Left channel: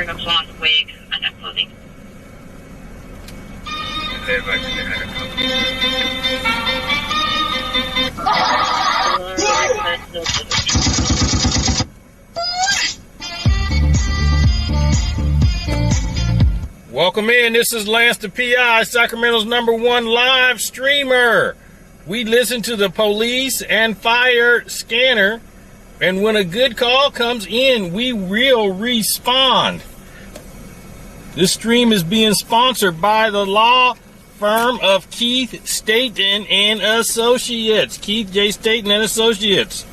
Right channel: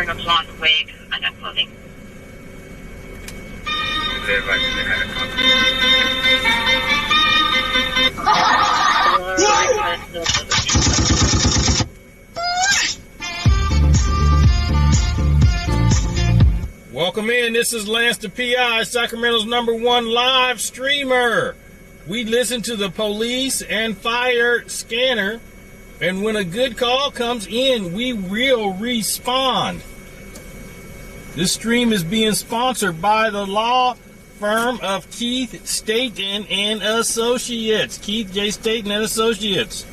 wearing a blonde wig and no clothing. Welcome in. This is LanceThePI, Sacramento's #1 live streamer. We listen to the police and fire scanner, and when a good call comes in, we will respond. This stream is being sponsored by the law firm of Keith Staten and Associates. Keith J. Staten and Associates,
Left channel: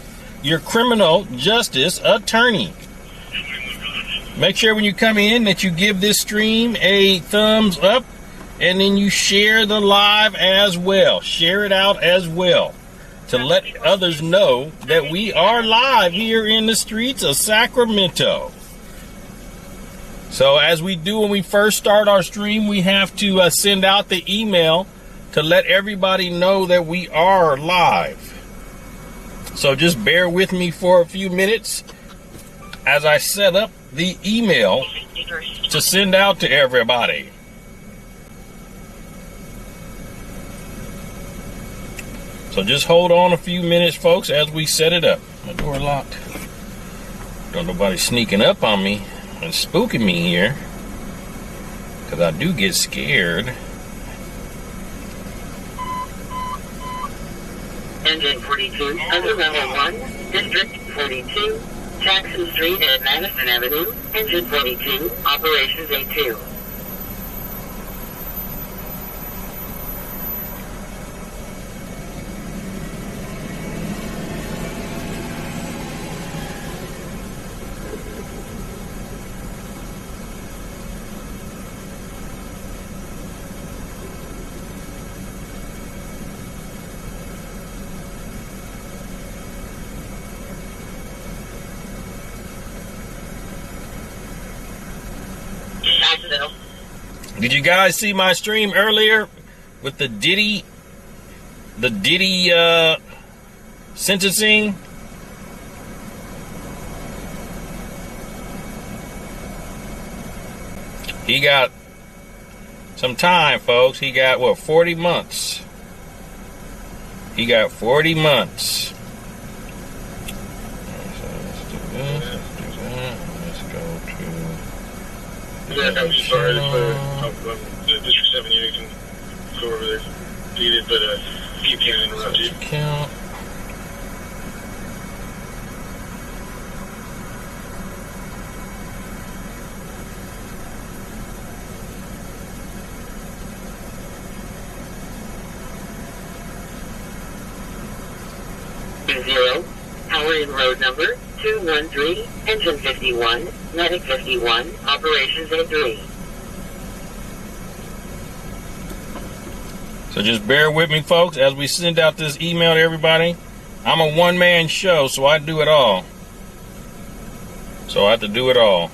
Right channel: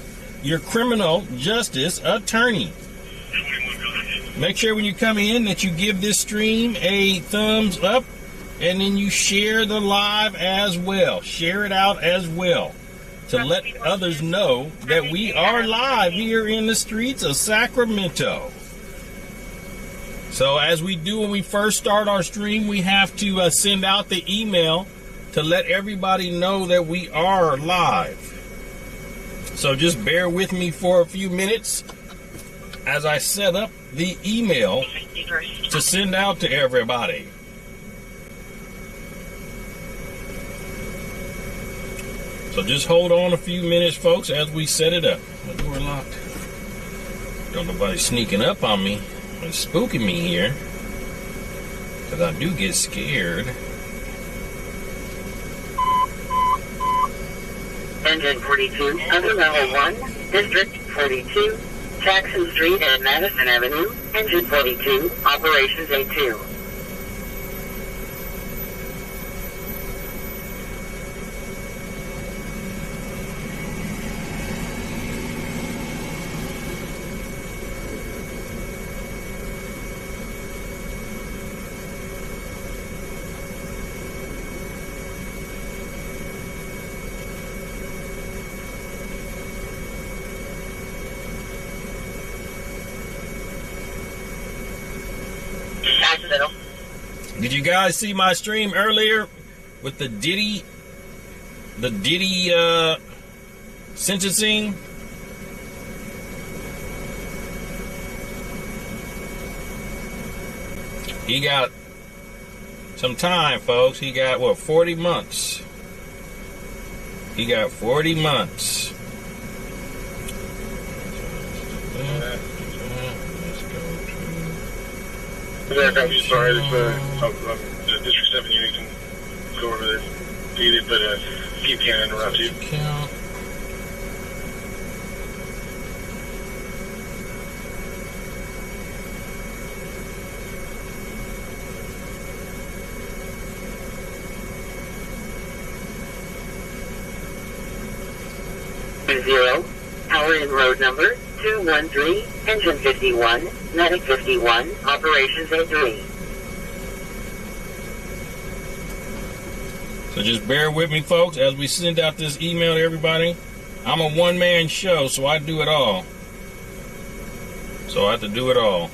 your criminal justice attorney. Make sure when you come in that you give this stream a thumbs up, and then you share the live as well. Share it out as well to let others know that we are live here in the streets of Sacramento. So as we do when we first start our stream, we have to send out the email to let everybody know that we are live. So just bear with me for a few minutes as I set up the email to send out to everybody. So just hold on a few minutes, folks, as we set it up. My door locked. Don't nobody sneaking up on me and spooking me here, because I do get scared. Engine 42, under level 1, District 42, Jackson Street and Madison Avenue, Engine 42, Operations A2. Did you guys see my stream earlier with the Diddy sentencing? He got some time, folks. He got, what, 40 months. He got 40 months. I'm sorry, the District 7 unit can go over there if needed, but keep can't interrupt you. Count. Zero, power in road number 213, engine 51, medic 51, operations A3. So just bear with me, folks, as we send out this email to everybody. I'm a one-man show, so I do it all. So I have to do it all.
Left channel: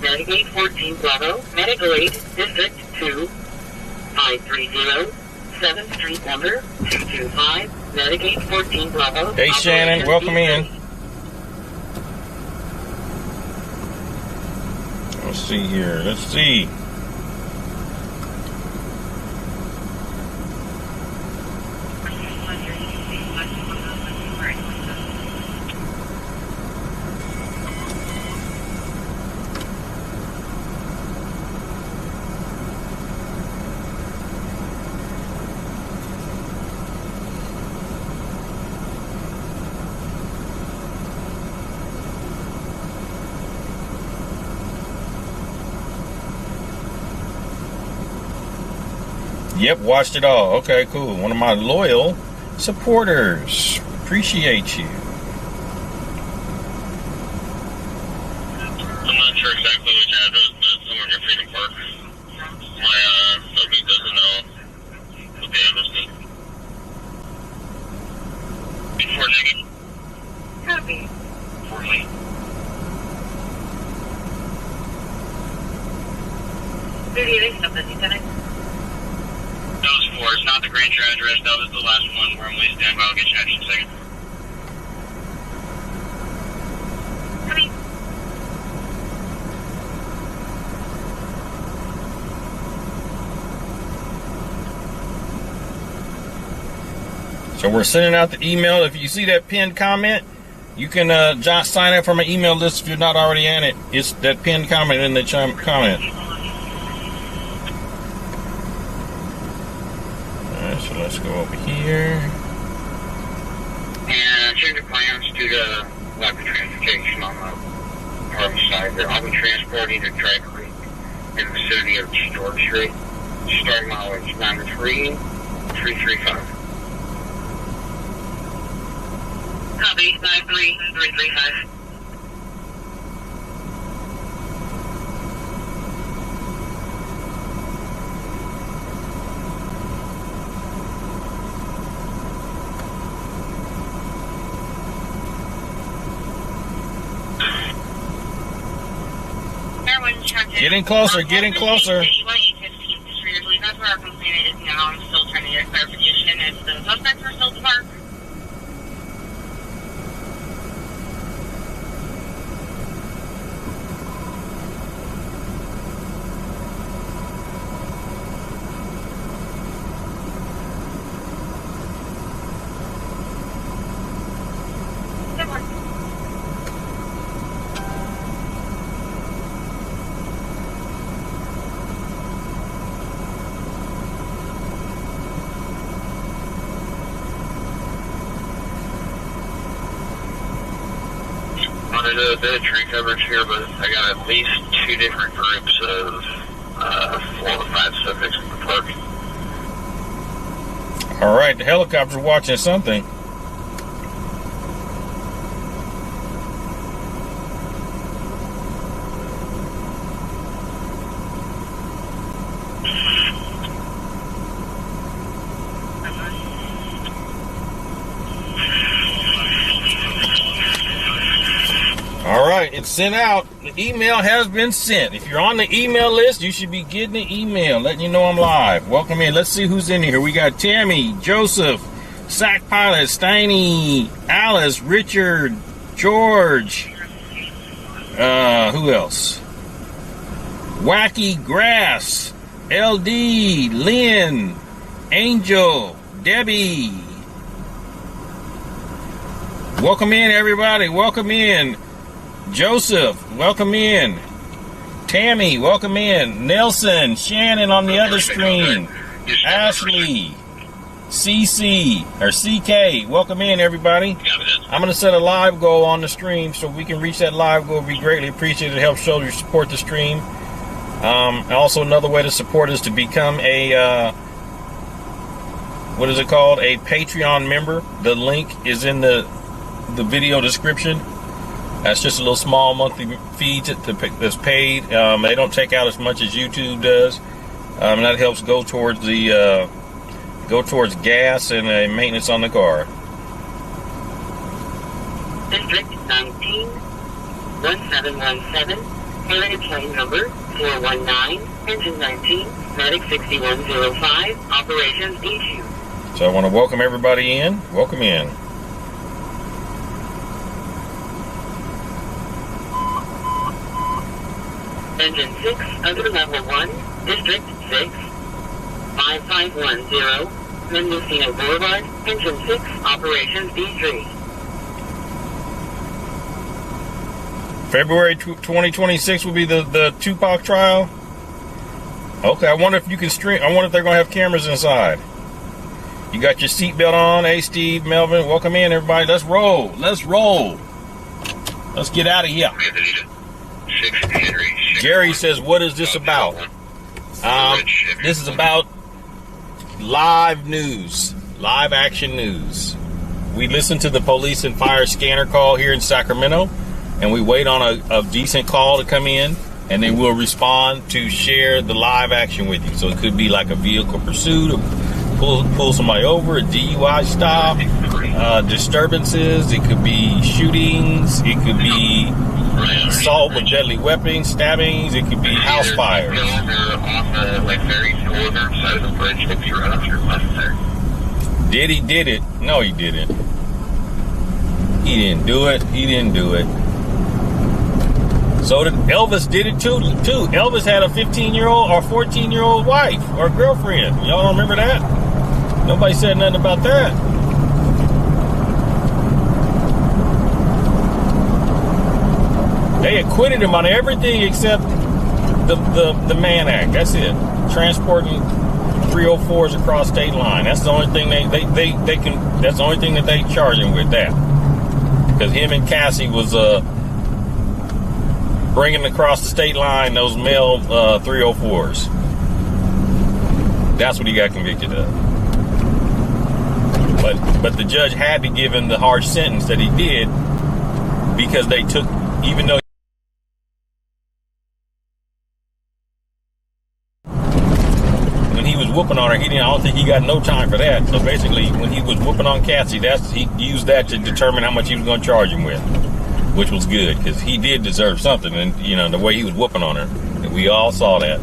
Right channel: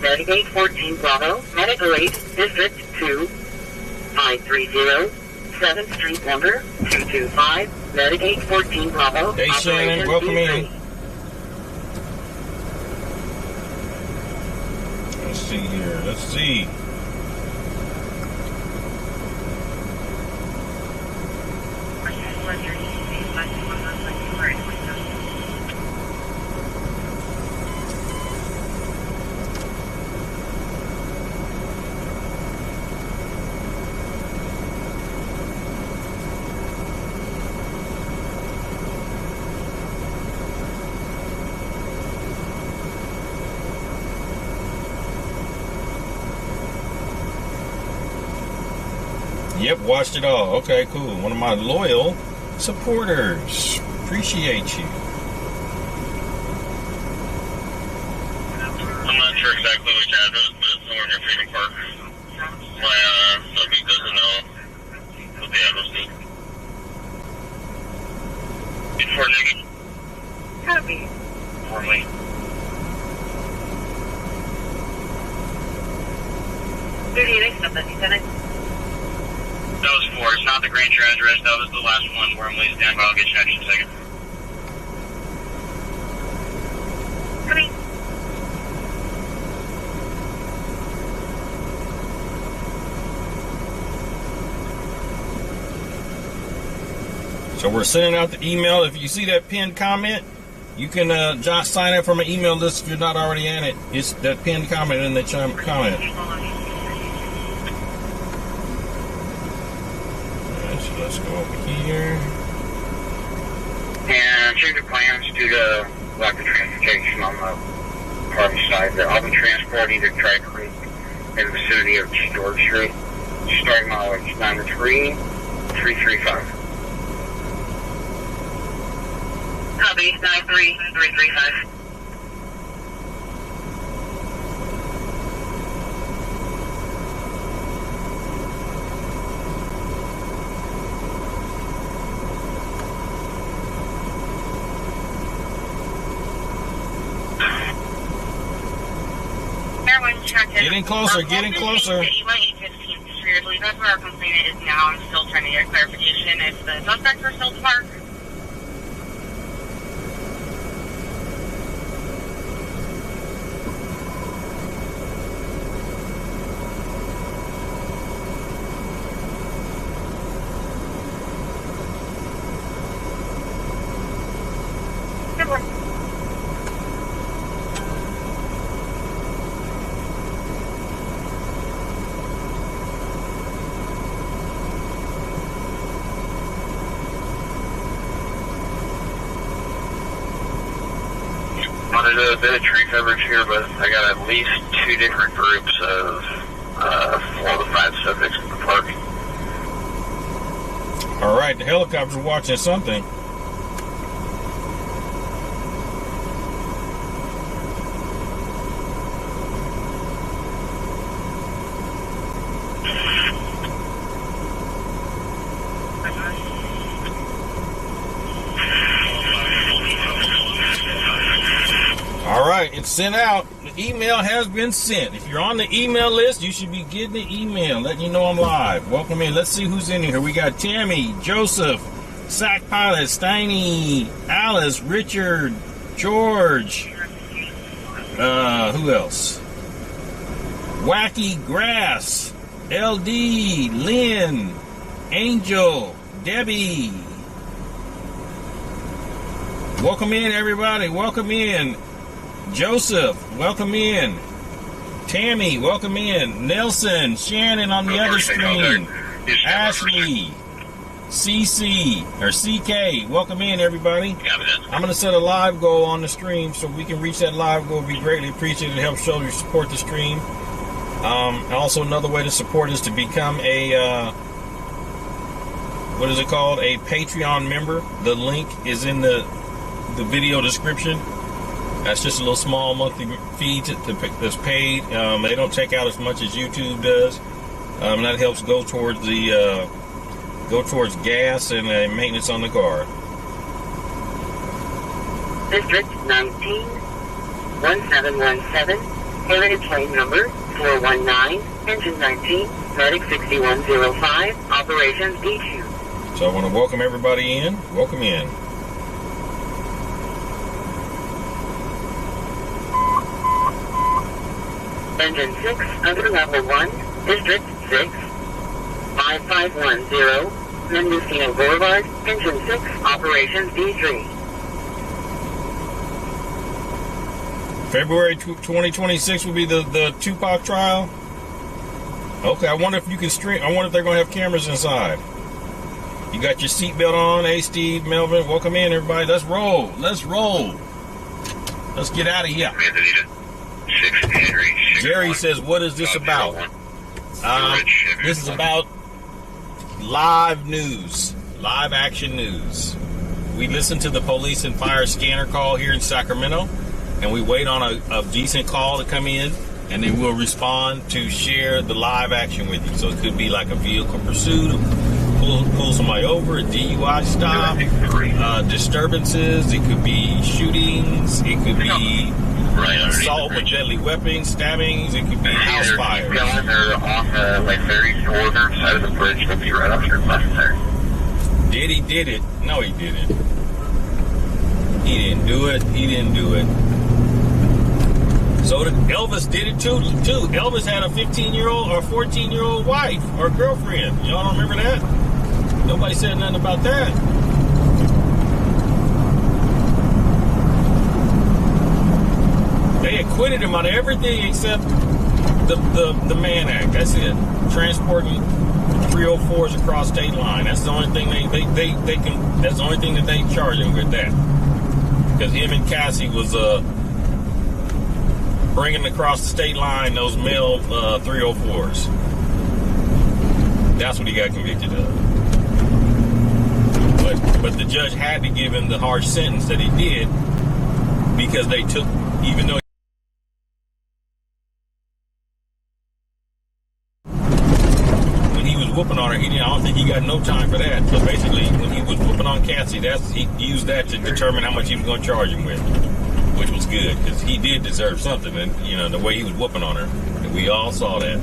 Medicaid 14 Bravo, Medical Aid, District 2, 530, 7th Street number 225, Medicaid 14 Bravo. Hey Shannon, welcome in. Let's see here, let's see. Yep, watched it all. Okay, cool. One of my loyal supporters. Appreciate you. I'm not sure exactly which address, but it's somewhere near Freedom Park. My subject doesn't know what the address is. Before negative. Copy. 57? That was 4. It's not the Granger address. That was the last one where I'm waiting stand by. I'll get you action in a second. Coming. So we're sending out the email. If you see that pinned comment, you can just sign up for my email list if you're not already in it. It's that pinned comment in the comment. Alright, so let's go over here. And change of plans due to lack of transportation on the Harvey side. I'll be transporting to Dry Creek in the vicinity of George Street. Starting mileage 93335. Copy, 93335. Getting closer, getting closer. That's where our complainant is now. I'm still trying to get clarification if the suspects are still parked. Wanted a bit of tree coverage here, but I got at least 2 different groups of 4 to 5 subjects in the park. All right, the helicopter's watching something. All right, it's sent out. The email has been sent. If you're on the email list, you should be getting the email letting you know I'm live. Welcome in. Let's see who's in here. We got Tammy, Joseph, Sac Pilot, Steiny, Alice, Richard, George. Who else? Wacky Grass, LD, Lynn, Angel, Debbie. Welcome in, everybody. Welcome in. Joseph, welcome in. Tammy, welcome in. Nelson, Shannon on the other screen. Ashley, CC, or CK, welcome in, everybody. I'm going to set a live goal on the stream so we can reach that live goal. It'd be greatly appreciated to help show you support the stream. Also, another way to support is to become a, what is it called? A Patreon member. The link is in the video description. That's just a little small monthly fee that's paid. They don't take out as much as YouTube does. That helps go towards the gas and maintenance on the car. District 19, 1717, Heritage Plane number 419, engine 19, medic 6105, operations issue. So I want to welcome everybody in. Welcome in. Engine 6 under level 1, District 6, 5510, Mendocino Boulevard, Engine 6, operations D3. February 2026 will be the Tupac trial. Okay, I wonder if you can stream. I wonder if they're going to have cameras inside. You got your seatbelt on. Hey, Steve, Melvin, welcome in, everybody. Let's roll. Let's roll. Let's get out of here. Jerry says, what is this about? This is about live news, live action news. We listen to the police and fire scanner call here in Sacramento, and we wait on a decent call to come in, and then we'll respond to share the live action with you. So it could be like a vehicle pursuit, pull somebody over, a DUI stop, disturbances. It could be shootings. It could be assault with deadly weapons, stabbings. It could be house fires. They're off like very northern side of the bridge, but be right off your left there. Diddy did it. No, he didn't. He didn't do it. He didn't do it. So Elvis did it too. Elvis had a 15-year-old or 14-year-old wife or girlfriend. Y'all don't remember that? Nobody said nothing about that. They acquitted him on everything except the Mann Act. That's it. Transporting 304s across state line. That's the only thing they can. That's the only thing that they charge him with. That because him and Cassie was bringing across the state line those male 304s. That's what he got convicted of. But the judge had to give him the harsh sentence that he did because they took, even though when he was whooping on her, I don't think he got no time for that. So basically, when he was whooping on Cassie, he used that to determine how much he was going to charge him with, which was good because he did deserve something. And the way he was whooping on her, and we all saw that.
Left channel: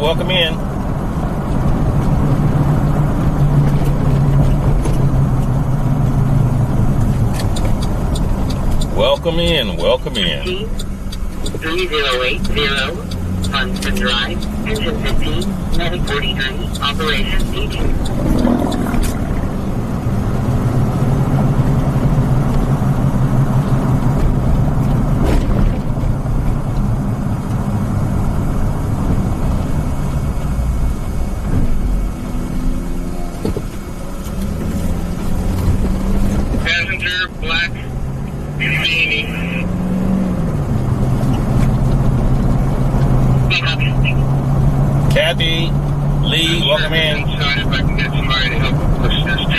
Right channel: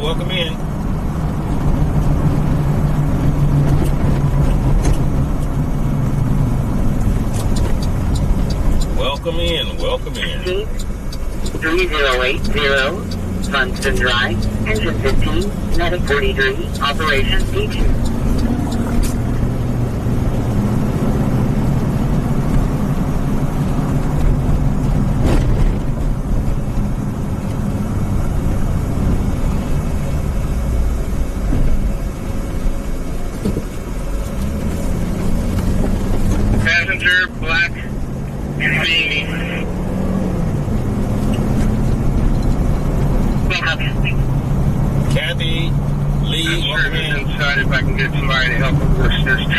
Welcome in. Welcome in. Welcome in. 3080 Funston Drive, engine 15, medic 43, operation D2. Kathy, Lee, welcome in. Inside if I can get somebody to help assist.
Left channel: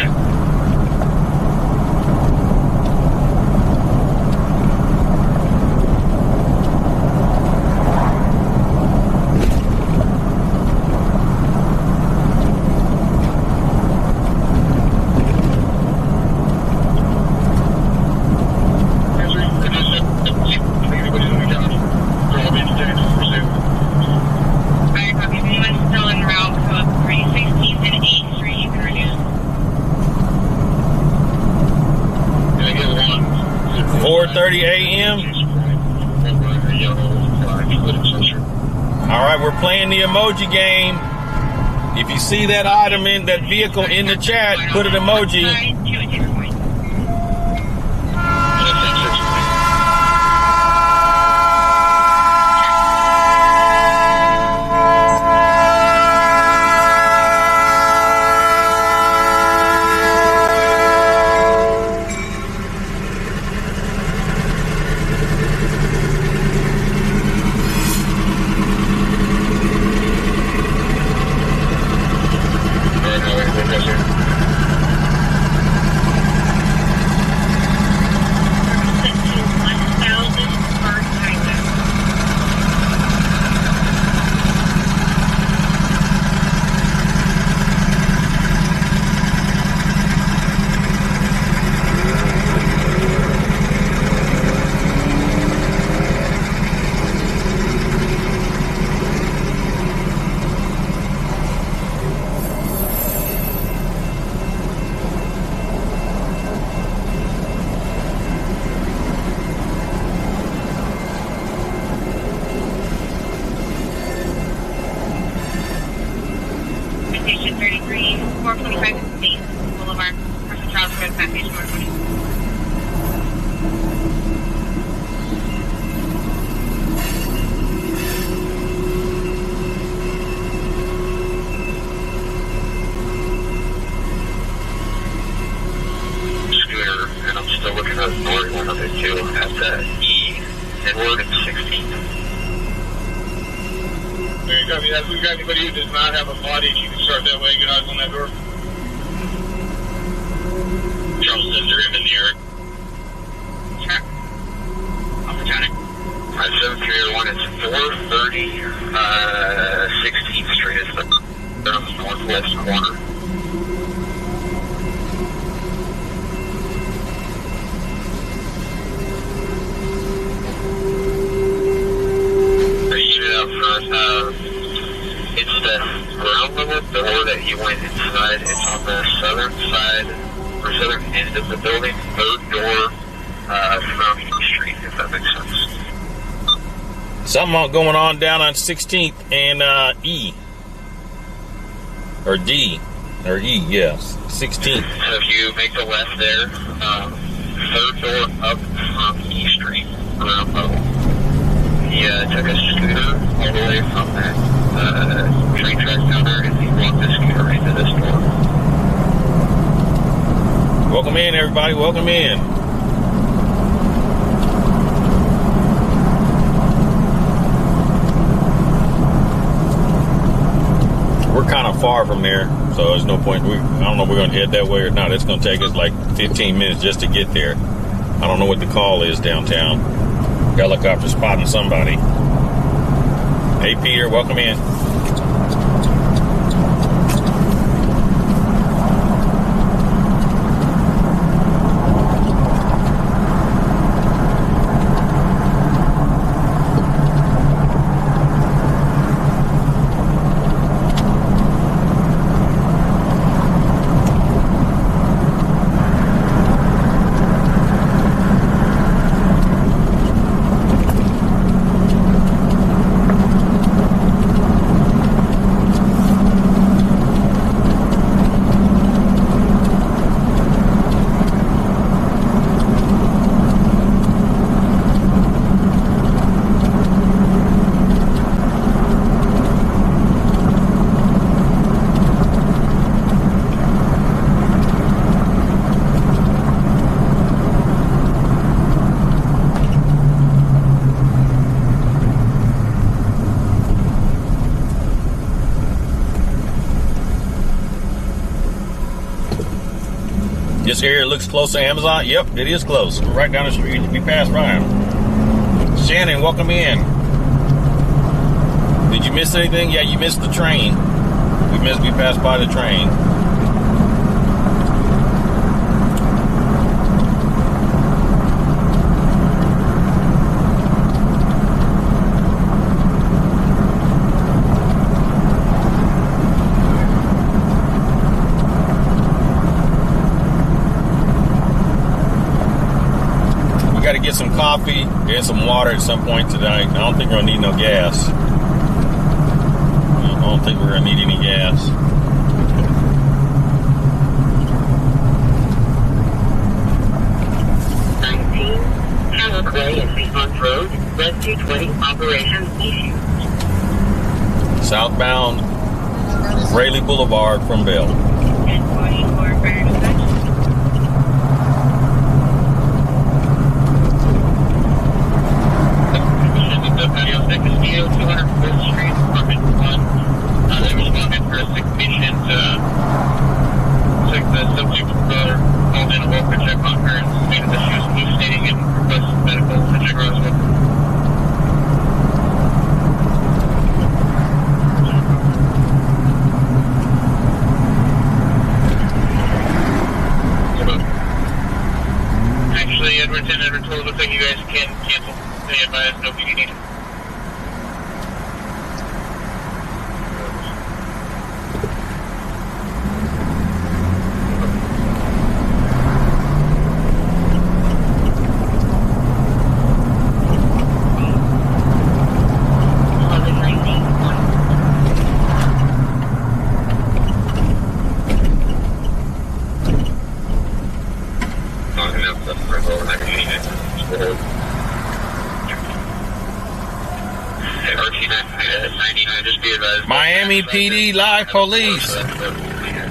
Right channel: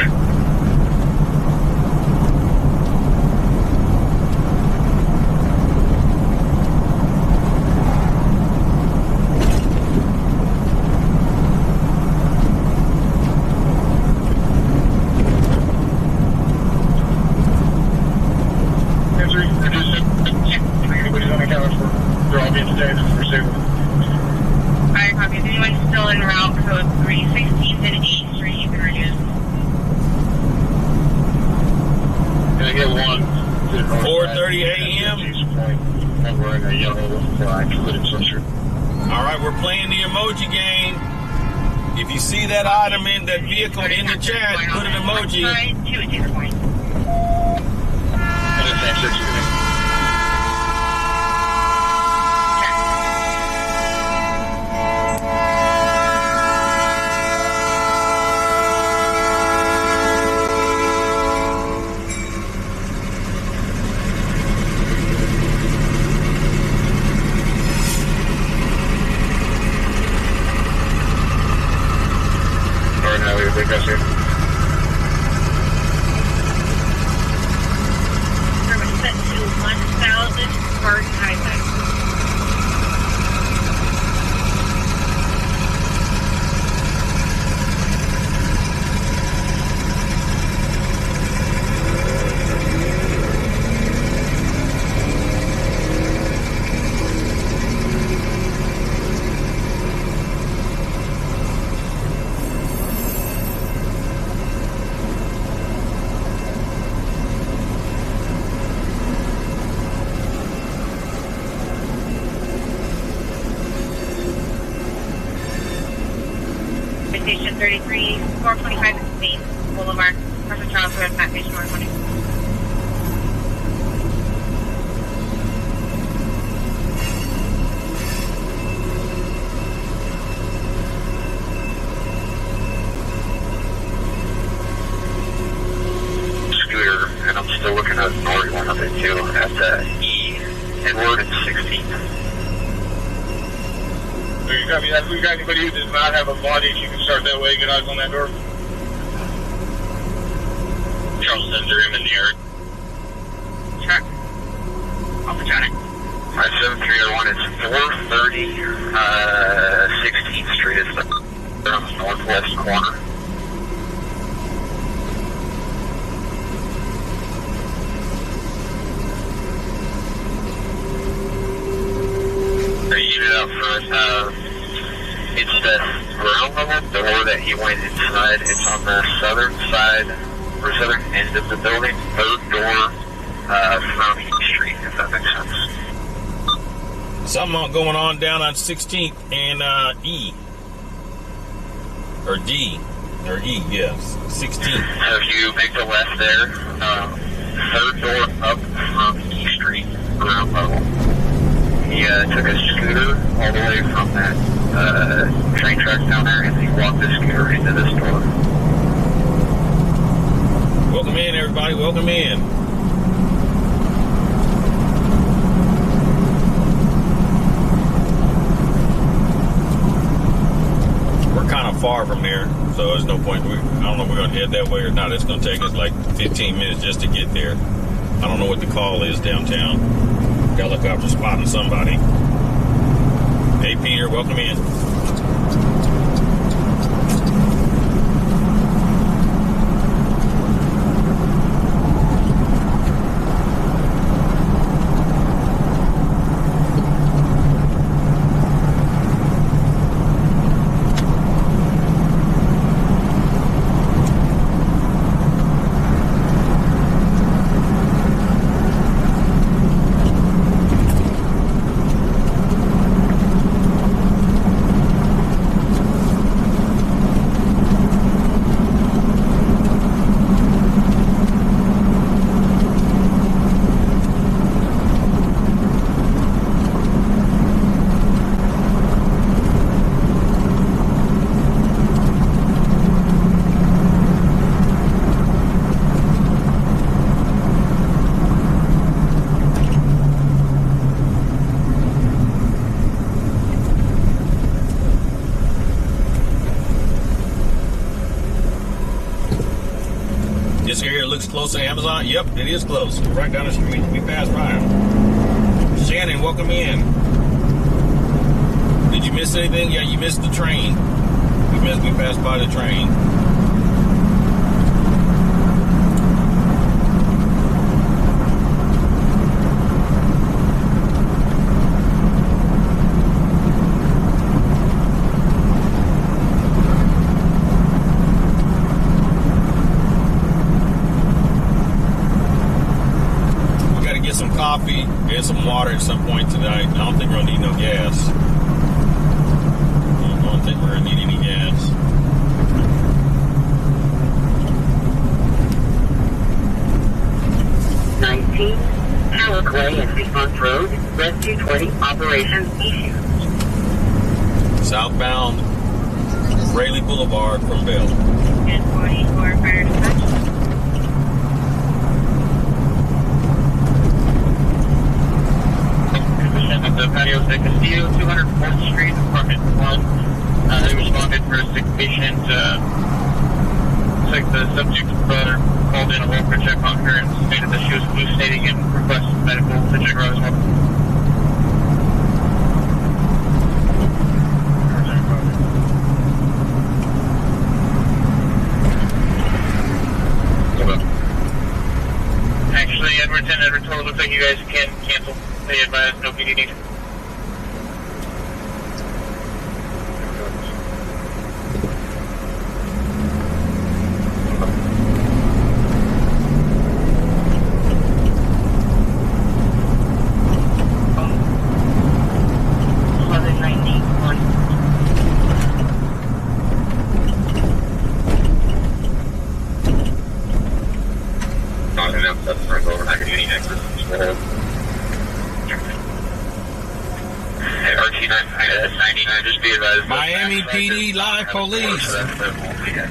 Still en route, code 316th and 8th Street, you can reduce. 4:30 a.m. All right, we're playing the emoji game. If you see that item in that vehicle in the chat, put an emoji. Station 33, 425 Boulevard, Person Charles Road, Package 420. copy that. If we got anybody who does not have a body, if you can start that way, get eyes on that door. Charles, is there him in the area? Check. Alpha County. 57301 is 430 16th Street. It's the northwest corner. The unit up front, it's the ground level door that he went inside. It's on the southern side, or southern end of the building, third door from East Street, if that makes sense. Something going on down on 16th and E. Or D. Or E, yes. 16th. So if you make the left there, third door up from E Street, ground level. He took a scooter all the way from that train track down there, and he walked the scooter into this door. Welcome in, everybody. Welcome in. We're kind of far from there, so there's no point. I don't know if we're going to head that way or not. It's going to take us like 15 minutes just to get there. I don't know what the call is downtown. Helicopter spotting somebody. Hey, Peter, welcome in. This area looks close to Amazon. Yep, it is close. We're right down the street. We passed by him. Shannon, welcome in. Did you miss anything? Yeah, you missed the train. We passed by the train. Get some coffee and some water at some point tonight. I don't think we're gonna need no gas. I don't think we're gonna need any gas. Clay and Fremont Road, Rescue 20 operation issued. Southbound Rayleigh Boulevard from Bell. 1044 for dispatch. The patio at Castillo, 204th Street, apartment 1. They responded for a sick patient. Took the subject called in a welfare check on her and stated that she was hallucinating and requested medical to check her as well. Actually, Edward 10, Edward 12, looks like you guys can cancel. They advise no PD needed. Miami PD Live Police.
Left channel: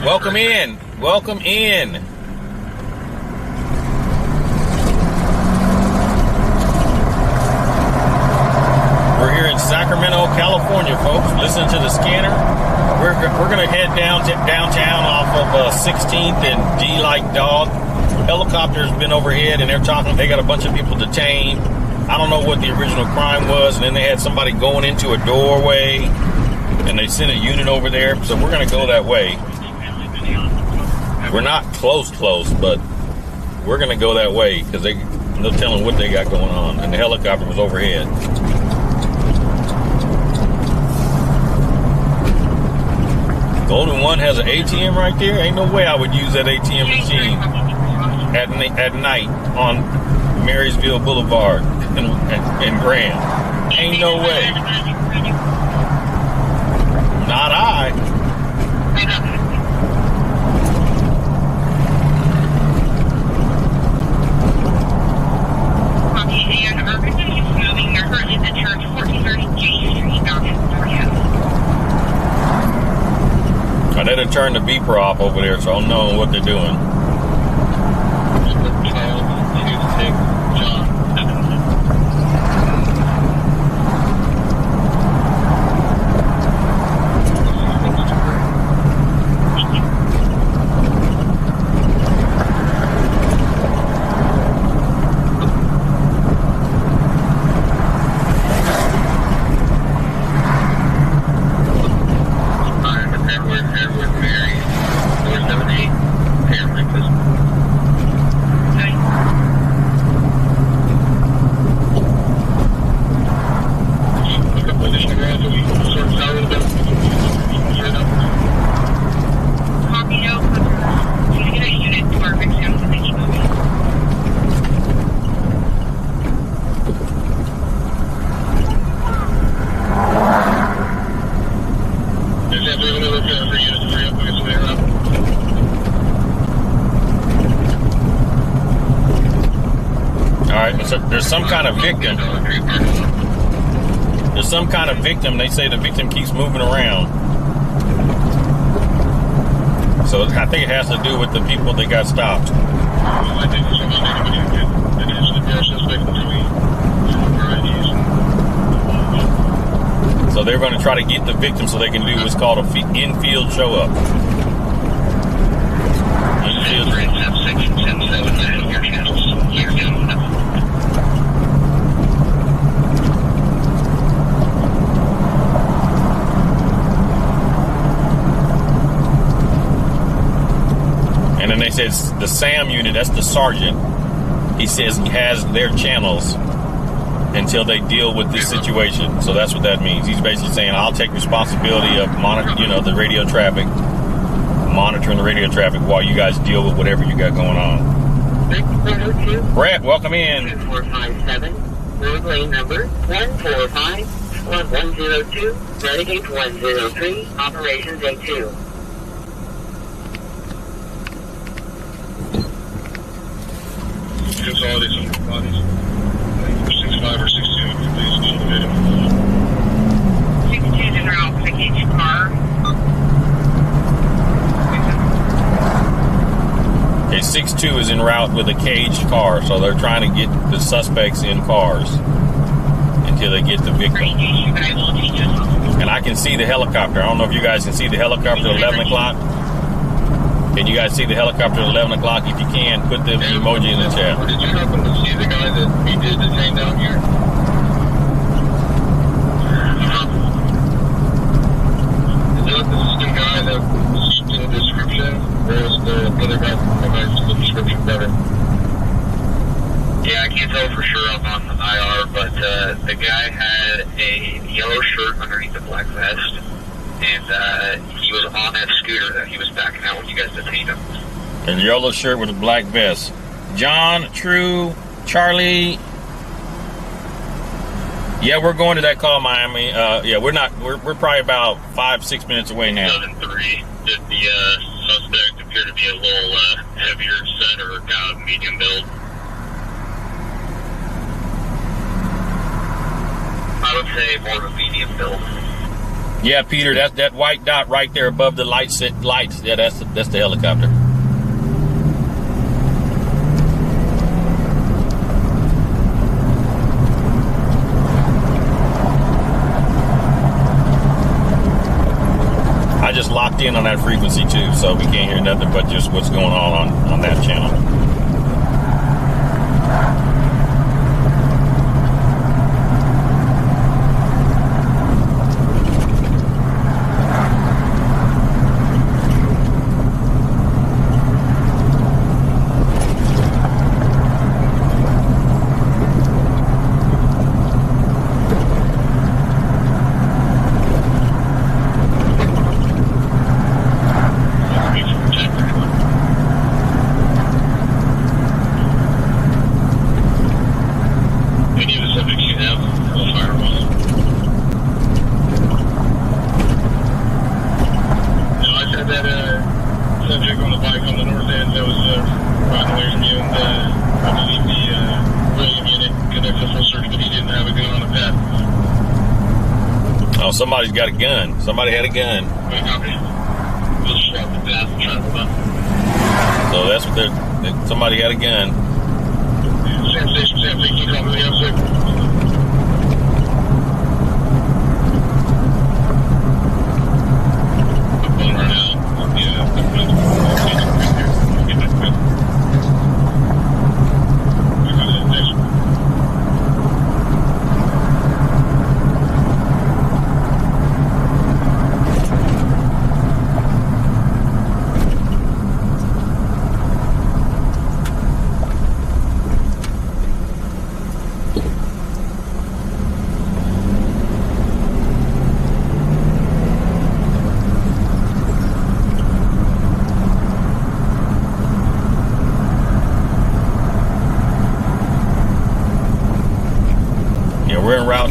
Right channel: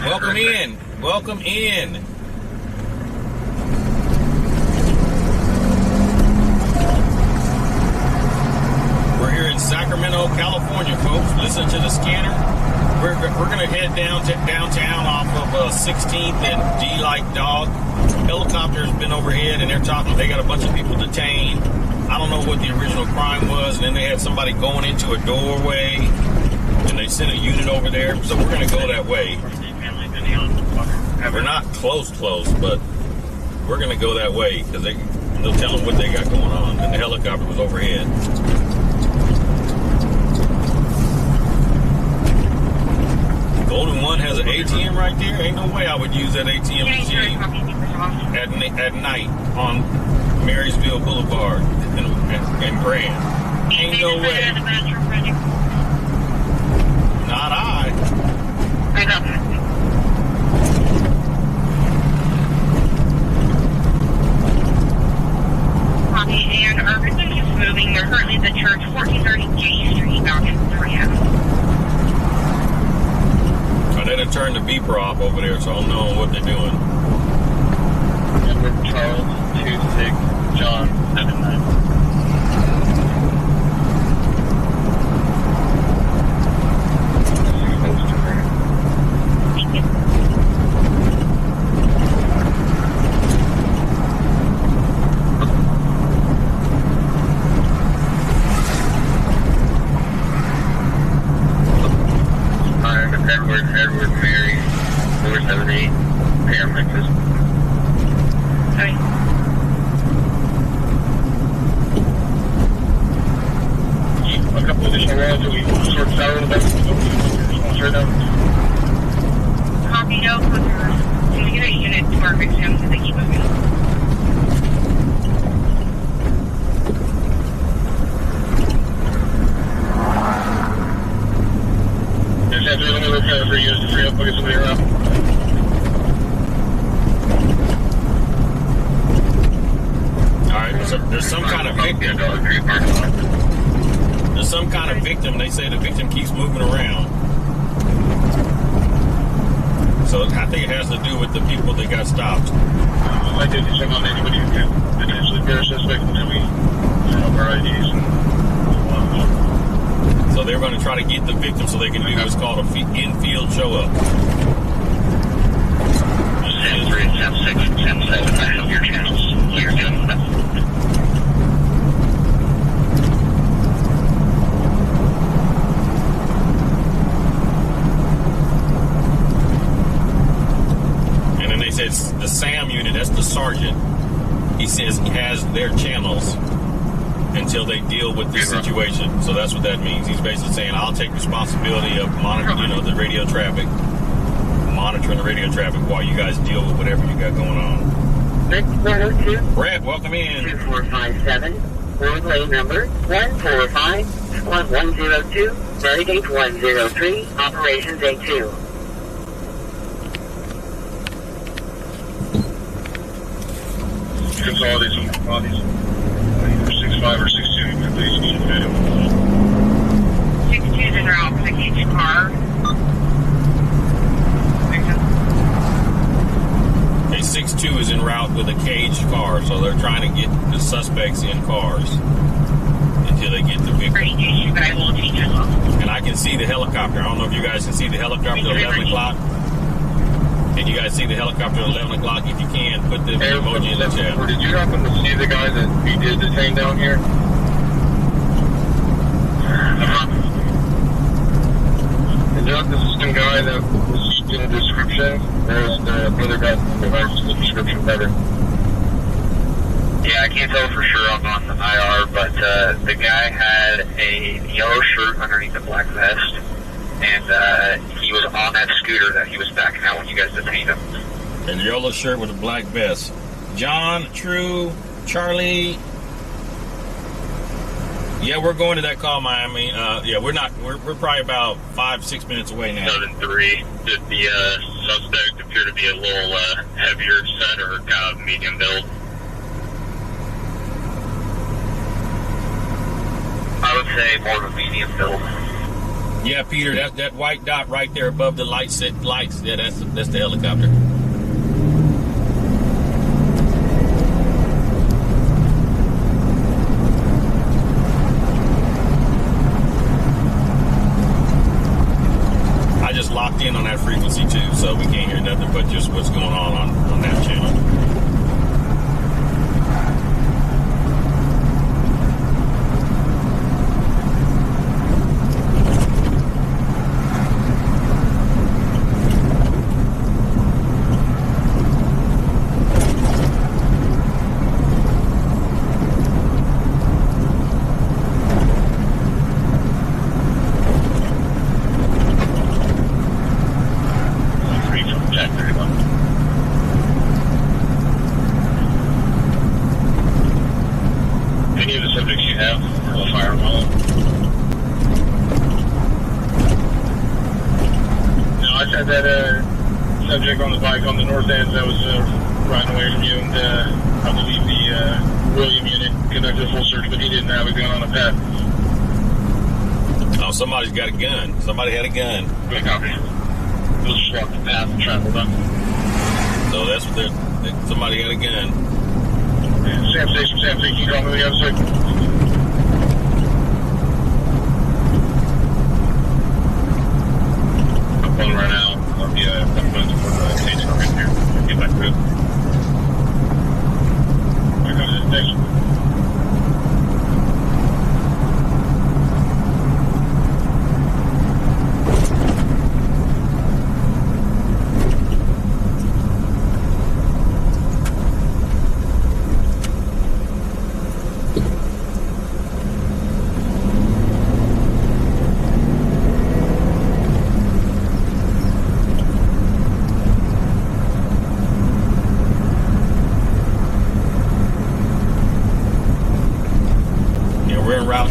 Welcome in. Welcome in. We're here in Sacramento, California, folks. Listen to the scanner. We're gonna head downtown off of 16th and D like dog. Helicopter's been overhead, and they're talking. They got a bunch of people detained. I don't know what the original crime was, and then they had somebody going into a doorway, and they sent a unit over there. So we're gonna go that way. We're not close, but we're gonna go that way because they'll tell them what they got going on, and the helicopter was overhead. Golden One has an ATM right there. Ain't no way I would use that ATM machine at night on Marysville Boulevard and Grand. Ain't no way. Not I. And Urban is moving. They're currently at the church, 1430 J Street, down in Florida. They done turned the beeper off over there, so I don't know what they're doing. Edward Charles 26 John 79. There's some kind of victim. There's some kind of victim. They say the victim keeps moving around. So I think it has to do with the people that got stopped. So they're going to try to get the victim so they can do what's called a infield show up. Says the SAM unit, that's the sergeant. He says he has their channels until they deal with this situation. So that's what that means. He's basically saying, I'll take responsibility of monitoring the radio traffic, monitoring the radio traffic while you guys deal with whatever you got going on. 102. Brett, welcome in. 2457. Road lane number 145-1102. Renegade 103. Operations A2. Consolidating bodies. Either 6'5 or 6'2, please need to fit 62 is en route for the each car. Okay, 6'2 is en route with a caged car, so they're trying to get the suspects in cars until they get the victim. And I can see the helicopter. I don't know if you guys can see the helicopter at 11 o'clock. Can you guys see the helicopter at 11 o'clock? If you can, put the emoji in the chat. Did you happen to see the guy that we did detain down here? Is that the same guy that was in the description? Or is the other guy that matched the description better? Yeah, I can't tell for sure. I'm on the IR, but the guy had a yellow shirt underneath a black vest. And he was on that scooter that he was backing out when you guys detained him. And yellow shirt with a black vest. John, True, Charlie. Yeah, we're going to that call, Miami. Yeah, we're probably about 5-6 minutes away now. 7-3. Did the suspect appear to be a little heavier set or kind of medium build? I would say more of a medium build. Yeah, Peter, that's that white dot right there above the lights. Yeah, that's the helicopter. just locked in on that frequency too, so we can't hear nothing but just what's going on that channel. Somebody's got a gun. Somebody had a gun. So that's what they're. Somebody had a gun. Sam Station, can you call me the outside? I'm going right now. Get back to it. Here comes the next one.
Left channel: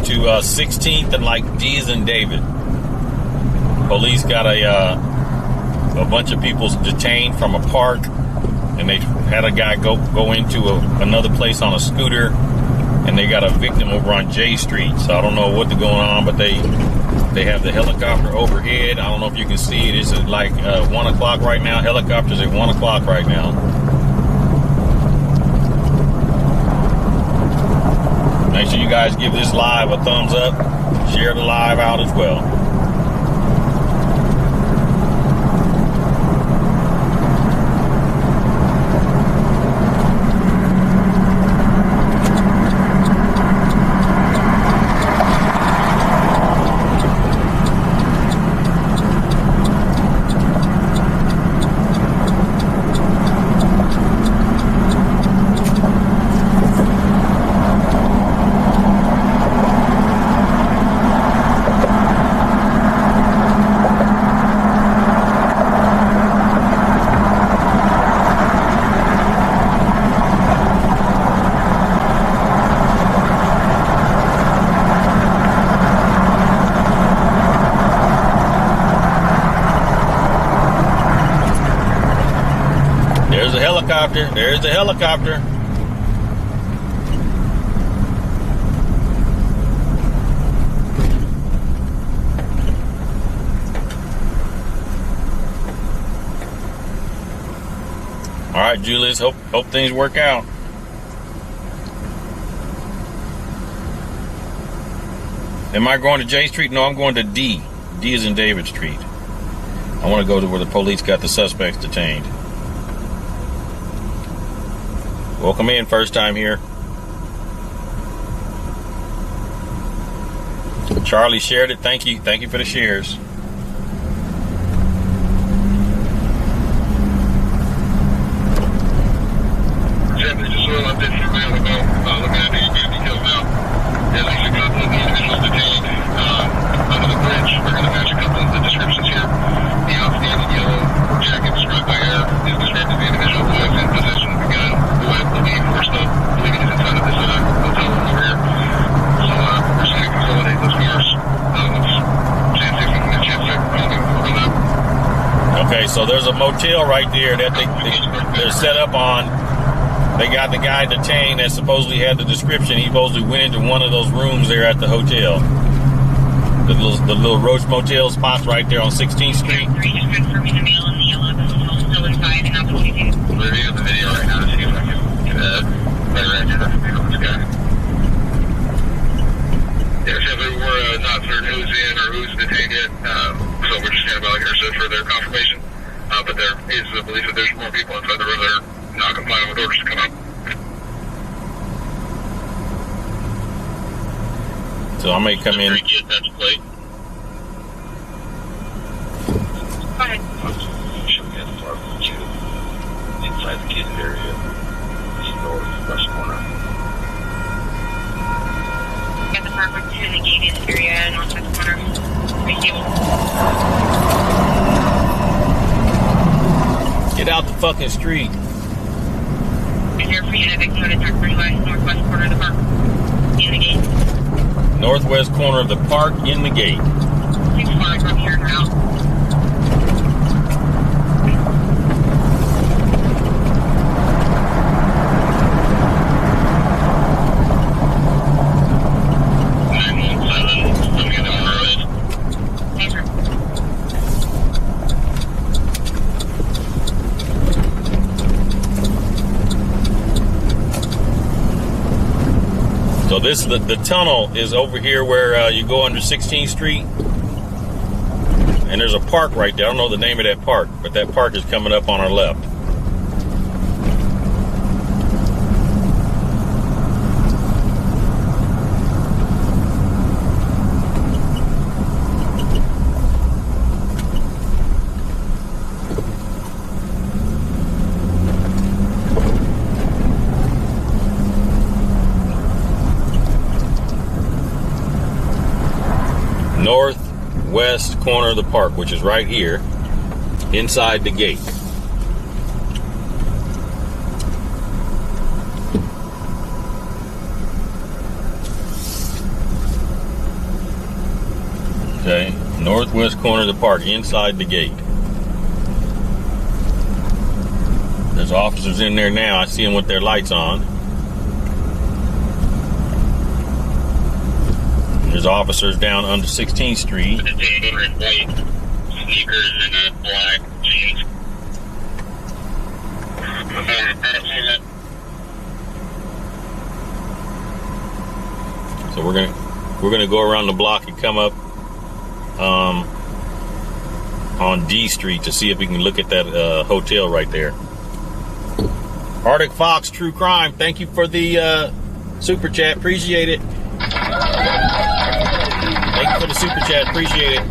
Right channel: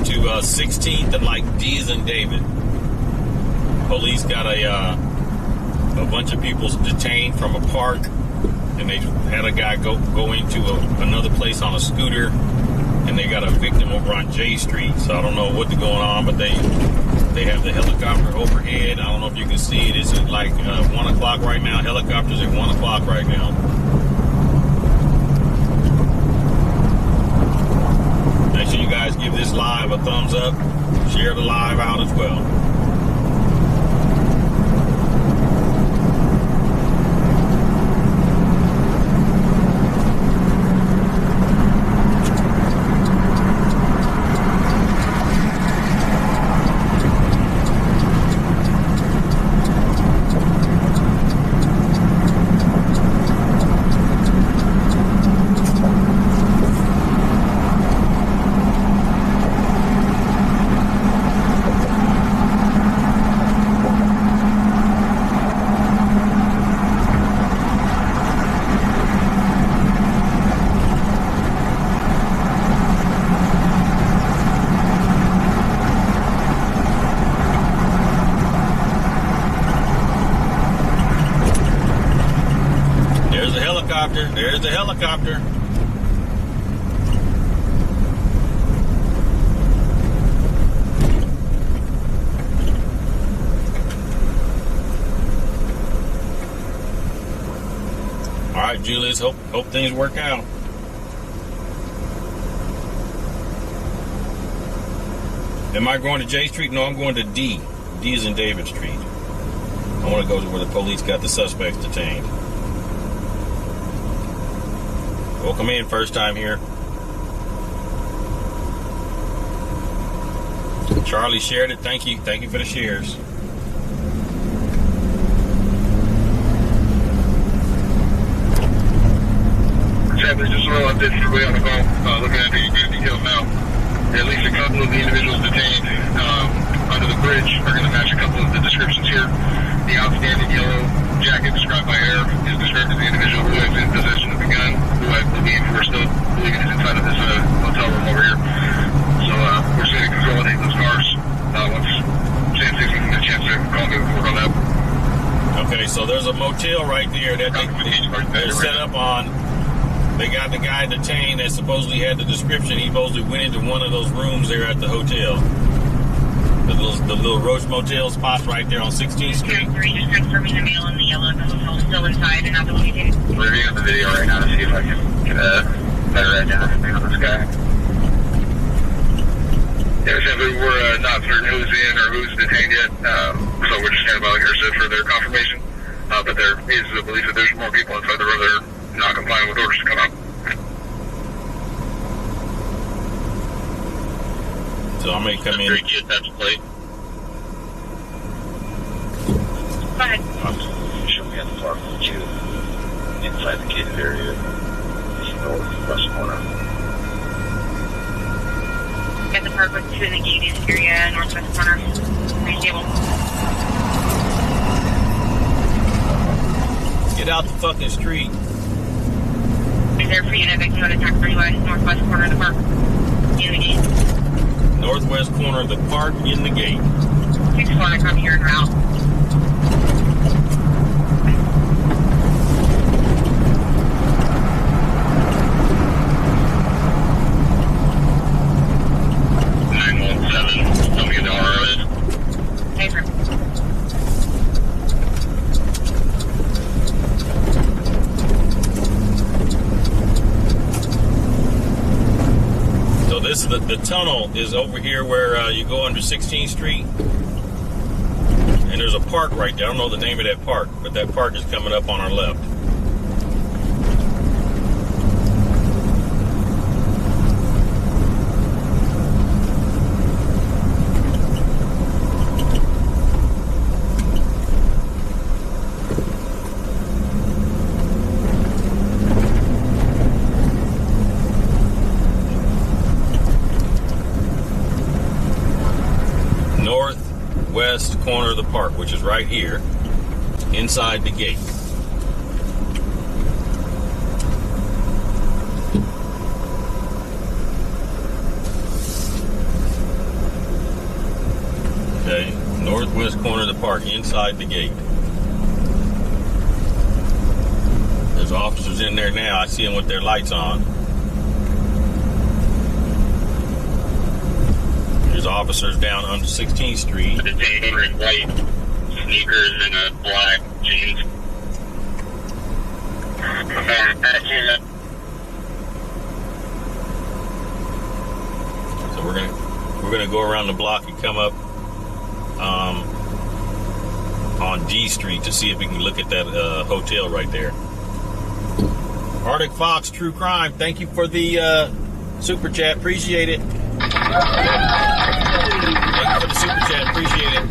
To 16th and like D's and David. Police got a bunch of people detained from a park, and they had a guy go into another place on a scooter, and they got a victim over on J Street. So I don't know what's going on, but they have the helicopter overhead. I don't know if you can see it. It's like 1 o'clock right now. Helicopters at 1 o'clock right now. Make sure you guys give this live a thumbs up. Share the live out as well. There's the helicopter. All right, Julius, hope things work out. Am I going to J Street? No, I'm going to D. D is in David Street. I want to go to where the police got the suspects detained. Welcome in, first time here. Charlie shared it. Thank you. Thank you for the shares. Just a little update for everybody on the call. Looking at the details now. At least a couple of the individuals detained under the bridge. We're going to match a couple of the descriptions here. The outstanding yellow jacket described by Air is described as the individual who is in possession of the gun, who I believe we're still believing is inside of this hotel room over here. So we're just going to consolidate those cars. Once Chance, if you can get a chance to call me, we can work on that. Okay, so there's a motel right there that they're set up on. They got the guy detained that supposedly had the description. He supposedly went into one of those rooms there at the hotel. The little Roach Motel spot right there on 16th Street. Just confirming the male in the yellow. The hotel's still inside and not the leaving. I'm reviewing the video right now to see if I can get a better identification on this guy. Yeah, simply we're not certain who's in or who's detained yet, so we're just standing by like our for their confirmation. But there is the belief that there's more people inside the room that are not complying with orders to come out. So I may come in. Get that plate. Go ahead. Show me at the park with you inside the gated area, east northwest corner. At the park with 2 in the gated area, northwest corner. Pretty stable. Get out the fucking street. Reserve for you to evict notice attack 3 west, northwest corner of the park. In the gate. Northwest corner of the park in the gate. 6-4, come here and route. So this the tunnel is over here where you go under 16th Street, and there's a park right there. I don't know the name of that park, but that park is coming up on our left. Northwest corner of the park, which is right here inside the gate. Okay, northwest corner of the park inside the gate. There's officers in there now. I see them with their lights on. There's officers down under 16th Street. Detained in white sneakers and a black jeans. So we're gonna go around the block and come up on D Street to see if we can look at that hotel right there. Arctic Fox True Crime, thank you for the super chat. Appreciate it. Thank you for the super chat. Appreciate it.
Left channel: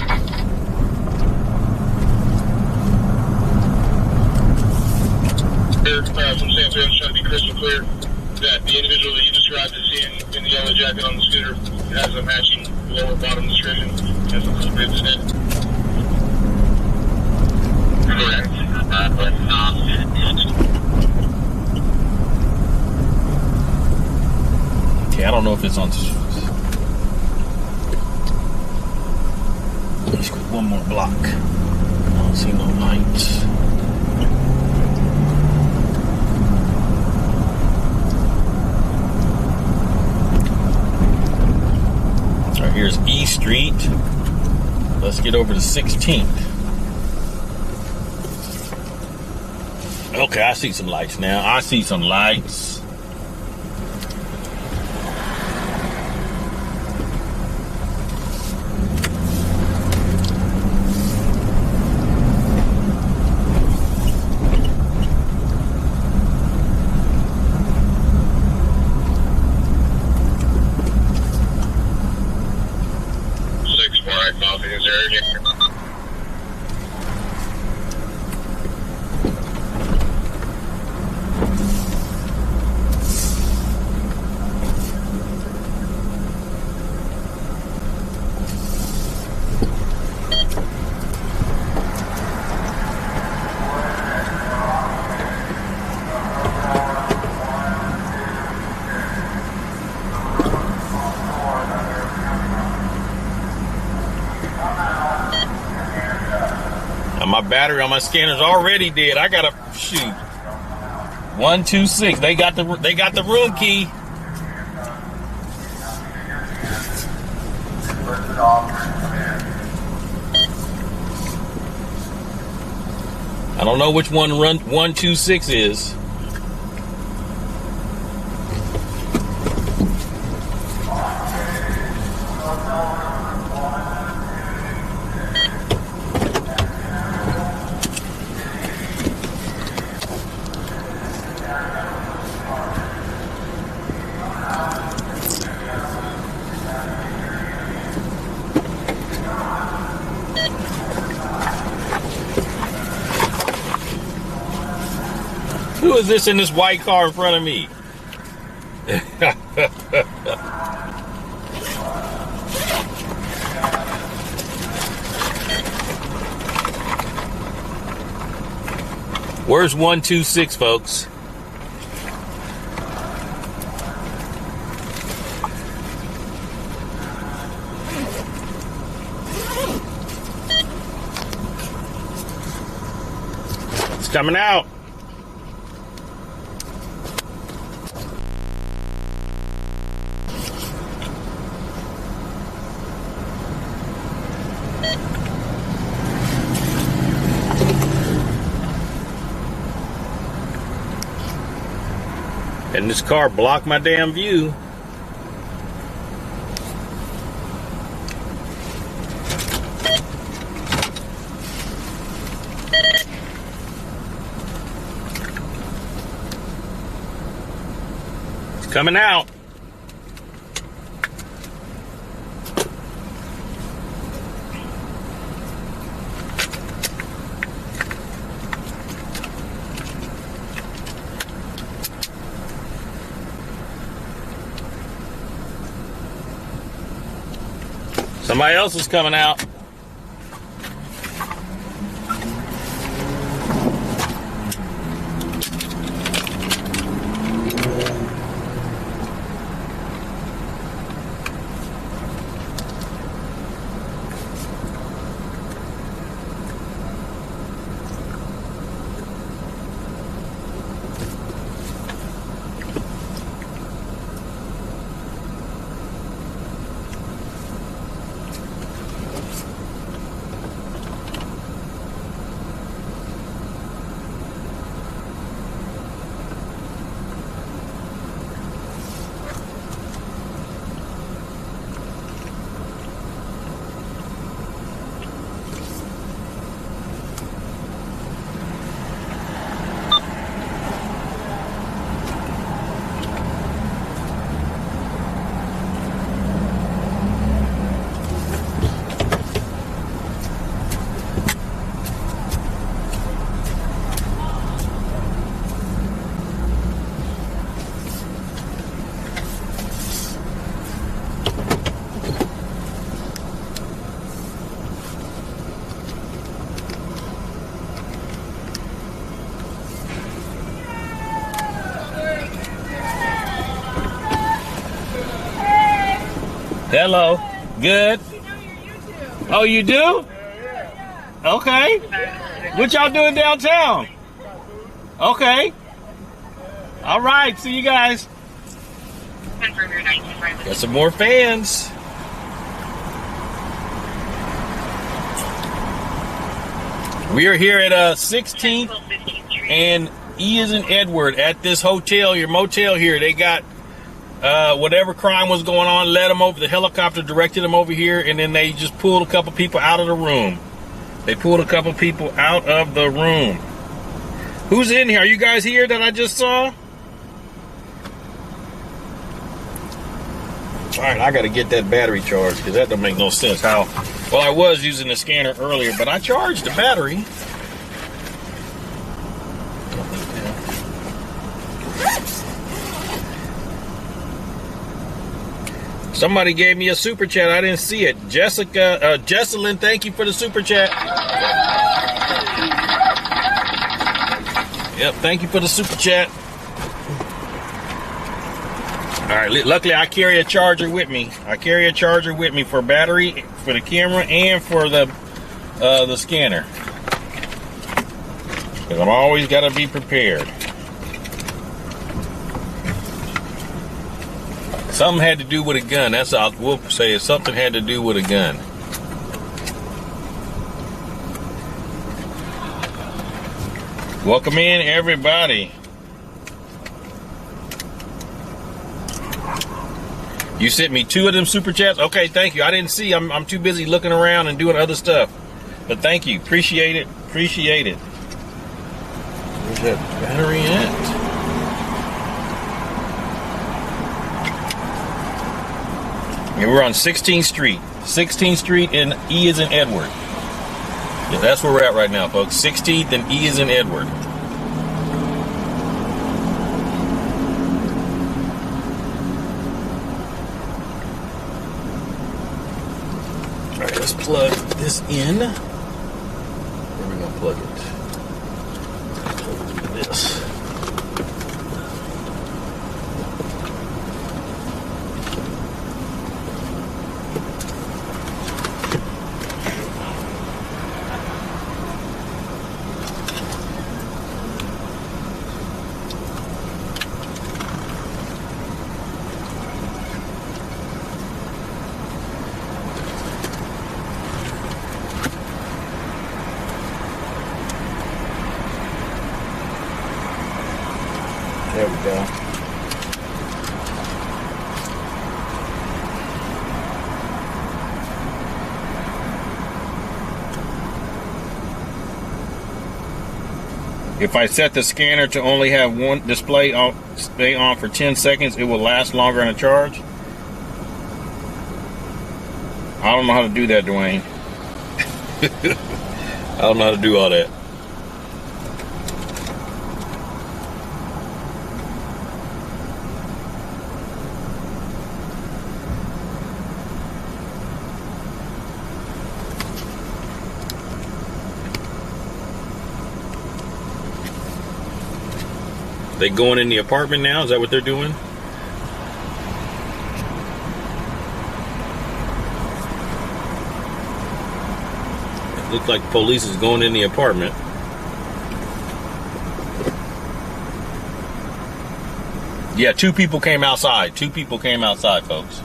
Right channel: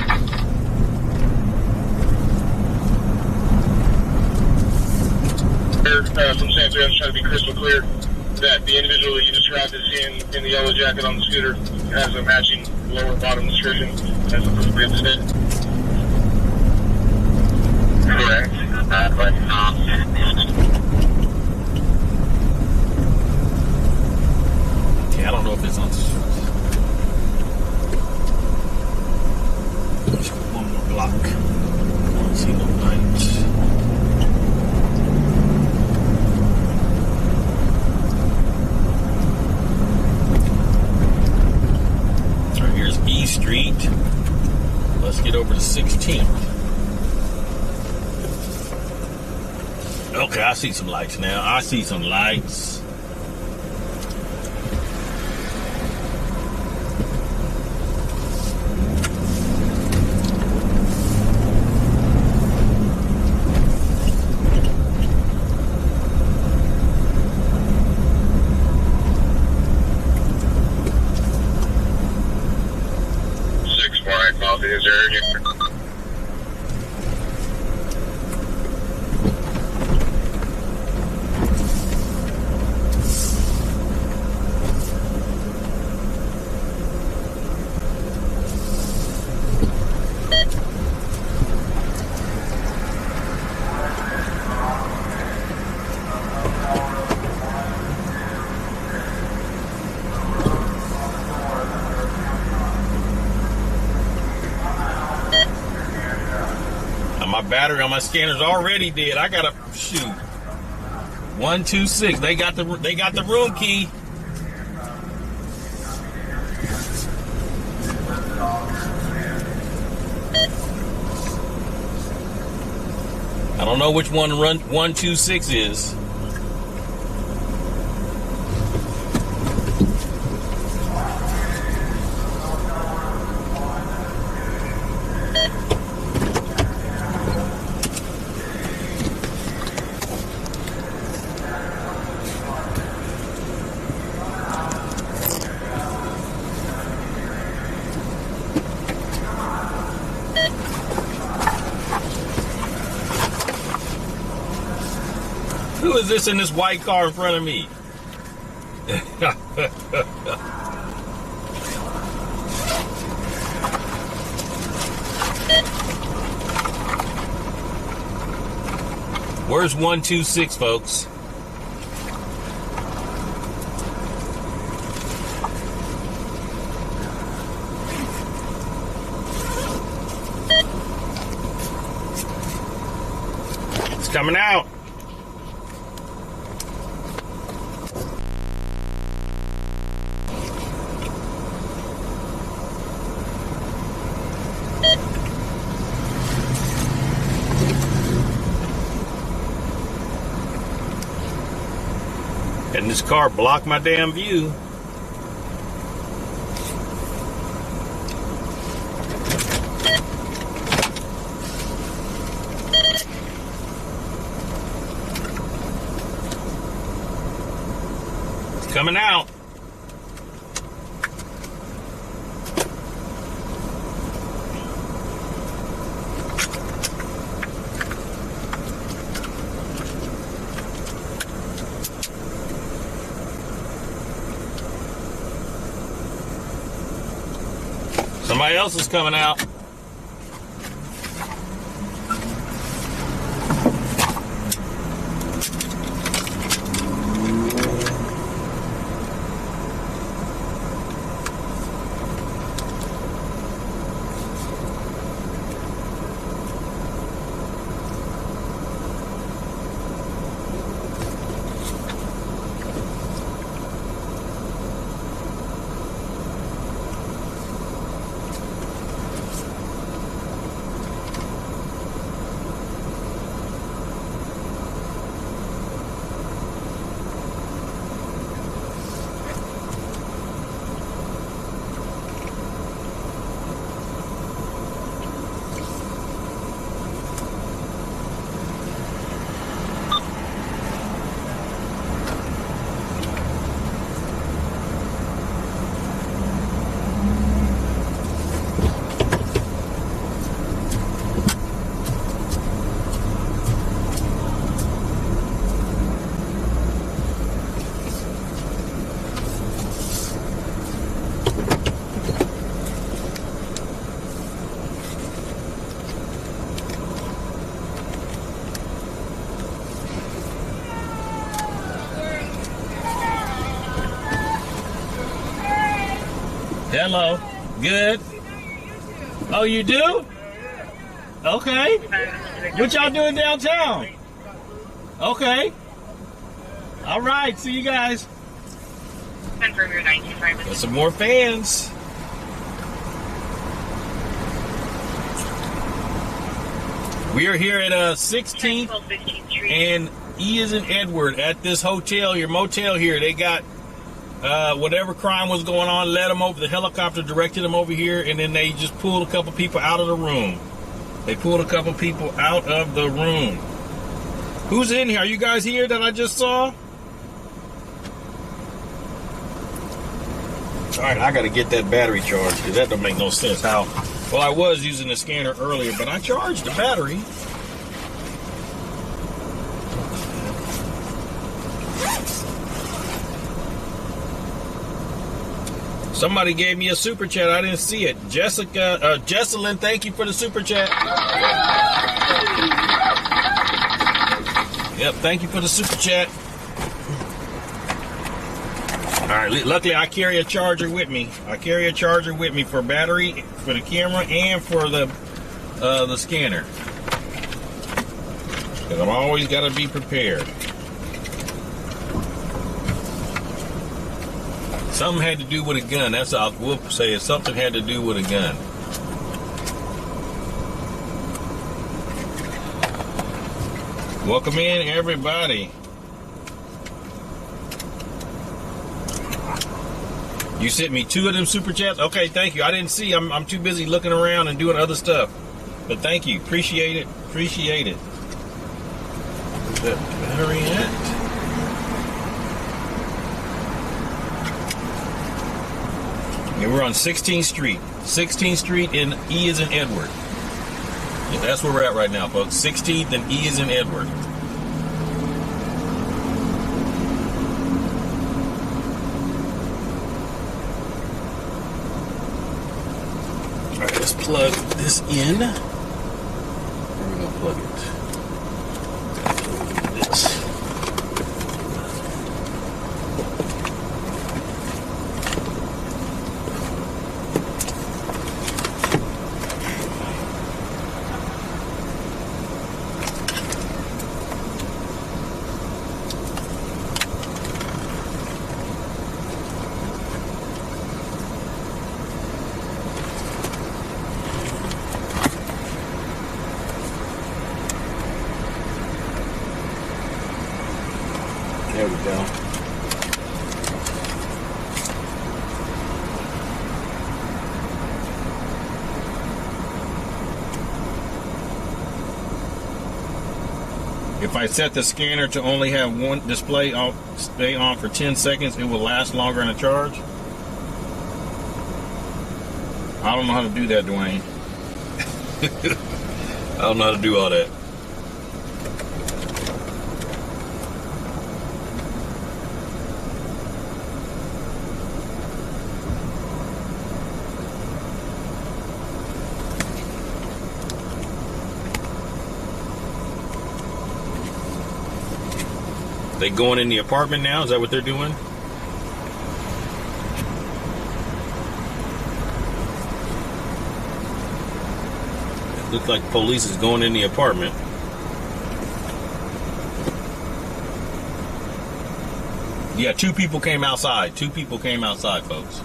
From San Antonio, trying to be crystal clear that the individual that you described as seeing in the yellow jacket on the scooter has a matching lower bottom description as appropriate today. Correct. But Okay, I don't know if it's on. Let's go one more block. I don't see no lights. All right, here's E Street. Let's get over to 16th. Okay, I see some lights now. I see some lights. My battery on my scanner's already dead. I gotta shoot. 126. They got the room key. I don't know which one 126 is. Who is this in this white car in front of me? Where's 126, folks? It's coming out. And this car blocked my damn view. It's coming out. Somebody else is coming out. Hello. Good. Oh, you do? Okay. What y'all doing downtown? Okay. All right. See you guys. Got some more fans. We are here at 16th and E is in Edward at this hotel, your motel here. They got whatever crime was going on, led them over. The helicopter directed them over here, and then they just pulled a couple people out of the room. They pulled a couple people out of the room. Who's in here? Are you guys here that I just saw? All right, I got to get that battery charged because that don't make no sense. How? Well, I was using the scanner earlier, but I charged the battery. Somebody gave me a super chat. I didn't see it. Jesselyn, thank you for the super chat. Yep, thank you for the super chat. All right, luckily I carry a charger with me. I carry a charger with me for battery, for the camera, and for the scanner. Because I'm always got to be prepared. Something had to do with a gun. That's all we'll say. Is something had to do with a gun. Welcome in, everybody. You sent me 2 of them super chats? Okay, thank you. I didn't see. I'm too busy looking around and doing other stuff. But thank you. Appreciate it. Appreciate it. Where's that battery at? Yeah, we're on 16th Street. 16th Street and E is in Edward. Yeah, that's where we're at right now, folks. 16th and E is in Edward. plug this in. Where are we gonna plug it? Plug this. There we go. If I set the scanner to only have one display on, stay on for 10 seconds, it will last longer in a charge. I don't know how to do that, Dwayne. I don't know how to do all that. They going in the apartment now? Is that what they're doing? It looks like police is going in the apartment. Yeah, 2 people came outside. 2 people came outside, folks.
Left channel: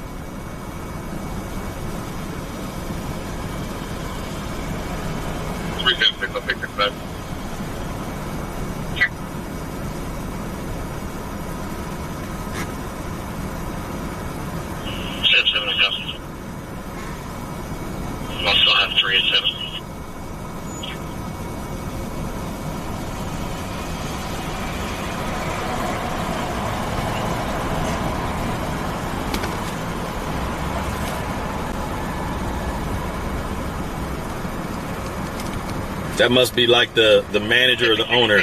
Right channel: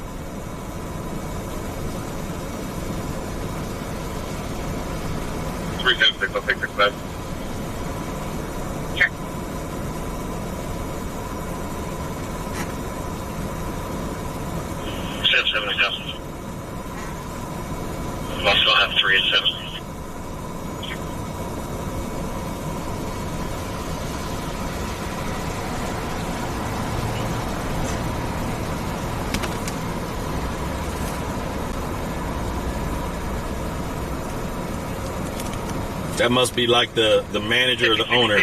Three 10 6, I'll take 6 5. Sure. Seven and Gus. We'll also have 3 and 7. That must be like the manager or the owner.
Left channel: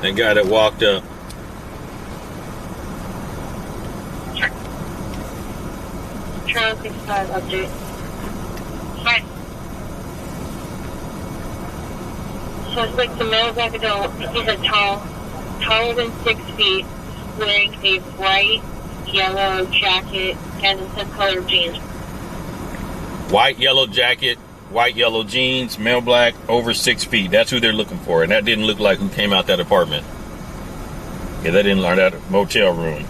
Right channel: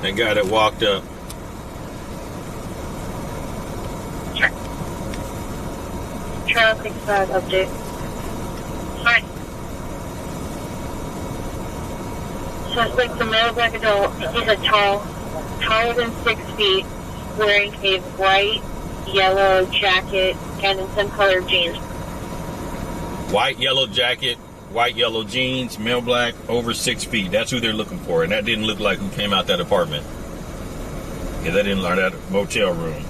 That guy that walked up. Sure. Charles 65 update. Hi. Suspect, the male black adult. He's a taller than 6 feet, wearing a bright yellow jacket and some colored jeans. White, yellow jacket, white, yellow jeans, male black, over 6 feet. That's who they're looking for. And that didn't look like who came out that apartment. Yeah, that didn't learn that motel room.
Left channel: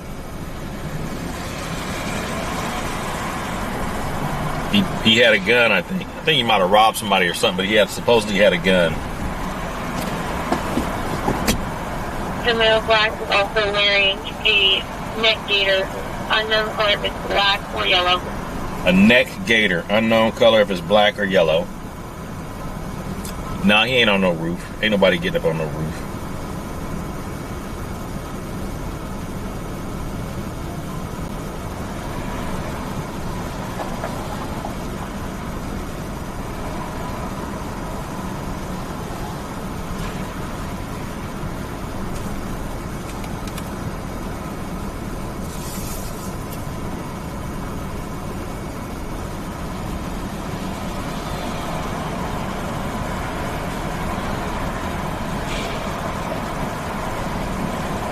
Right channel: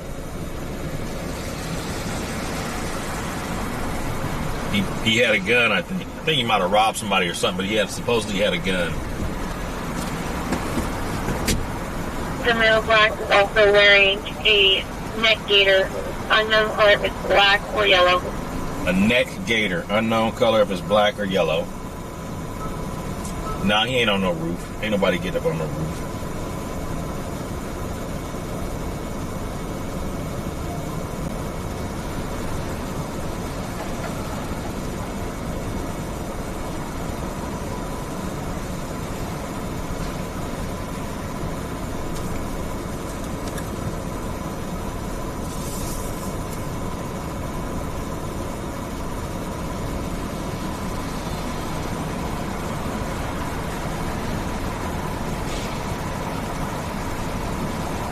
He had a gun, I think. I think he might have robbed somebody or something, but he supposedly had a gun. The male black is also wearing a neck gaiter, unknown color if it's black or yellow. A neck gaiter, unknown color if it's black or yellow. Nah, he ain't on no roof. Ain't nobody getting up on no roof.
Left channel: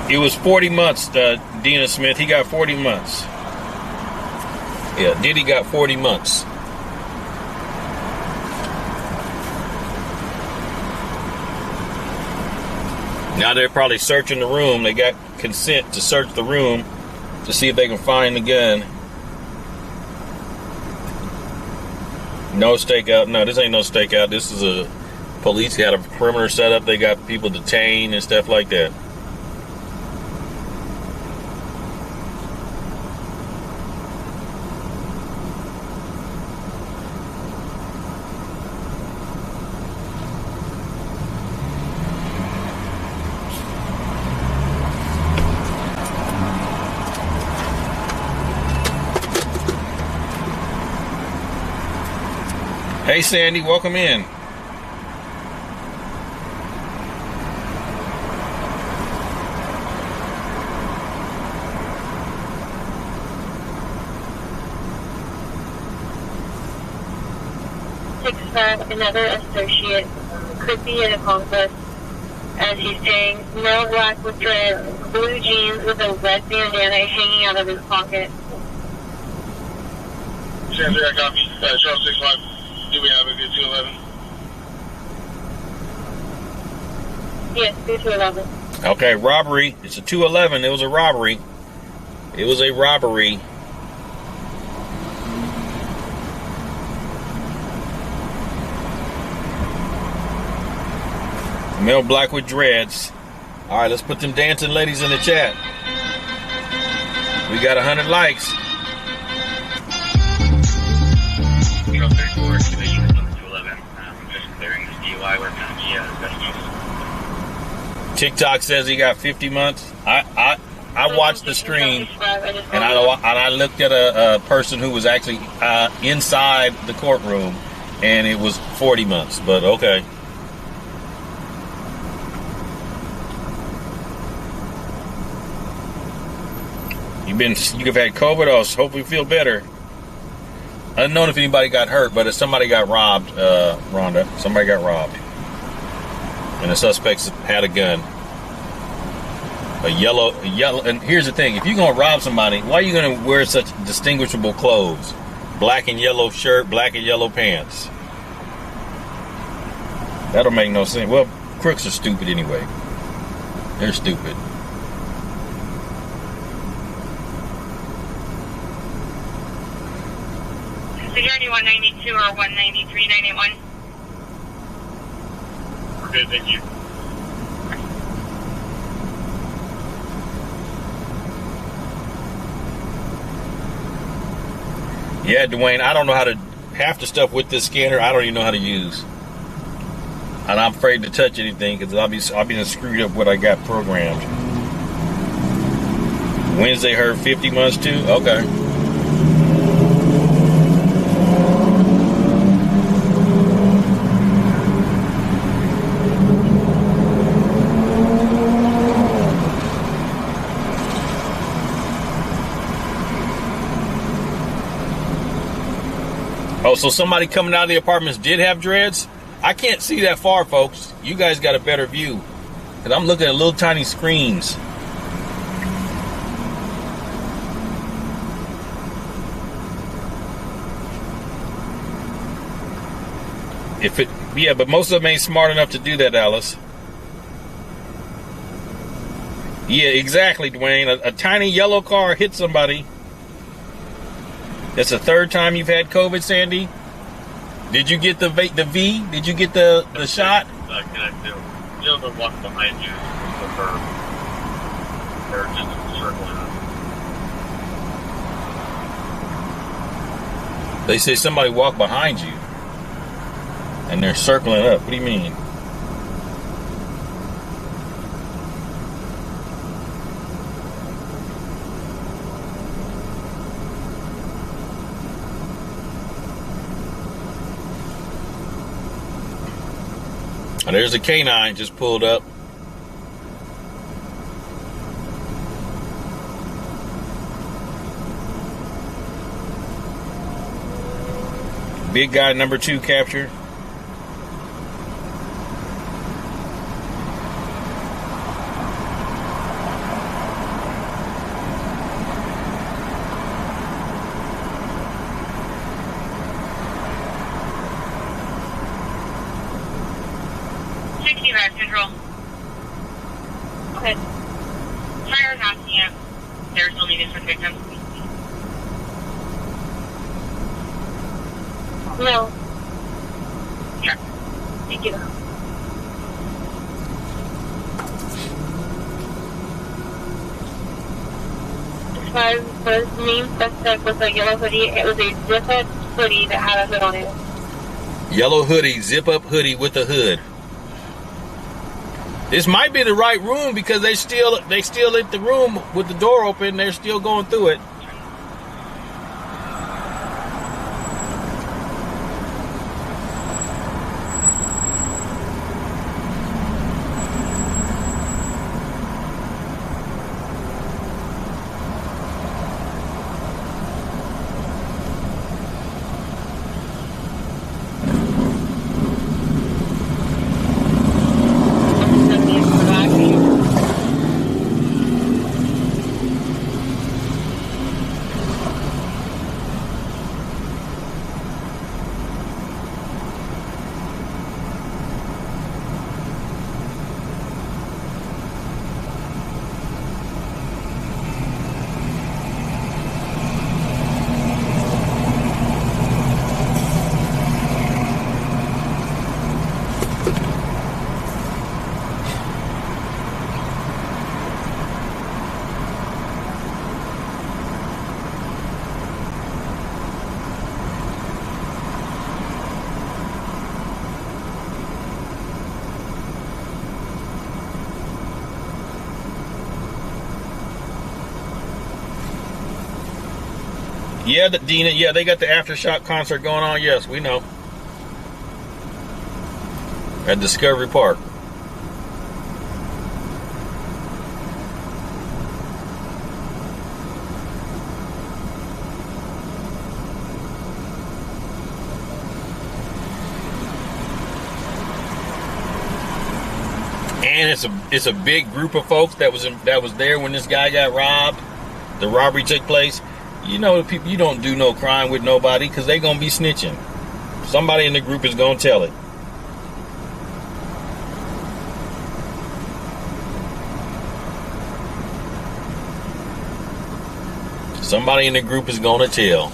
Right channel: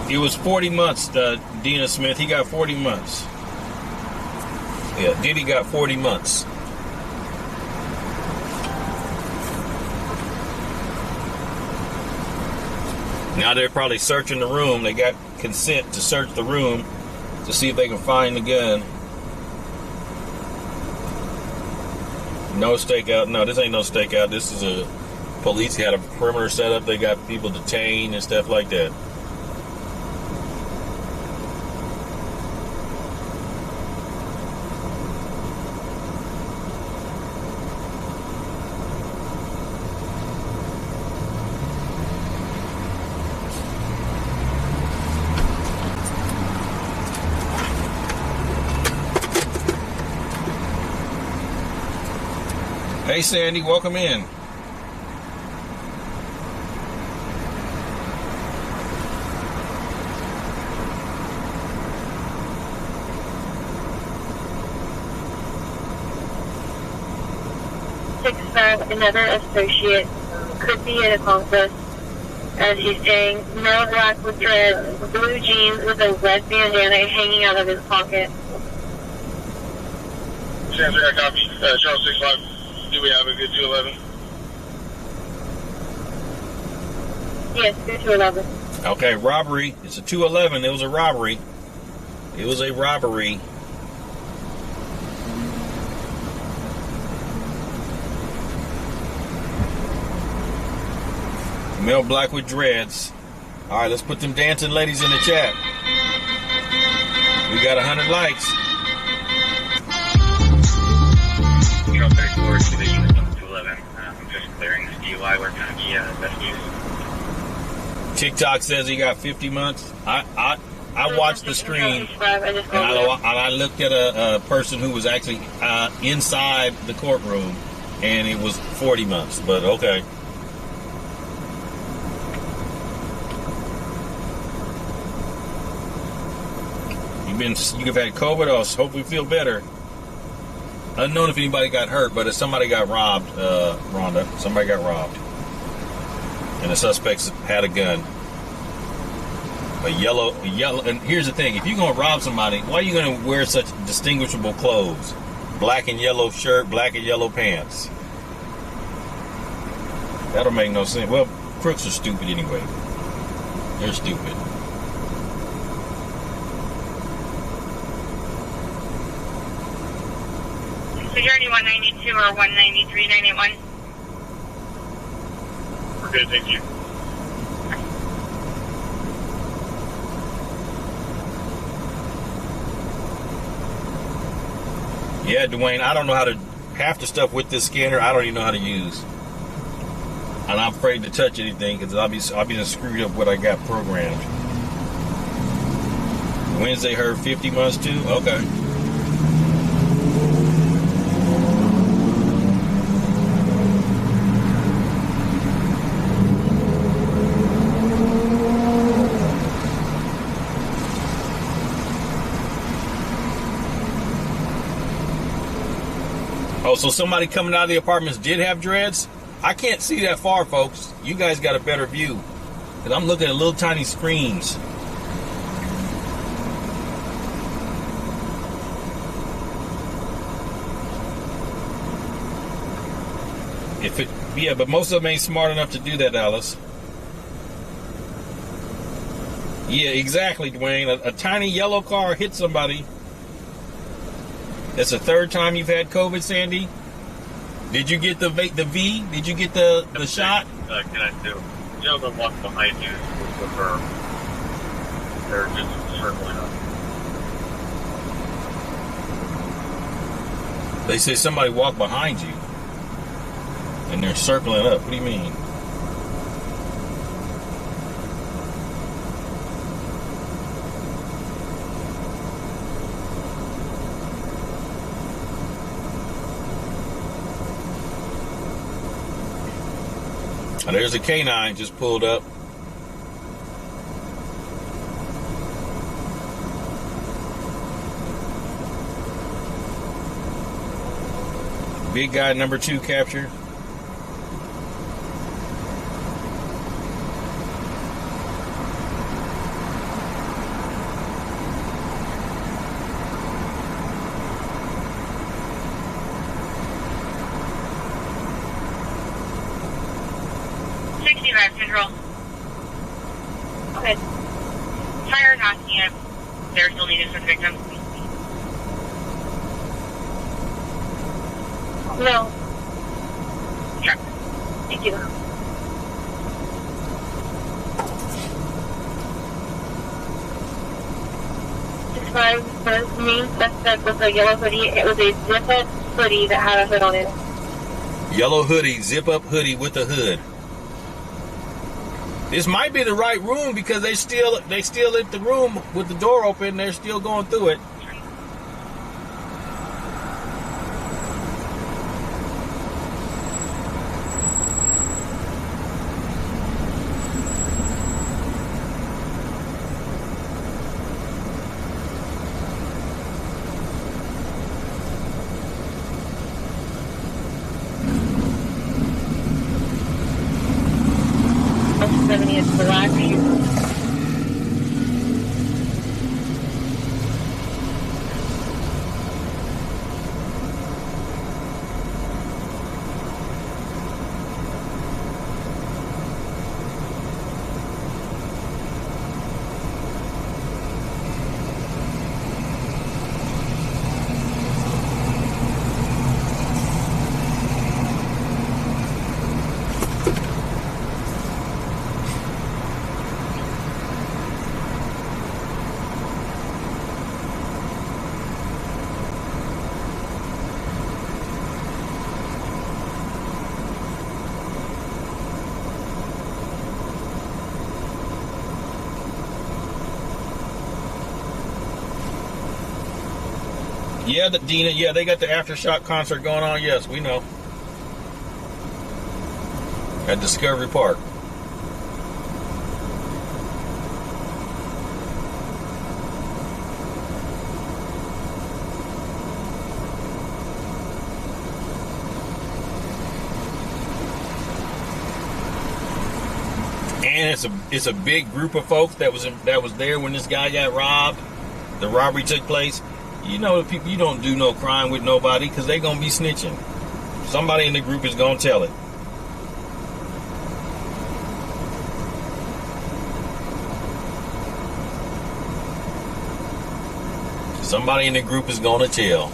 It was 40 months, Dina Smith. He got 40 months. Yeah, Diddy got 40 months. Now they're probably searching the room. They got consent to search the room to see if they can find the gun. No stakeout. No, this ain't no stakeout. This is a police got a perimeter set up. They got people detained and stuff like that. Hey Sandy, welcome in. 6'5", another associate, could be an accomplice, as he's saying, male black with dreads, blue jeans with a red bandana hanging out of his pocket. Sam 3, I copy. Charles 6'5", do we have a good 211? Yes, good 211. Okay, robbery. It's a 211. It was a robbery. It was a robbery. Male black with dreads. All right, let's put them dancing ladies in the chat. We got 100 likes. Charles 34 to the unit on the 211. Just clearing this DUI. We're going to be investigating. TikTok says he got 50 months. I watched the stream, and I looked at a person who was actually inside the courtroom, and it was 40 months. But okay. You've had COVID. Oh, hopefully you feel better. I don't know if anybody got hurt, but if somebody got robbed, Rhonda. Somebody got robbed. And the suspects had a gun. A yellow, and here's the thing, if you're going to rob somebody, why are you going to wear such distinguishable clothes? Black and yellow shirt, black and yellow pants. That'll make no sense. Well, crooks are stupid anyway. They're stupid. Journey 192 or 193, 981. We're good, thank you. Yeah, Dwayne, I don't know how to, half the stuff with this scanner, I don't even know how to use. And I'm afraid to touch anything because I'll be screwed up what I got programmed. Wednesday heard 50 months too? Okay. Oh, so somebody coming out of the apartments did have dreads? I can't see that far, folks. You guys got a better view. Because I'm looking at little tiny screens. Yeah, but most of them ain't smart enough to do that, Alice. Yeah, exactly, Dwayne. A tiny yellow car hit somebody. That's the third time you've had COVID, Sandy? Did you get the V? Did you get the shot? Can I do? Joe, the walk behind you with her. They're just circling up. They say somebody walked behind you. And they're circling up. What do you mean? Oh, there's a canine just pulled up. Big guy number 2 captured. Control. Okay. Fire not yet. They're still needed for victims. No. Sure. Thank you. As far as the main suspect was a yellow hoodie, it was a zip-up hoodie that had a hood on it. Yellow hoodie, zip-up hoodie with a hood. This might be the right room because they still in the room with the door open. They're still going through it. Yeah, Dina. Yeah, they got the Aftershock concert going on. Yes, we know. At Discovery Park. And it's a big group of folks that was there when this guy got robbed. The robbery took place. You know, people, you don't do no crime with nobody because they're gonna be snitching. Somebody in the group is gonna tell it. Somebody in the group is gonna tell.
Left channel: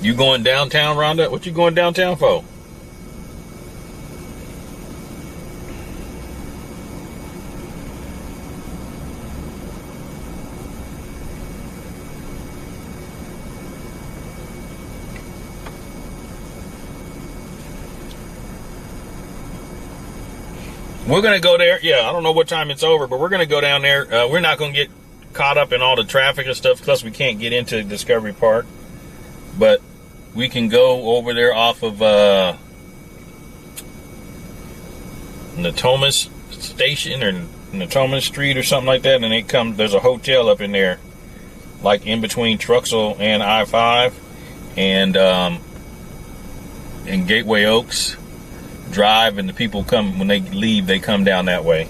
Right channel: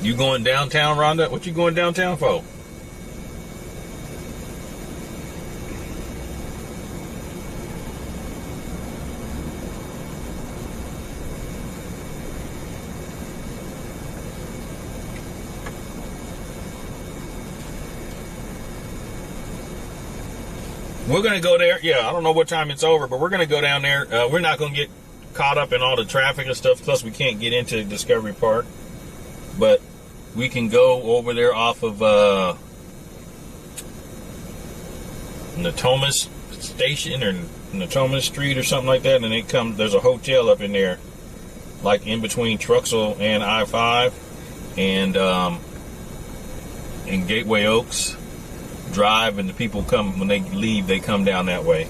You going downtown, Rhonda? What you going downtown for? We're going to go there. Yeah, I don't know what time it's over, but we're going to go down there. We're not going to get caught up in all the traffic and stuff, plus we can't get into Discovery Park. But we can go over there off of Natomas Station or Natomas Street or something like that, and there's a hotel up in there, like in between Truxell and I-5 and Gateway Oaks Drive, and the people come, when they leave, they come down that way.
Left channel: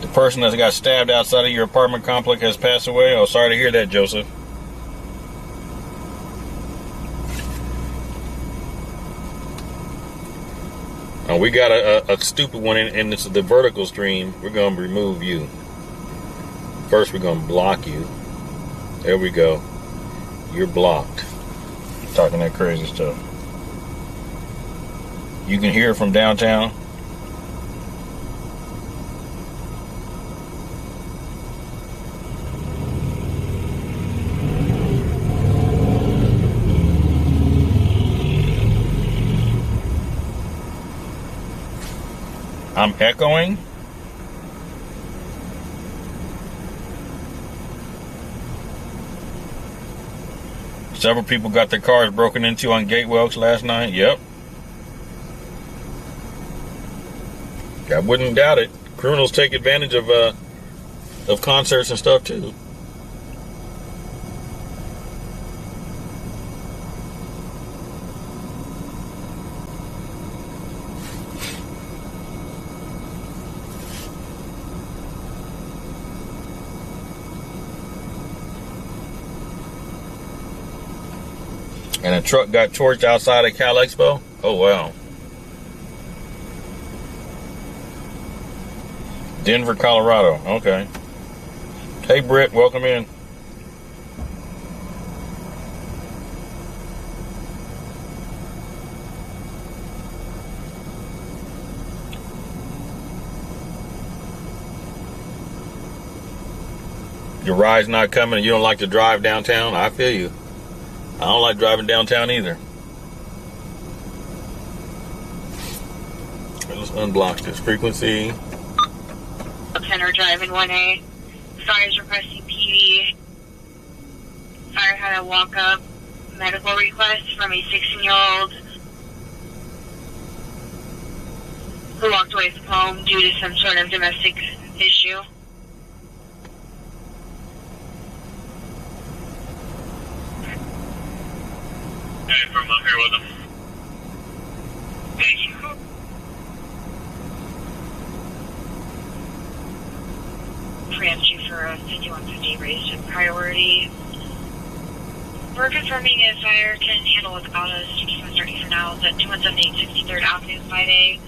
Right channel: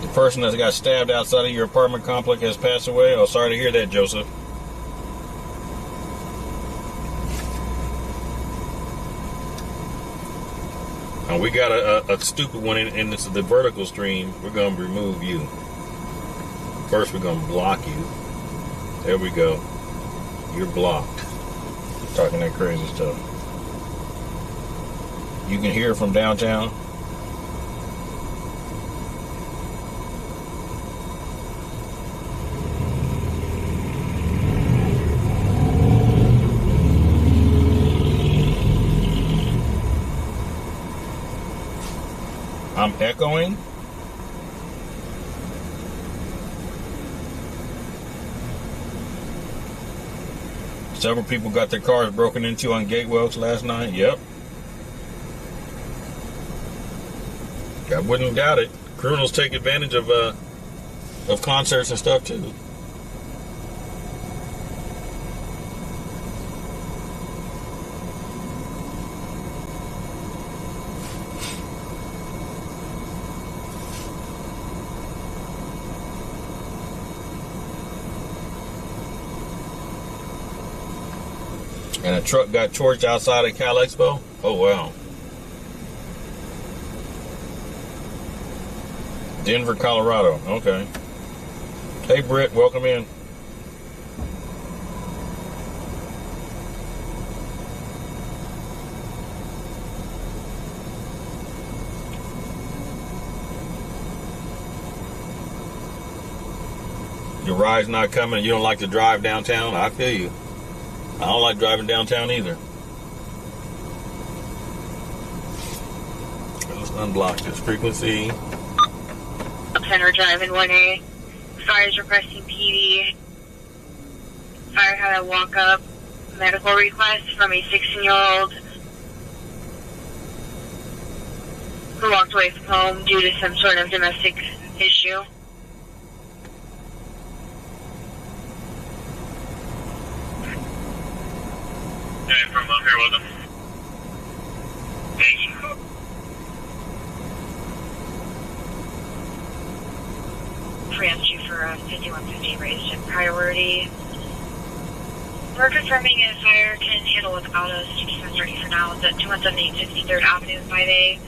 The person that got stabbed outside of your apartment complex has passed away. Oh, sorry to hear that, Joseph. Oh, we got a stupid one in this, the vertical stream. We're going to remove you. First, we're going to block you. There we go. You're blocked. Talking that crazy stuff. You can hear from downtown. I'm echoing. Several people got their cars broken into on Gateway Oaks last night. Yep. I wouldn't doubt it. Criminals take advantage of concerts and stuff too. And a truck got torched outside of Cal Expo? Oh, wow. Denver, Colorado. Okay. Hey, Britt, welcome in. Your ride's not coming and you don't like to drive downtown? I feel you. I don't like driving downtown either. Let's unblock this frequency. Center driving 1A. Fire is requesting PD. Fire had a walk-up medical request from a 16-year-old who walked away from home due to some sort of domestic issue. From up here with them. Thank you. Pre-entry for a 5150 raised in priority. We're confirming if fire can handle without us. TP 30 for now is at 2178 63rd Avenue 5A.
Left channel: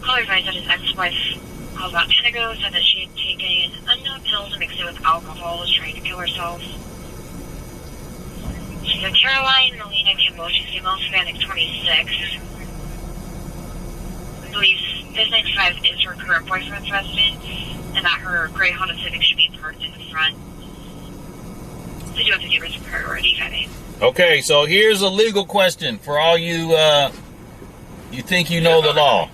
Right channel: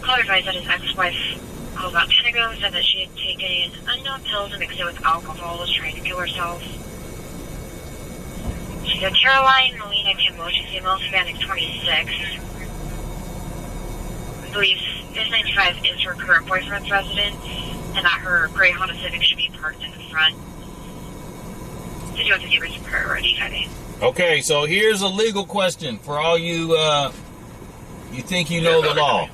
Caller advised that his ex-wife called about 10 ago, said that she had taken unknown pills and mixed it with alcohol, was trying to kill herself. She said Caroline Melina Kimball, she's female, Hispanic, 26. I believe this 95 is her current boyfriend's residence, and that her gray Honda Civic should be parked in the front. So you have to give her some priority heading. Okay, so here's a legal question for all you, you think you know the law.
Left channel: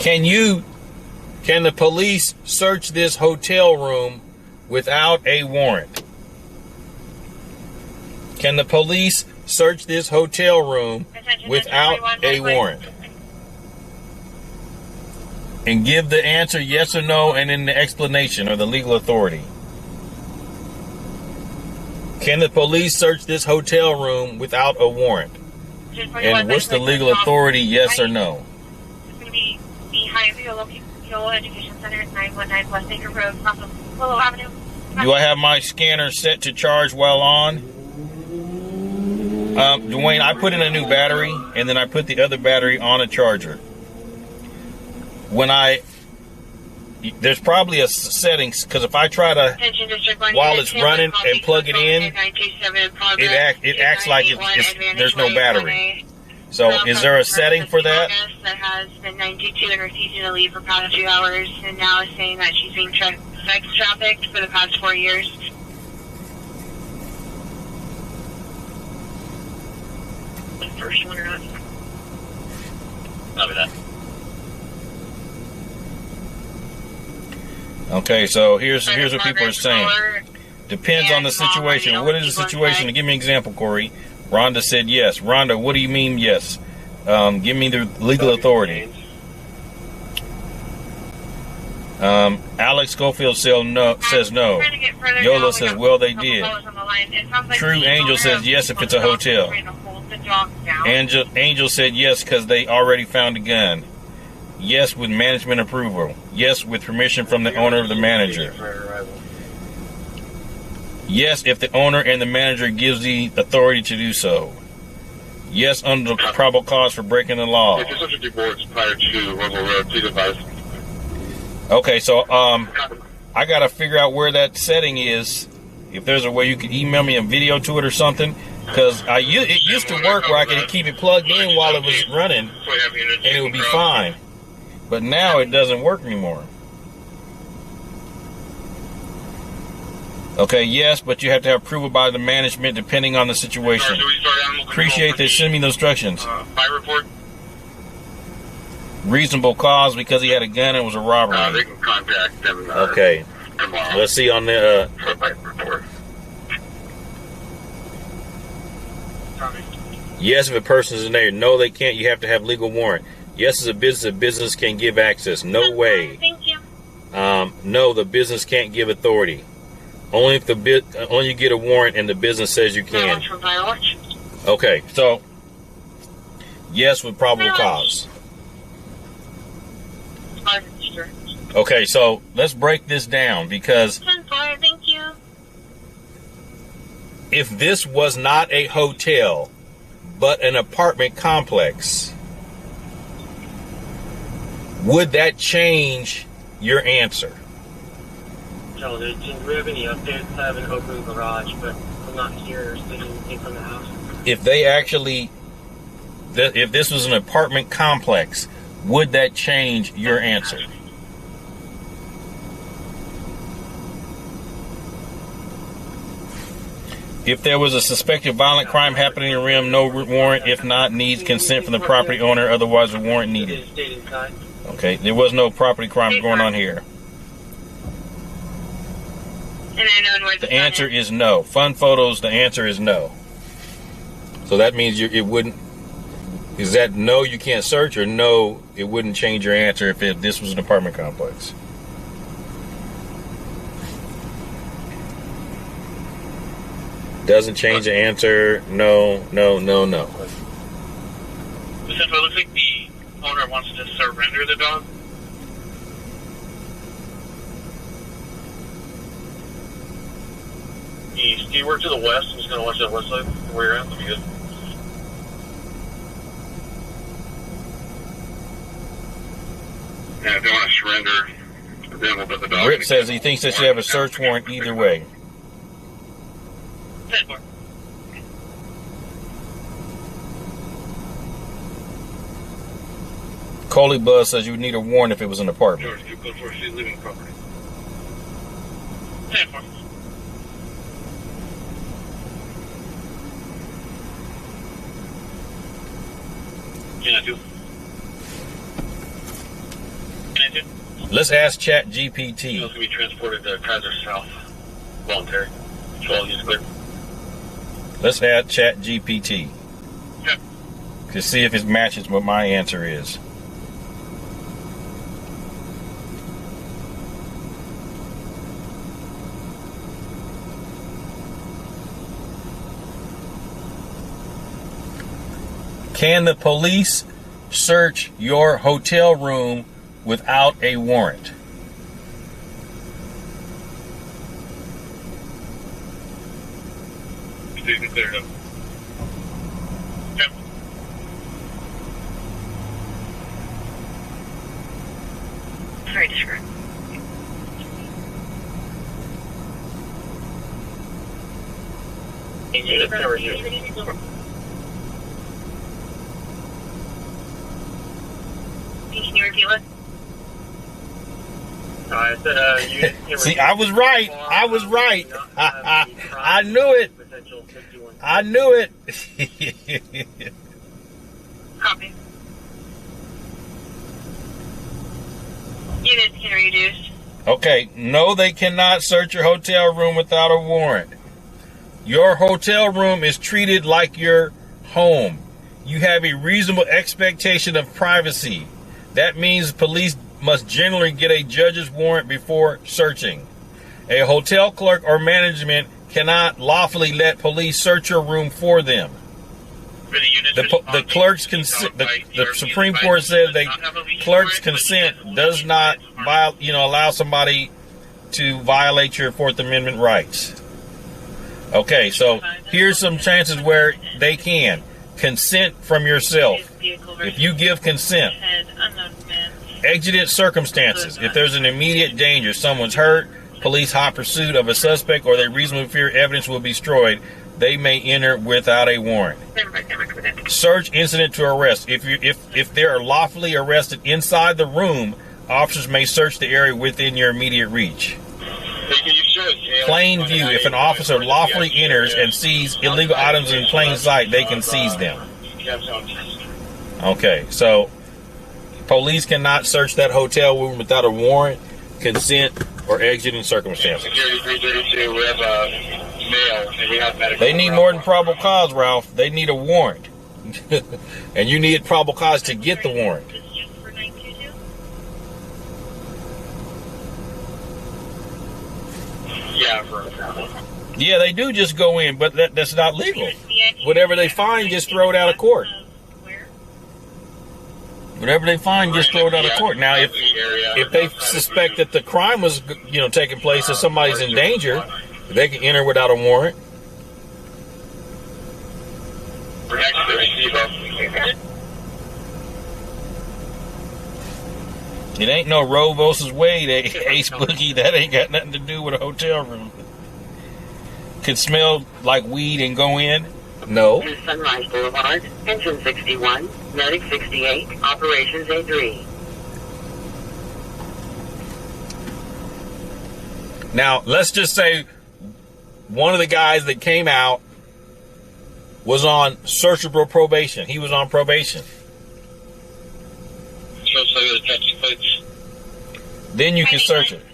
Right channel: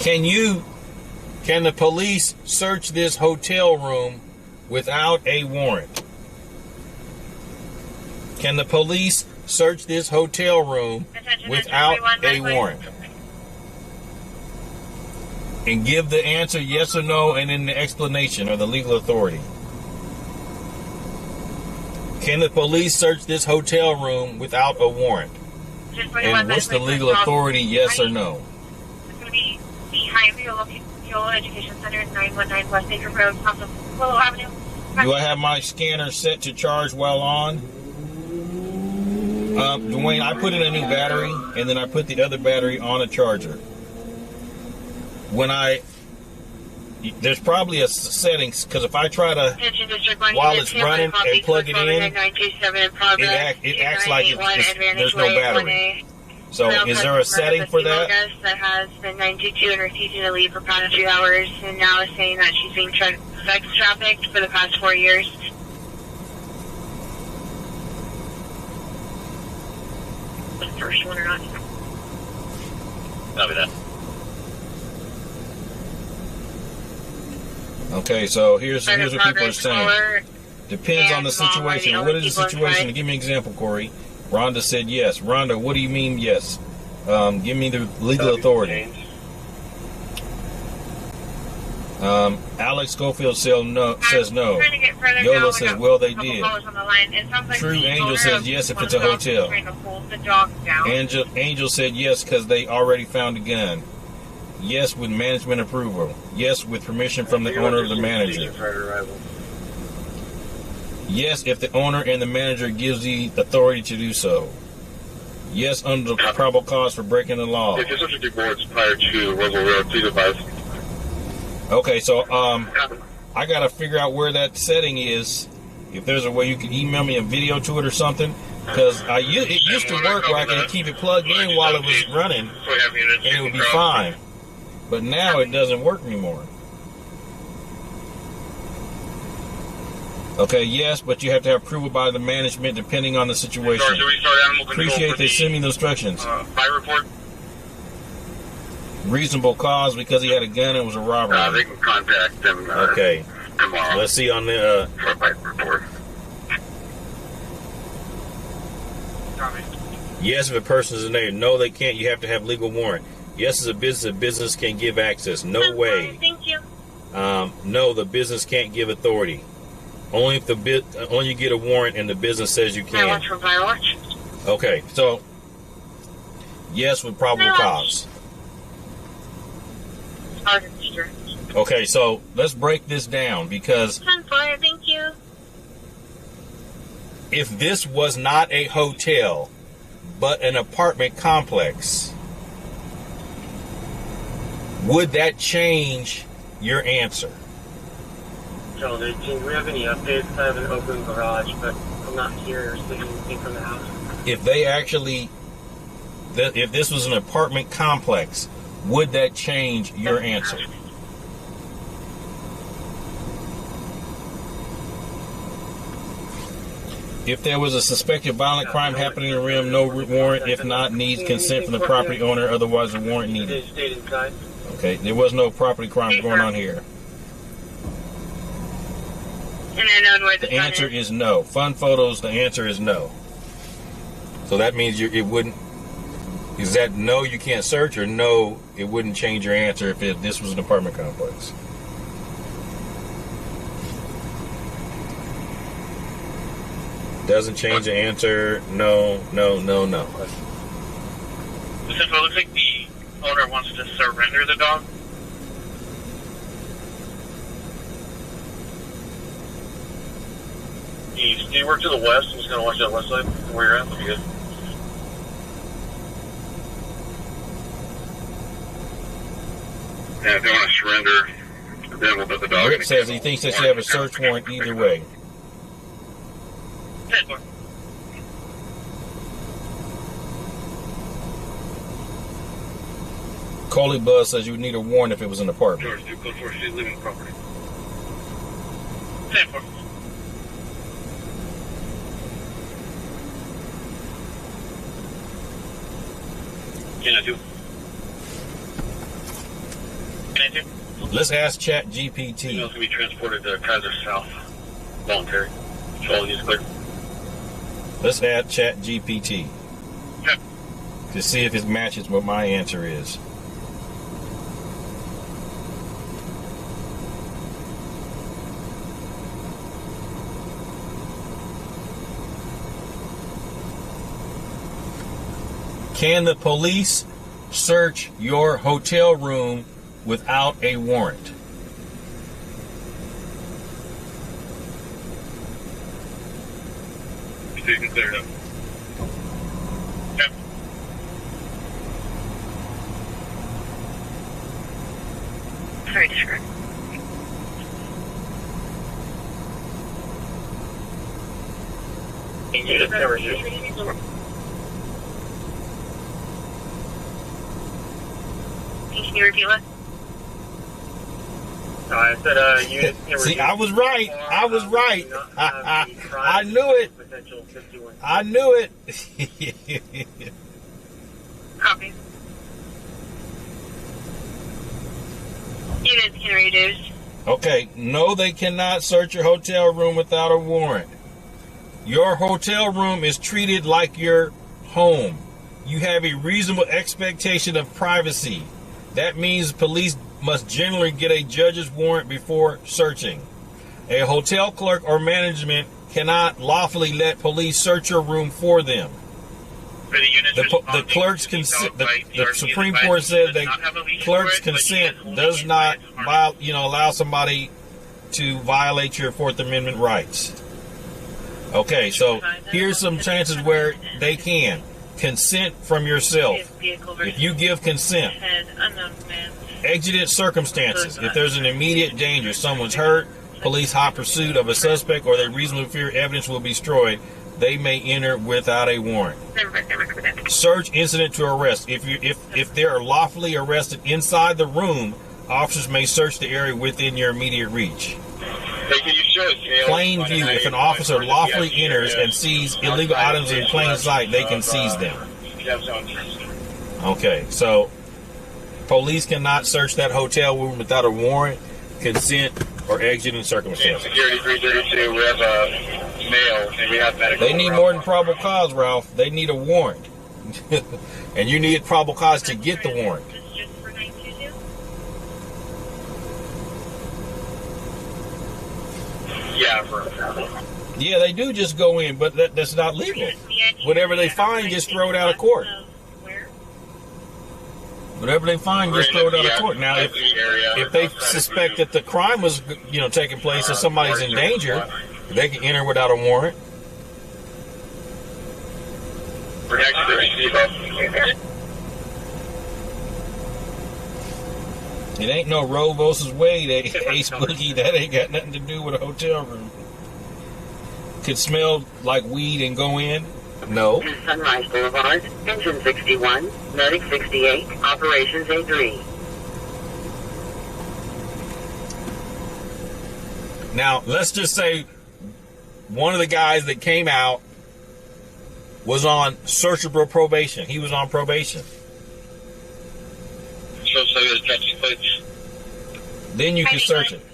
Can the police search this hotel room without a warrant? Can the police search this hotel room without a warrant? And give the answer yes or no and then the explanation or the legal authority. Can the police search this hotel room without a warrant? And what's the legal authority, yes or no? It's going to be behind Viola Education Center, 919 West Acre Road, off of Willow Avenue. Do I have my scanner set to charge while on? Dwayne, I put in a new battery, and then I put the other battery on a charger. There's probably a settings, because if I try to, while it's running and plug it in, it acts like there's no battery. So is there a setting for that? That has been 922 and refusing to leave for past 2 hours, and now is saying that she's being sex trafficked for the past 4 years. The first one or not? Copy that. Okay, so here's what people are saying. Depends on the situation. What is the situation? Give me an example, Corey. Rhonda said yes. Rhonda, what do you mean yes? Give me the legal authority. Alex Schofield says no. Yola says, well, they did. True Angel says yes if it's a hotel. Angel said yes because they already found a gun. Yes with management approval. Yes with permission from the owner or the manager. Yes if the owner and the manager gives the authority to do so. Yes under the probable cause for breaking the law. If you're subject to boards prior to Roswell Road, please advise. Okay, so I gotta figure out where that setting is. If there's a way you could email me a video to it or something, because it used to work where I could keep it plugged in while it was running, and it would be fine. But now it doesn't work anymore. Okay, yes, but you have to have approval by the management depending on the situation. Appreciate they send me the instructions. Fire report. Reasonable cause because he had a gun and it was a robbery. They can contact them. Okay. Tomorrow. Let's see on the. For a fire report. Yes, if a person is in there. No, they can't. You have to have legal warrant. Yes, as a business can give access. No way. Thank you. No, the business can't give authority. Only if only you get a warrant and the business says you can. Okay, so yes with probable cause. Okay, so let's break this down because Thank you. if this was not a hotel but an apartment complex, would that change your answer? So, do we have any updates? I have an open garage, but I'm not here seeing anything from the house. If they actually, if this was an apartment complex, would that change your answer? If there was a suspected violent crime happening in the rim, no warrant. If not, needs consent from the property owner. Otherwise, a warrant needed. Okay, there was no property crime going on here. The answer is no. Fun photos, the answer is no. So that means it wouldn't. Is that no, you can't search, or no, it wouldn't change your answer if this was an apartment complex? Doesn't change the answer. No, no, no, no. Since it looks like the owner wants to surrender the dog. East. Do you work to the west? I'm just going to watch that west side where you're at. Let me get. And if they want to surrender, then we'll put the dog. Rip says he thinks they should have a search warrant either way. 10-4. Coley Buzz says you would need a warrant if it was an apartment. George, 2 code 4, she's leaving the property. 10-4. Can I do? Let's ask Chat Email's GPT. going to be transported to Kaiser South. Voluntary. Control is clear. Let's ask Chat GPT Okay. to see if it matches what my answer is. Can the police search your hotel room without a warrant? So you can clear it up. Okay. Sorry, Discretion. Can you repeat what? I said, you See, I was right. I was right. I knew it. I knew it. Copy. Units can reduce. Okay, no, they cannot search your hotel room without a warrant. Your hotel room is treated like your home. You have a reasonable expectation of privacy. That means police must generally get a judge's warrant before searching. A hotel clerk or management cannot lawfully let police search your room for them. The clerk's consent. The Supreme Court said that clerk's consent does not, allow somebody to violate your Fourth Amendment rights. Okay, so here's some chances where they can consent from yourself. If you give consent, exigent circumstances. If there's an immediate danger, someone's hurt, police hot pursuit of a suspect, or they reasonably fear evidence will be destroyed, they may enter without a warrant. Search incident to arrest. If they are lawfully arrested inside the room, officers may search the area within your immediate reach. Plain view. If an officer lawfully enters and sees illegal items in plain sight, they can seize them. Okay, so police cannot search that hotel room without a warrant, consent, or exigent circumstances. Security 332, we have a male, and we have medical. They need more than probable cause, Ralph. They need a warrant. And you need probable cause to get the warrant. This is just for 922? Yeah, Yeah, they do just go in, but that's not legal. Whatever they find, just throw it out of court. Whatever they find, just throw it out of court. Now, if they suspect that the crime was, taking place, and somebody's in danger, they can enter without a warrant. We're next to the receiver. It ain't no Roe versus Wade, Ace Boogie. That ain't got nothing to do with a hotel room. Could smell like weed and go in? No. Sunrise Boulevard, Engine 61, Medic 68, Operations A3. Now, let's just say one of the guys that came out was on searchable probation. He was on probation. So the taxi plates. Then you can search it.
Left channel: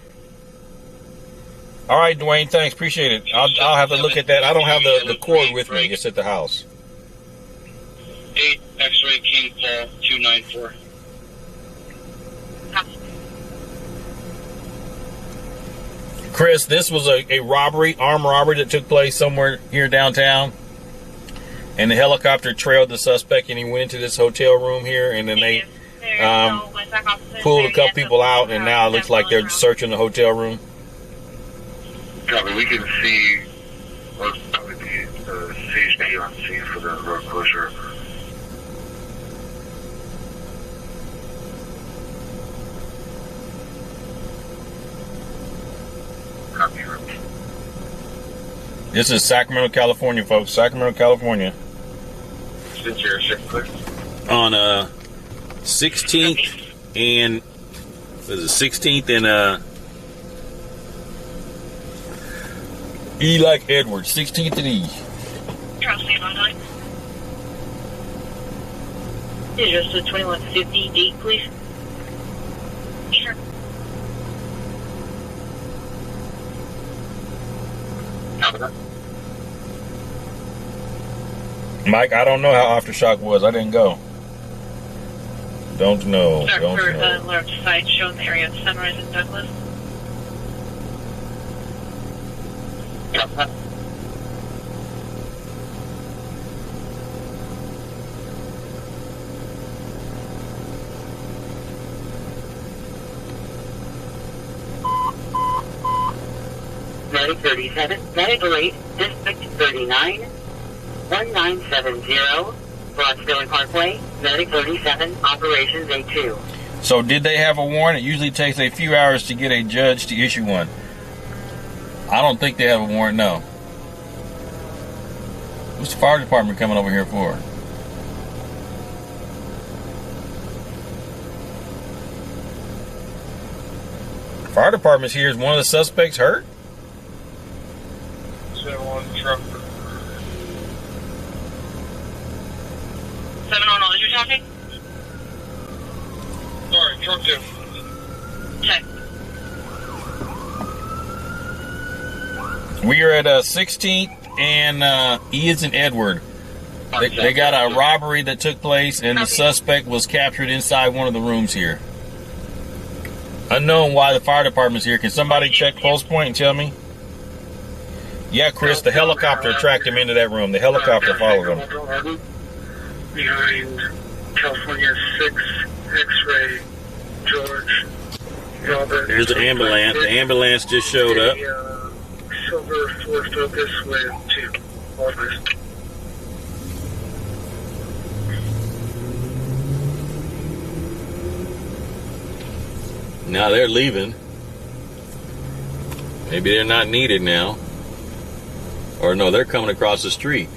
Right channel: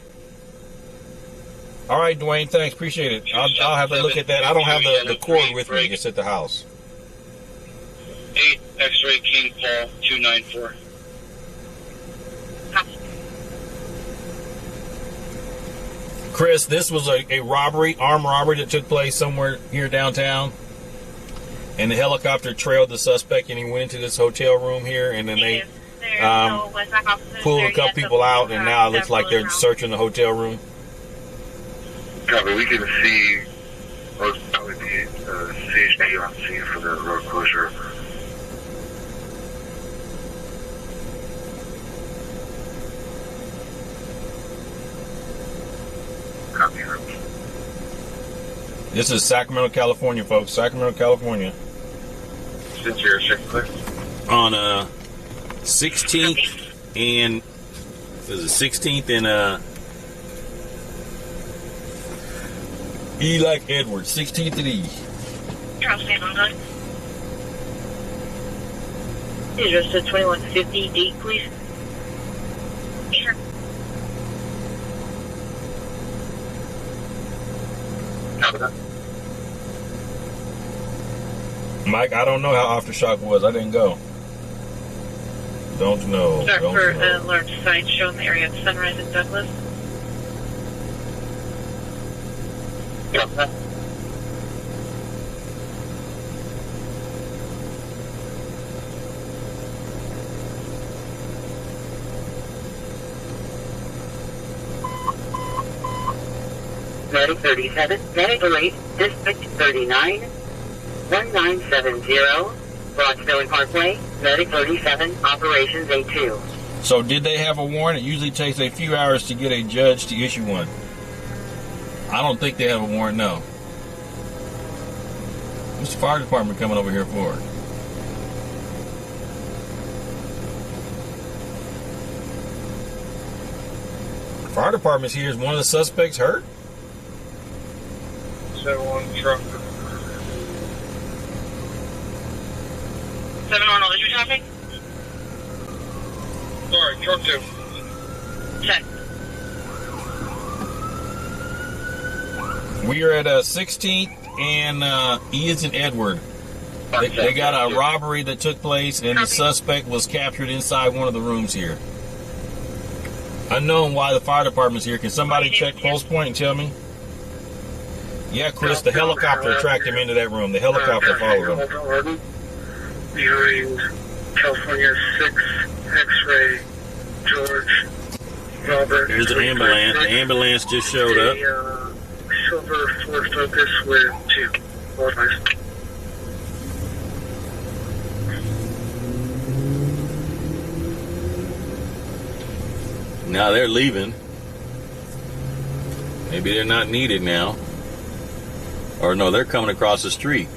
All right, Dwayne, thanks. Appreciate it. I'll have to look at that. I don't have the cord with me. It's at the house. 8 X-ray King Paul 294. Chris, this was a robbery, armed robbery that took place somewhere here downtown. And the helicopter trailed the suspect, and he went into this hotel room here, and then they pulled a couple people out, and now it looks like they're searching the hotel room. Copy, we can see most probably the CHP on scene for the road closure. Copy room. This is Sacramento, California, folks. Sacramento, California. Since you're clear. On 16th and what is it? 16th and E like Edward. 16th and E. Charles, stand on line. Is just a 2150 D, please? Sure. Copy that. Mike, I don't know how Aftershock was. I didn't go. Don't know. Start Don't for know. a large site show in the area of Sunrise and Douglas. Copy that. Medic 37, Medic 08, District 39, 1970, Broadsville Parkway, Medic 37, Operations A2. So did they have a warrant? It usually takes a few hours to get a judge to issue one. I don't think they have a warrant, no. What's the fire department coming over here for? Fire department's here. Is one of the suspects hurt? So on truck. 710, is your traffic? Sorry, truck 2. Check. We are at 16th and E is in Edward. They got a robbery that took place, and the suspect was captured inside one of the rooms here. Unknown why the fire department's here. Can somebody check pulse point and tell me? Yeah, Chris, the helicopter tracked him into that room. The helicopter followed him. Behind California 6, X-ray, George, Robert. Here's the ambulance. The ambulance just showed up. Silver Ford Focus with 2 bodies. Now they're leaving. Maybe they're not needed now. Or no, they're coming across the street.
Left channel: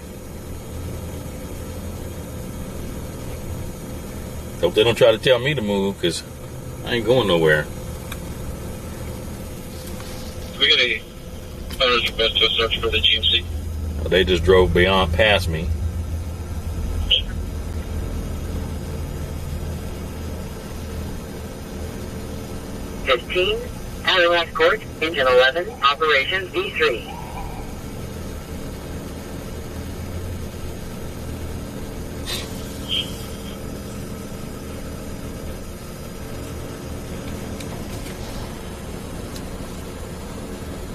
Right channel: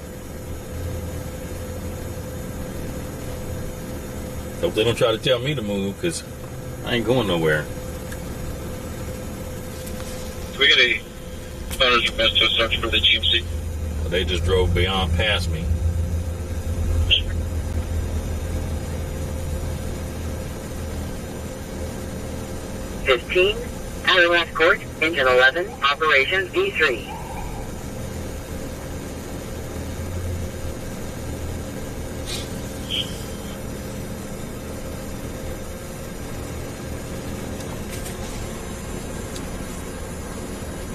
Hope they don't try to tell me to move, because I ain't going nowhere. We get a owner's request to search for the GMC. Well, they just drove past me. $15, Outer Court, Engine 11, Operations V3.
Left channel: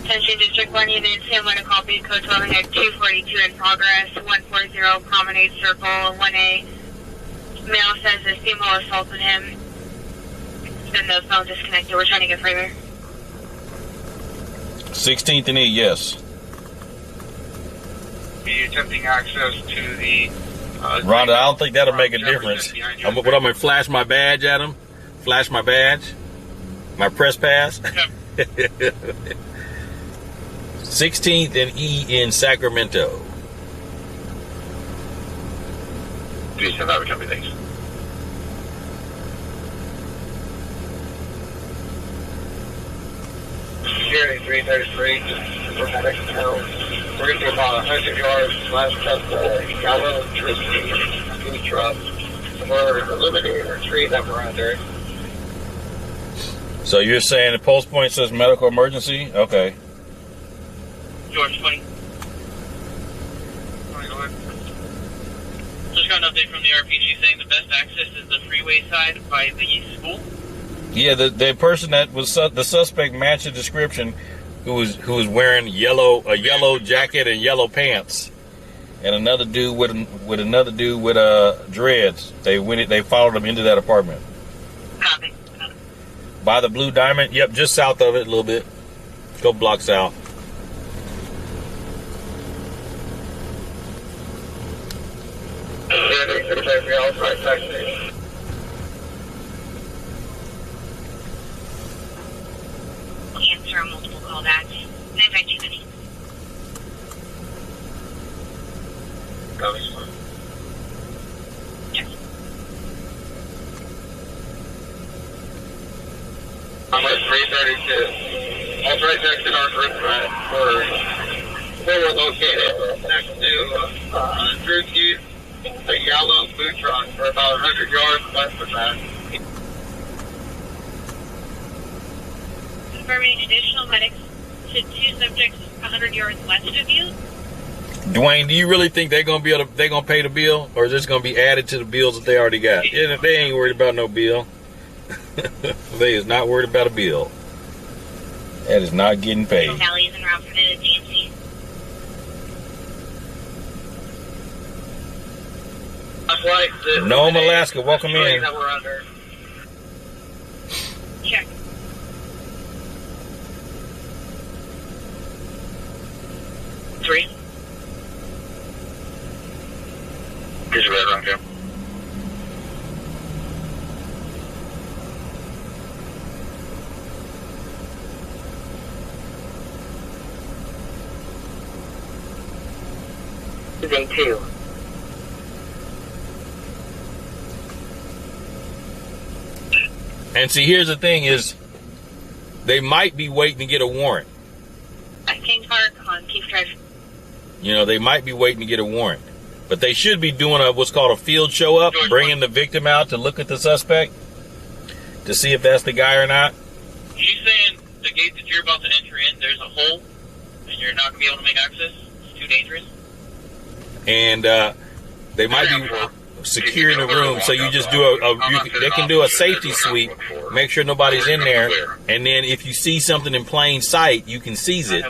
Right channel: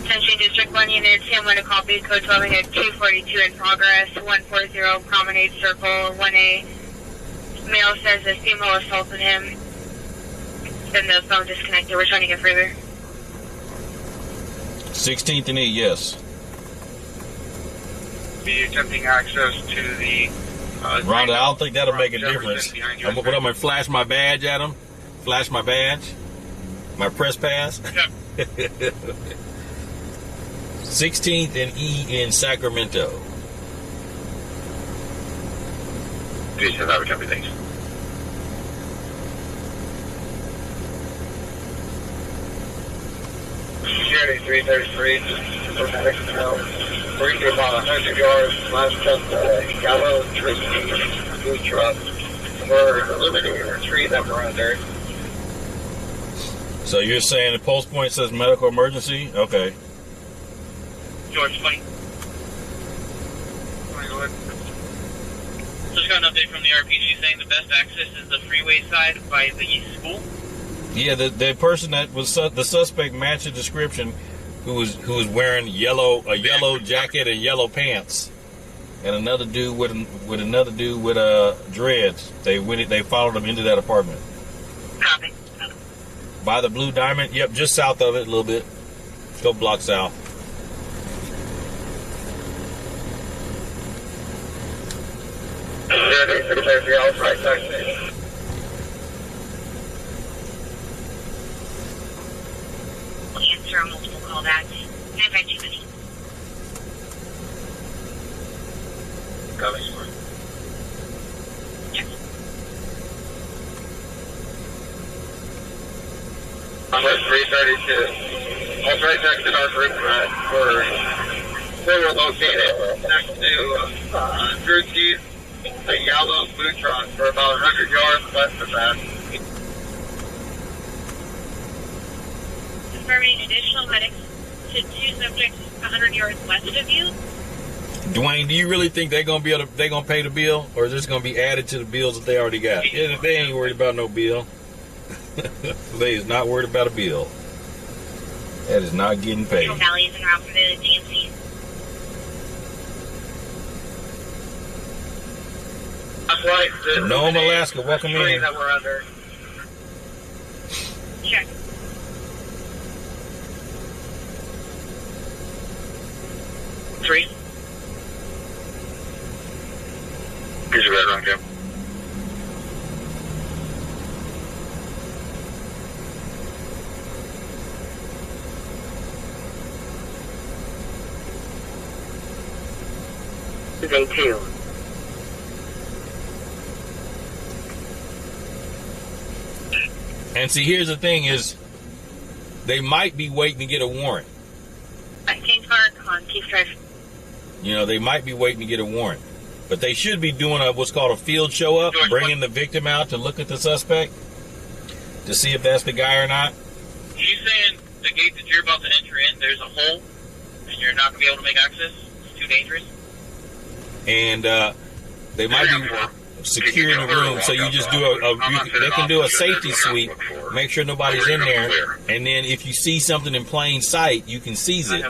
Attention District 1 units, I'm going to copy code 12 at 242 in progress, 140 Promenade Circle, 1A. Male says a female assaulted him. Then the phone disconnected. We're trying to get further. 16th and E, yes. Be attempting access to the... Rhonda, I don't think that'll make a difference. I'm going to flash my badge at him? Flash my badge? My press pass? 16th and E in Sacramento. Please have our copy, thanks. Security 333, we're going to be about 100 yards, last step, yellow, Tristy, blue truck. We're eliminating a tree that we're under. So you're saying the pulse point says medical emergency? Okay. George 20. Just got an update from the RPG saying the best access is the freeway side by the school. Yeah, the person that was the suspect matched the description, who was wearing a yellow jacket and yellow pants, and another dude with dreads. They followed him into that apartment. Copy. By the Blue Diamond. Yep, just south of it a little bit. Go block south. Answer a multiple callbacks. 952. Copy. I'm at 332. That's right next to our group we're located next to Drew Keith, a yellow food truck for about 100 yards west of that. Confirming additional medics to 2 subjects 100 yards west of you. Dwayne, do you really think they're gonna pay the bill, or is this gonna be added to the bills that they already got? Yeah, they ain't worried about no bill. They is not worried about a bill. That is not getting paid. Valley is en route for the DMC. Nome, Alaska, welcome in. That we're under. Check. Three. Here's your red round, Jim. Day 2. And see, here's the thing is, they might be waiting to get a warrant. King Park on Keith Drive. You know, they might be waiting to get a warrant. But they should be doing what's called a field show up, bringing the victim out to look at the suspect to see if that's the guy or not. She's saying the gate that you're about to enter in, there's a hole, and you're not going to be able to make access? It's too dangerous? And they might be securing the room, so you just do they can do a safety sweep, make sure nobody's in there, and then if you see something in plain sight, you can seize it.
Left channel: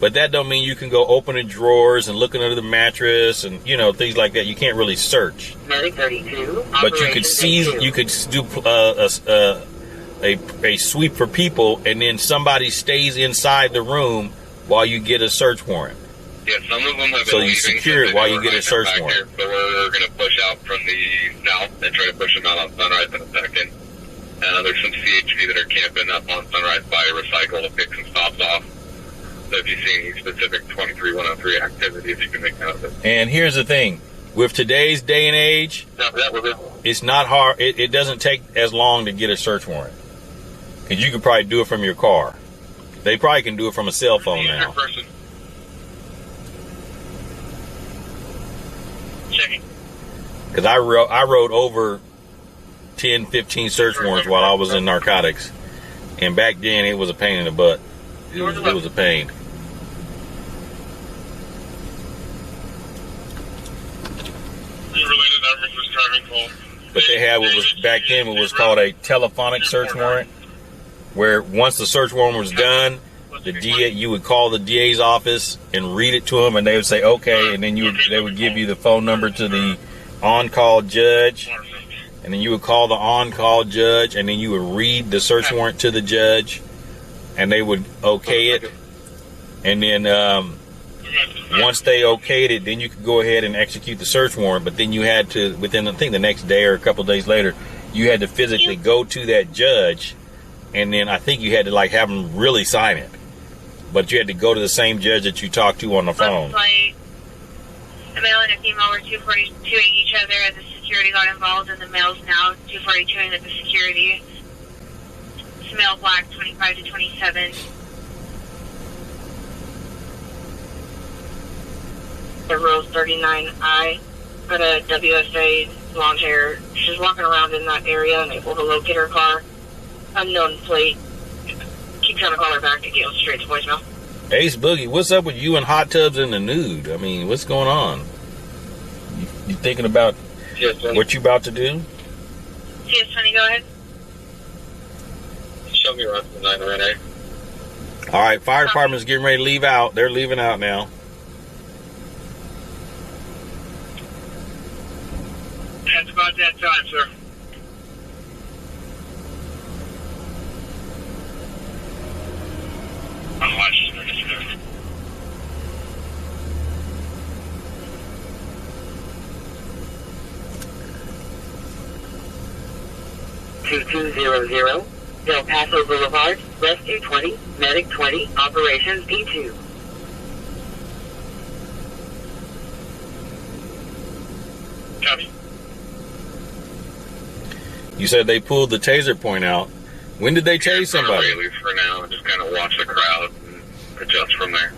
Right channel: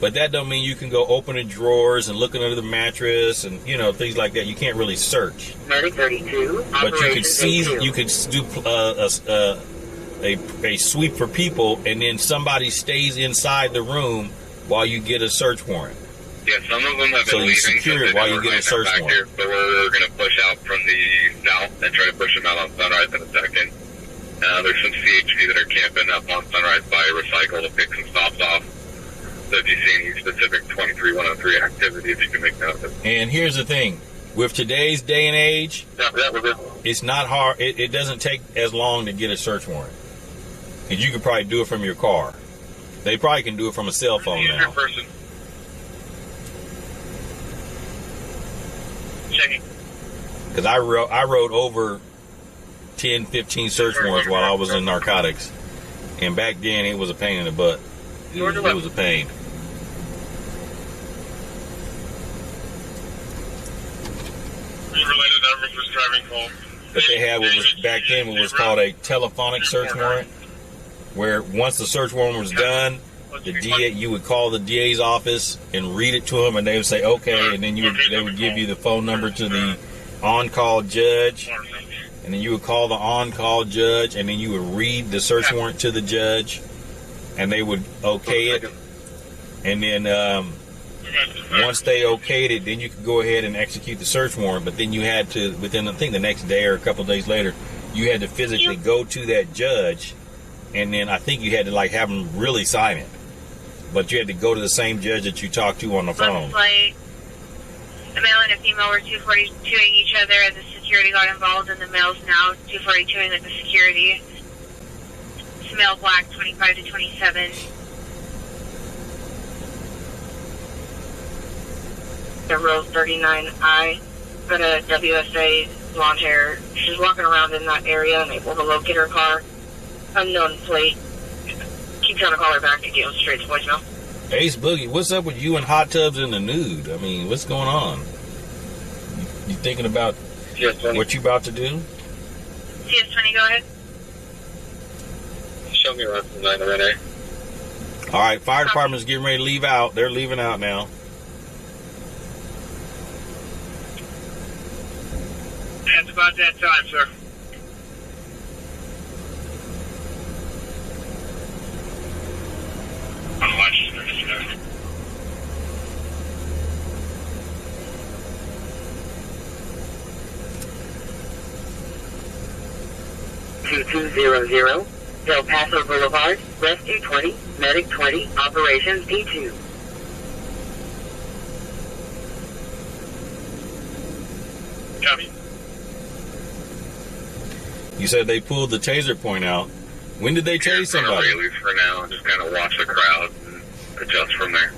But that don't mean you can go open the drawers and looking under the mattress and, you know, things like that. You can't really search. Medic 32. But you could seize, you could do a sweep for people, and then somebody stays inside the room while you get a search warrant. Yeah, some of them have been So you leaving, secure it while you get a search back warrant. here, but we're going to push out from the south and try to push them out on Sunrise in a second. There's some CHP that are camping up on Sunrise by Recycle to pick some stops off. So if you see any specific 23103 activities, you can make note of it. And here's the thing. With today's day and age, That was it. it's not hard. It doesn't take as long to get a search warrant. Because you could probably do it from your car. They probably can do it from a cell phone The injured now. person. Checking. Because I wrote over 10, 15 search warrants while I was in narcotics. And back then, it was a pain in the butt. It was a pain. Related numbers was driving home. But they had what was back then what was called a telephonic search warrant, where once the search warrant was done, the DA, you would call the DA's office and read it to them, and they would say okay, and then they would give you the phone number to the on-call judge, and then you would call the on-call judge, and then you would read the search warrant to the judge, and they would okay it, and then once they okayed it, then you could go ahead and execute the search warrant. But then you had to, within I think the next day or a couple of days later, you had to physically go to that judge, and then I think you had to like have them really sign it. But you had to go to the same judge that you talked to on the phone. Like, a male and a female were 242ing each other, and the security got involved, and the male's now 242ing with the security. It's male black, 25 to 27. Rose 39I, got a WSA, blonde hair. She's walking around in that area and able to locate her car. Unknown plate. Keep trying to call her back to get straight to voicemail. Ace Boogie, what's up with you and hot tubs in the nude? I mean, what's going on? You thinking about what you about to do? CS20, go ahead. Show me around from 9 Renee. All right, fire department's getting ready to leave out. They're leaving out now. That's about that time, sir. I'll watch you, sir. 2200, Del Paso Boulevard, Rescue 20, Medic 20, Operations D2. Copy. You said they pulled the taser point out. When did they tase somebody? Really for now, just kind of watch the crowd and adjust from there.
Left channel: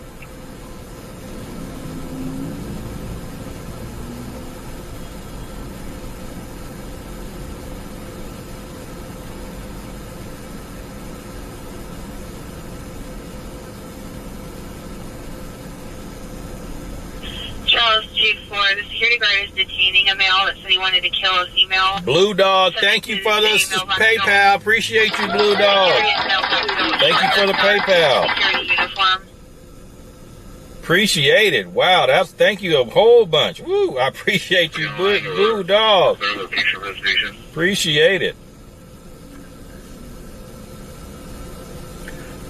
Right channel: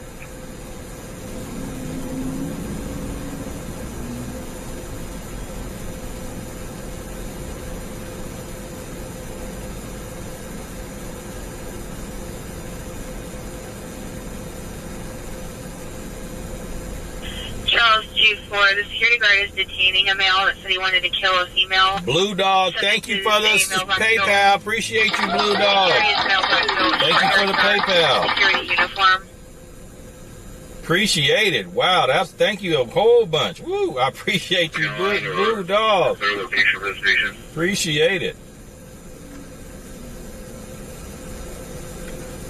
Charles G4, the security guard is detaining a male that said he wanted to kill a female. Blue Dog, thank you for the PayPal. Appreciate you, Blue Dog. Thank you for the PayPal. Security uniform. Appreciate it. Wow, thank you a whole bunch. Woo, I appreciate you, Blue Dog. Appreciate it.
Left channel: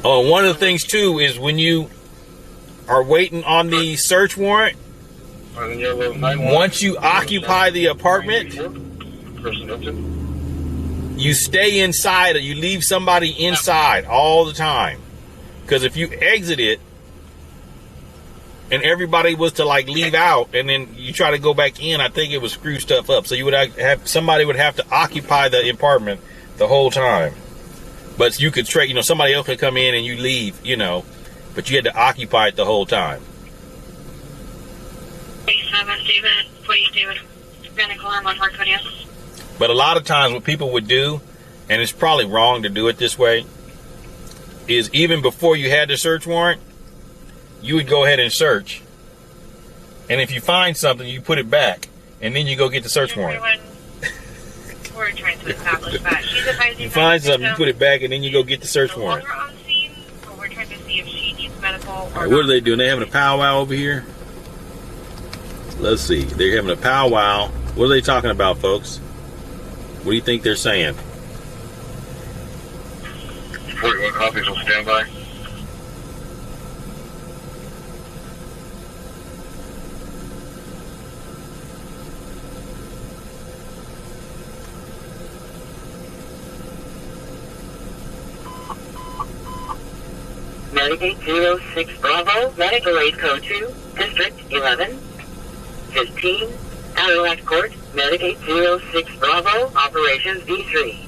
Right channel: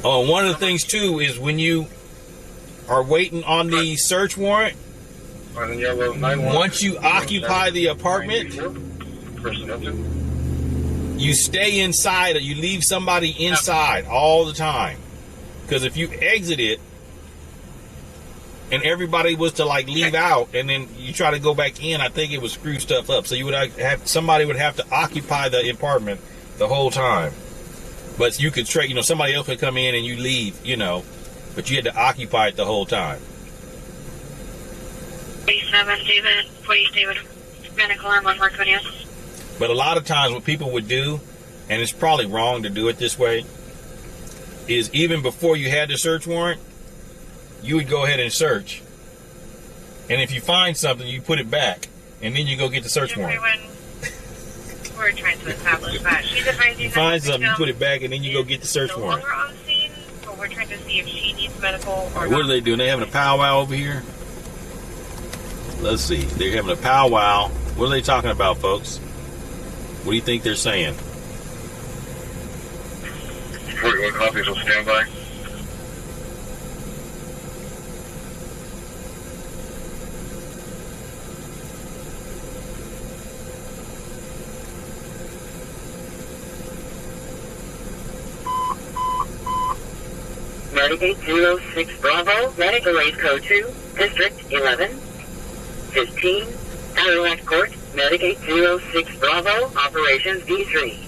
Oh, one of the things too is when you are waiting on the search warrant, once you occupy the apartment, you stay inside or you leave somebody inside all the time. Because if you exit it and everybody was to like leave out and then you try to go back in, I think it would screw stuff up. So you would have somebody would have to occupy the apartment the whole time. But you could trade, somebody else could come in and you leave, but you had to occupy it the whole time. 47 David, 40 David, Medical Arm 1420. But a lot of times what people would do, and it's probably wrong to do it this way, is even before you had the search warrant, you would go ahead and search. And if you find something, you put it back, and then you go get the search warrant. We're trying to establish that. She's advising you find something, you put it back, and then you go get the search warrant. We're on scene, but we're trying to see if she needs medical or what are they doing? They having a powwow over here? Let's see. They're having a powwow. What are they talking about, folks? What do you think they're saying? 41 copies will stand by. Medic 806 Bravo, Medical Aid Code 2, District 11, 15, Adirondack Court, Medic 806 Bravo, Operations D3.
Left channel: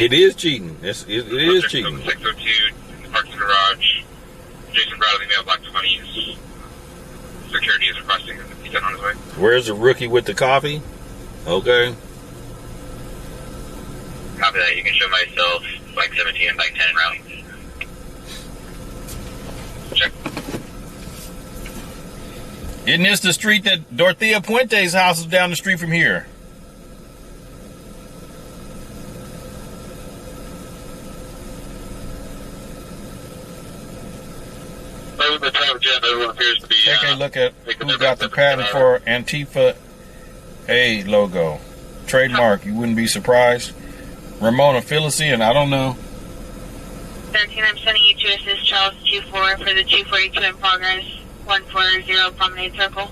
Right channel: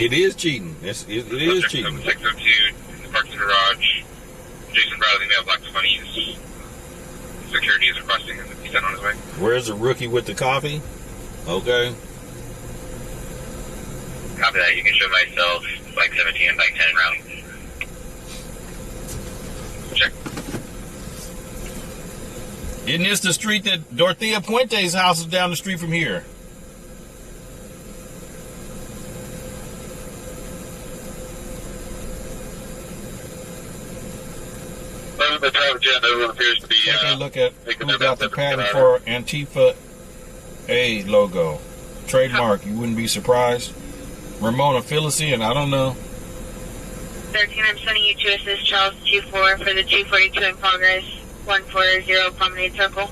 It is cheating. It is cheating. 602 in the parking garage. Jason Bradley, male, black 20s. Security is requesting him to be sent on his way. Where's the rookie with the coffee? Okay. Copy that. You can show myself bike 17 and bike 10 route. Check. Isn't this the street that Dorothea Puente's house is down the street from here? The time jet, everyone appears to be. Take a look at who got the patent for Antifa A logo. Trademark, you wouldn't be surprised. Ramona Felicien, I don't know. 13, I'm sending you to assist Charles 24 for the 242 in progress, 140 Promenade Circle.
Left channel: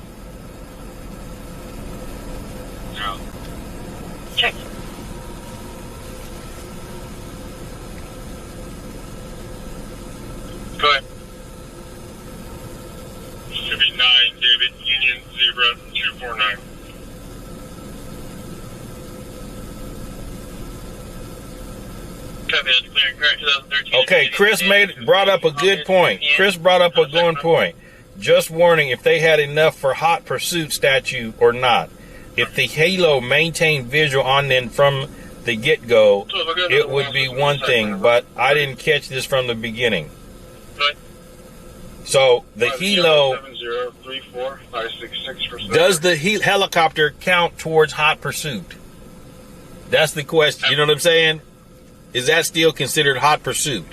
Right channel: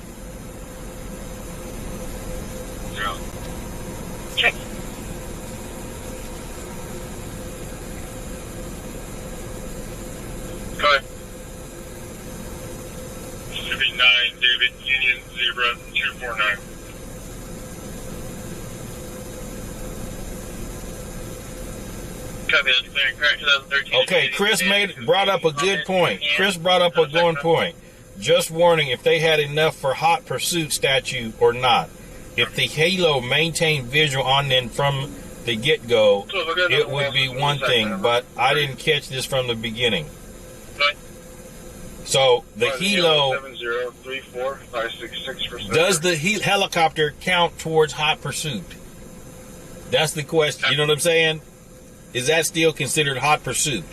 0. Check. Go ahead. Should be 9, David, Union Zebra 249. Copy, that's clear and correct. 2013. Okay, Chris brought up a good point. Chris brought up a good point. Just warning, if they had enough for hot pursuit statute or not. If the halo maintained visual on them from the get-go, it would be one thing, but I didn't catch this from the beginning. So the helo, does the helicopter count towards hot pursuit? That's the question. You know what I'm saying? Is that still considered hot pursuit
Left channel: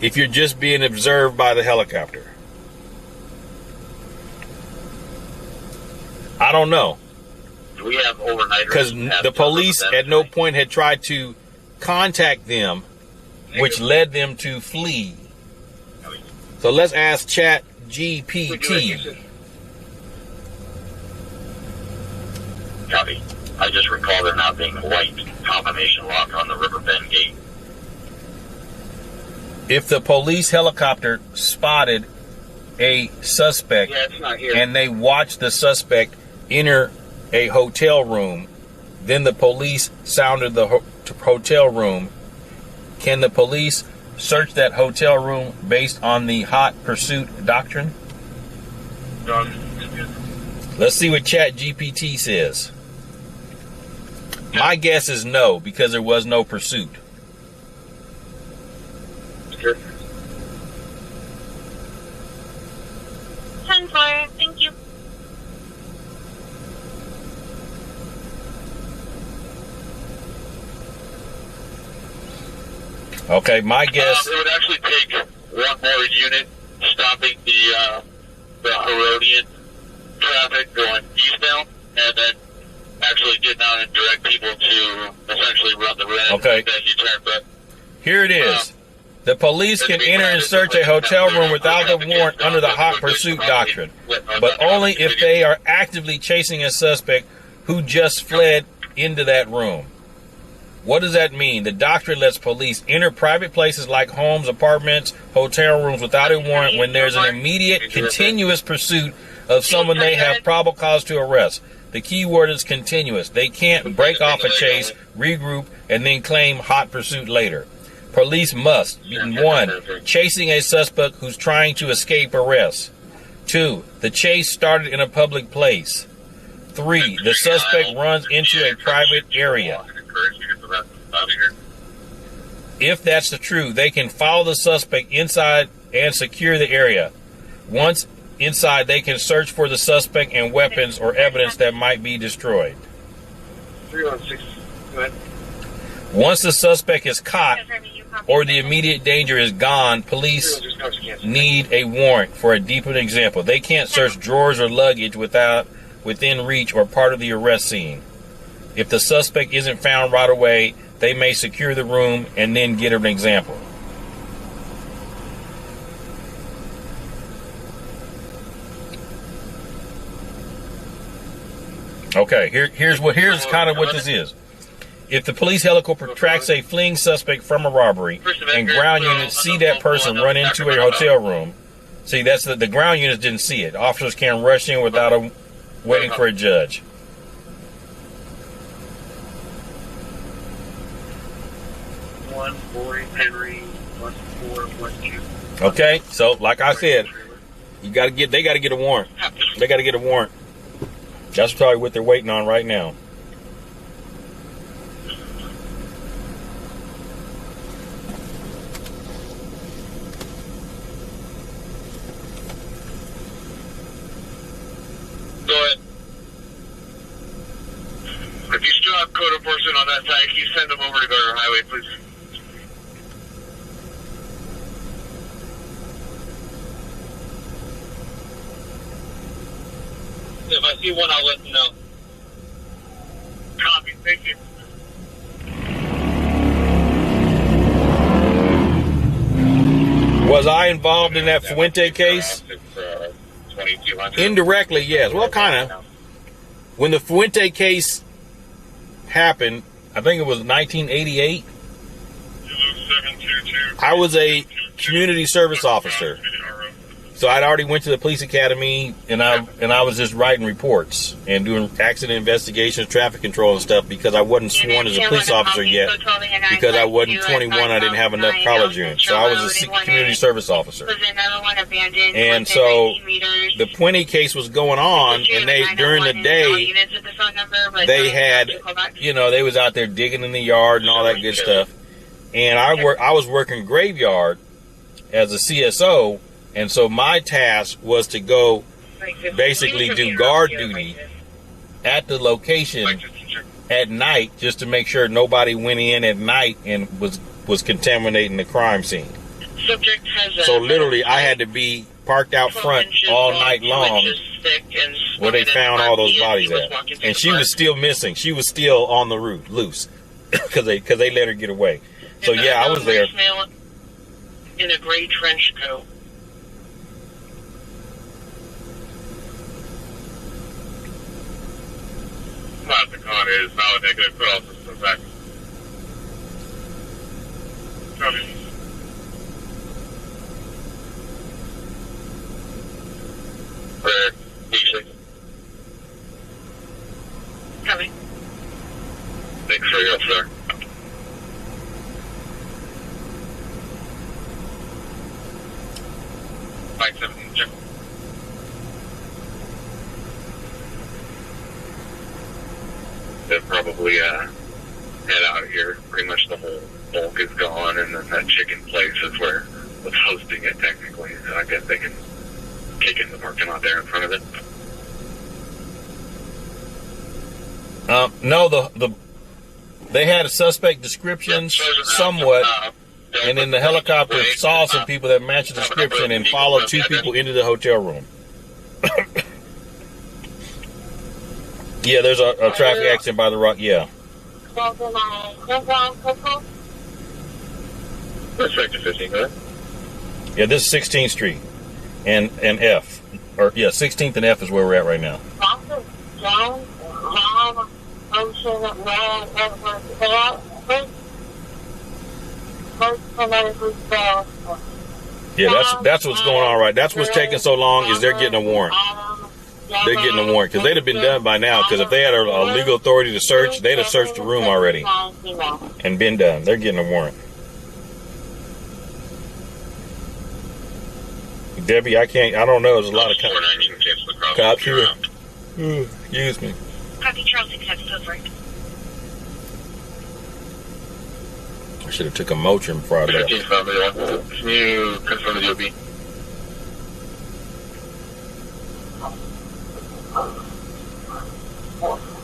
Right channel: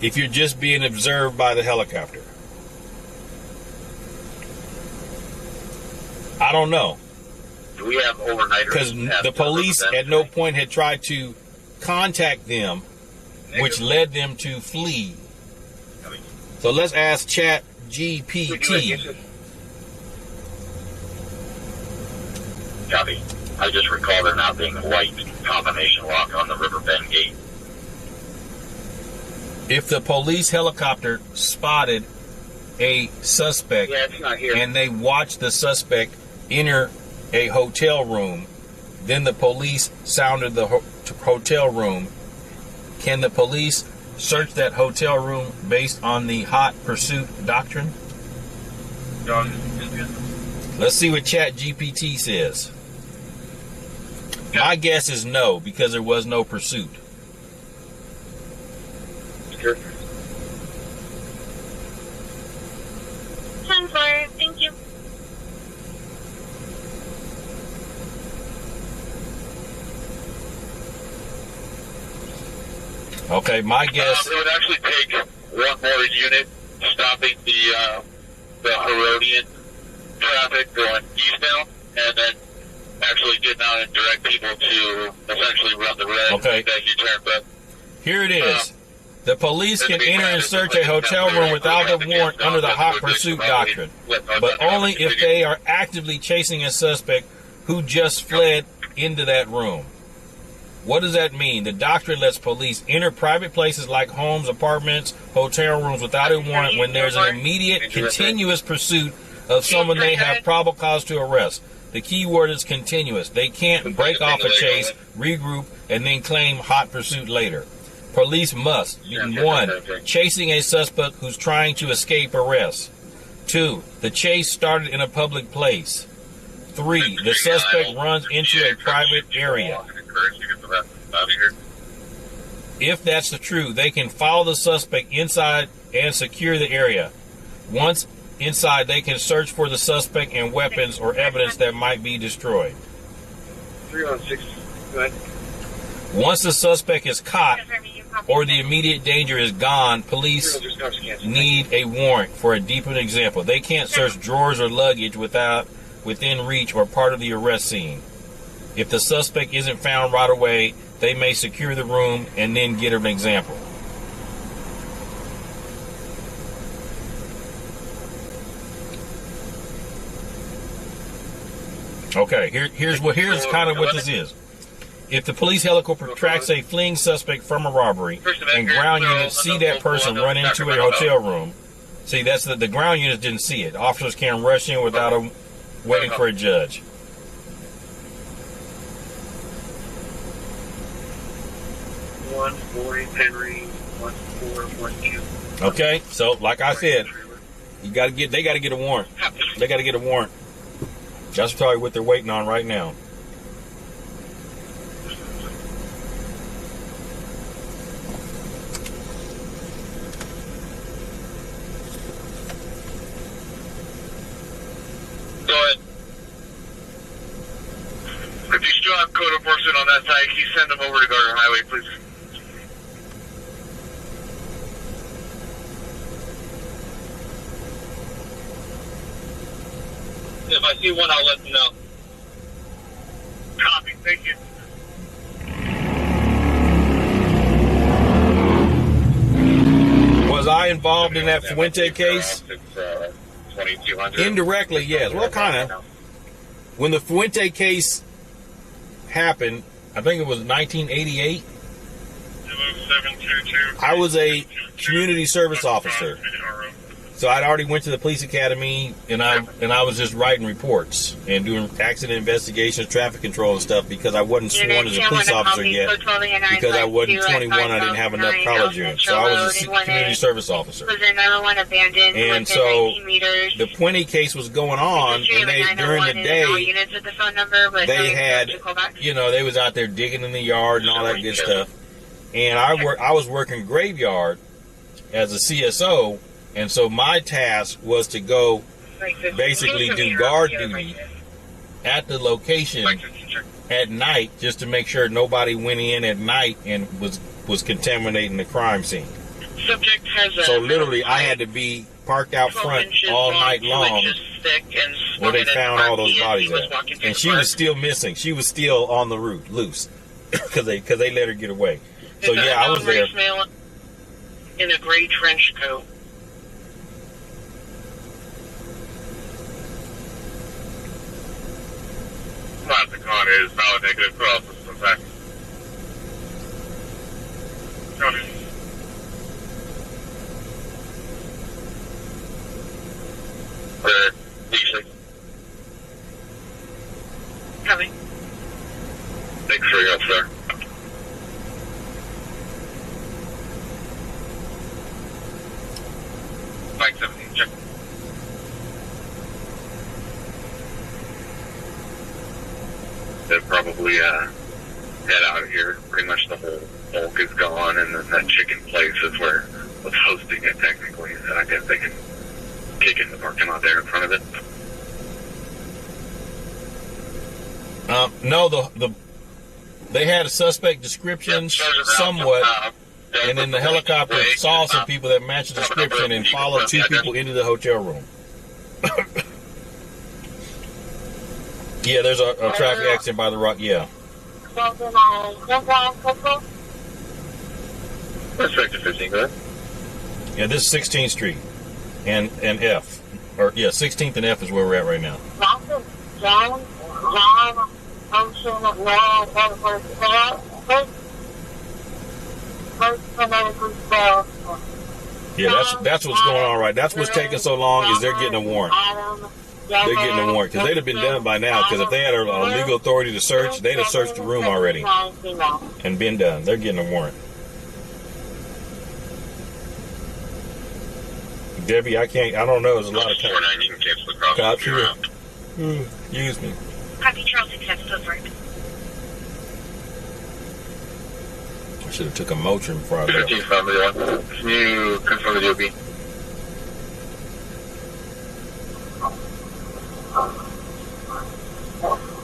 if you're just being observed by the helicopter? I don't know. Do we have overnighters? Because the police at no point had tried to contact them, which led them to flee. So let's ask Chat GPT. Copy. I just recall there not being white combination lock on the Riverbend gate. If the police helicopter spotted a suspect it's not here. and they watched the suspect enter a hotel room, then the police sounded the hotel room, can the police search that hotel room based on the hot pursuit doctrine? Let's see what ChatGPT says. My guess is no, because there was no pursuit. Sure. 10-4, thank you. Okay, my guess. It would actually take one more unit stopping the Herodian traffic going eastbound, and then actually getting out and direct people to essentially run the red that U-turn. But here it is. The police can enter and search a hotel room without a warrant under the hot pursuit doctrine, but only if they are actively chasing a suspect who just fled into that room. What does that mean? The doctrine lets police enter private places like homes, apartments, hotel rooms without a warrant when there's an immediate, continuous pursuit of someone they have probable cause to arrest. The key word is continuous. They can't break off a chase, regroup, and then claim hot pursuit later. Police must, 1, chasing a suspect who's trying to escape arrest. 2, the chase started in a public place. 3, the suspect runs into a private area. If that's the true, they can follow the suspect inside and secure the area. Once inside, they can search for the suspect and weapons or evidence that might be destroyed. 316. Go ahead. Once the suspect is caught or the immediate danger is gone, police need a warrant. For a deeper example, they can't search drawers or luggage within reach or part of the arrest scene. If the suspect isn't found right away, they may secure the room and then get an example. Okay, here's kind of what this is. If the police helicopter tracks a fleeing suspect from a robbery and ground units see that person run into a hotel room, see, that's the ground units didn't see it. Officers can rush in without waiting for a judge. Okay, so like I said, they got to get a warrant. They got to get a warrant. That's probably what they're waiting on right now. Go ahead. If you still have code enforcement on that side, can you send them over to Garter Highway, please? If I see one, I'll let them know. Copy. Thank you. Was I involved in that Fuente case? Indirectly, yes. Well, kind of. When the Fuente case happened, I think it was 1988. I was a community service officer. So I'd already went to the police academy, and I was just writing reports and doing accident investigations, traffic control and stuff, because I wasn't sworn as a police officer yet, because I wasn't 21. I didn't have enough college units, so I was a community service officer. And so the Puente case was going on, and they during the day they had, they was out there digging in the yard and all that good stuff, and I was working graveyard as a CSO. And so my task was to go basically do guard duty at the location at night, just to make sure nobody went in at night and was contaminating the crime scene. So literally I had to be parked out front all night long where they found all those bodies at. And she was still missing. She was still on the route, loose, because they let her get away. So yeah, I was there. In a gray trench coat. County is valid negative, but also some facts. County. Where usually. Coming. Thanks for your help, sir. Mike 17, check. They'll probably head out of here. Pretty much the whole bulk is gone, and then that chicken place is where was hosting it technically. And I guess they can kick in the parking lot there in front of it. No, they had a suspect description somewhat, and then the helicopter saw some people that matched the description and followed two people into the hotel room. Yeah, there's a traffic accident by the rock. Yeah. Sector 15, go ahead. Yeah, this is 16th Street and F. Or yeah, 16th and F is where we're at right now. Yeah, that's what's going on right. That's what's taking so long is they're getting a warrant. They're getting a warrant because they'd have been done by now. Because if they had a legal authority to search, they'd have searched the room already and been done. They're getting a warrant. Debbie, I don't know. There's a lot of cops here. Excuse me. Copy, Charles accepts footwork. I should have took a Motrin before I left. Can you confirm the DOB?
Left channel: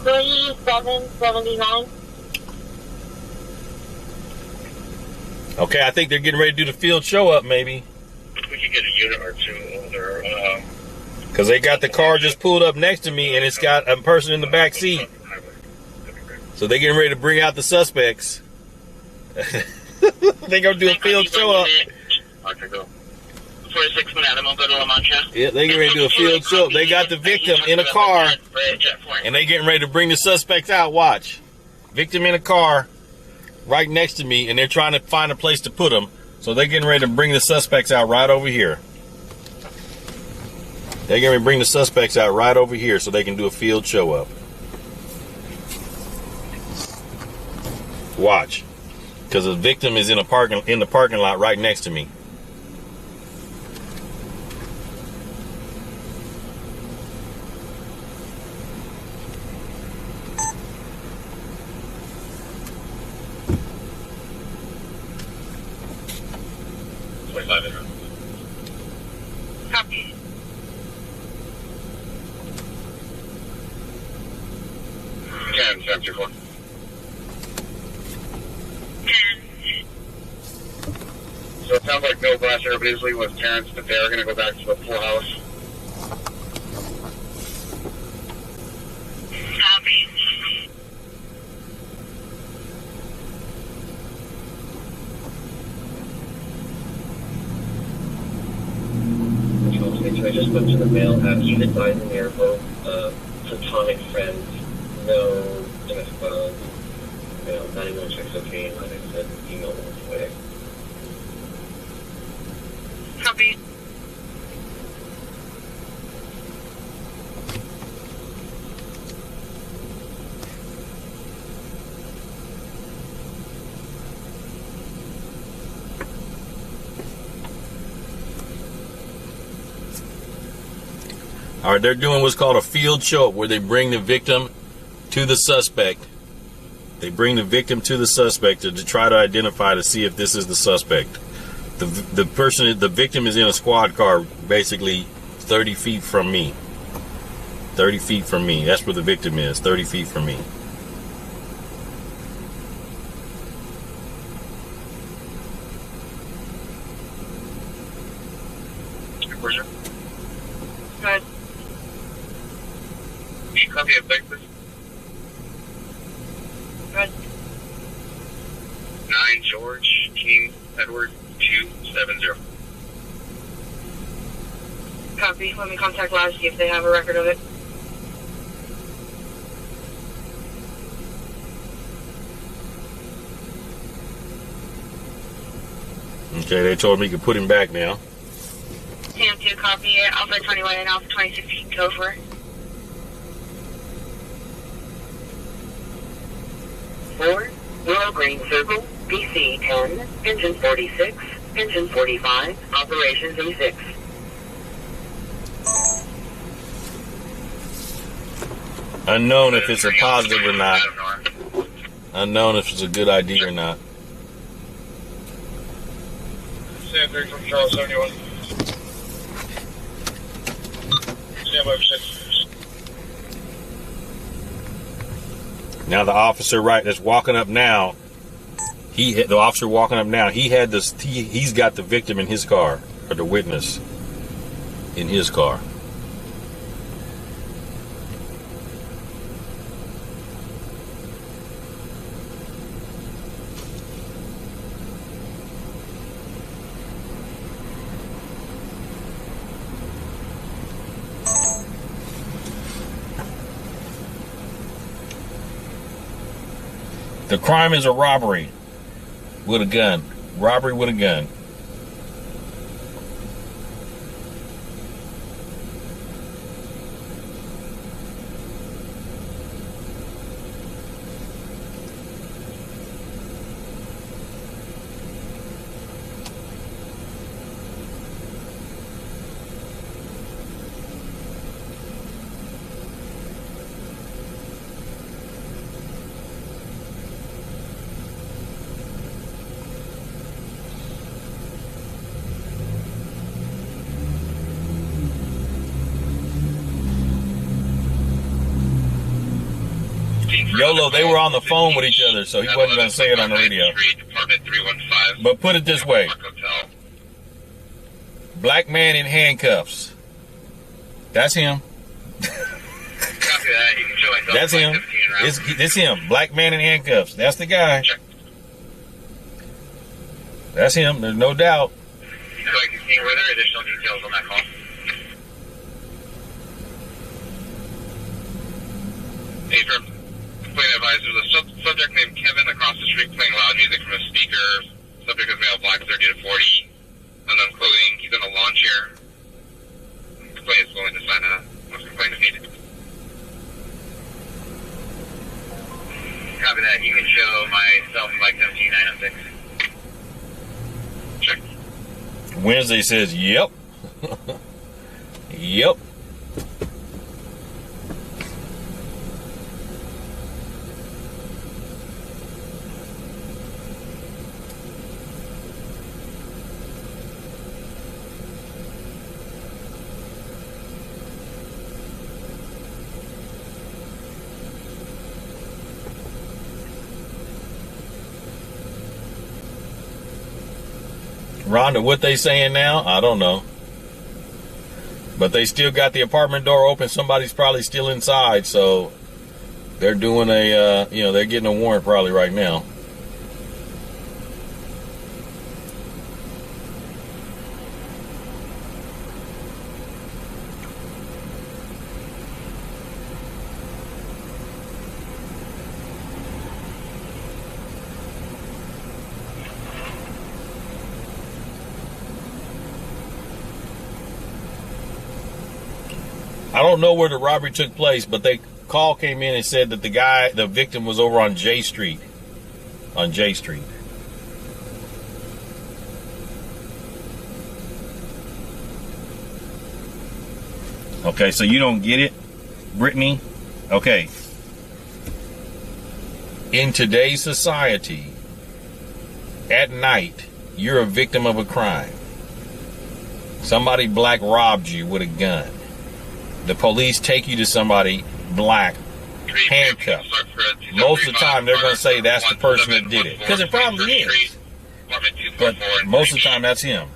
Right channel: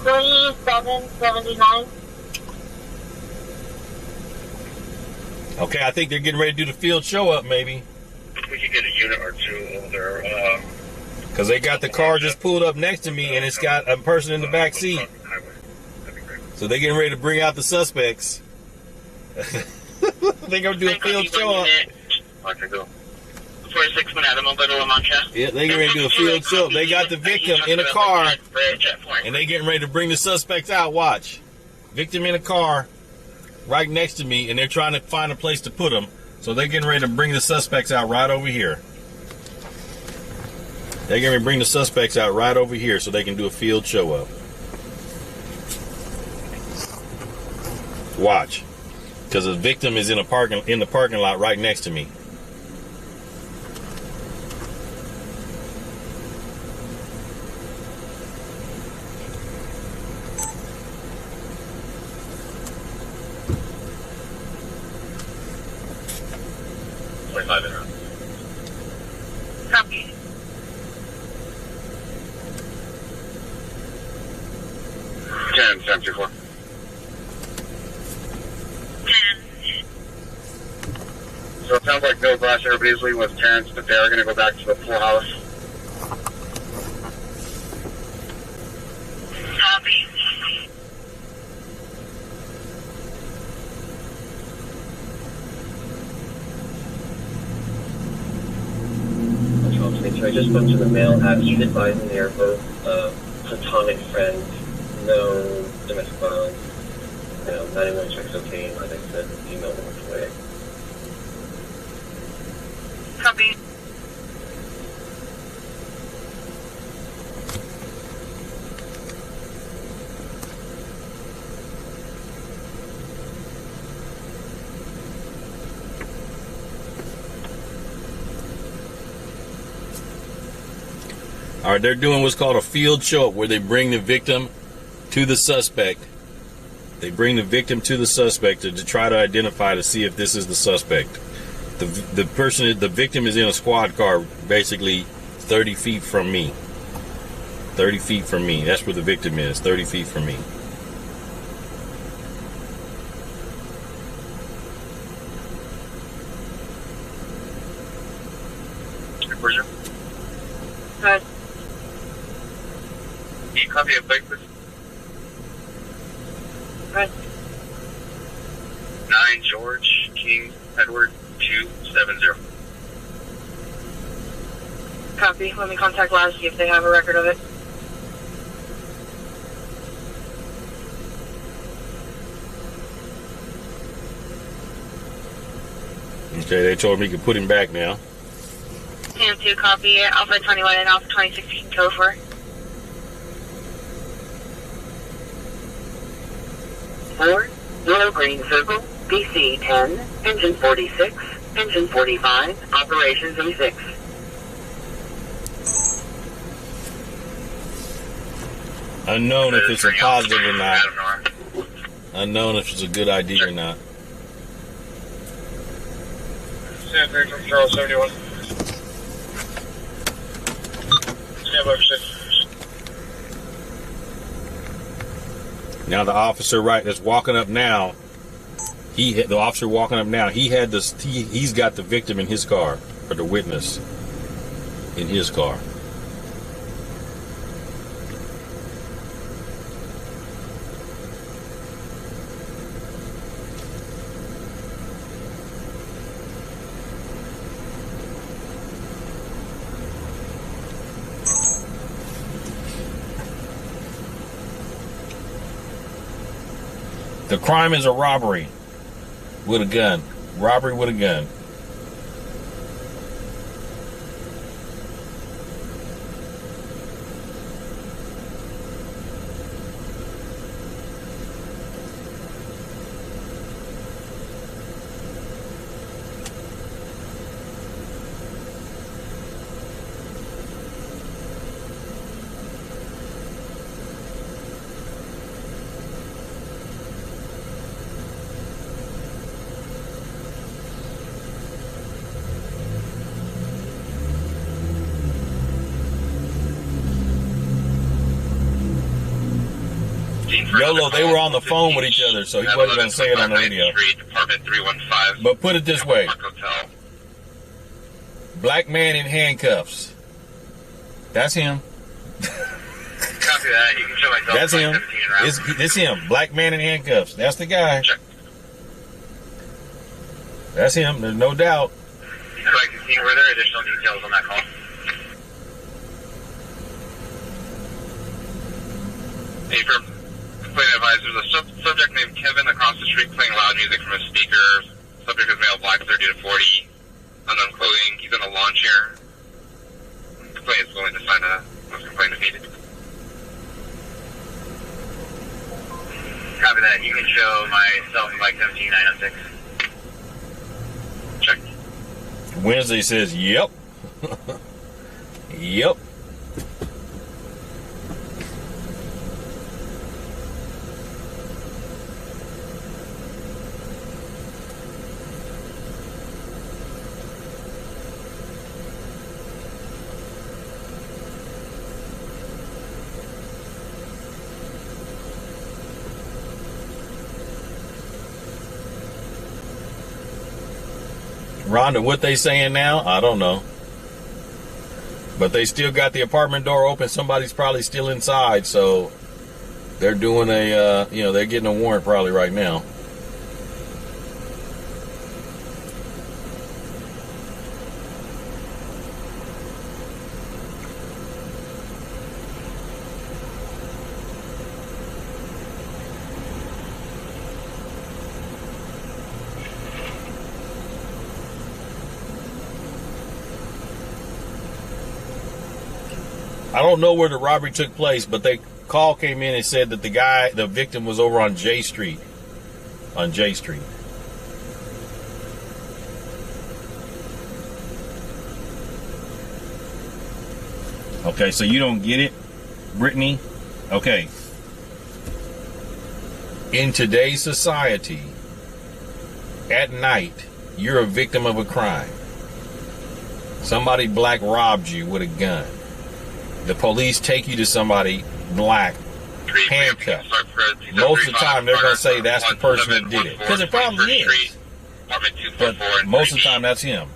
$3779. Okay, I think they're getting ready to do the field show up, maybe. We could get a unit or two older. Because they got the car just pulled up next to me, and it's got a person in the back seat. So they're getting ready to bring out the suspects. They're going to do a field show up. Okay, go. 46 Manhattan, Mobile La Mancha. Yeah, they're getting ready to do a field show up. They got the victim in a car, and they're getting ready to bring the suspects out. Watch. Victim in a car right next to me, and they're trying to find a place to put them. So they're getting ready to bring the suspects out right over here. They're going to bring the suspects out right over here so they can do a field show up. Watch. Because the victim is in the parking lot right next to me. Copy. Ten, 724. So it sounds like no blast everybody's leaving with Terrence, but they are going to go back to the pool house. Copy. So I just spoke to the male at he's advising they are both platonic friends, no domestic violence, 91 checks okay, like I said, female was away. Copy. All right, they're doing what's called a field show up where they bring the victim to the suspect. They bring the victim to the suspect to try to identify to see if this is the suspect. The victim is in a squad car basically 30 feet from me. 30 feet from me. That's where the victim is, 30 feet from me. Where's your? Good. Copy of Texas. Good. 9 George King Edward 270. Copy. Let me contact Lab, see if they have a record of it. Okay, they told me you could put him back now. Sam 2, copy. Alpha 21 and Alpha 26 can go for. 4, Willow Green Circle, BC 10, Engine 46, Engine 45, Operations E6. Unknown if it's a positive or not. Unknown if it's a good idea or not. Sam 3 from Charles 71. Stand by for 6. Now the officer that's walking up now, the officer walking up now, he's got the victim in his car, or the witness in his car. The crime is a robbery with a gun. Robbery with a gun. YOLO, they were on the phone with each other, so he wasn't going to say it on the radio. Department 315. But put it this way. Hotel. Black man in handcuffs. That's him. Copy that. You can show myself. That's him. It's him. Black man in handcuffs. That's the guy. Check. That's him. There's no doubt. Were there additional details on that call? Hey, from complaint advised, there's a subject named Kevin across the street playing loud music from a speaker. Subject is male, black, 30 to 40. Unknown clothing. He's in a lawn chair. Complaint is willing to sign a complaint if needed. Copy that. You can show myself and Mike 17906. Check. Wednesday says, yep. Yep. Rhonda, what they saying now? I don't know. But they still got the apartment door open. Somebody's probably still inside, so they're doing they're getting a warrant probably right now. I don't know where the robbery took place, but call came in and said that the victim was over on J Street. On J Street. Okay, so you don't get it, Brittany? Okay. In today's society, at night, you're a victim of a crime. Somebody black robbed you with a gun. The police take you to somebody black, handcuffed. Most of the time, they're going to say that's the person that did it. Because it probably is. But most of the time, that's him.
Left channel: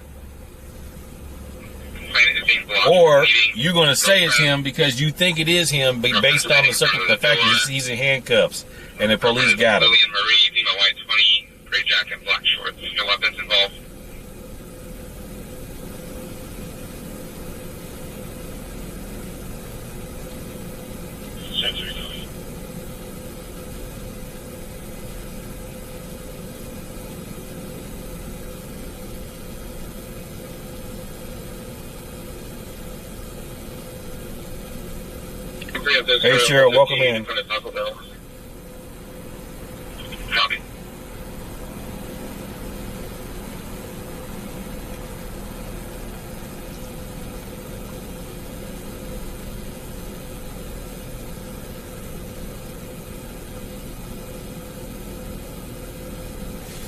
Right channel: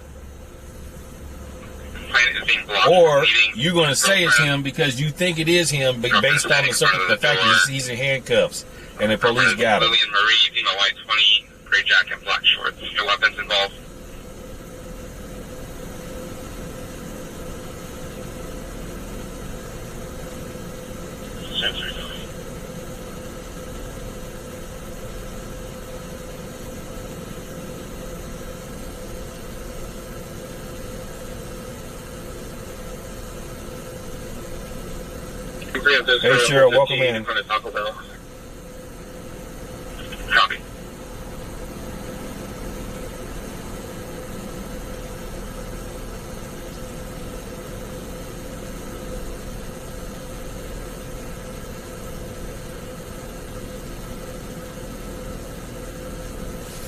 Or you're going to say it's him because you think it is him, but based on the fact that he's in handcuffs and the police got him. Lillian Marie, white 20, gray jacket, black shorts. No weapons involved. Hey, Cheryl, welcome in. front of Taco Bell. Copy.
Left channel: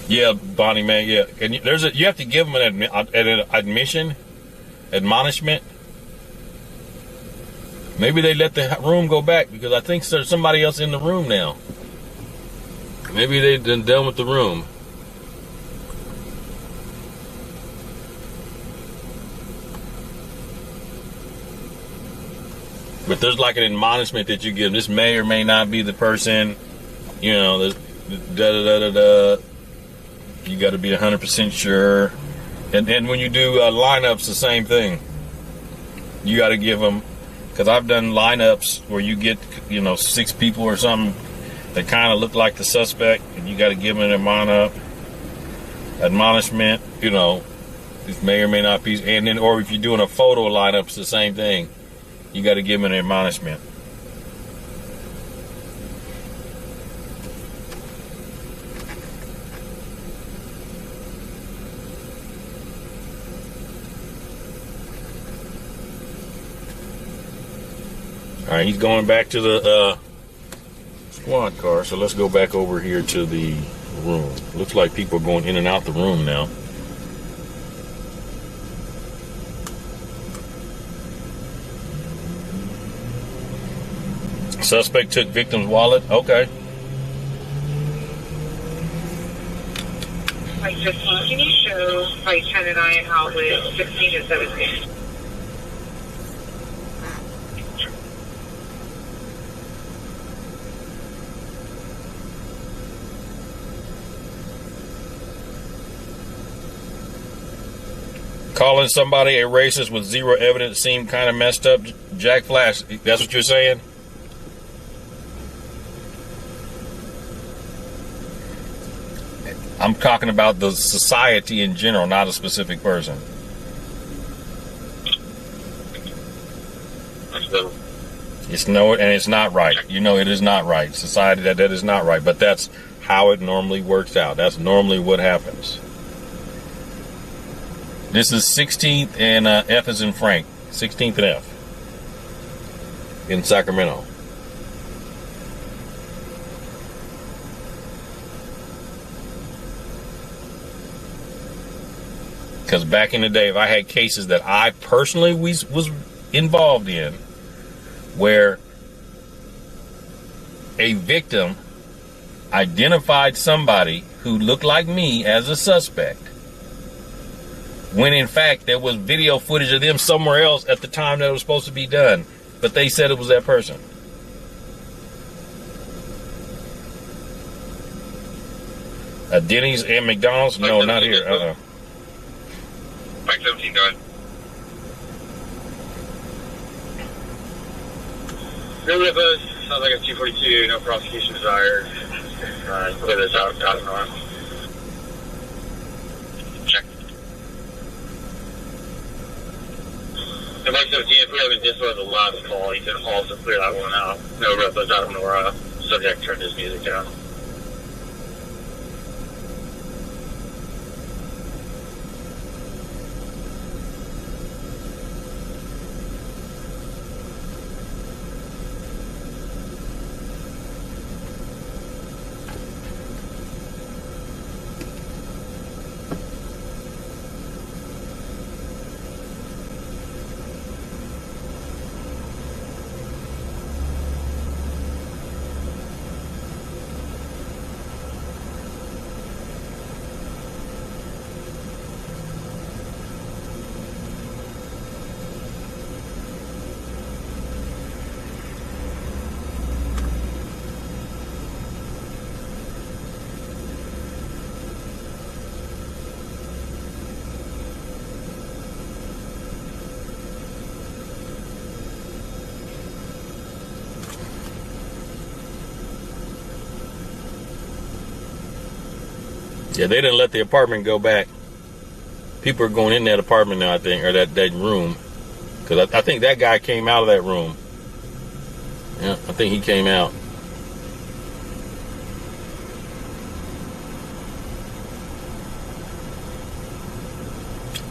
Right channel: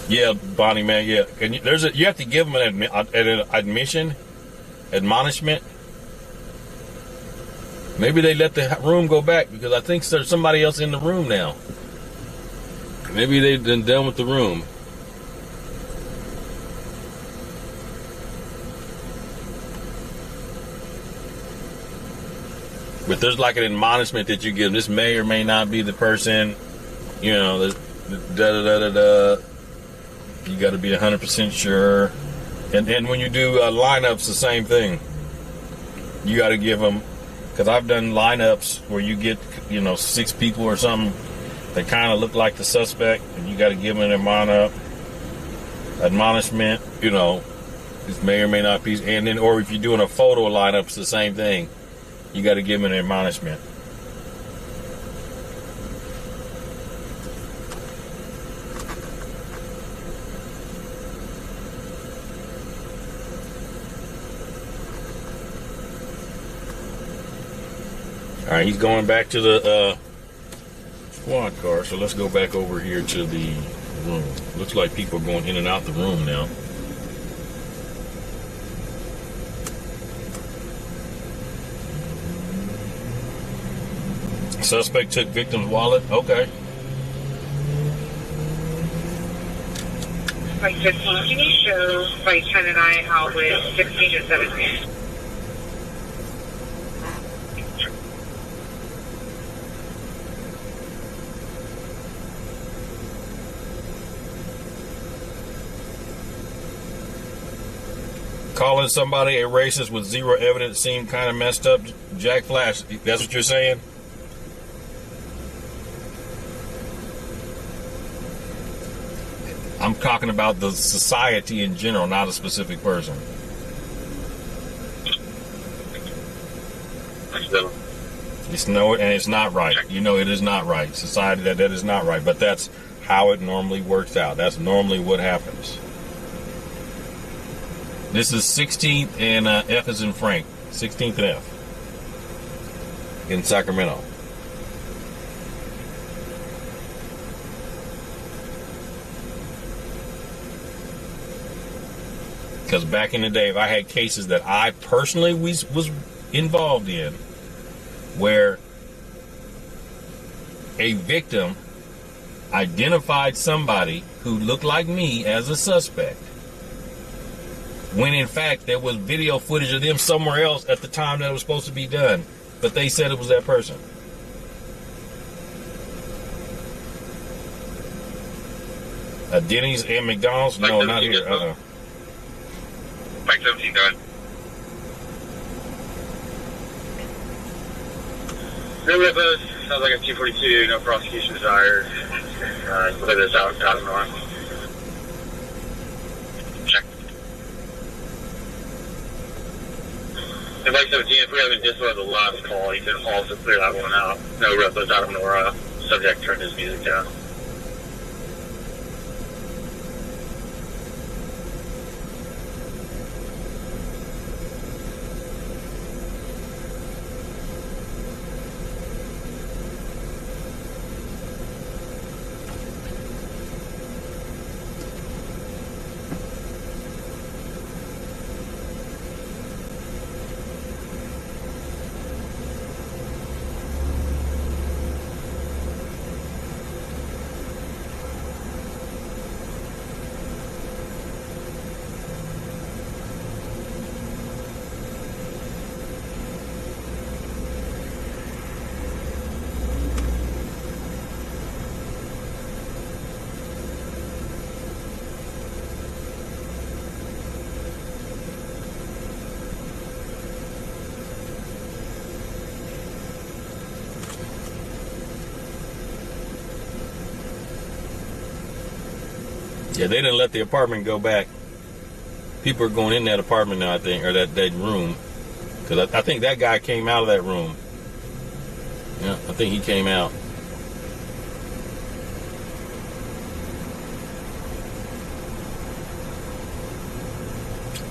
Yeah, Bonnie, man, yeah. And you have to give them an admonishment. Maybe they let the room go back because I think there's somebody else in the room now. Maybe they've been done with the room. But there's like an admonishment that you give. This may or may not be the person. You know, da-da-da-da-da. You got to be 100% sure. And when you do lineups, the same thing. You got to give them, because I've done lineups where you get, 6 people or something that kind of look like the suspect, and you got to give them an admonishment, this may or may not be. And then, or if you're doing a photo lineup, it's the same thing. You got to give them an admonishment. All right, he's going back to the squad car, so let's go back over here to the room. Looks like people are going in and out the room now. Suspect took victim's wallet. Okay. Like 15, can you show Vice 10 and I out with 16 and 17? Calling somebody a racist with zero evidence seemed kind of messed up. Jack Flash, that's what you're saying? I'm talking about the society in general, not a specific person. It's not right. It is not right. Society, that is not right. But that's how it normally works out. That's normally what happens. This is 16th and F is in Frank. 16th and F in Sacramento. Because back in the day, if I had cases that I personally was involved in, where a victim identified somebody who looked like me as a suspect, when in fact there was video footage of them somewhere else at the time that it was supposed to be done, but they said it was that person. Denny's and McDonald's? No, not here. Mike 17, go ahead. No ripos. Sounds like a 242. No prosecution desired. Clear this out. Out north. Check. And Mike 17, if we haven't disloaded the last call, you can also clear that one out. No ripos out of Nora. Subject turned his music down. Yeah, they didn't let the apartment go back. People are going in that apartment now, I think, or that room. Because I think that guy came out of that room. Yeah, I think he came out.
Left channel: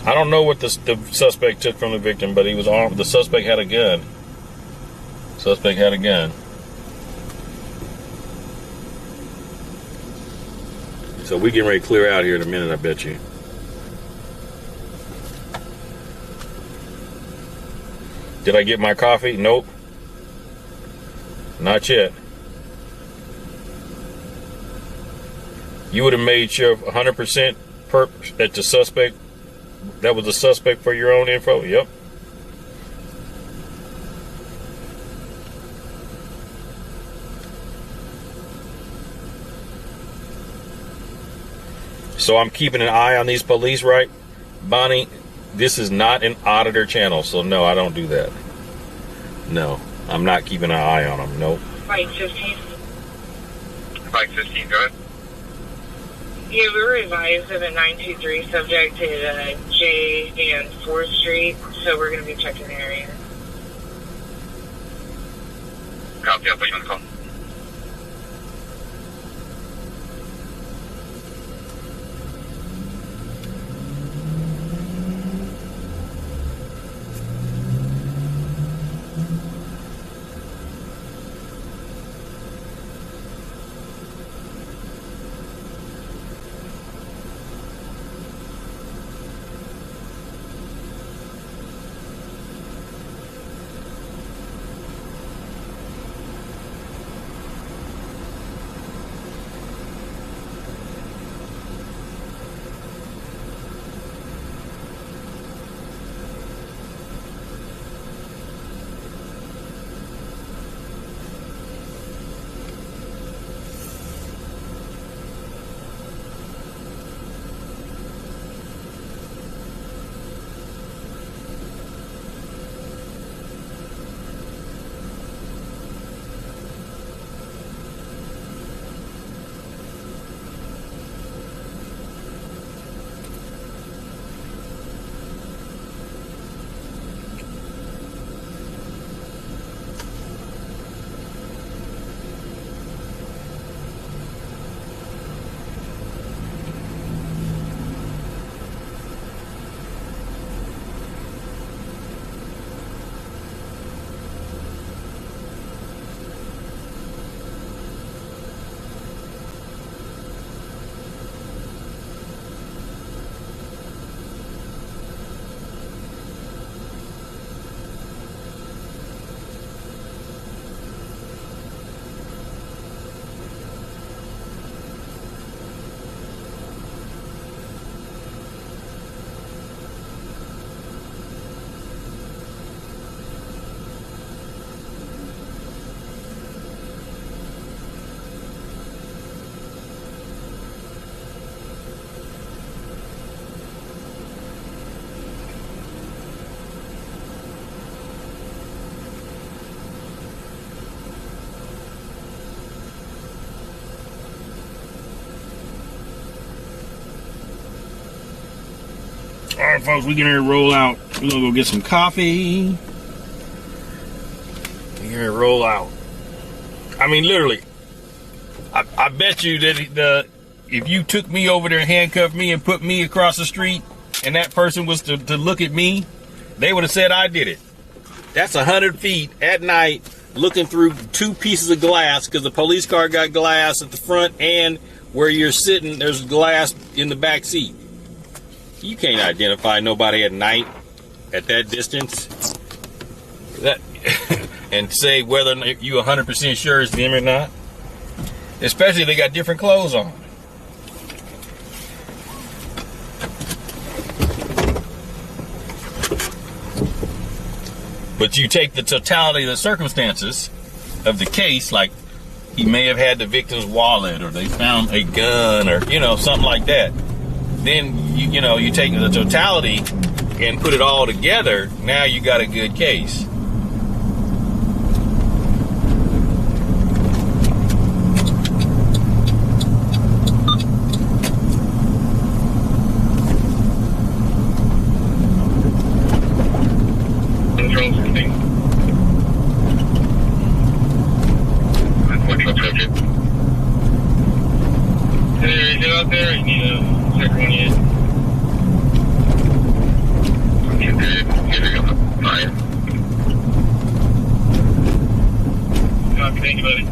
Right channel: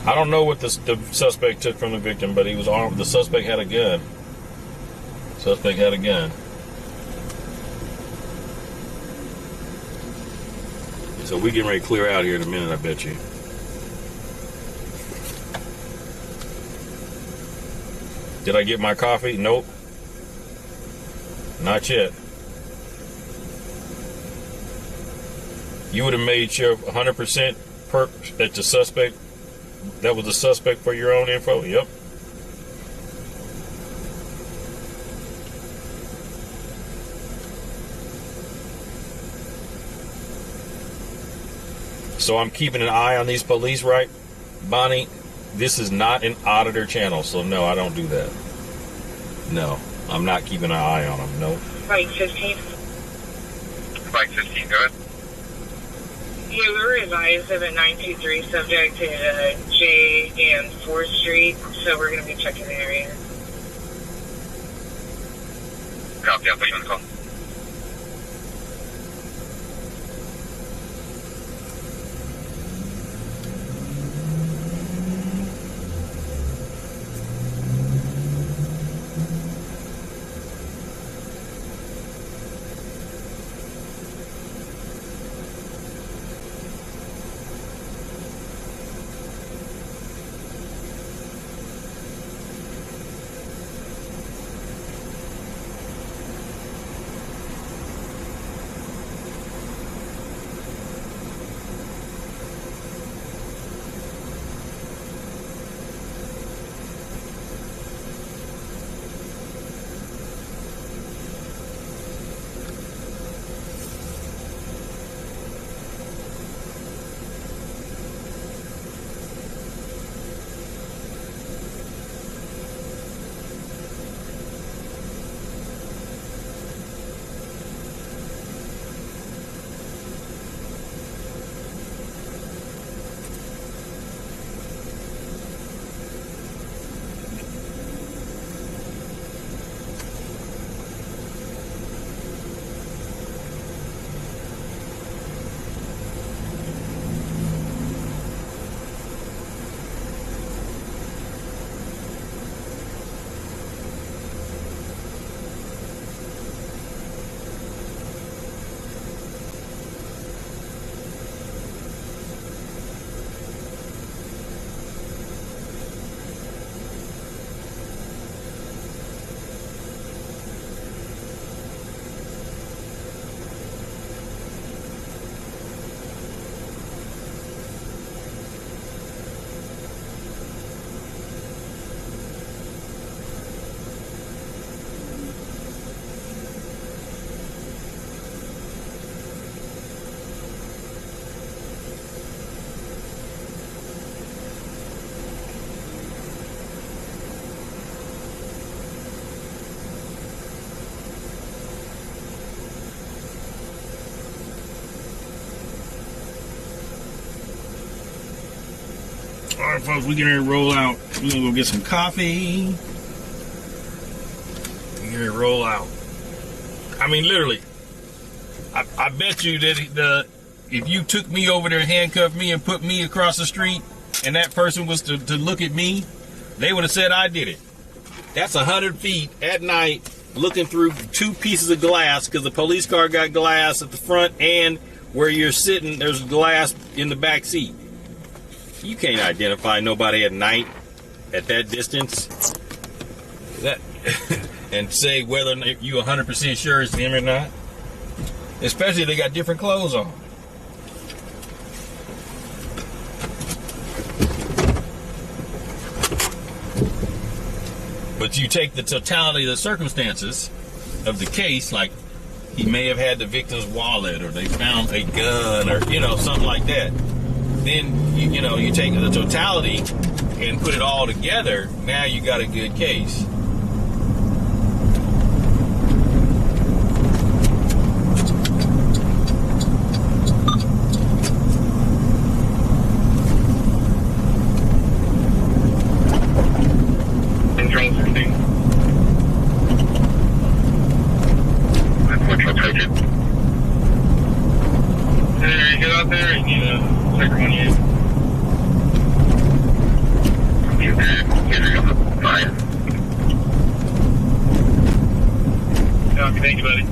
I don't know what the suspect took from the victim, but he was armed. The suspect had a gun. Suspect had a gun. So we getting ready to clear out here in a minute, I bet you. Did I get my coffee? Nope. Not yet. You would have made sure 100% that the suspect, that was the suspect for your own info? Yep. So I'm keeping an eye on these police, right? Bonnie, this is not an auditor channel, so no, I don't do that. No, I'm not keeping an eye on them, no. Mike 15. Mike 15, go ahead. Yeah, we were advised of a 923 subject at J and 4th Street, so we're going to be checking the area. Copy, I'll put you on the call. All right, folks, we're getting ready to roll out. We're going to go get some coffee. We're going to roll out. I mean, literally, I bet you that if you took me over there and handcuffed me and put me across the street and that person was to look at me, they would have said I did it. That's 100 feet at night looking through 2 pieces of glass because the police car got glass at the front and where you're sitting, there's glass in the back seat. You can't identify nobody at night at that distance that and say whether you 100% sure it's them or not. Especially if they got different clothes on. But you take the totality of the circumstances of the case, like he may have had the victim's wallet or they found a gun or, something like that. Then, you take the totality and put it all together. Now you got a good case. out there? You need a second one in? You're good. Here we go. Fine. Copy, thank you, buddy.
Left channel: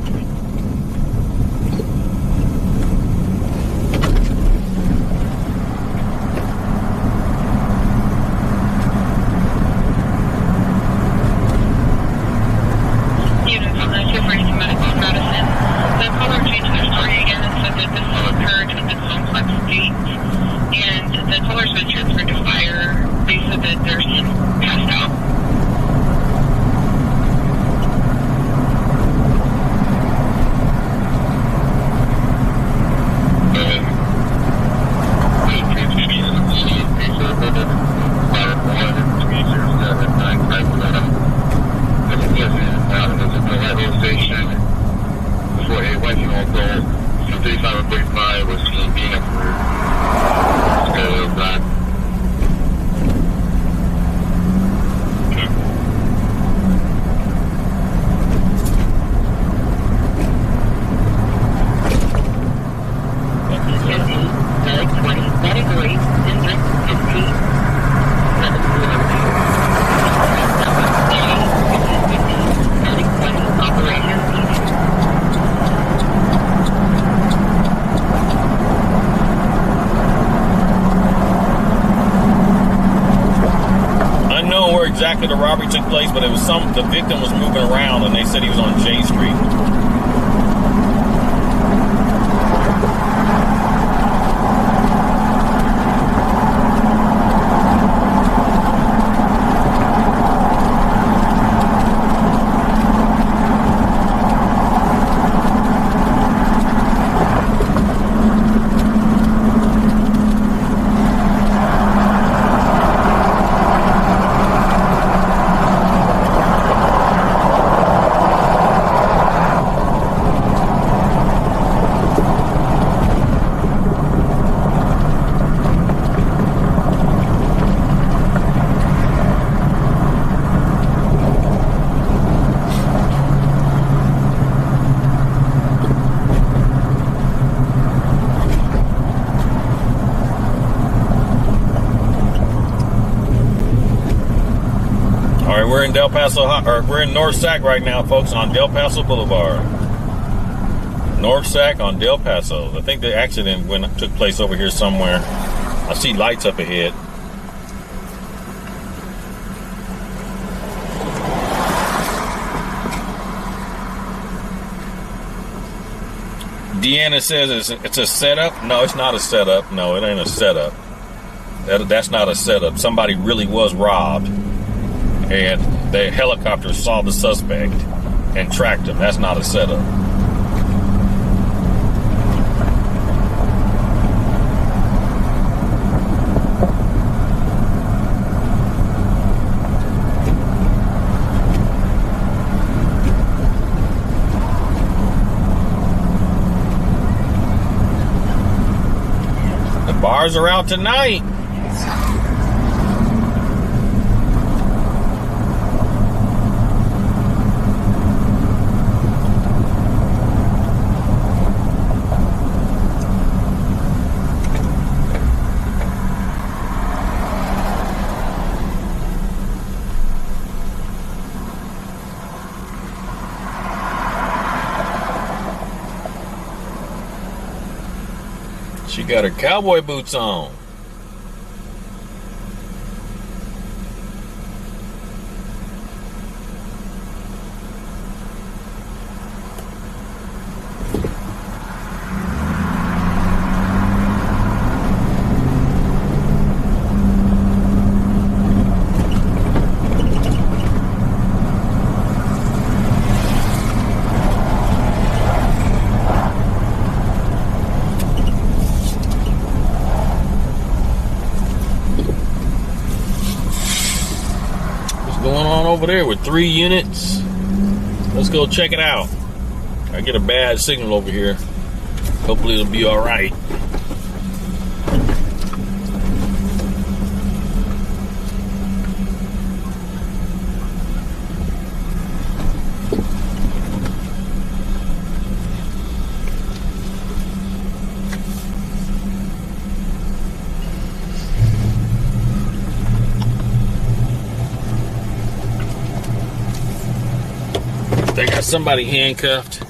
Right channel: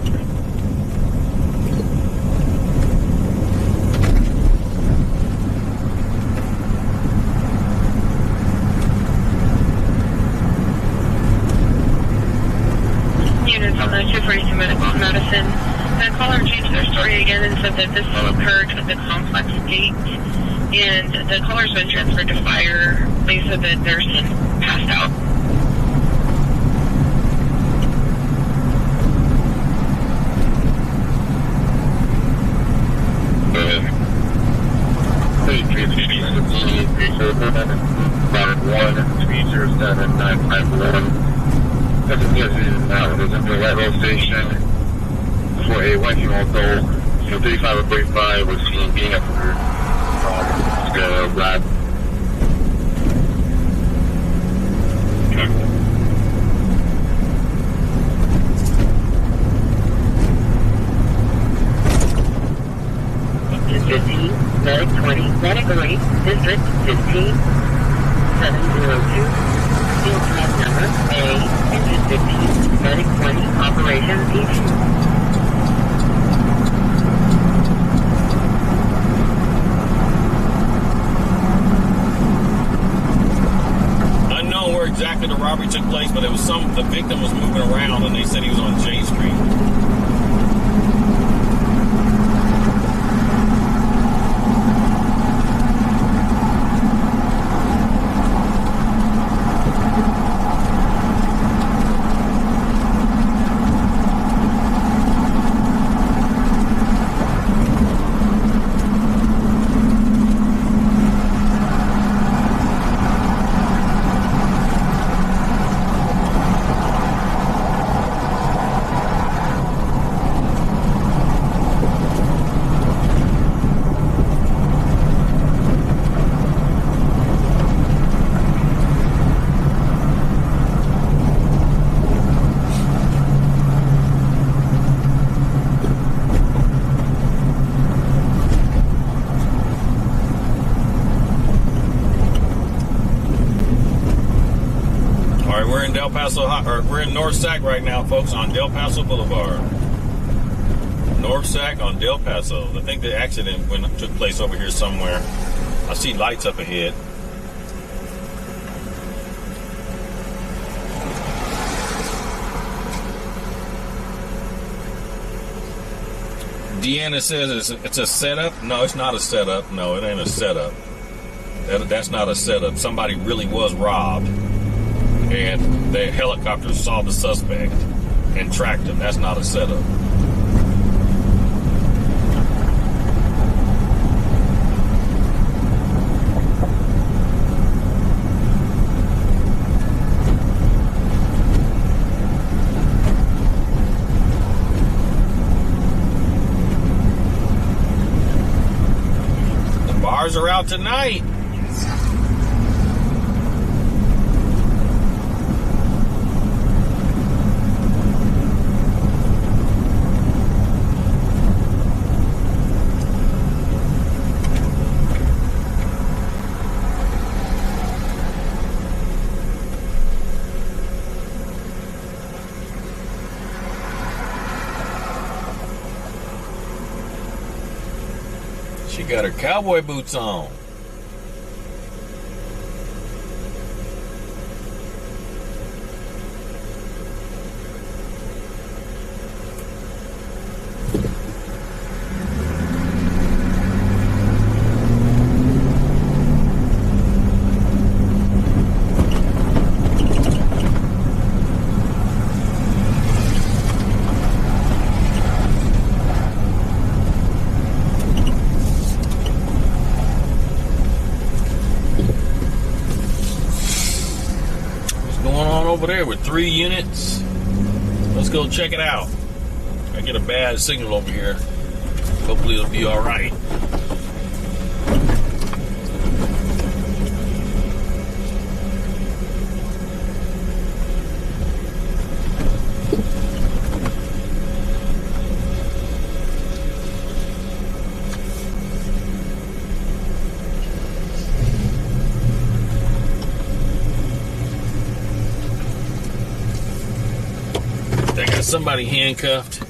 Units on the 242 Medical in Madison. The caller changed their story again and said that this all occurred at the complex gate, and the caller's been transferred to fire. They said that their son passed out. Station before a 1-year-old adult, 35 or 45, was seen being up for black. Medic 20, Medic 8, District 15, 702, Track number A, Engine 15, Medic 20, Operation P2. Unknown where exactly the robbery took place, but it was the victim was moving around, and they said he was on J Street. We're in Del Paso, or we're in North Sac right now, folks, on Del Paso Boulevard. North Sac on Del Paso. I think the accident took place over here somewhere. I see lights up ahead. Deanna says it's a setup. No, it's not a setup. No, it ain't a setup. That's not a setup. Somebody really was robbed, and the helicopter saw the suspect and tracked him. That's not a setup. The bars are out tonight. She got her cowboy boots on. Over there with 3 units. Let's go check it out. I get a bad signal over here. Hopefully it'll be all right. got somebody handcuffed.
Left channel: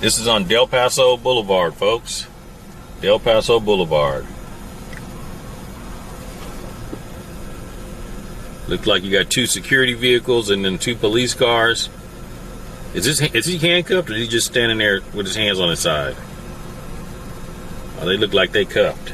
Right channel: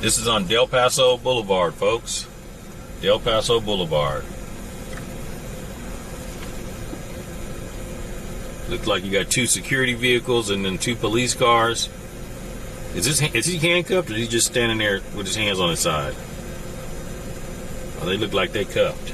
This is on Del Paso Boulevard, folks. Del Paso Boulevard. Looks like you got 2 security vehicles and then 2 police cars. Is he handcuffed or is he just standing there with his hands on his side? Oh, they look like they cuffed.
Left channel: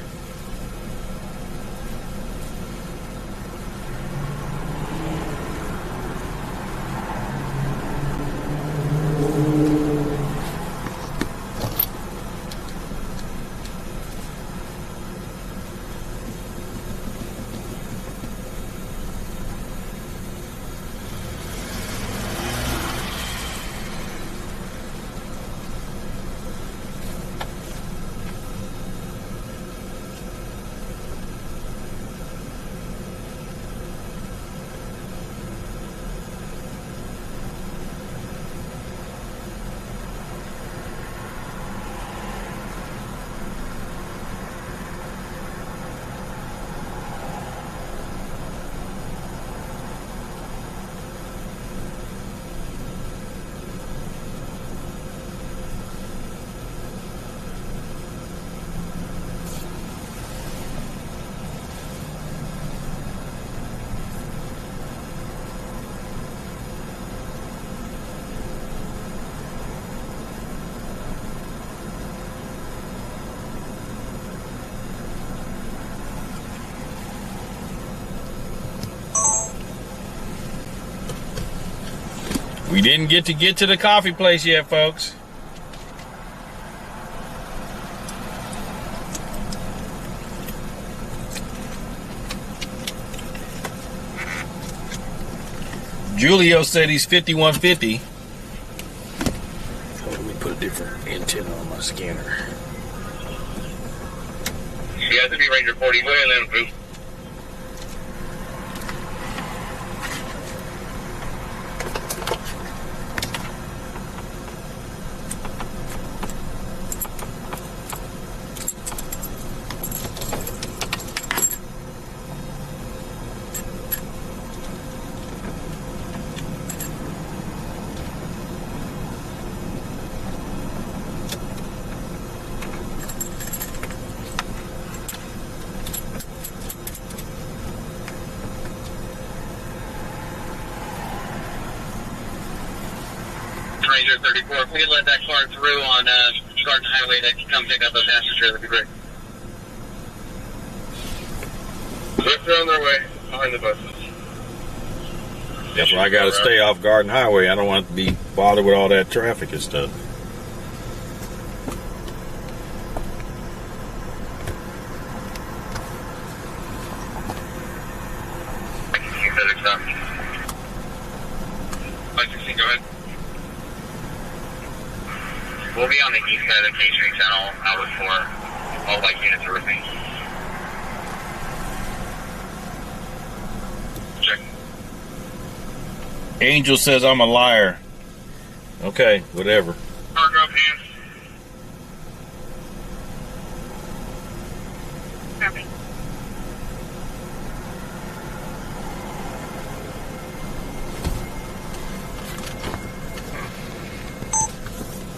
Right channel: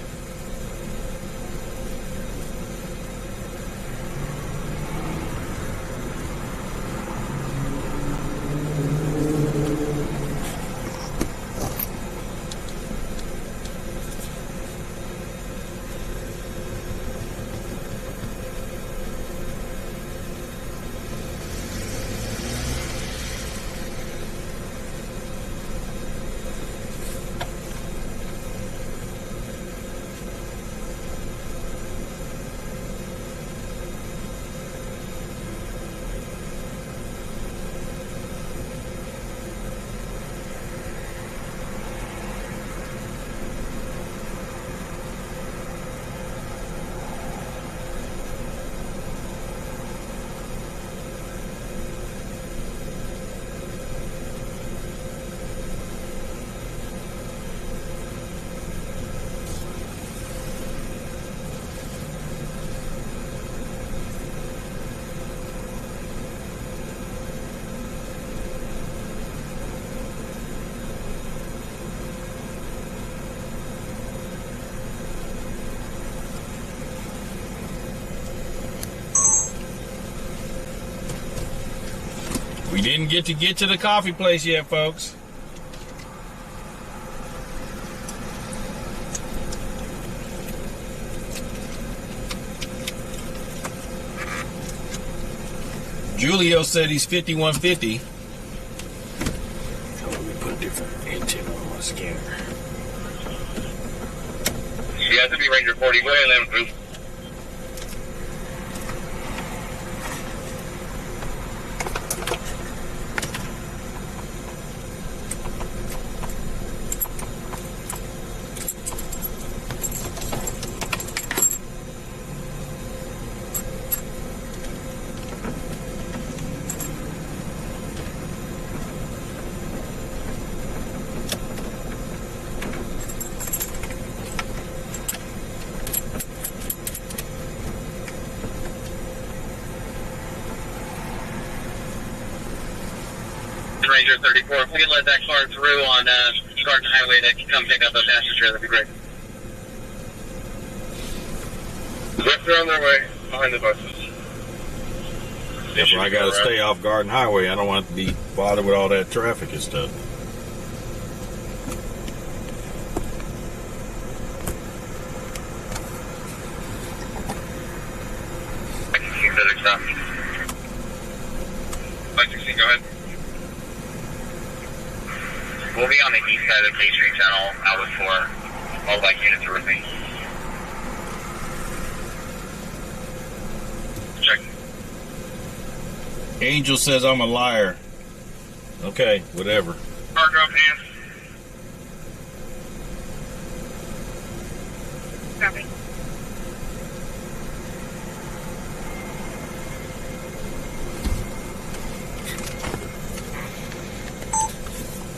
We didn't get to the coffee place yet, folks. Julio said he's 5150. Oh, let me put a different antenna on my scanner. You have to be Ranger 40. Go ahead and let him. Ranger 34, if we can let that car through on Garden Highway, that can come pick up a passenger, that'd be great. They're on their way, behind the buses. That's where I gotta stay off Garden Highway. I don't want to be bothered with all that traffic and stuff. Go ahead. We'll be on the east side of the K Street Channel, outlet 4. All black units are with me. Check. Angel says I'm a liar. Okay, whatever. Cargo up, hands. Copy.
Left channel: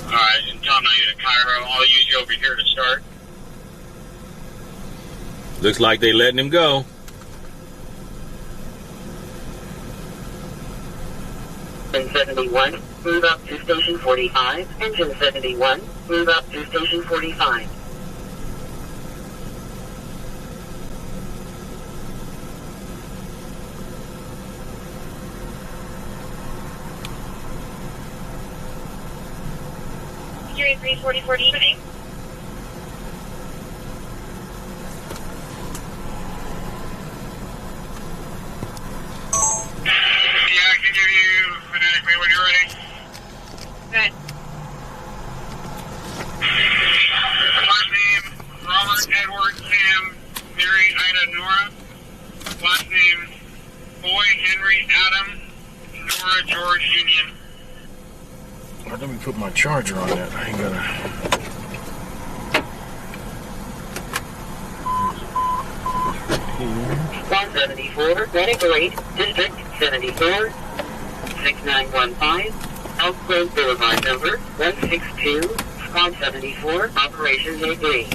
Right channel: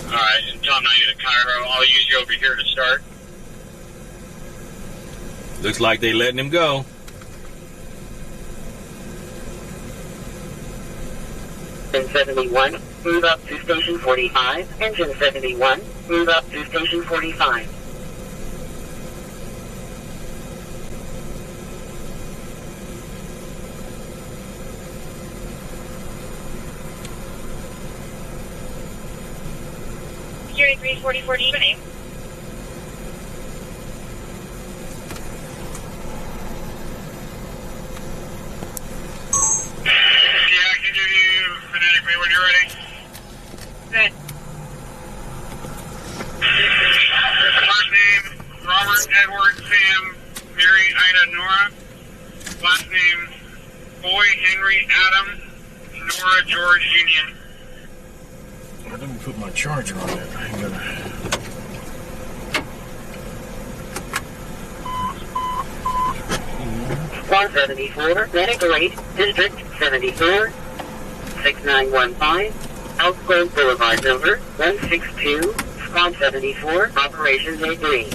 Alright, and Tom, now you're to Cairo. I'll use you over here to start. Looks like they letting him go. Engine 71, move up to station 45. Engine 71, move up to station 45. Security 344, your name? when you're ready. Good. First name, Robert, Edward, Sam, Mary, Ida, Nora. Last name, Boy, Henry, Adam, Nora, George, Union. Let me put my charger on that. I ain't gonna. 174, Renegade, District 74, 6915, Elk Grove Boulevard number 162, Squad 74, Operations A3.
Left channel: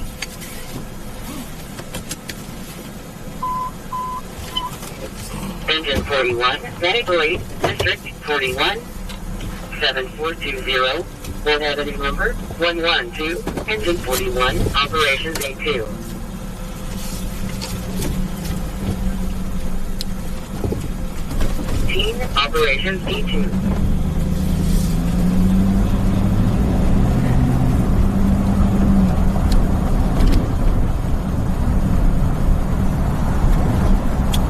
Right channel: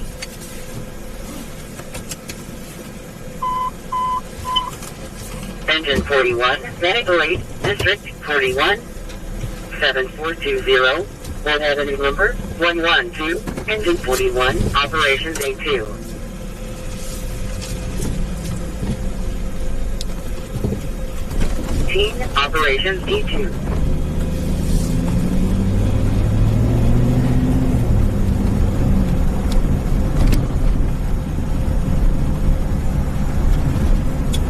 Engine 41, Renegade, District 41, 7420, One Avenue number 112, Engine 41, Operations A2. Team Operations D2.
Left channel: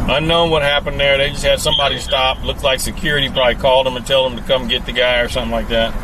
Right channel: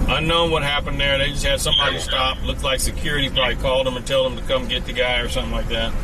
Unknown what happened there. They just had somebody stop. Looked like security probably called them and told them to come get the guy or something like that.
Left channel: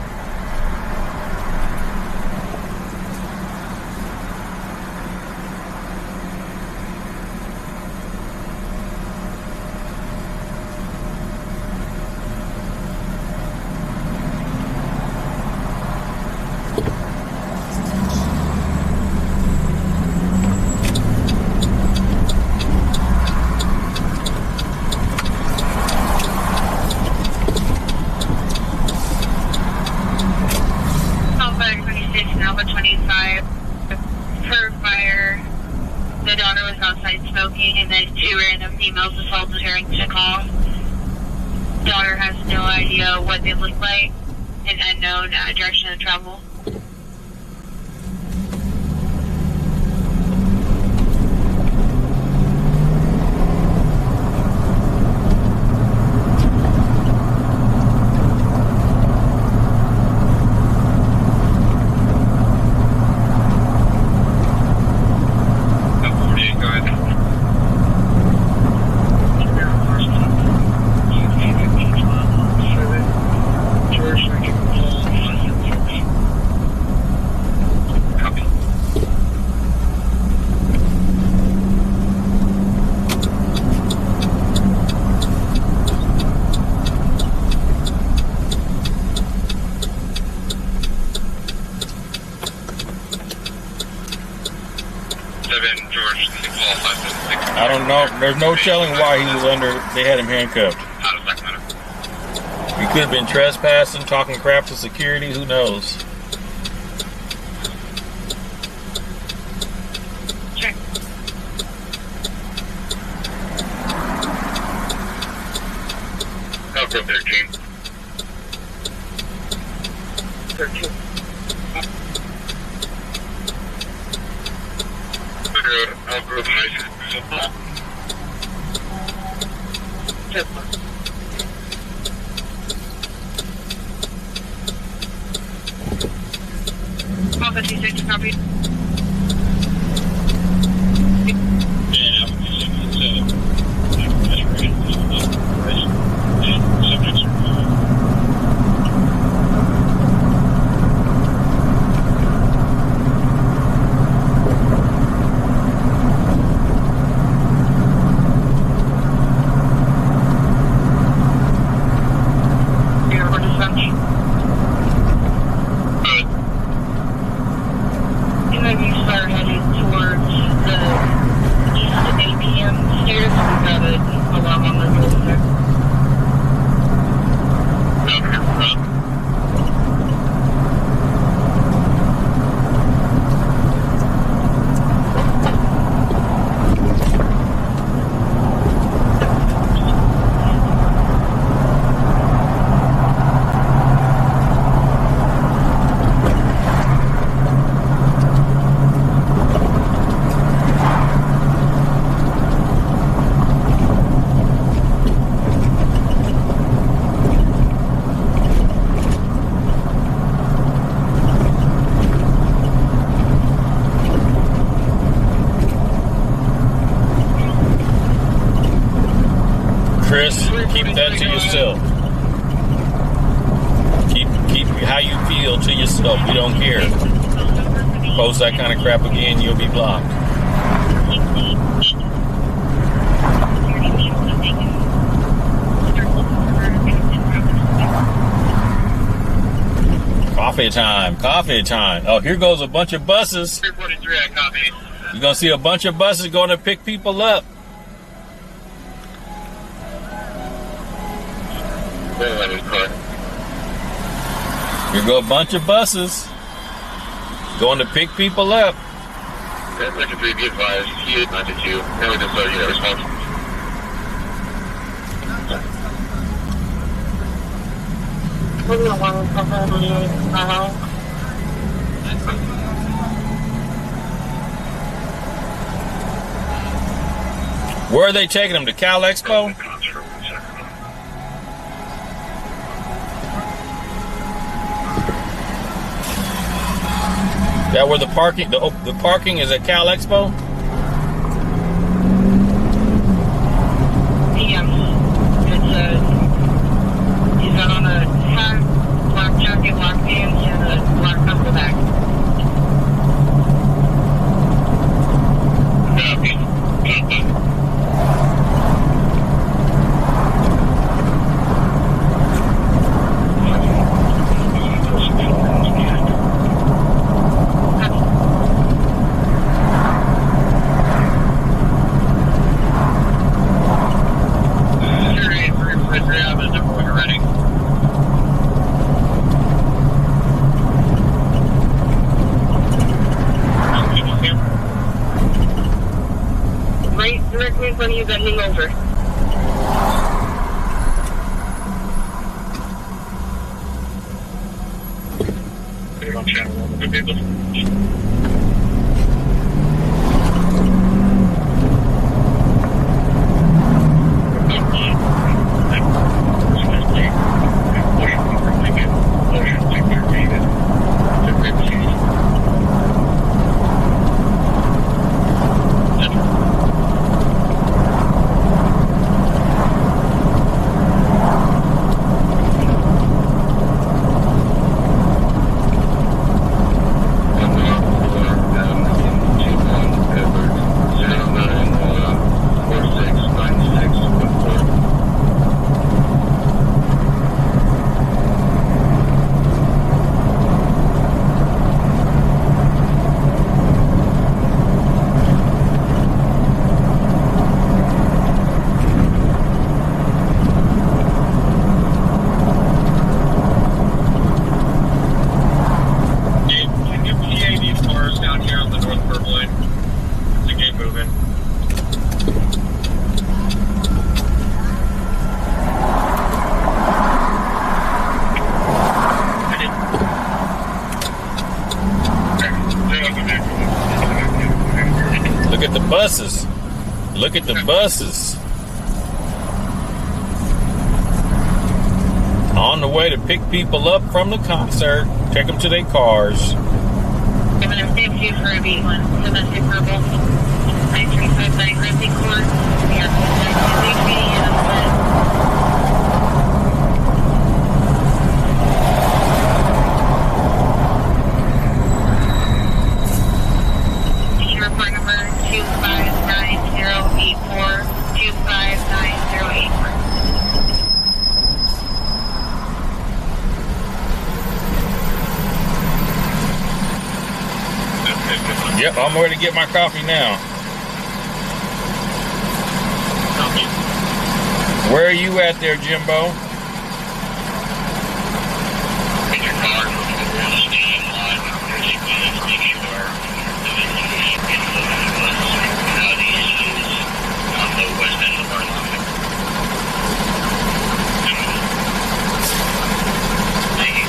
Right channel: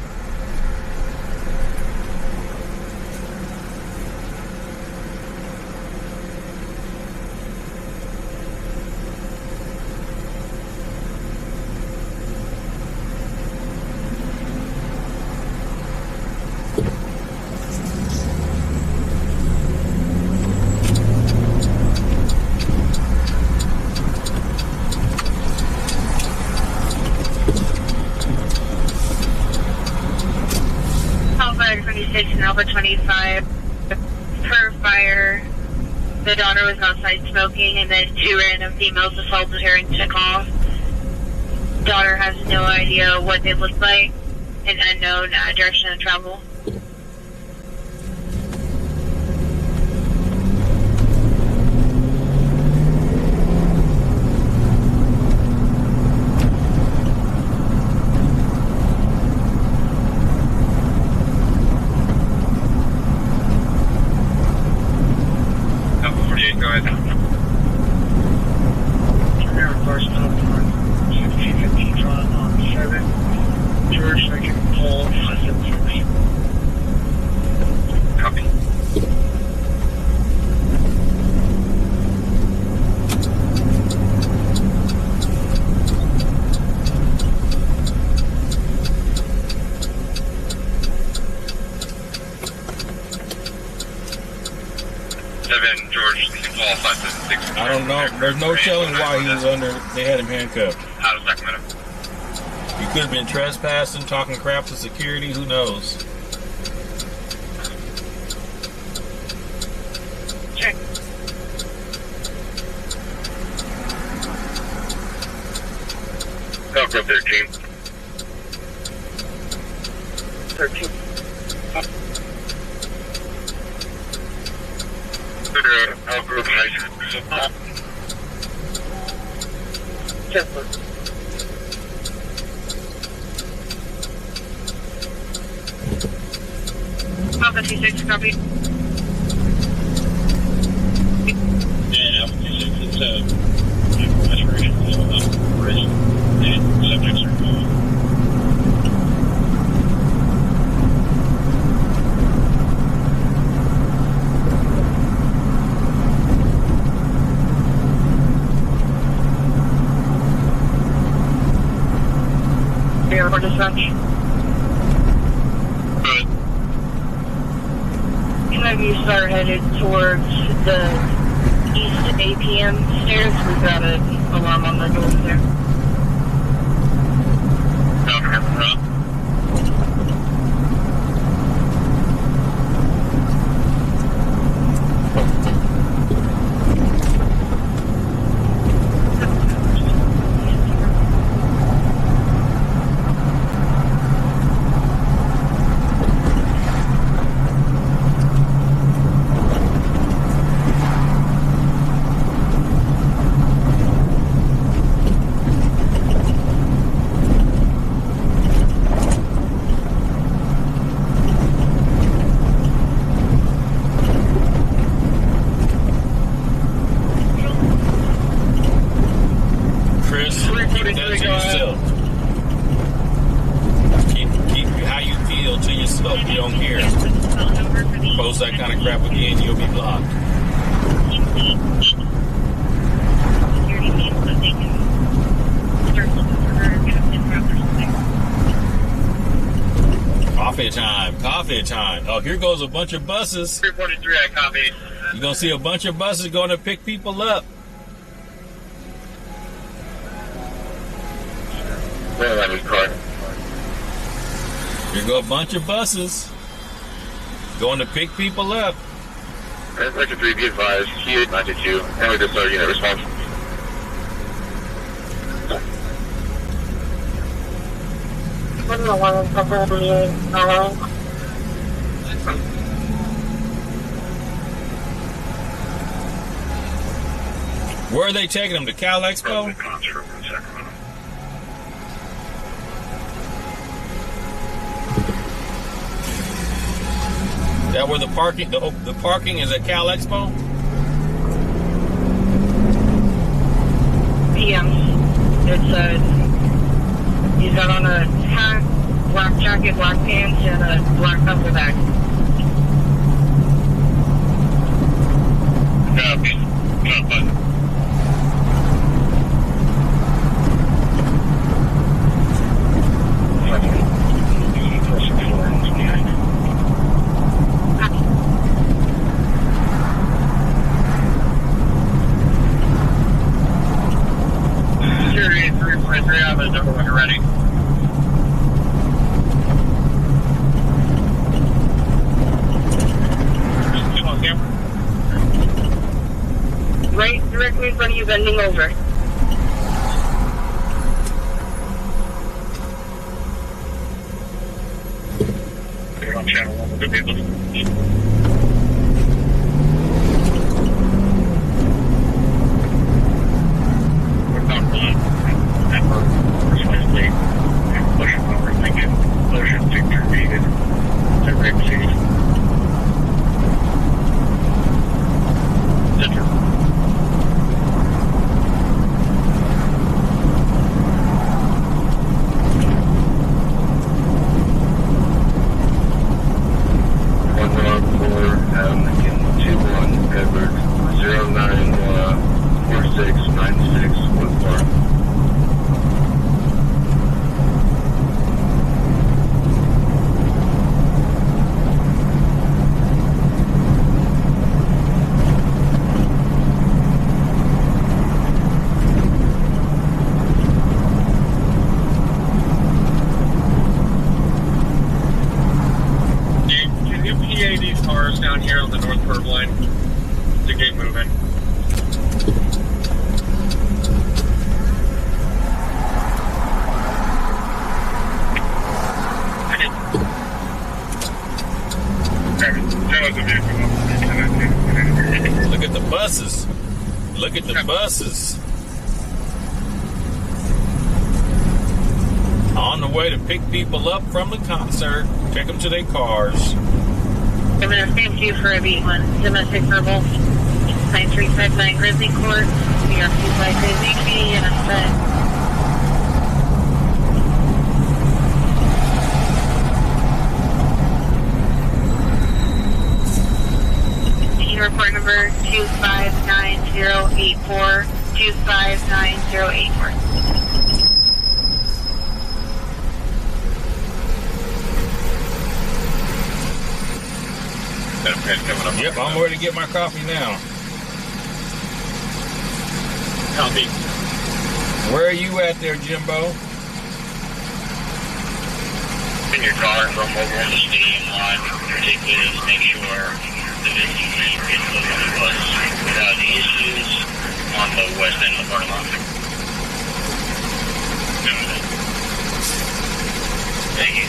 Alpha 26 and Alpha 25. Per fire, the daughter was outside smoking, and then 2 random females assaulted her and took off. Daughter has no idea what they look like, and unknown direction of travel. I don't know. There's no telling why he was under. They had him handcuffed. Out of Sacramento. He could have been trespassing, talking crap to security. Who knows? Sure. Elk Grove 13. 13. Elk Grove High School. Temple. Alpha 26, copy. And Alpha 26 is maturation ready, and subjects are Airport dispatch. Interviews are headed towards the east APM stairs. We've got an alarm on the door there. Down here front. Keep to yourself. We don't care. Post that kind of crap again, you'll be blocked. Coffee time. Coffee time. Oh, here goes a bunch of buses. 343, I copy. You're going to see a bunch of buses going to pick people up. Here go a bunch of buses going to pick people up. Section 3, be advised, C892, and we just unit response. What do you want to follow? Where are they taking them? To Cal Expo? That where the parking the parking is at Cal Expo? Yeah. It's he's got on a hat, black jacket, black pants, and a black knuckle back. Directly in front of you, bending over. You're on channel 1, good people. Look at the buses. On the way to pick people up from the concert, take them to their cars. I'm going to stand you for a B1. Domestic verbal. 9359 Grizzly Court. We are 253 and I'm set. Report number 259084, 259084. Yep, I'm ready to get my coffee now. Copy. Where are you at there, Jimbo? In your car from over in the stadium lot, particularly to make sure the issues on the west end of the parking lot. Thank you.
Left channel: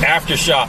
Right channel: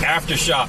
Aftershock.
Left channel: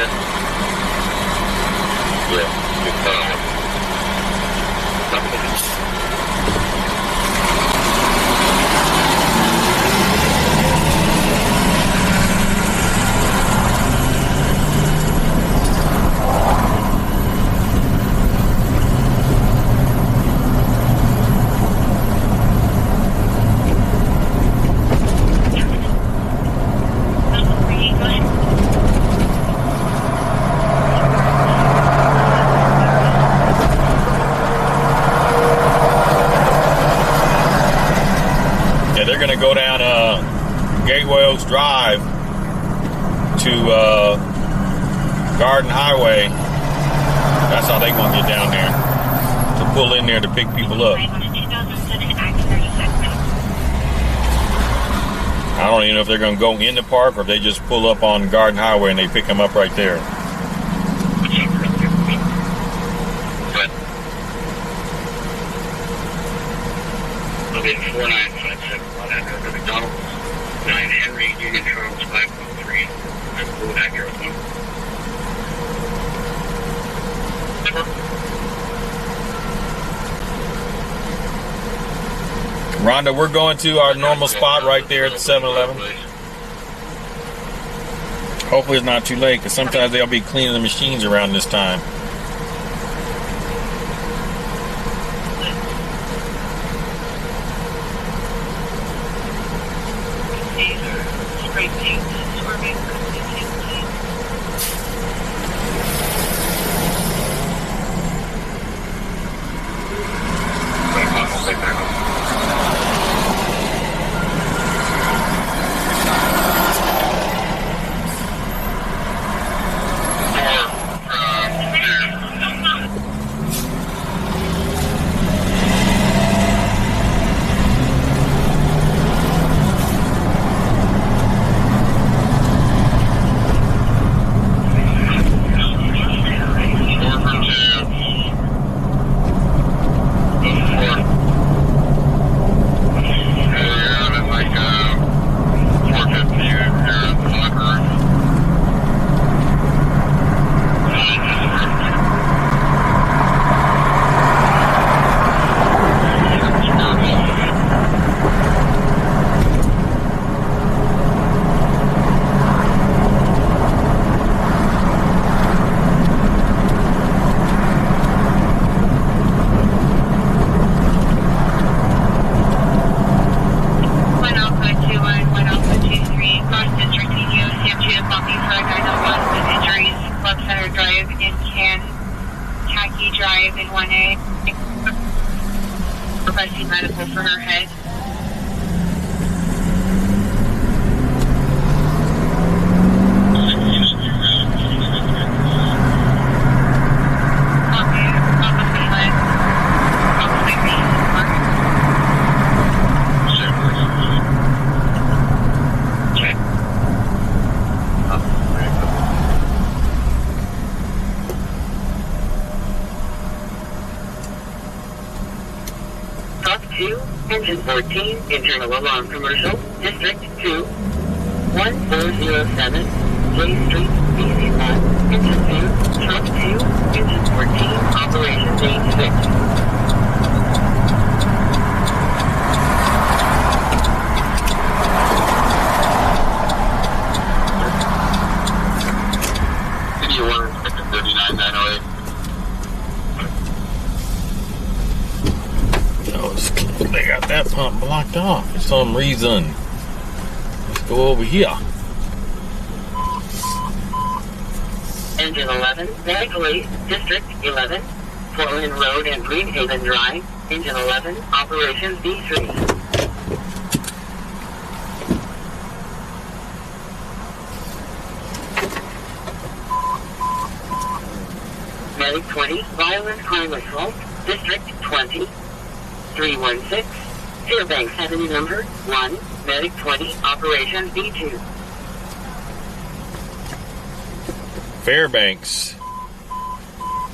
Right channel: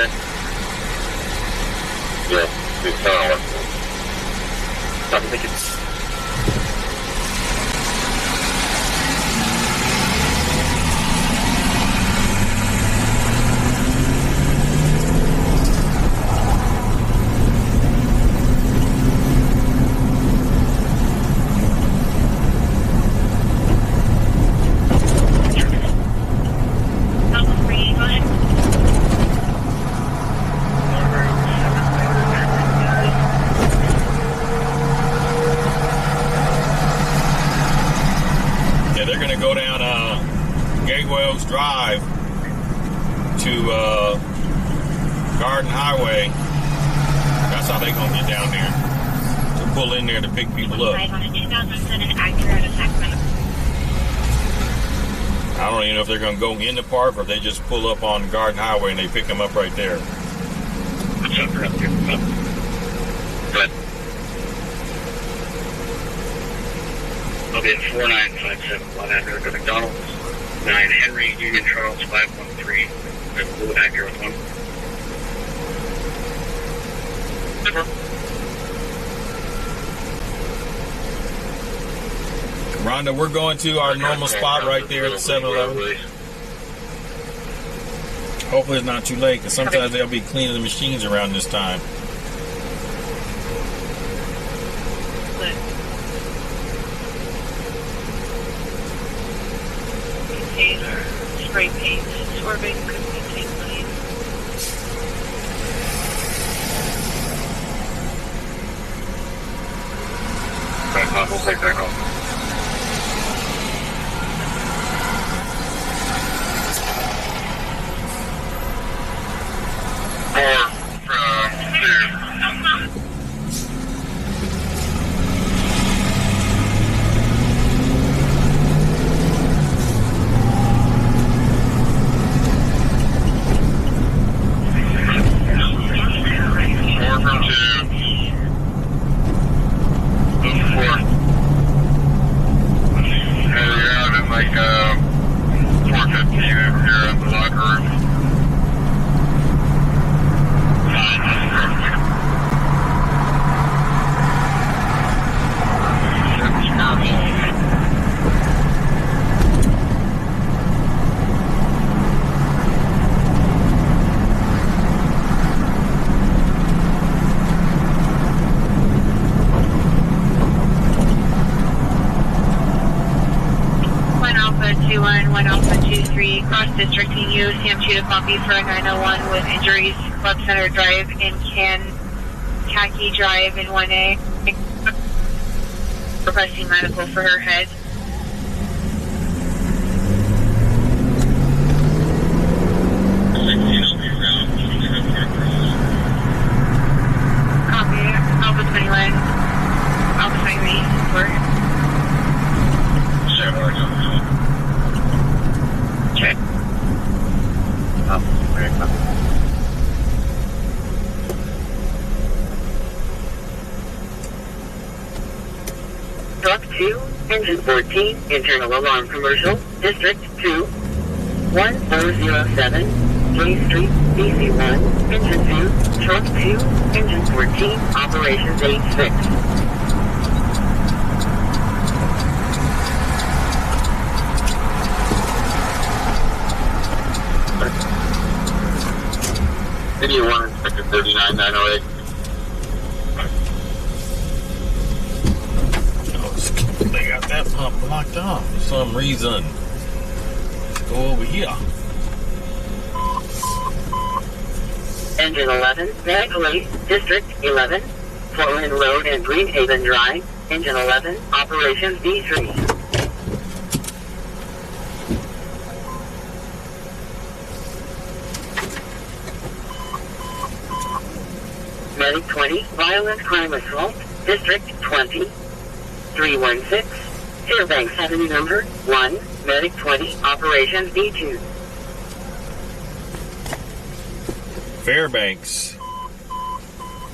okay? Yeah, it's solid. I'm thinking. Go down Gateway Oaks Drive to Garden Highway. That's how they gonna get down there, to pull in there to pick people up. I don't even know if they're gonna go in the park or if they just pull up on Garden Highway and they pick them up right there. I'll be at 4957 100 to McDonald's, 9 Henry, Union Charles 513. I'm blue actor with one. Rhonda, we're going to our normal spot right there at the 7-Eleven. Hopefully it's not too late, because sometimes they'll be cleaning the machines around this time. Spray paint, absorbing, continually. We'll take that home. Drive in 1A, requesting medical for her head. Copy, Alpha 21, Alpha 23, check. Truck 2, Engine 14, Internal Alarm Commercial, District 2, 1407, J Street, DC1, Engine 2, Truck 2, Engine 14, Operations 86. City of 1, Inspector 39908. They got that pump blocked off for some reason. Let's go over here. Engine 11, Medical Aid, District 11, Portland Road and Greenhaven Drive, Engine 11, Operations D3. Medic 20, Violent Crime Assault, District 20, 316, Fairbanks Avenue number 1, Medic 20, Operations D2. Fairbanks.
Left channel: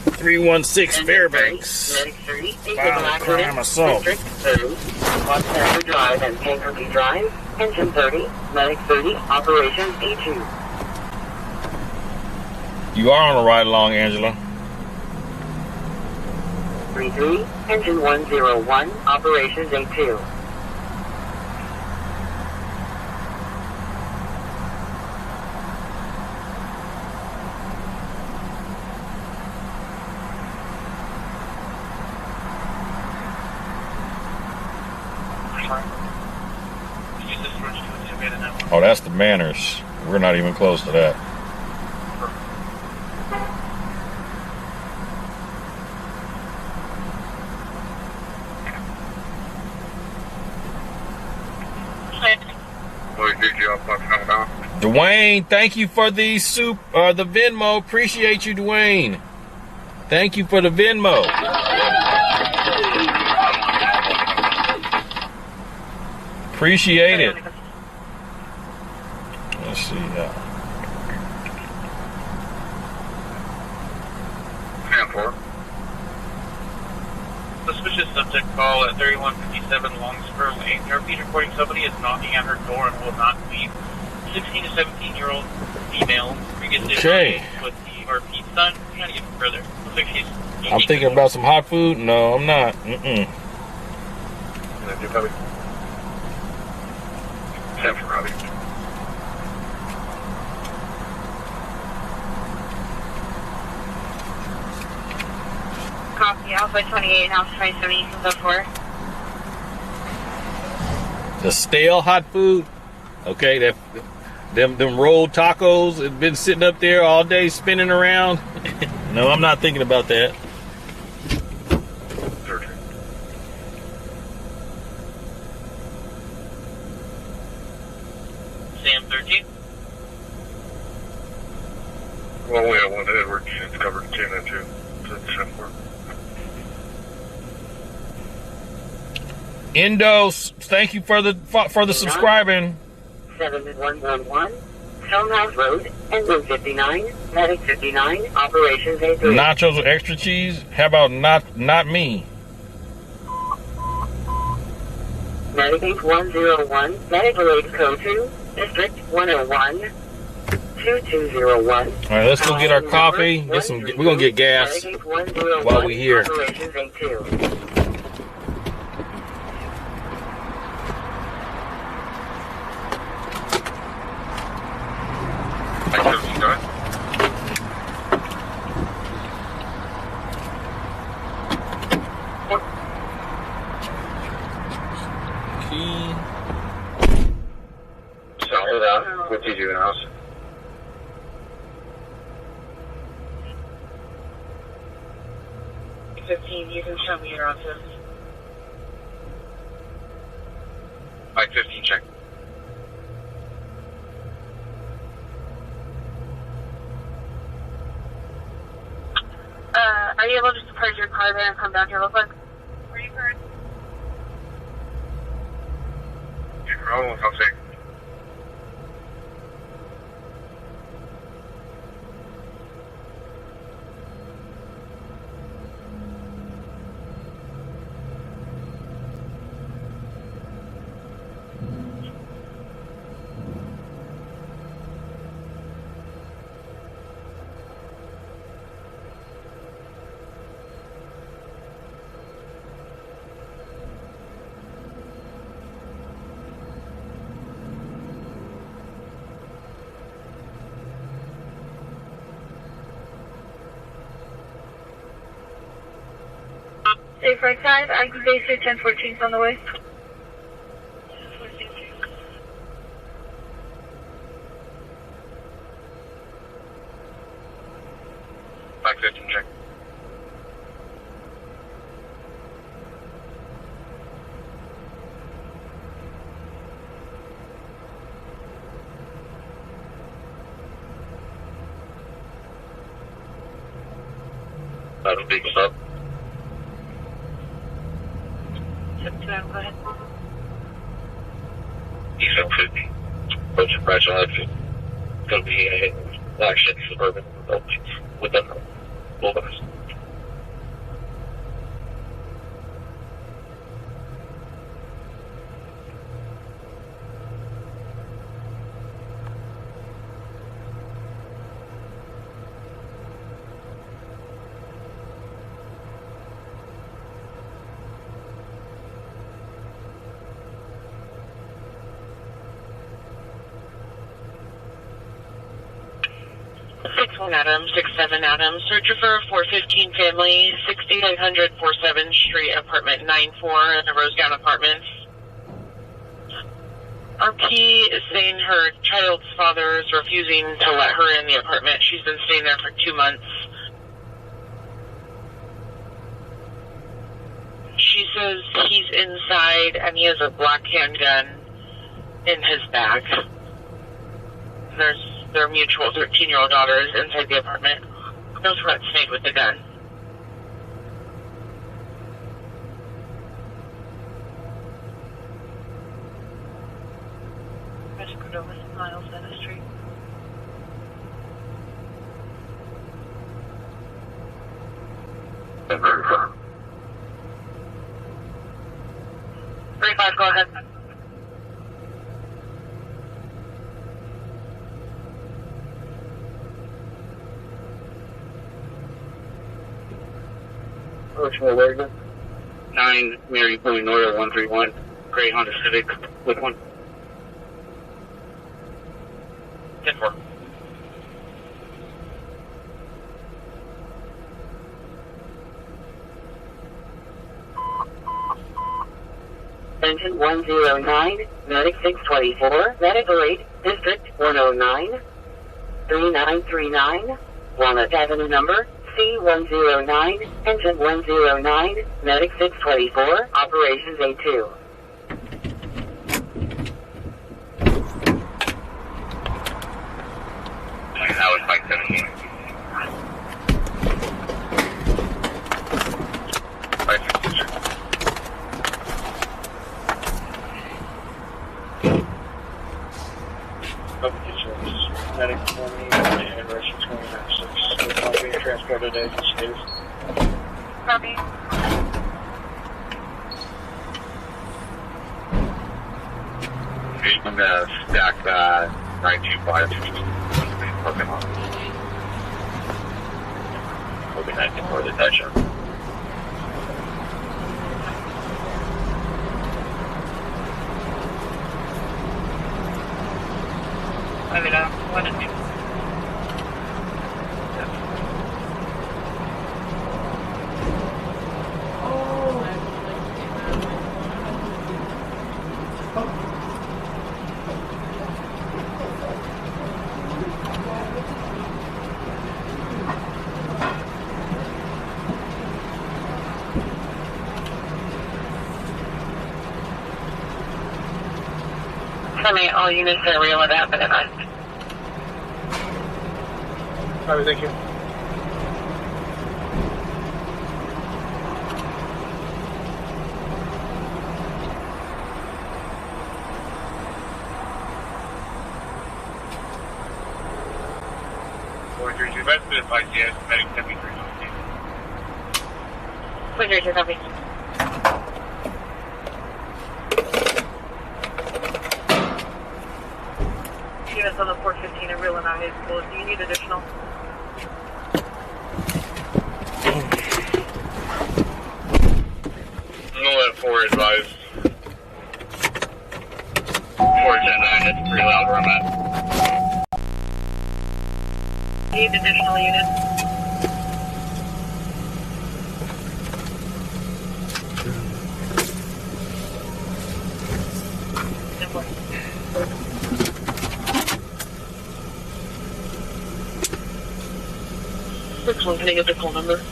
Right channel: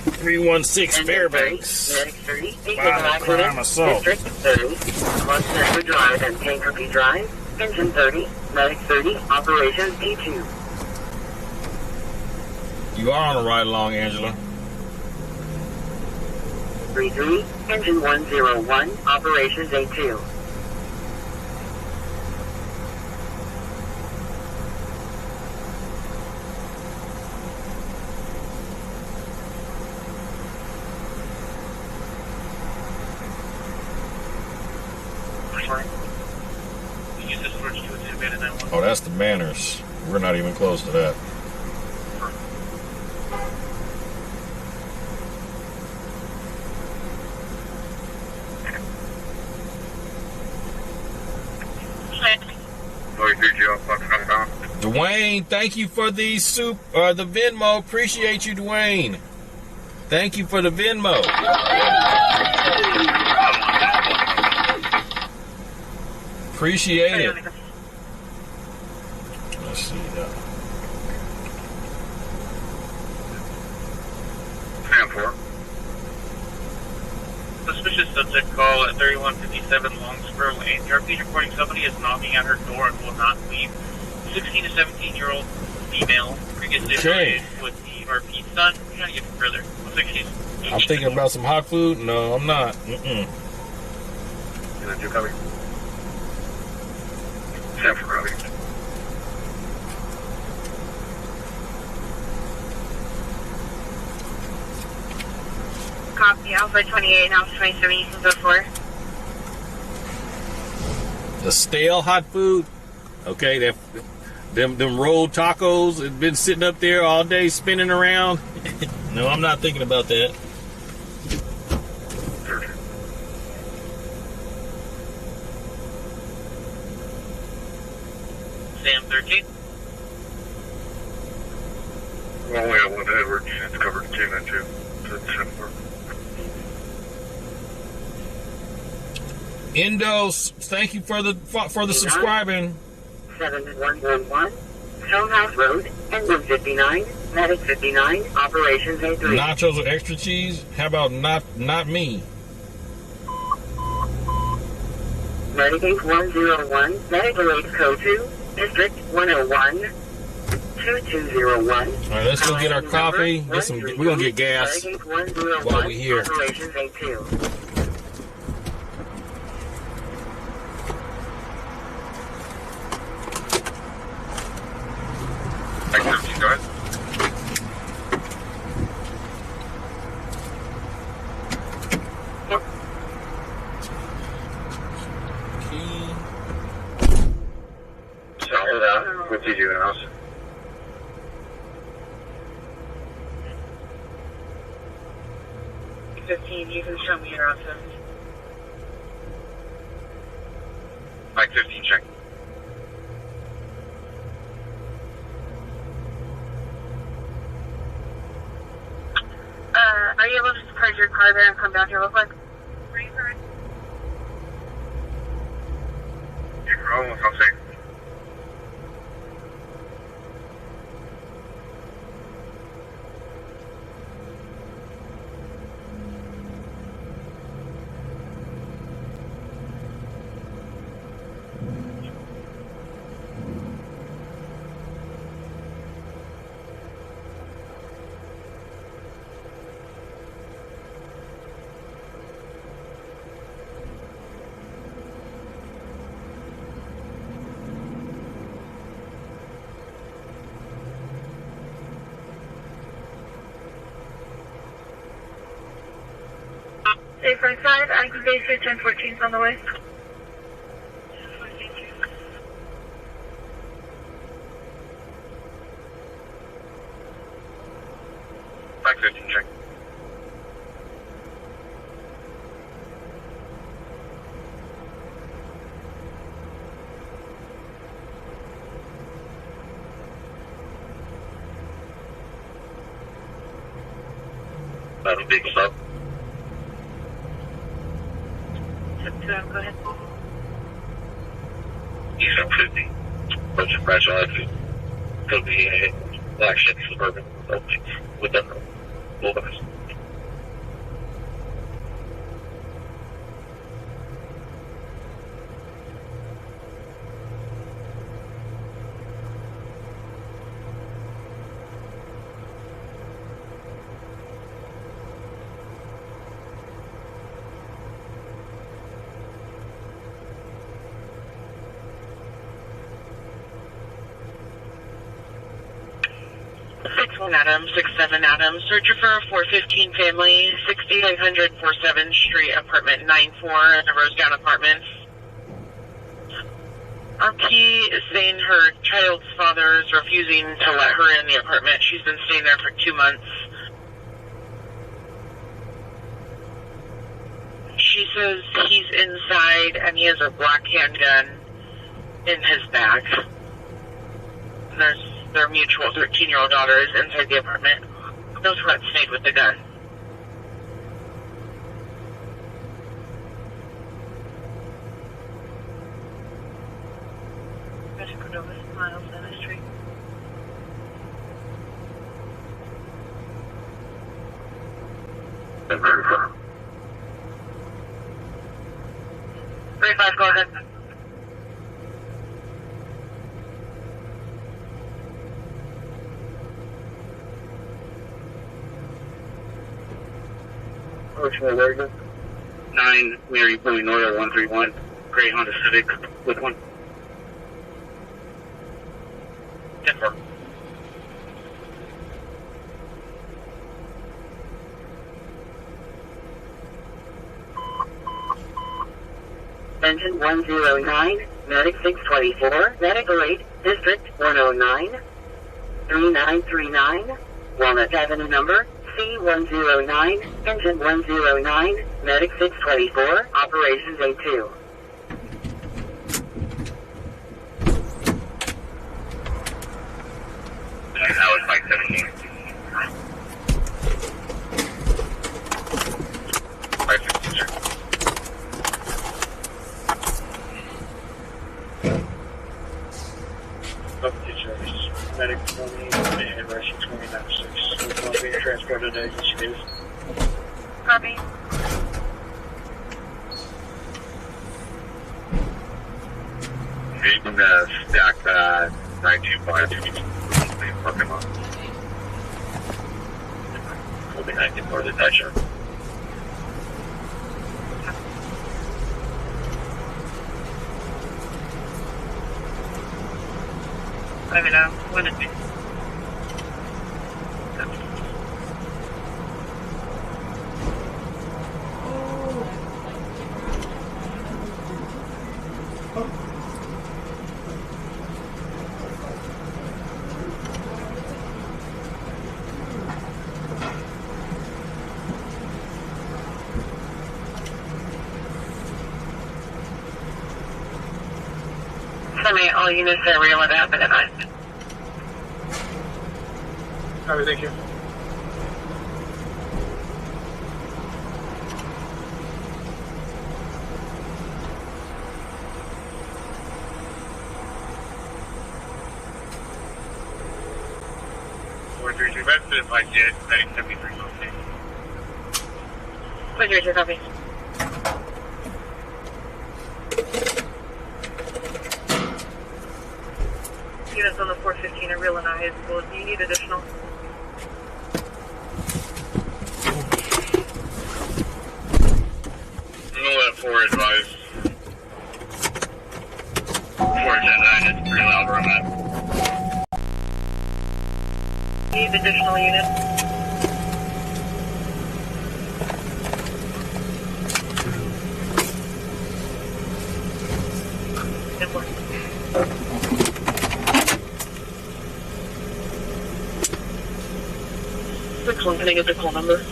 316 Fairbanks. Medic 30, Violent Crime Assault. District 30, Quad Drive and Tankerby Drive, Engine 30, Medic 30, Operations D2. You are on the ride along, Angela. 33, engine 101, operations A2. Oh, that's the Manners. We're not even close to that. Dwayne, thank you for the the Venmo. Appreciate you, Dwayne. Thank you for the Venmo. Appreciate it. Let's see. Suspicious subject call at 3157 Longspur Lane. The RP reporting somebody is knocking at her door and will not leave. 16 to 17-year-old female, previously affiliated with the RP son. We're trying to get further. Looks like she's I'm thinking about some hot food. No, I'm not. Can I do copy? 10 for copy. Copy, Alpha 28 and Alpha 27, you can go for it. The stale hot food. Okay, that them rolled tacos have been sitting up there all day spinning around. No, I'm not thinking about that. Sam 13. Well, we have one Edwards. It's covered in 10 and 2. So it's 7-4. Endo, thank you for the subscribing. 7111, Townhouse Road, engine 59, medic 59, operations A3. Nachos with extra cheese? How about not me? Medic 101, medic related code 2, district 101, 2201. All right, let's go get our coffee. We're gonna get gas while we're here. Operations A2. What did you announce? You can show me your office. Mike 15, check. Are you able to just park your car there and come down here real quick? Where are you going? You're almost on safe. Safe right side, active base 1014 is on the way. Mike 15, check. That'll be up. Go ahead. Eastern 50. Approaching fragile exit. Could be a black ship suburban with them wilderness. 6-1 Adams, 6-7 Adams. Searcher for a 415 family, 6800 47th Street, apartment 94 in the Rosedown Apartments. RP is saying her child's father is refusing to let her in the apartment. She's been staying there for 2 months. She says he's inside and he has a black handgun in his bag. Their mutual 13-year-old daughter is inside the apartment. No threats made with the gun. Miles Center Street. Three five, go ahead. Original Oregon. 9 Mary Point North 131. Gray Honda Civic with 1. 10-4. Engine 109, Medic 624, Medical 8, District 109, 3939, Walnut Avenue number C109, Engine 109, Medic 624, Operations A2. That was Mike 17. Mike 16, sir. Medic 20 and Russian 29-6. It's not being transported to agency case. Copy. You can stack 925 to parking lot. Will be 19 for the toucher. I mean, 1 and 2. Terminate all units that real it happened at night. All right, thank you. Resident by CS, Medic 73 location. 132, copy. Units on the 415 are real and high school. Do you need additional? No, 4 advised. 410-9, it's pretty loud where I'm at. Need additional units? Can I get the call number?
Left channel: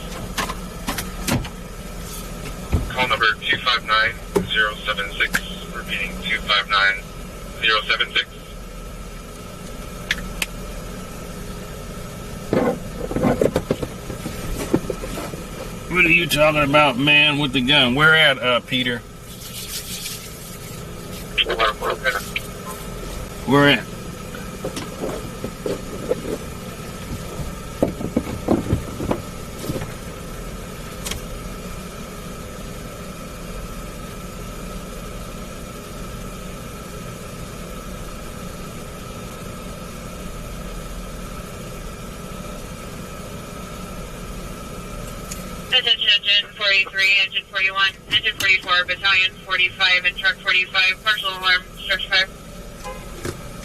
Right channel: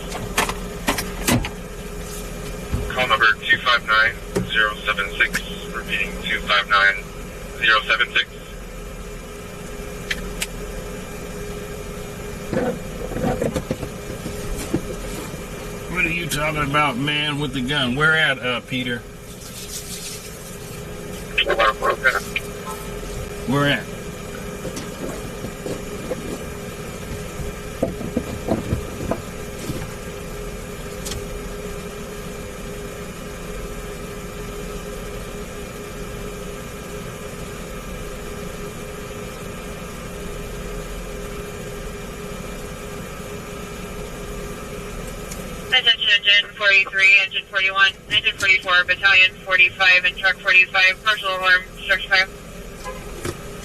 Call number 259076. Repeating 259076. What are you talking about, man, with the gun? Where at, Peter? Where at? Attention Engine 43, Engine 41, Engine 44, Battalion 45, and Truck 45, partial alarm, structure fire.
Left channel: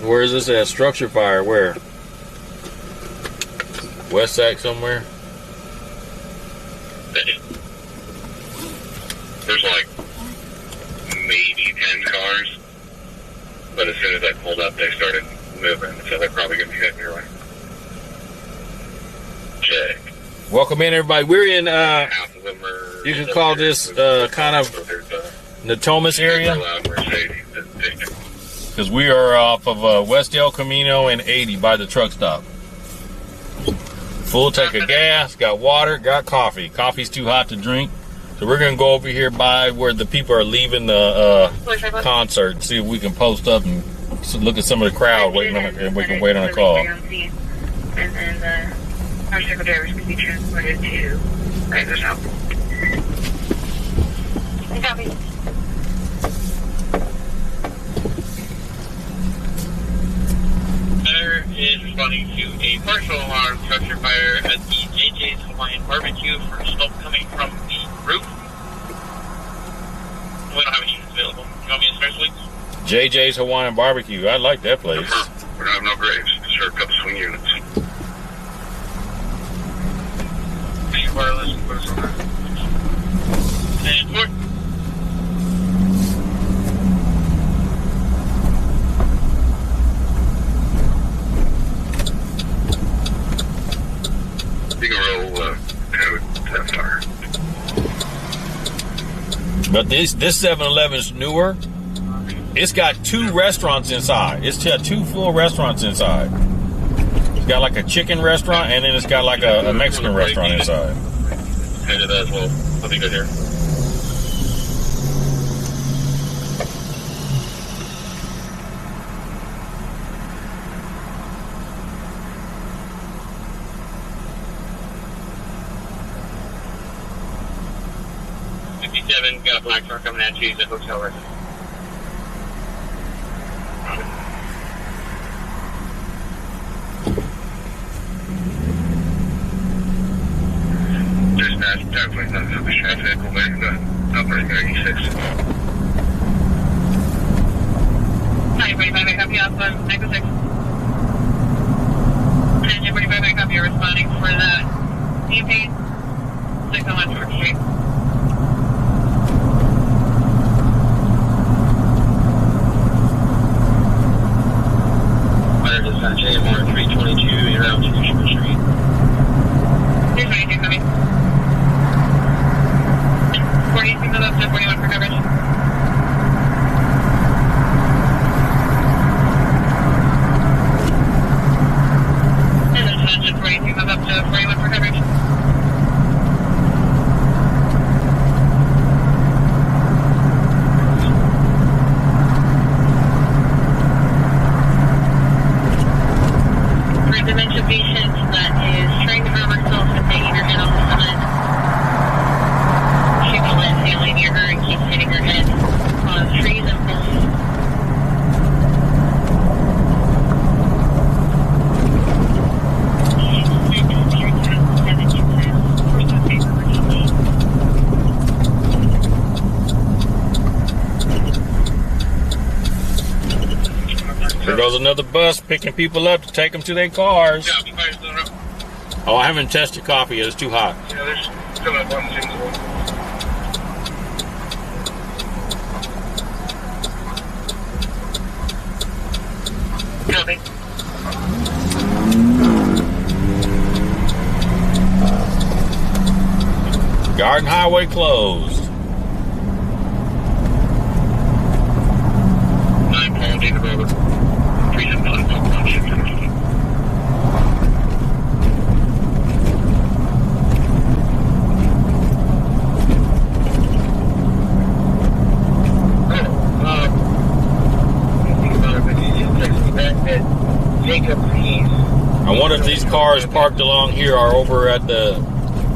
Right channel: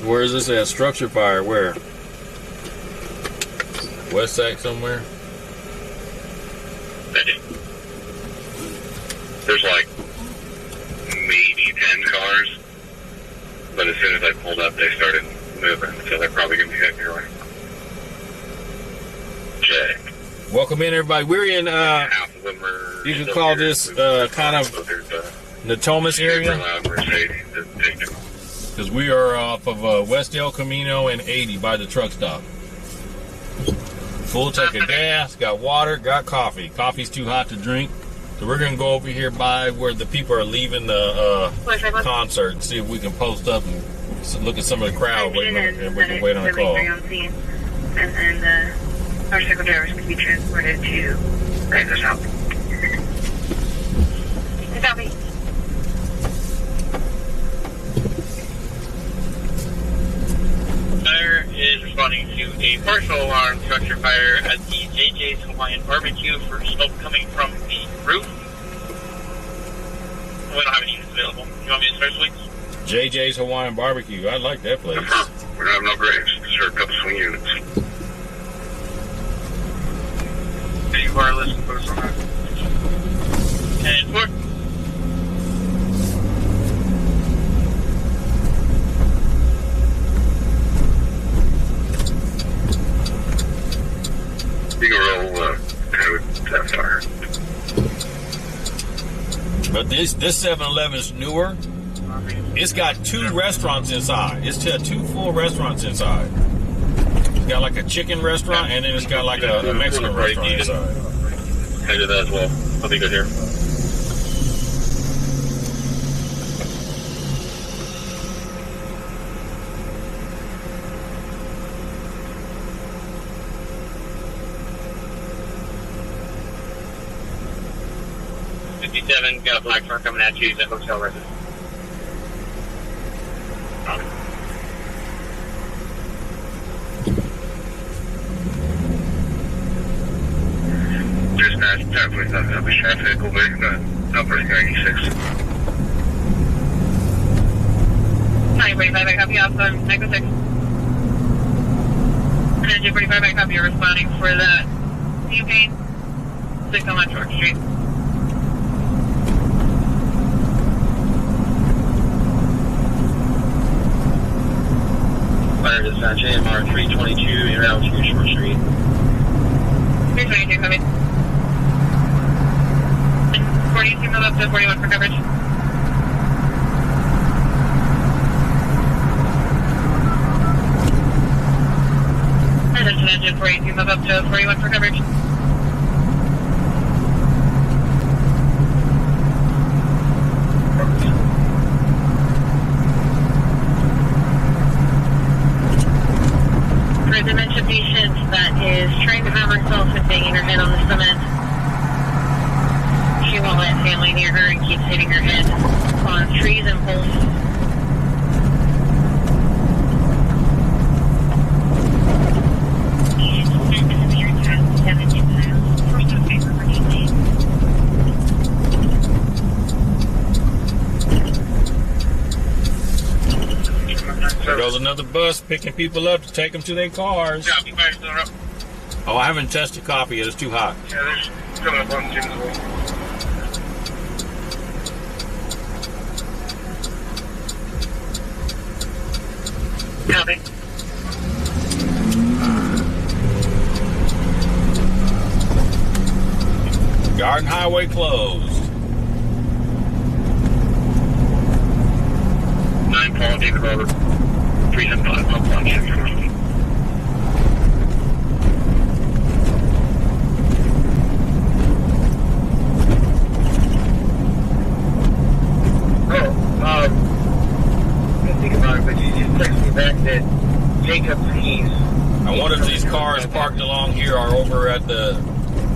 Where is this at? Structure fire, where? West Sac somewhere? There's like maybe 10 cars, but as soon as I pulled up, they started moving, so they're probably going to be heading your way. Check. Welcome in, everybody. We're in, Half of them are you can call this kind of Natomas area, because we are off of West El Camino and 80 by the truck stop. Full tank of gas, got water, got coffee. Coffee's too hot to drink, so we're going to go over here by where the people are leaving the concert and see if we can post up and look at some of the crowd waiting on it, and we can wait on a call. And then motorcycle drivers can be transported to Rider's House. Copy. Fire is responding to a partial alarm structure fire at the JJ's Hawaiian Barbecue for smoke coming from the roof. We don't have any units available. You want me to start, please? JJ's Hawaiian Barbecue. I like that place. We're not having no graves. Just heard a couple swing units. You are listening, put us on that. And forward. You can roll code that fire. But this 7-Eleven's newer. It's got 2 restaurants inside. It's got 2 full restaurants inside. It's got like a chicken restaurant, and then it's got like a Mexican restaurant inside. Headed that as well. I'll be good here. Got a black car coming at you. He's at hotel resident. Dispatch, definitely not going to be traffic over operating 96. 945, I copy off on 906. And 245, I copy, responding for the campaign. 6 on George Street. Fire dispatch AMR 322 around 2 Short Street. 322 coming. 42 move up to 41 for coverage. And then engine 42 move up to 41 for coverage. Dementia patient that is trying to harm herself and banging her head on the cement. She won't let family near her and keeps hitting her head on trees and poles. There goes another bus picking people up to take them to their cars. Yeah, be fire still up. Oh, I haven't tested coffee yet. It's too hot. Yeah, there's coming up on things as well. Copy. Garden Highway closed. 9 Paul, David Rover. 375 Pump 1, Shift 14. I wonder if these cars parked along here are over at the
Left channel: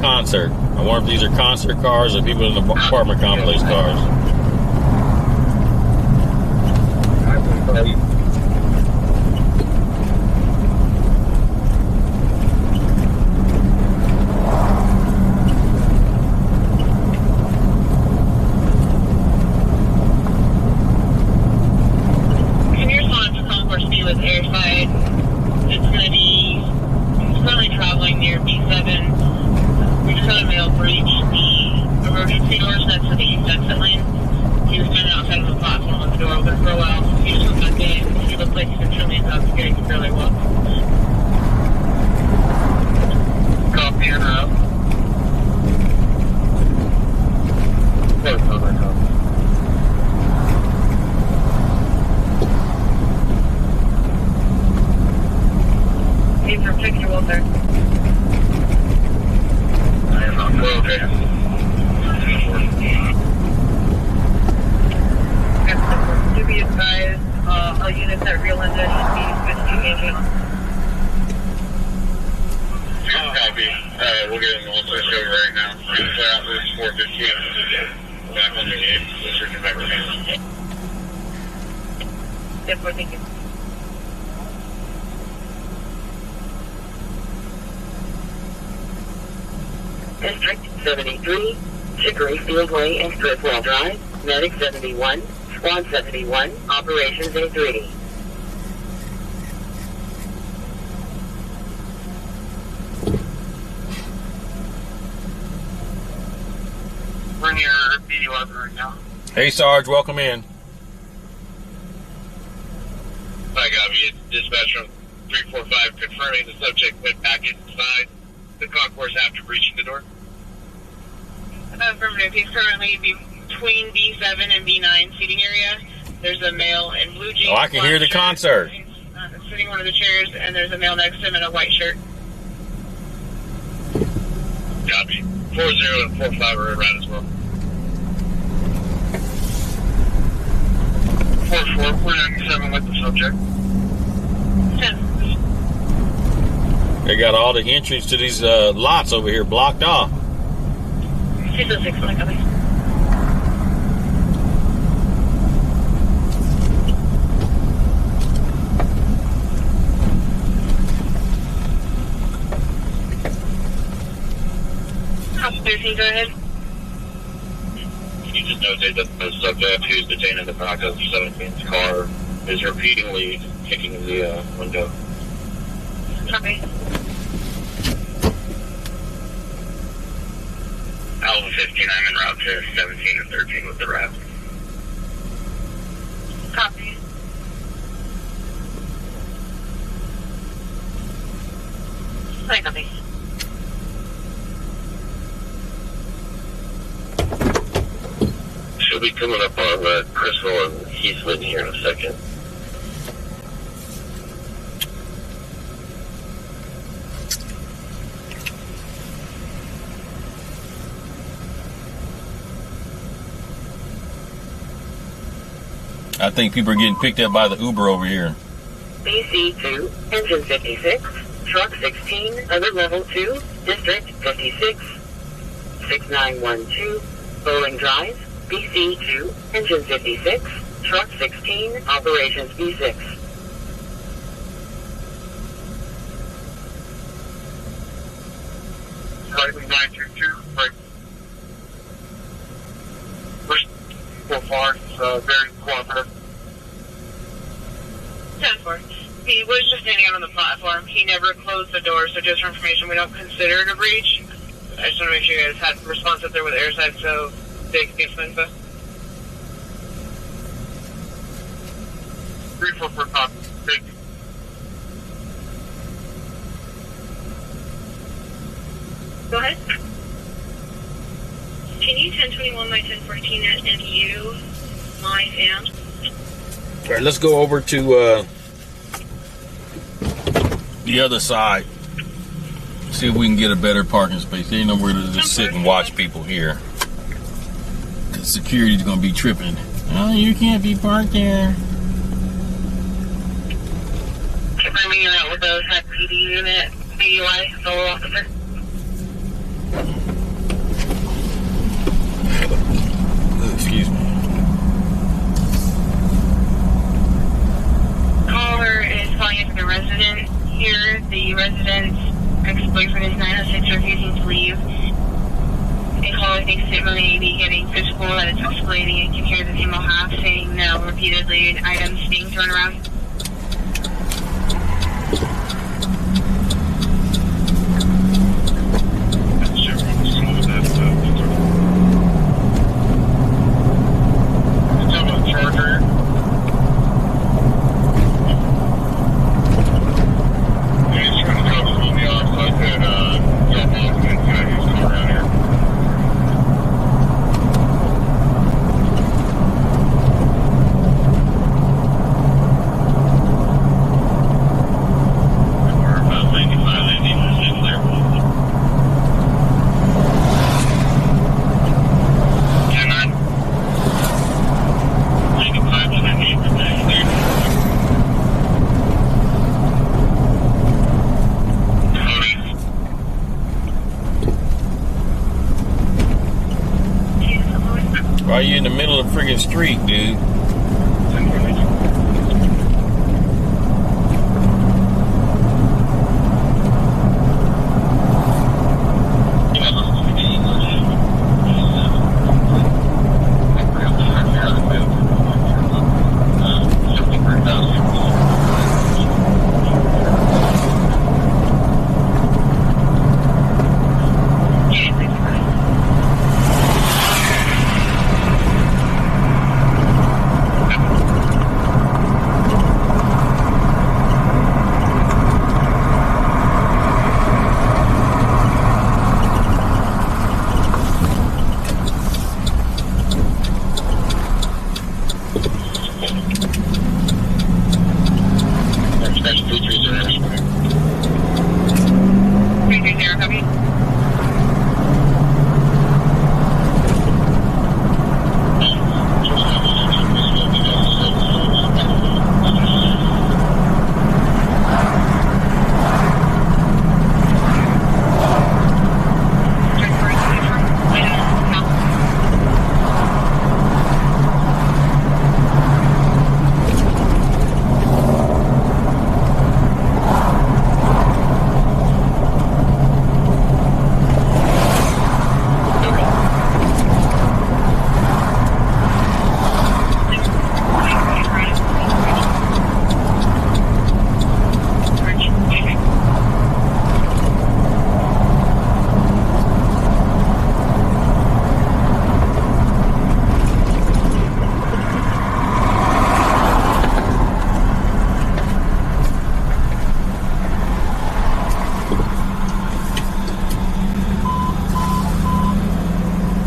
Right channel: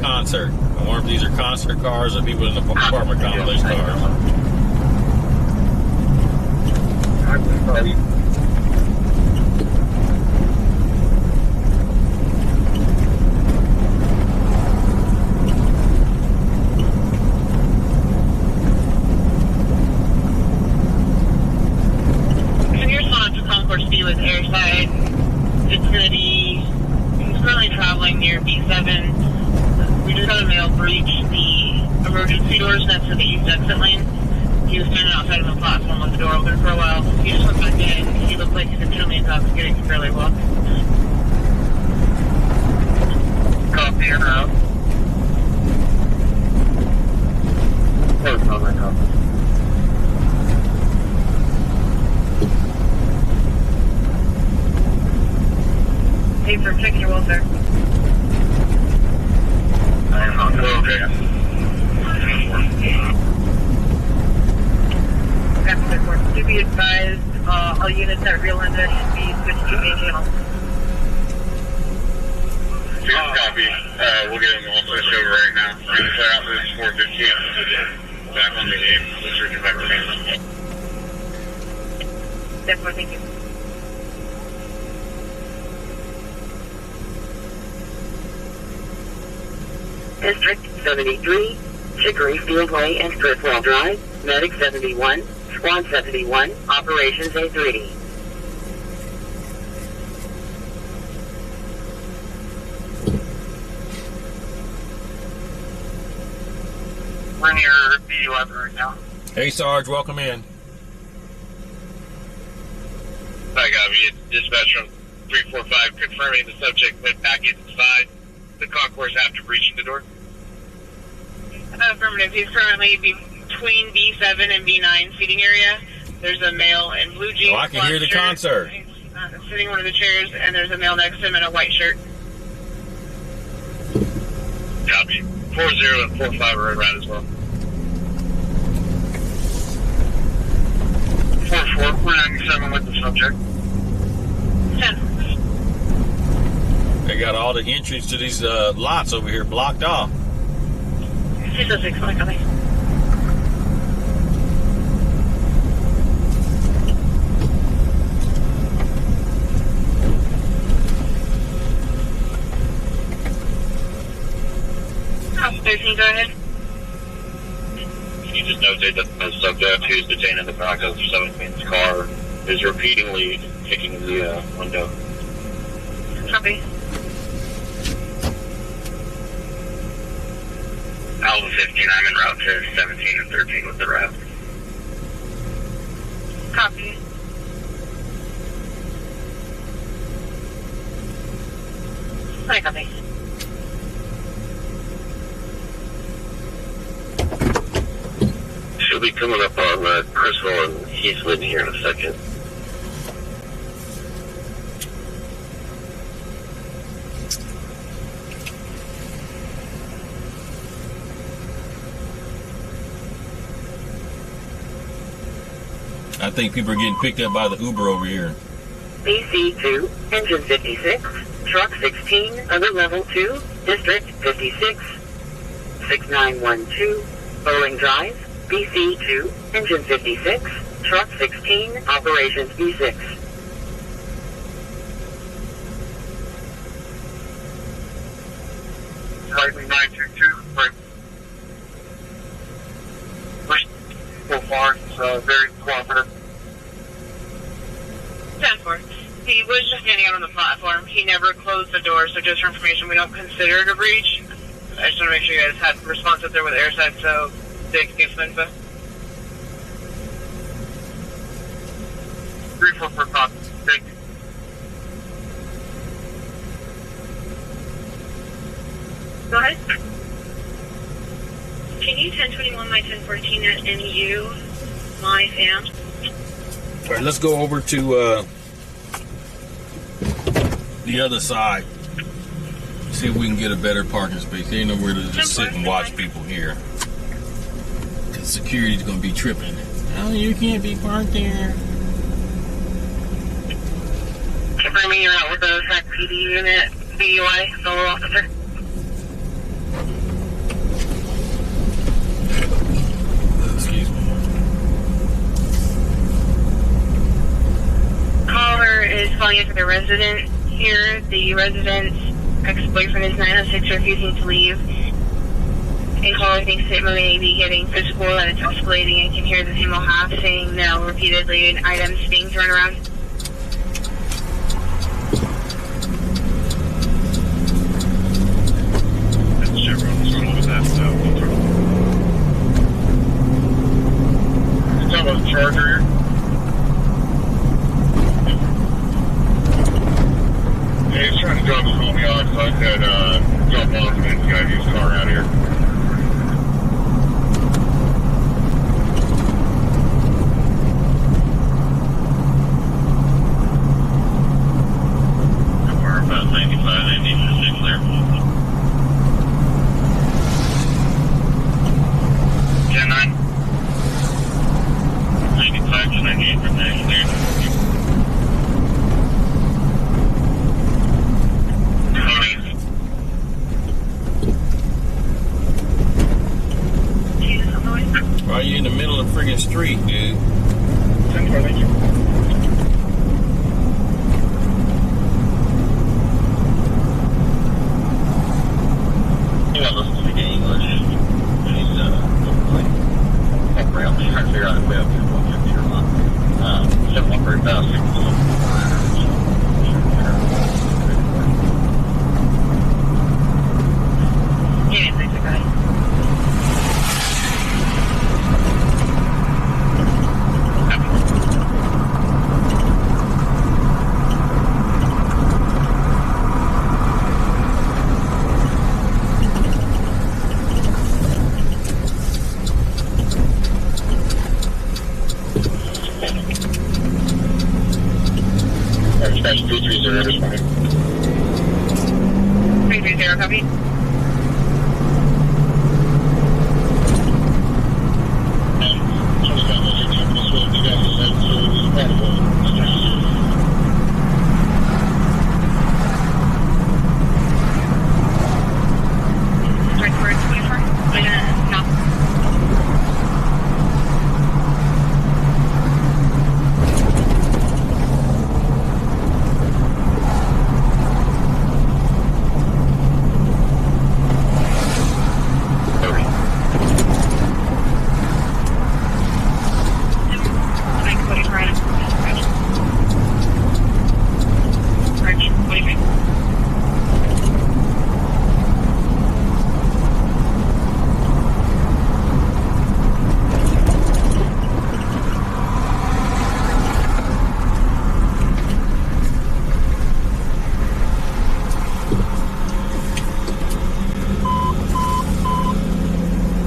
concert. I wonder if these are concert cars or people in the apartment complex cars. Can you respond to Concourse B with airside? It's going to be, he's currently traveling near the door open for a while. He just went back in. He looked like he's extremely intoxicated fairly well. Copy and out. Close on my copy. Need for checking your will, sir. I am on the okay. To be advised, all units at Rio Linda should be switched to main channel. Copy. We'll get them all switched over right now. We're going to clear out this 415. Back on the gate. Let's reach it back to me. Thank you. District 73, Chicory Fieldway and Stripwell Drive, Medic 71, Squad 71, Operations A3. We're near B11 right now. Hey, Sarge, welcome in. I got me. Dispatch from 345 confirming the subject went back inside the concourse after breaching the door. Affirmative. He's currently between B7 and B9 seating area. There's a male in blue jeans. Oh, I can hear the concert. He's sitting in one of the chairs, and there's a male next to him in a white shirt. Copy. 40 and 45 are in route as well. 44, we're 97 with the subject. 10. They got all the entries to these lots over here blocked off. 606, like a go ahead. You just notate that the subject who's detained in the back of 17's car is repeatedly kicking in the window. Copy. Alpha 15, I'm en route to 17 and 13 with the rest. Copy. Hi, copy. She'll be coming up on Crystal and Heathman here in a second. I think people are getting picked up by the Uber over here. BC2, Engine 56, Truck 16, Other Level 2, District 56, 6912, Bowling Drive, BC2, Engine 56, Truck 16, Operations B6. Slightly 922, right. So far, it's very cooperative. 10-4. He was just standing out on the platform. He never closed the door, so just for information, we don't consider it a breach. I just want to make sure you guys had a response up there with airside, so they can get some info. 344 copy. Thank you. Go ahead. Can you 1021 by 1014 at NU, my fam? All right, let's go over to the other side. See if we can get a better parking space. There ain't nowhere to just sit and watch people here. Cause security's gonna be tripping. Oh, you can't be parked there. Confirming you're out with a Sac PD unit, DUI, solo officer. Excuse me. Caller is calling in for the resident here. The resident's ex-boyfriend is 906 refusing to leave. And caller thinks it may be getting physical and it's escalating and can hear the female half saying no repeatedly and items being thrown around. Chevron was going with that. You're talking about the Charger here? friggin' street, dude. 10-4, thank you. Dispatch 330, responding. 330, copy.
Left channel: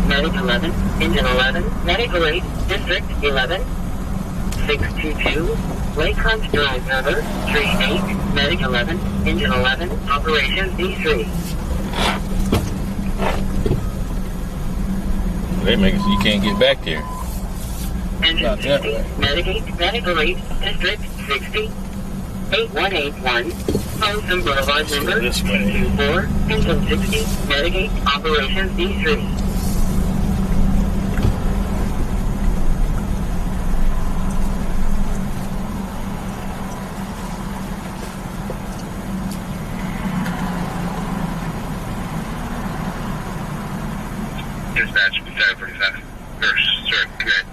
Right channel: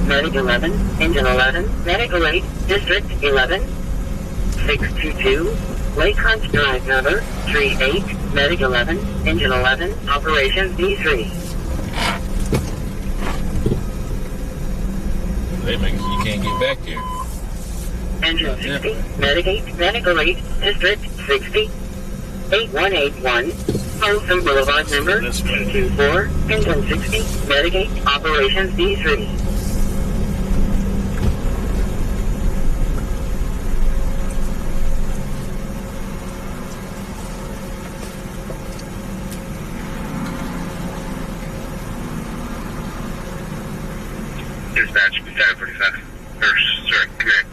Medic 11, Engine 11, Medical 8, District 11, 622, Lake Hunt Drive number 38, Medic 11, Engine 11, Operation B3. They make it so you can't get back there. Engine 60, Medic 8, Medical 8, District 60, 8181, Folsom Boulevard number 224, Engine 60, Medic 8, Operation B3. Dispatch 745. Sorry, connect.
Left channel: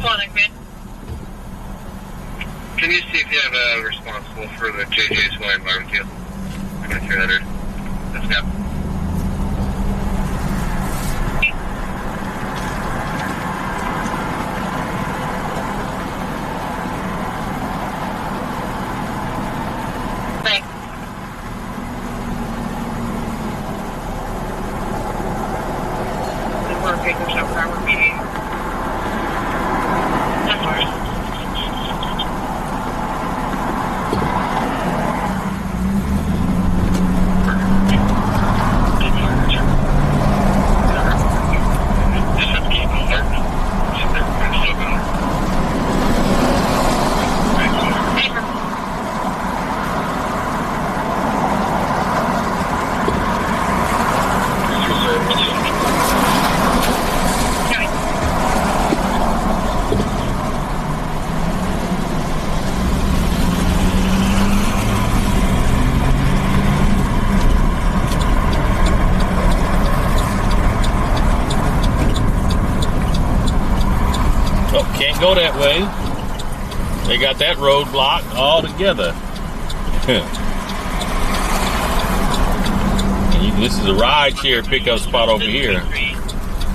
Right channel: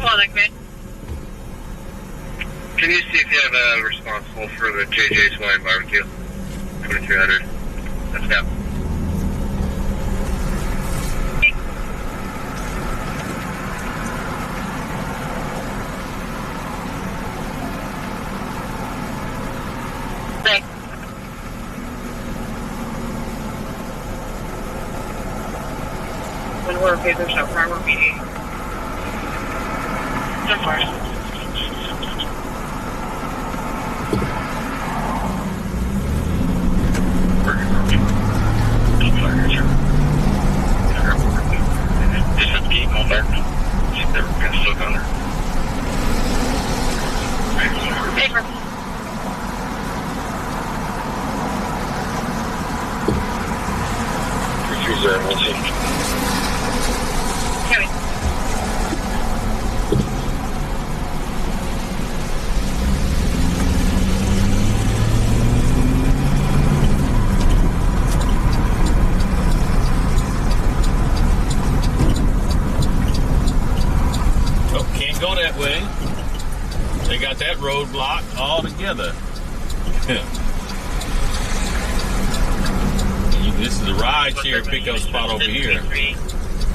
Hold on, man. Can you see if you have a responsible for the JJ's Hawaiian barbecue? 2300. Let's go. Thanks. And we're okay, there's no prior meeting. That's fine. Can't go that way. They got that road blocked altogether. This is a ride share pickup spot over here.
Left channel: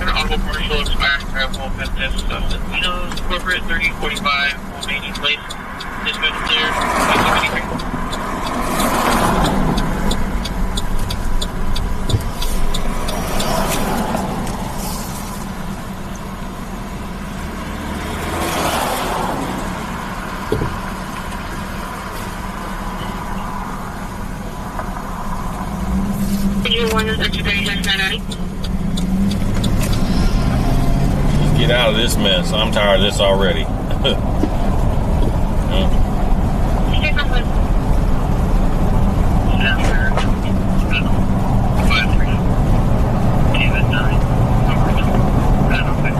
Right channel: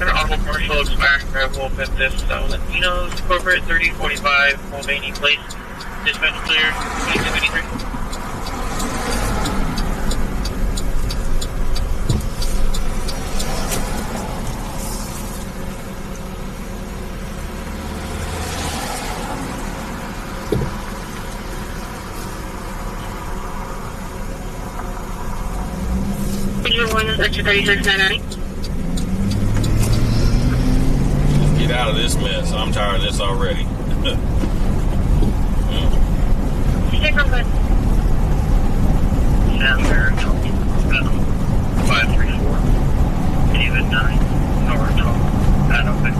An auto commercial expired travel at this Latinos, corporate 3045, Mulvaney Place, dispatch clear, 2253. Extra 3699. Let's get out of this mess. I'm tired of this already. Stick on with. Down there, 534. David 9. North. Adam 50.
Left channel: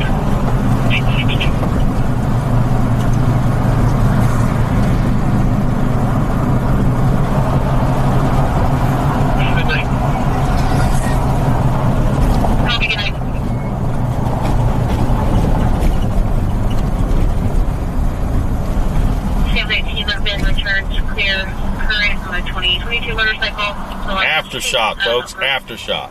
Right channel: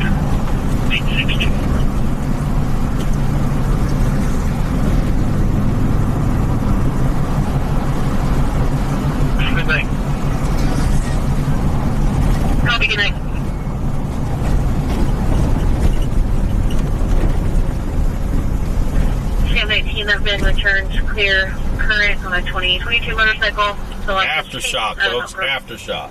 clear current on a 2022 motorcycle. So Aftershock, folks. Aftershock.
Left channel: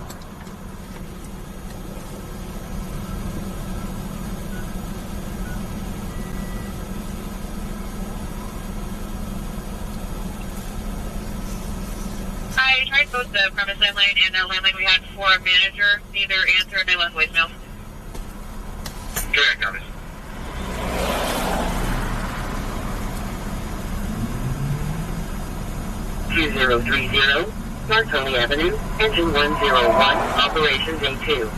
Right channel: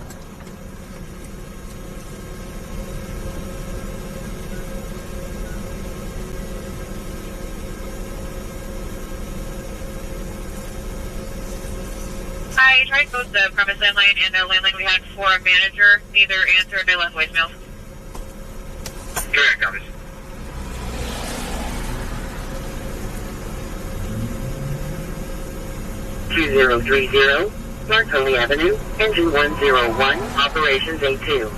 I tried both the premise landline and the landline we had for a manager. Neither answered. They left voicemails. Correct, Thomas. 2030, Marconi Avenue, Engine 101, Operations A2.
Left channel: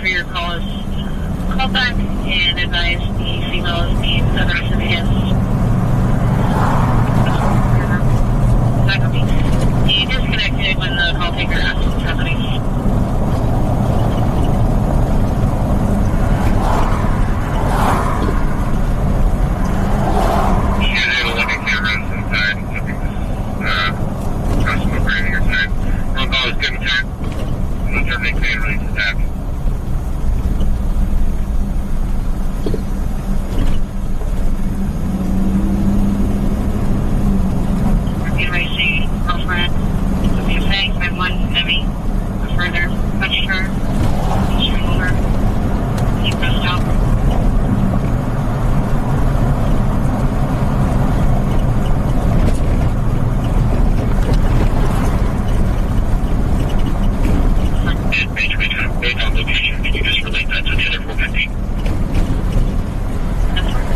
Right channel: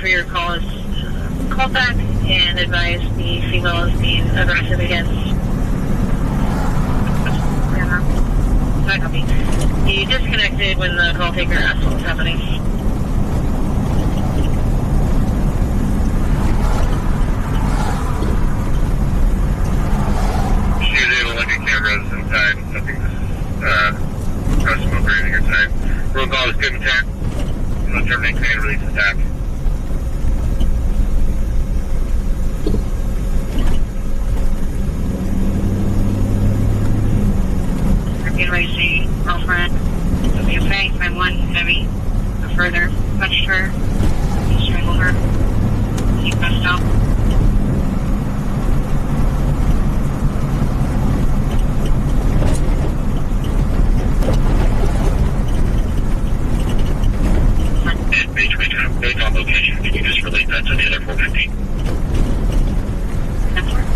For your call is call back and advise the female is being aggressive against not copy. He disconnected when the call taker asked what was happening. Usually the looking cameras inside, I think this is custom operating inside. Roll call is good intent. We'll terminate command release attack. Racing girlfriend would be a fang by one heavy. A further touched her, strangled her. He pressed up. Based on location, can you just relate that to the other 450? That's right.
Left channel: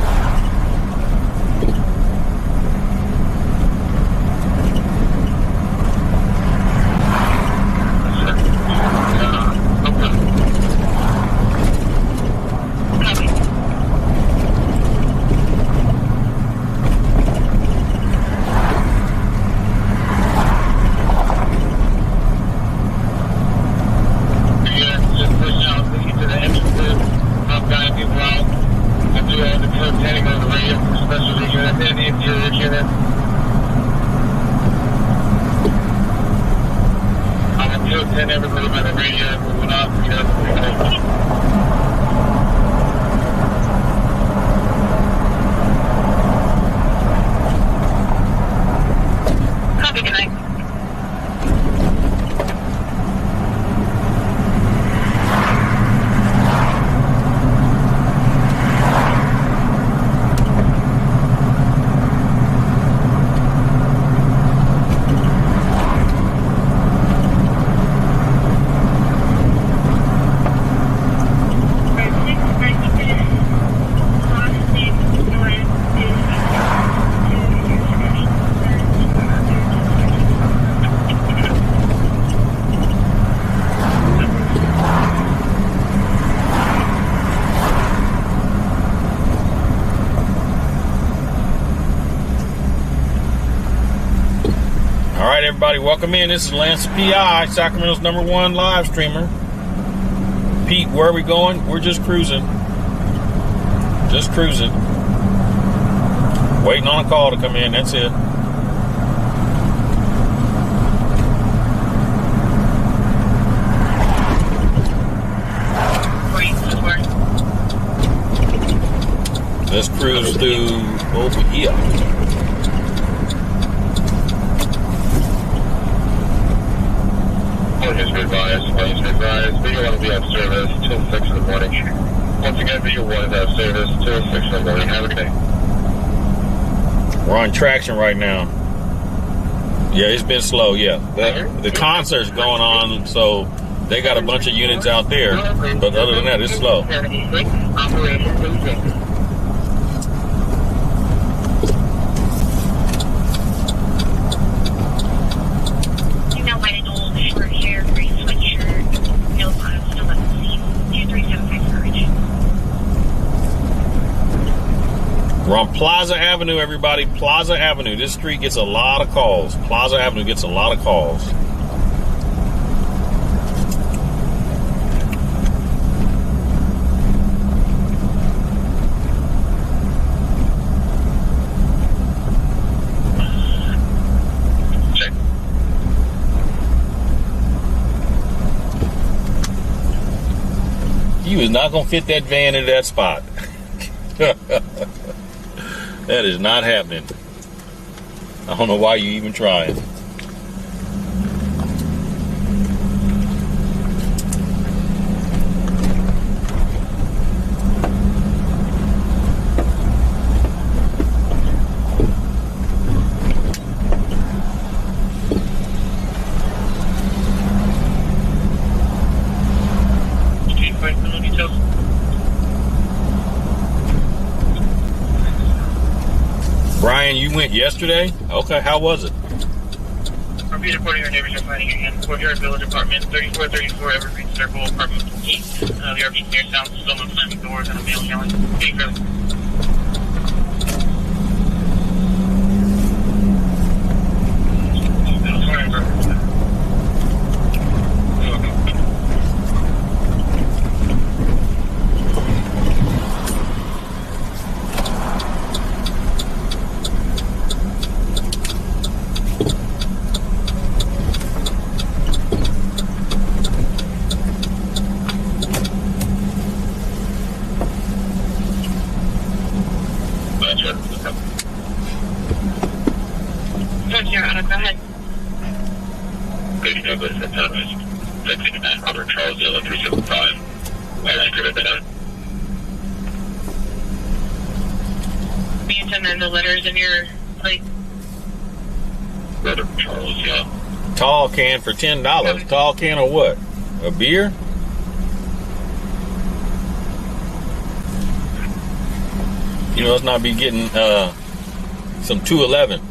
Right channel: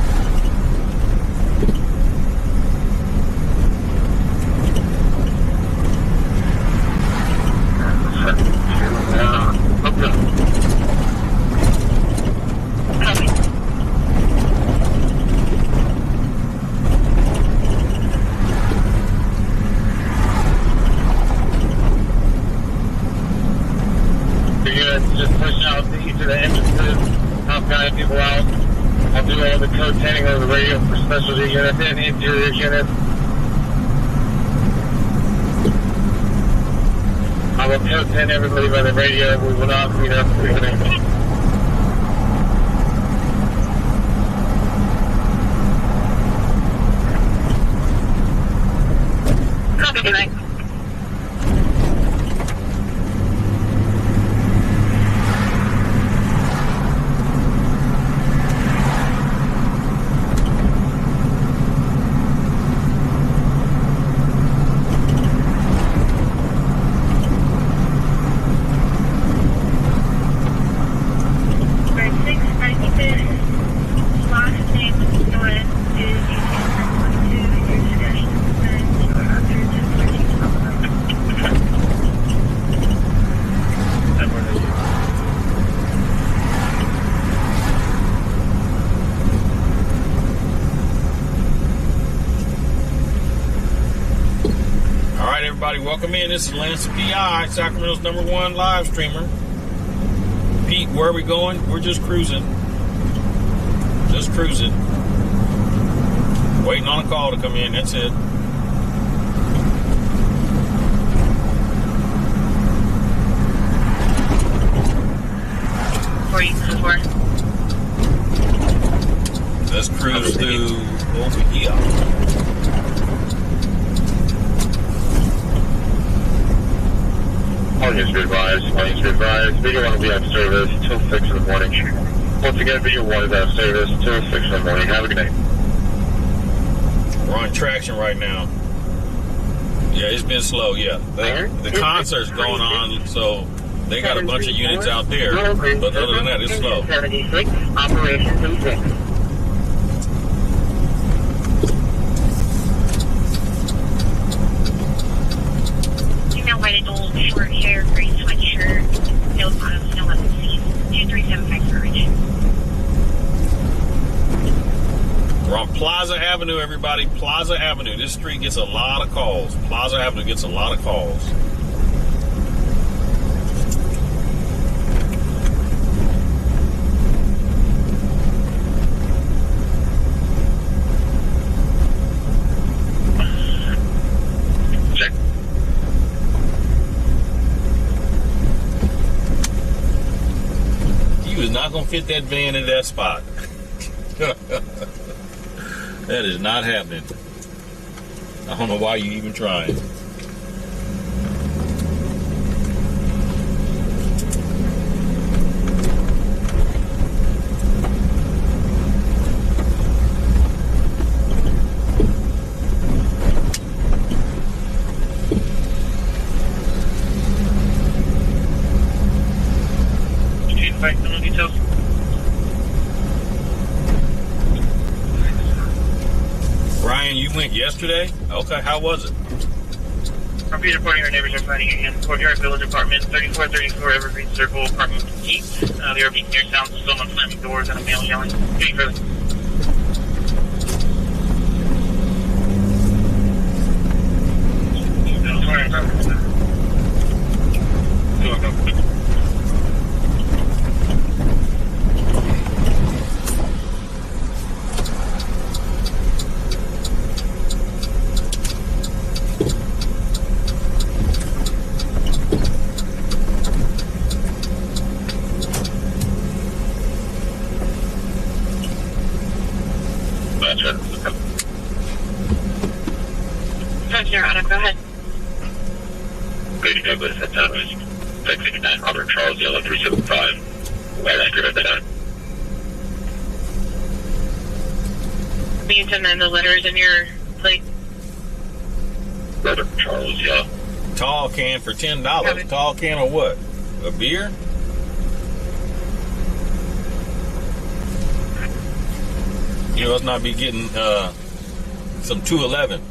Everybody by the radio, we will not meet up quickly. Copy, good night. everybody. Welcome in. This is LanceThePI, Sacramento's #1 live streamer. Pete, where are we going? We're just cruising. Just cruising. Waiting on a call to come in. That's it. Let's cruise through over here. Audience advised. Video 1 will be out of service till 6 in the morning. Once again, Video 1 is out of service till 6 in the morning. Have a good day. We're on traction right now. Yeah, it's been slow, yeah. The concert's going on, so they got a bunch of units out there. But other than that, it's slow. 76, Operation B6. White old short hair, gray sweatshirt, no bottoms, no left sleeves, 2375 courage. We're on Plaza Avenue, everybody. Plaza Avenue. This street gets a lot of calls. Plaza Avenue gets a lot of calls. He was not going to fit that van into that spot. That is not happening. I don't know why you even trying. Brian, you went yesterday? Okay, how was it? Repeat reporting, our neighbors are finding your hand. Courtyard Village Apartment, 3434 Evergreen Circle, Apartment 8. The RV near sounds of someone slamming doors and a male yelling. Getting further. Go ahead. Grady Douglas at Thomas, 669 Robert Charles, Yellow 375. White anchor at the done. Can you send in the letters in your plate? Robert Charles, yeah. Tall can for $10. Tall can of what? A beer? You must not be getting some 211.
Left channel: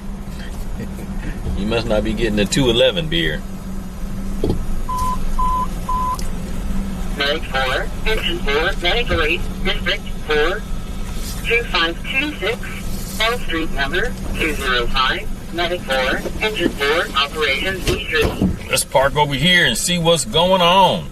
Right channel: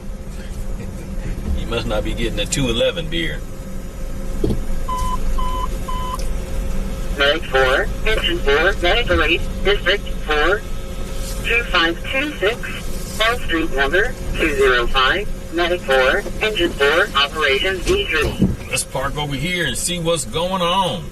You must not be getting a 211 beer. Medic 4, Engine 4, Medical 8, District 4, 2526, Wall Street number 205, Medic 4, Engine 4, Operation B3. Let's park over here and see what's going on.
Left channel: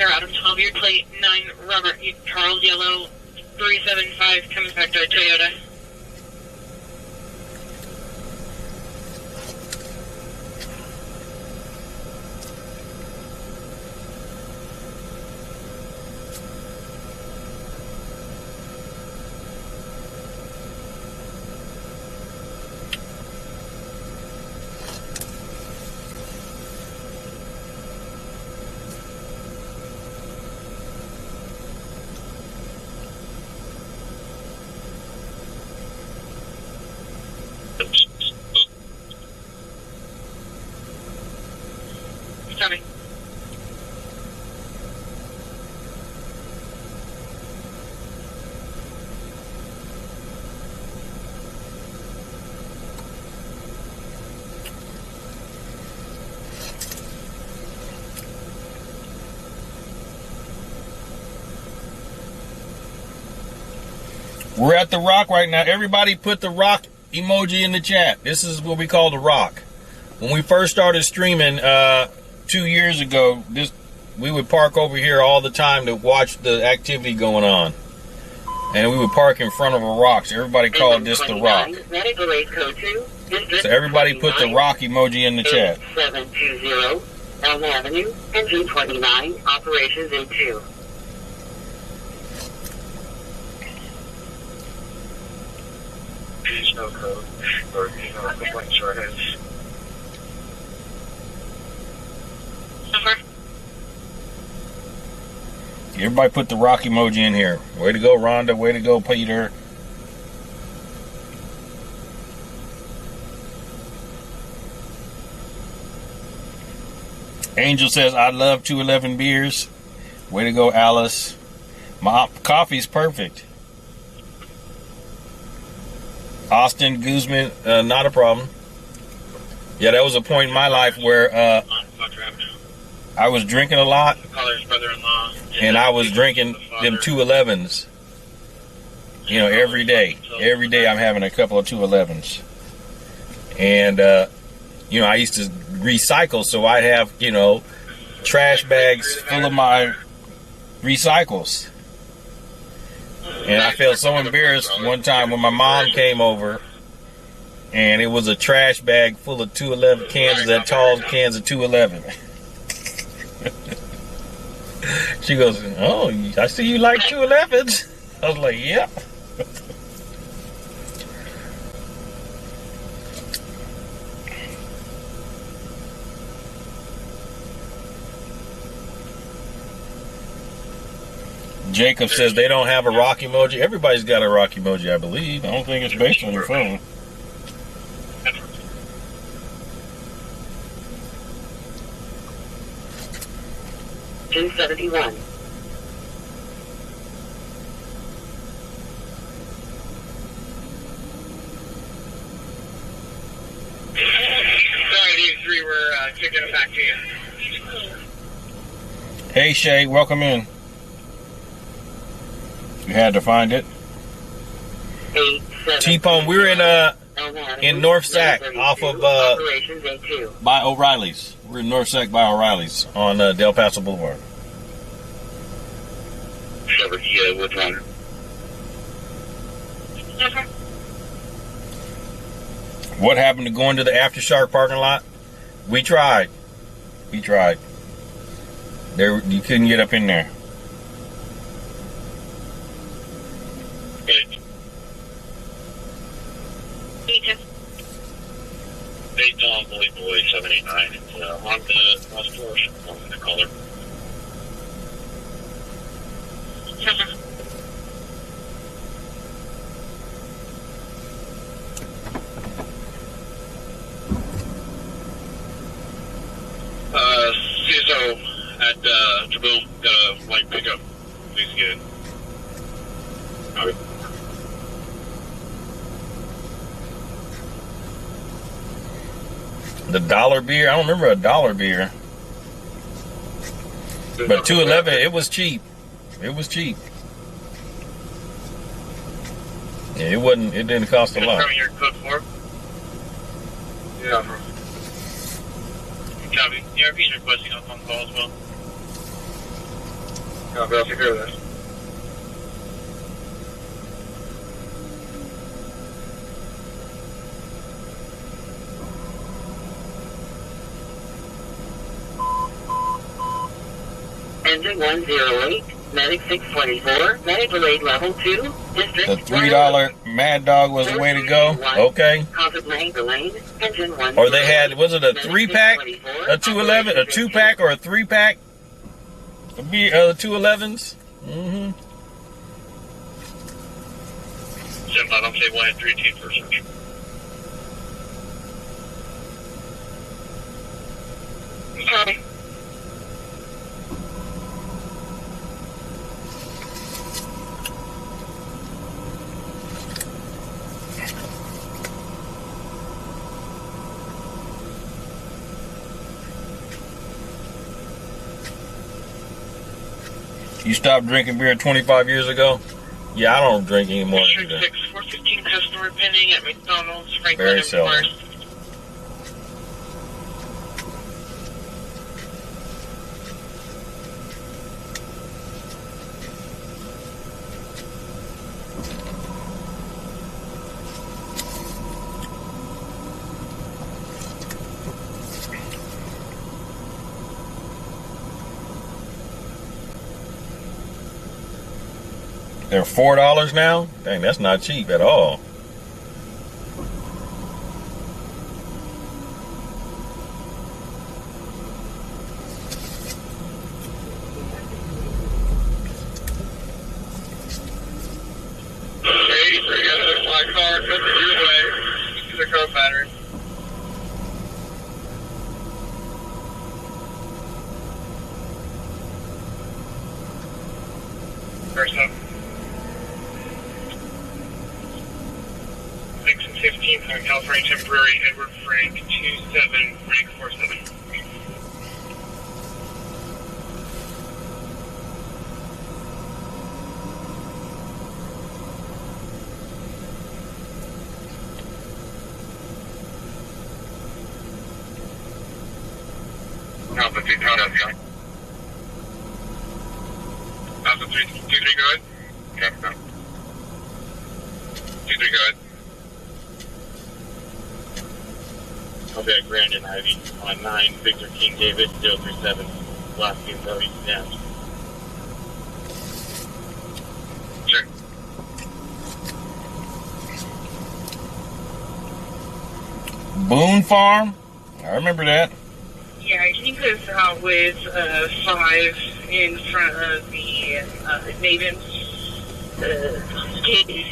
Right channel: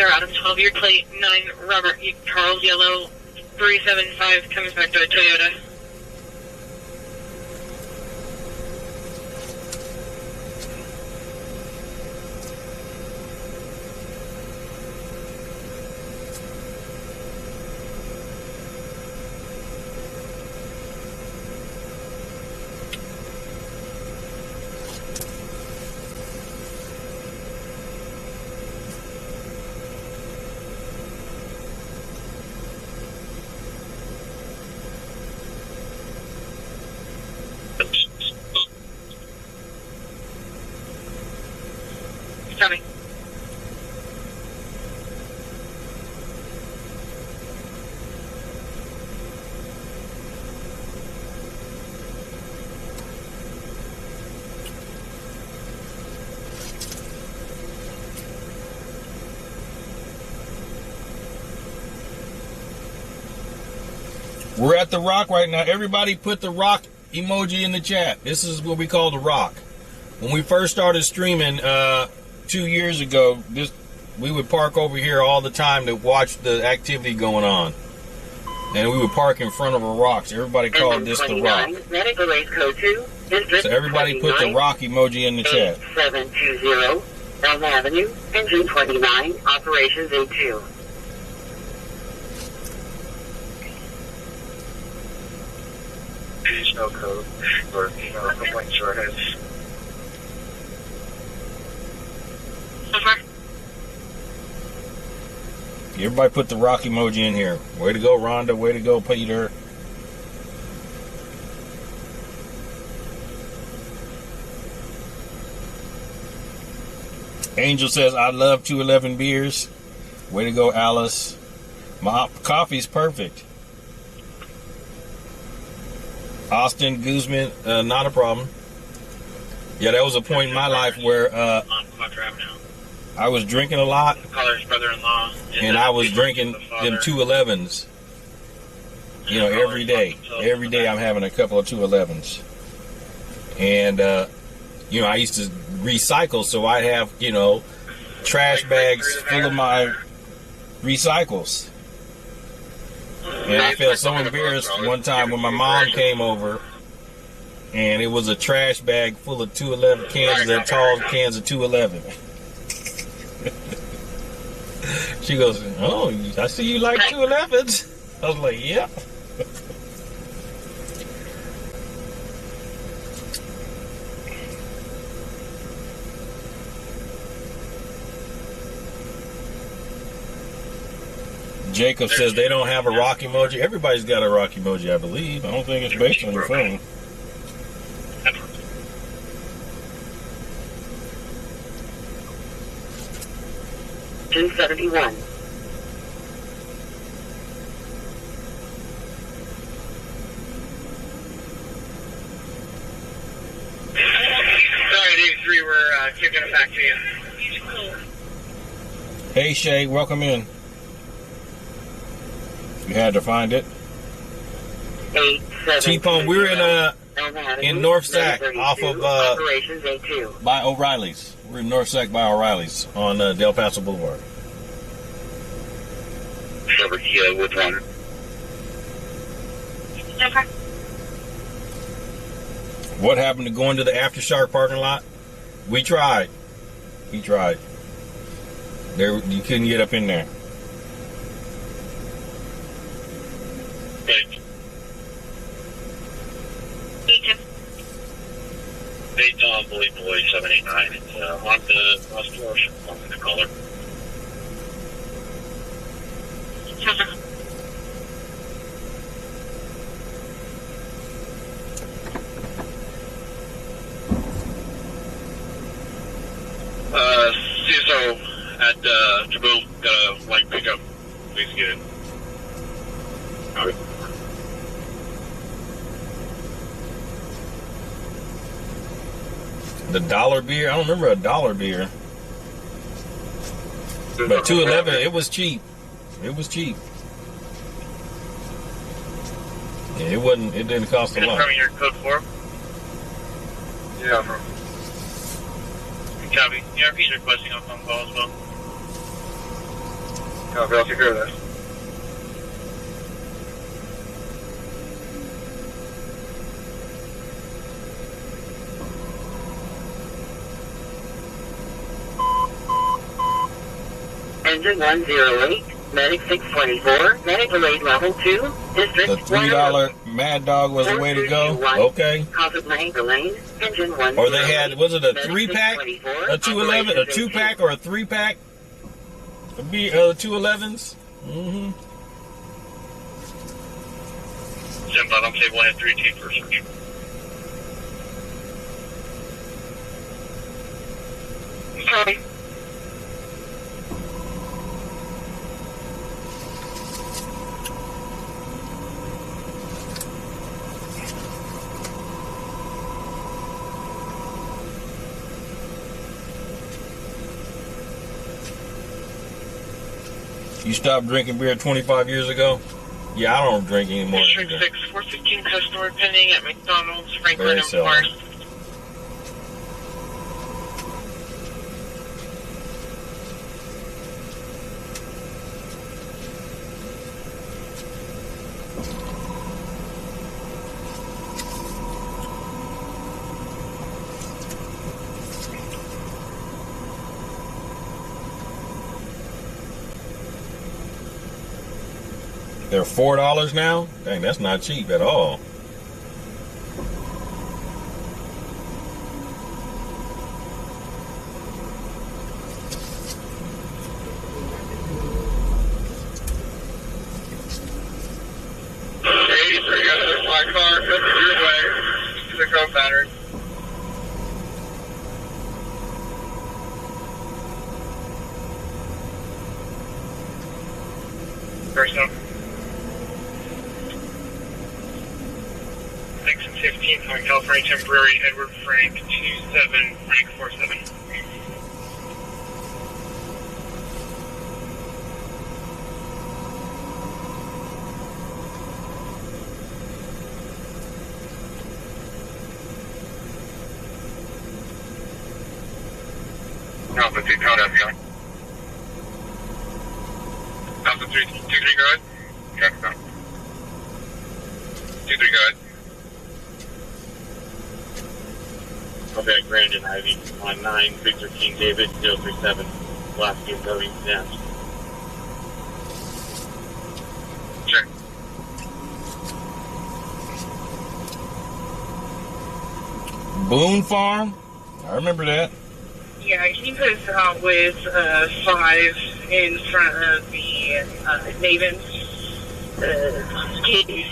Out of 12, your plate 9 Robert Charles Yellow 375 comes back to a Toyota. Coming. We're at the Rock right now. Everybody put the Rock emoji in the chat. This is what we call the Rock. When we first started streaming 2 years ago, we would park over here all the time to watch the activity going on. And we would park in front of a rock. So everybody called this the Rock. Medical aid code 2. So everybody put the Rock emoji in the chat. 720 Elm Avenue, engine 29, operations A2. Please no code or complaints or heads. Everybody put the Rock emoji in here. Way to go, Rhonda. Way to go, Peter. Angel says, I love 211 beers. Way to go, Alice. My coffee's perfect. Austin Guzman, not a problem. Yeah, that was a point in my life where I was drinking a lot, and I was drinking them 211s. You know, every day. Every day I'm having a couple of 211s. And, you know, I used to recycle, so I'd have, you know, trash bags full of my recycles. And I felt so embarrassed one time when my mom came over, and it was a trash bag full of 211 cans, that tall cans of 211. She goes, oh, I see you like 211s. I was like, yep. Jacob says they don't have a rock emoji. Everybody's got a rock emoji, I believe. I don't think it's based on your phone. $271. Sorry, these three were kicking it back to you. Hey, Shay, welcome in. You had to find it. T-Pone, we were in North Sac off of by O'Reilly's. We're in North Sac by O'Reilly's on Del Paso Boulevard. Which one? What happened to going to the Aftershock parking lot? We tried. We tried. There, you couldn't get up in there. Boy 789. It's on the West Force. I'm the caller. CSO at Jaboom, got a white pickup. Please get it. Copy. The dollar beer? I don't remember a dollar beer. But 211, it was cheap. It was cheap. Yeah, it wasn't. It didn't cost a lot. Your code 4. Yeah. Copy. ERP is requesting a phone call as well. Copy. I'll take care of that. Engine 108, Medic 624, Medical aid level 2, District The $3 Mad Dog was the way to go. Okay. Engine 108. Or they had, was it a 3-pack, a 211, a 2-pack, or a 3-pack? A beer, 211s. Mm-hmm. 7-5, I'm saying 1-3 for search. Sorry. You stopped drinking beer 25 years ago? Yeah, I don't drink anymore District either. 6, 415 customer pending at McDonald's, Franklin Very and seldom. Forest. They're $4 now? Dang, that's not cheap at all. My car coming your way. The co-pattern. Personnel. 6 and 15 on California Temporary, Edward Frank, 27, Frank 47. Alpha 2, count out, going. Alpha 3, 2-3, go ahead. Okay, go. 2-3, go ahead. Okay, Brandon Ivy on 9, Victor King David, 037. Last name going down. Check. Boone Farm? I remember that. Yeah, he was out with 5 in front of the Maven's gate.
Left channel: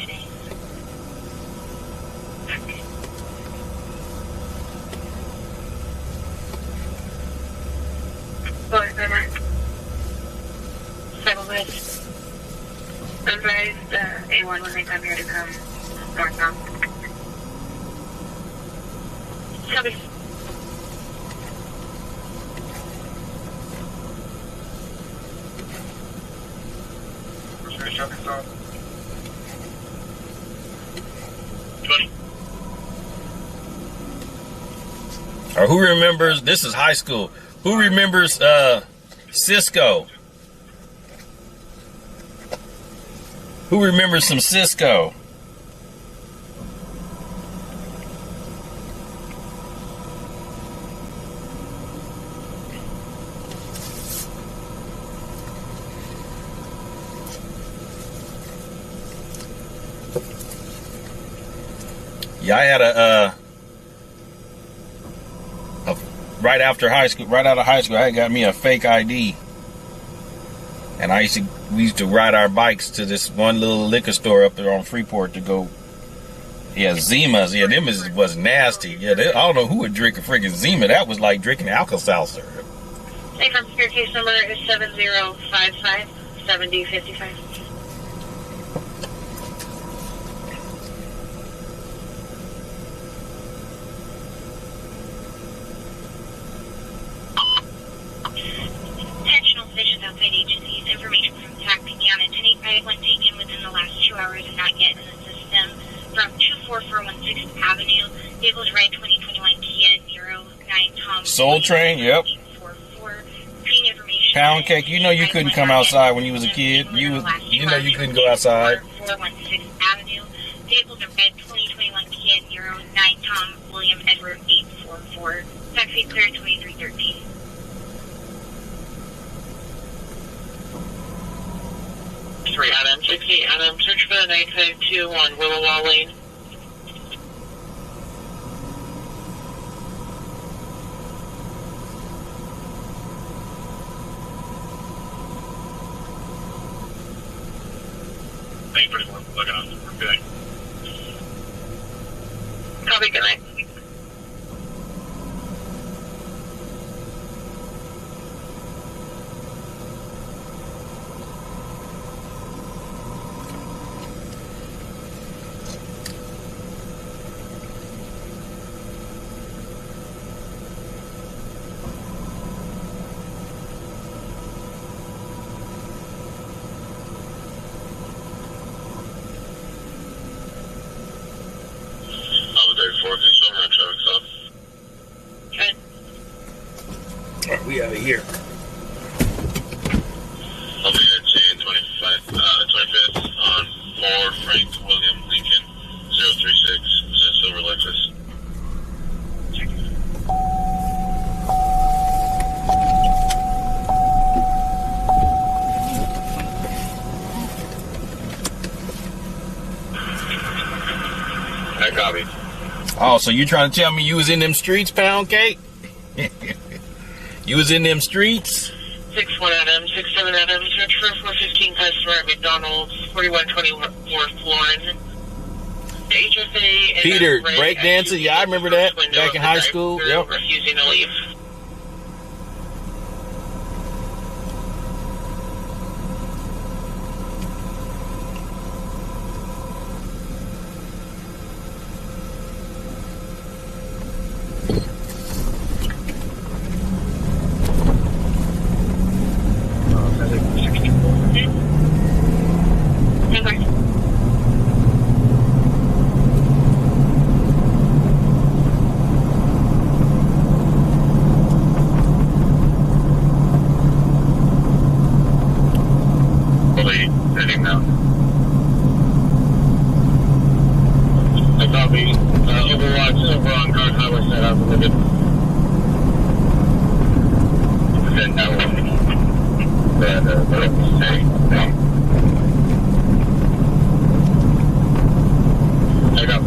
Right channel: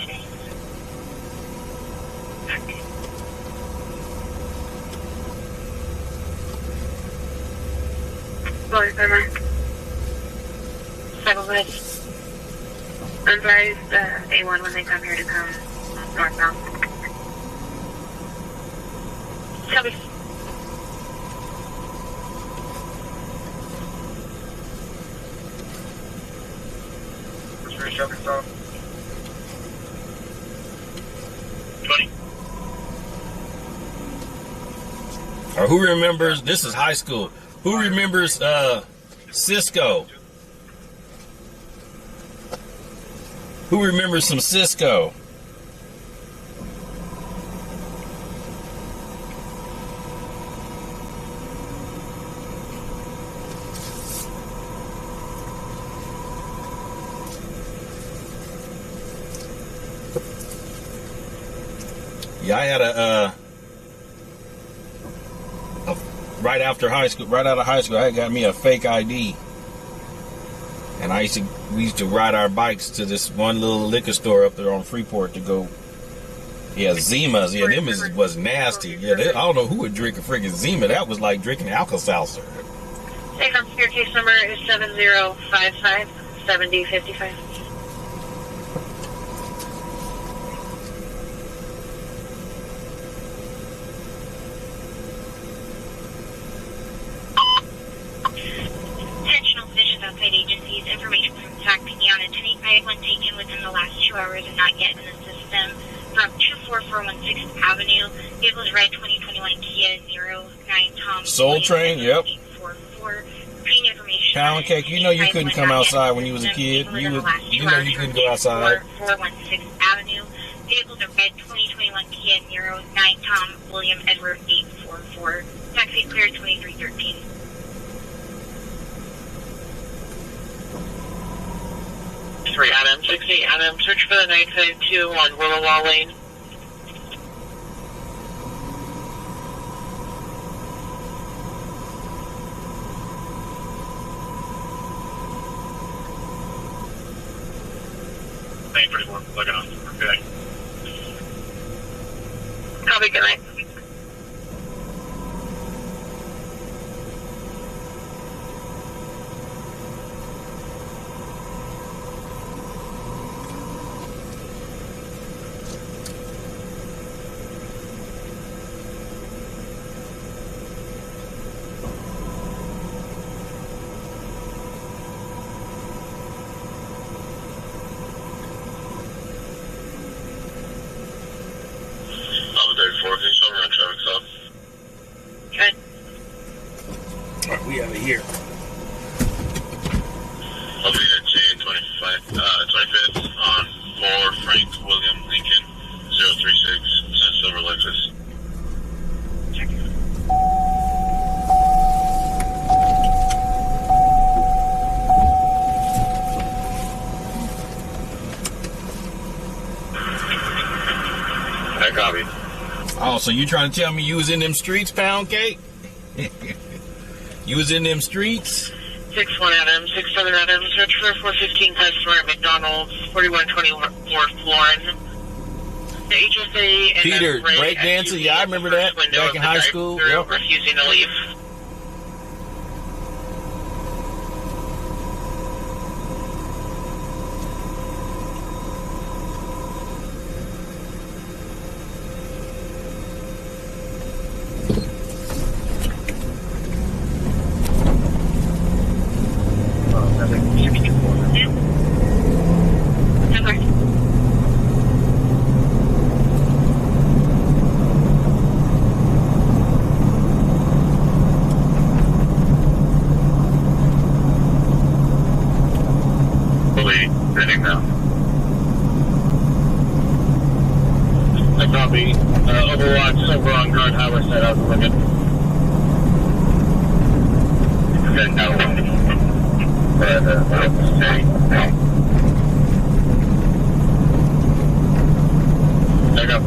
Sorry, timer. Settle this. Advise A1 when they come here to come northbound. Copy. Arkansas. 20. Or who remembers, this is high school, who remembers Cisco? Who remembers some Cisco? Yeah, I had a right after high school, right out of high school, I got me a fake ID, and we used to ride our bikes to this one little liquor store up there on Freeport to go. Yeah, Zimas. Yeah, them was nasty. Yeah, I don't know who would drink a freaking Zima. That was like drinking Alka-Seltzer. Hey, from your case number is 7055 7055. Intentional visions outside agencies, information from TAC picking on a 1085 taken within the last 2 hours and not yet in the system. From 24416 Avenue, vehicles red 2021 Kia Niro 9 Tom. Soul Train, yep. 844. Green information. Pound cake, you know you couldn't come outside when you was a kid. You know you couldn't go outside. 416 Avenue, vehicles are red 2021 Kia Niro 9 Tom William Edward 844. Taxi clear 2313. Adam 60, Adam, search for the 952 on Willow Wall Lane. Thank you for looking on. Good. Copy, good night. here. I'll be at J25th on 4 Frank William Lincoln 036 Silver Lexus. I copy. Oh, so you trying to tell me you was in them streets, Pound Cake? You was in them streets? 61 Adams, 67 Adams, register 415 customer at McDonald's, 4124 Florin. The HSA and Peter, breakdancer, yeah, I remember that back in high school. Yep. Refusing to leave. Overwatch over on Grand Highway set out to look at. Then no. There you go.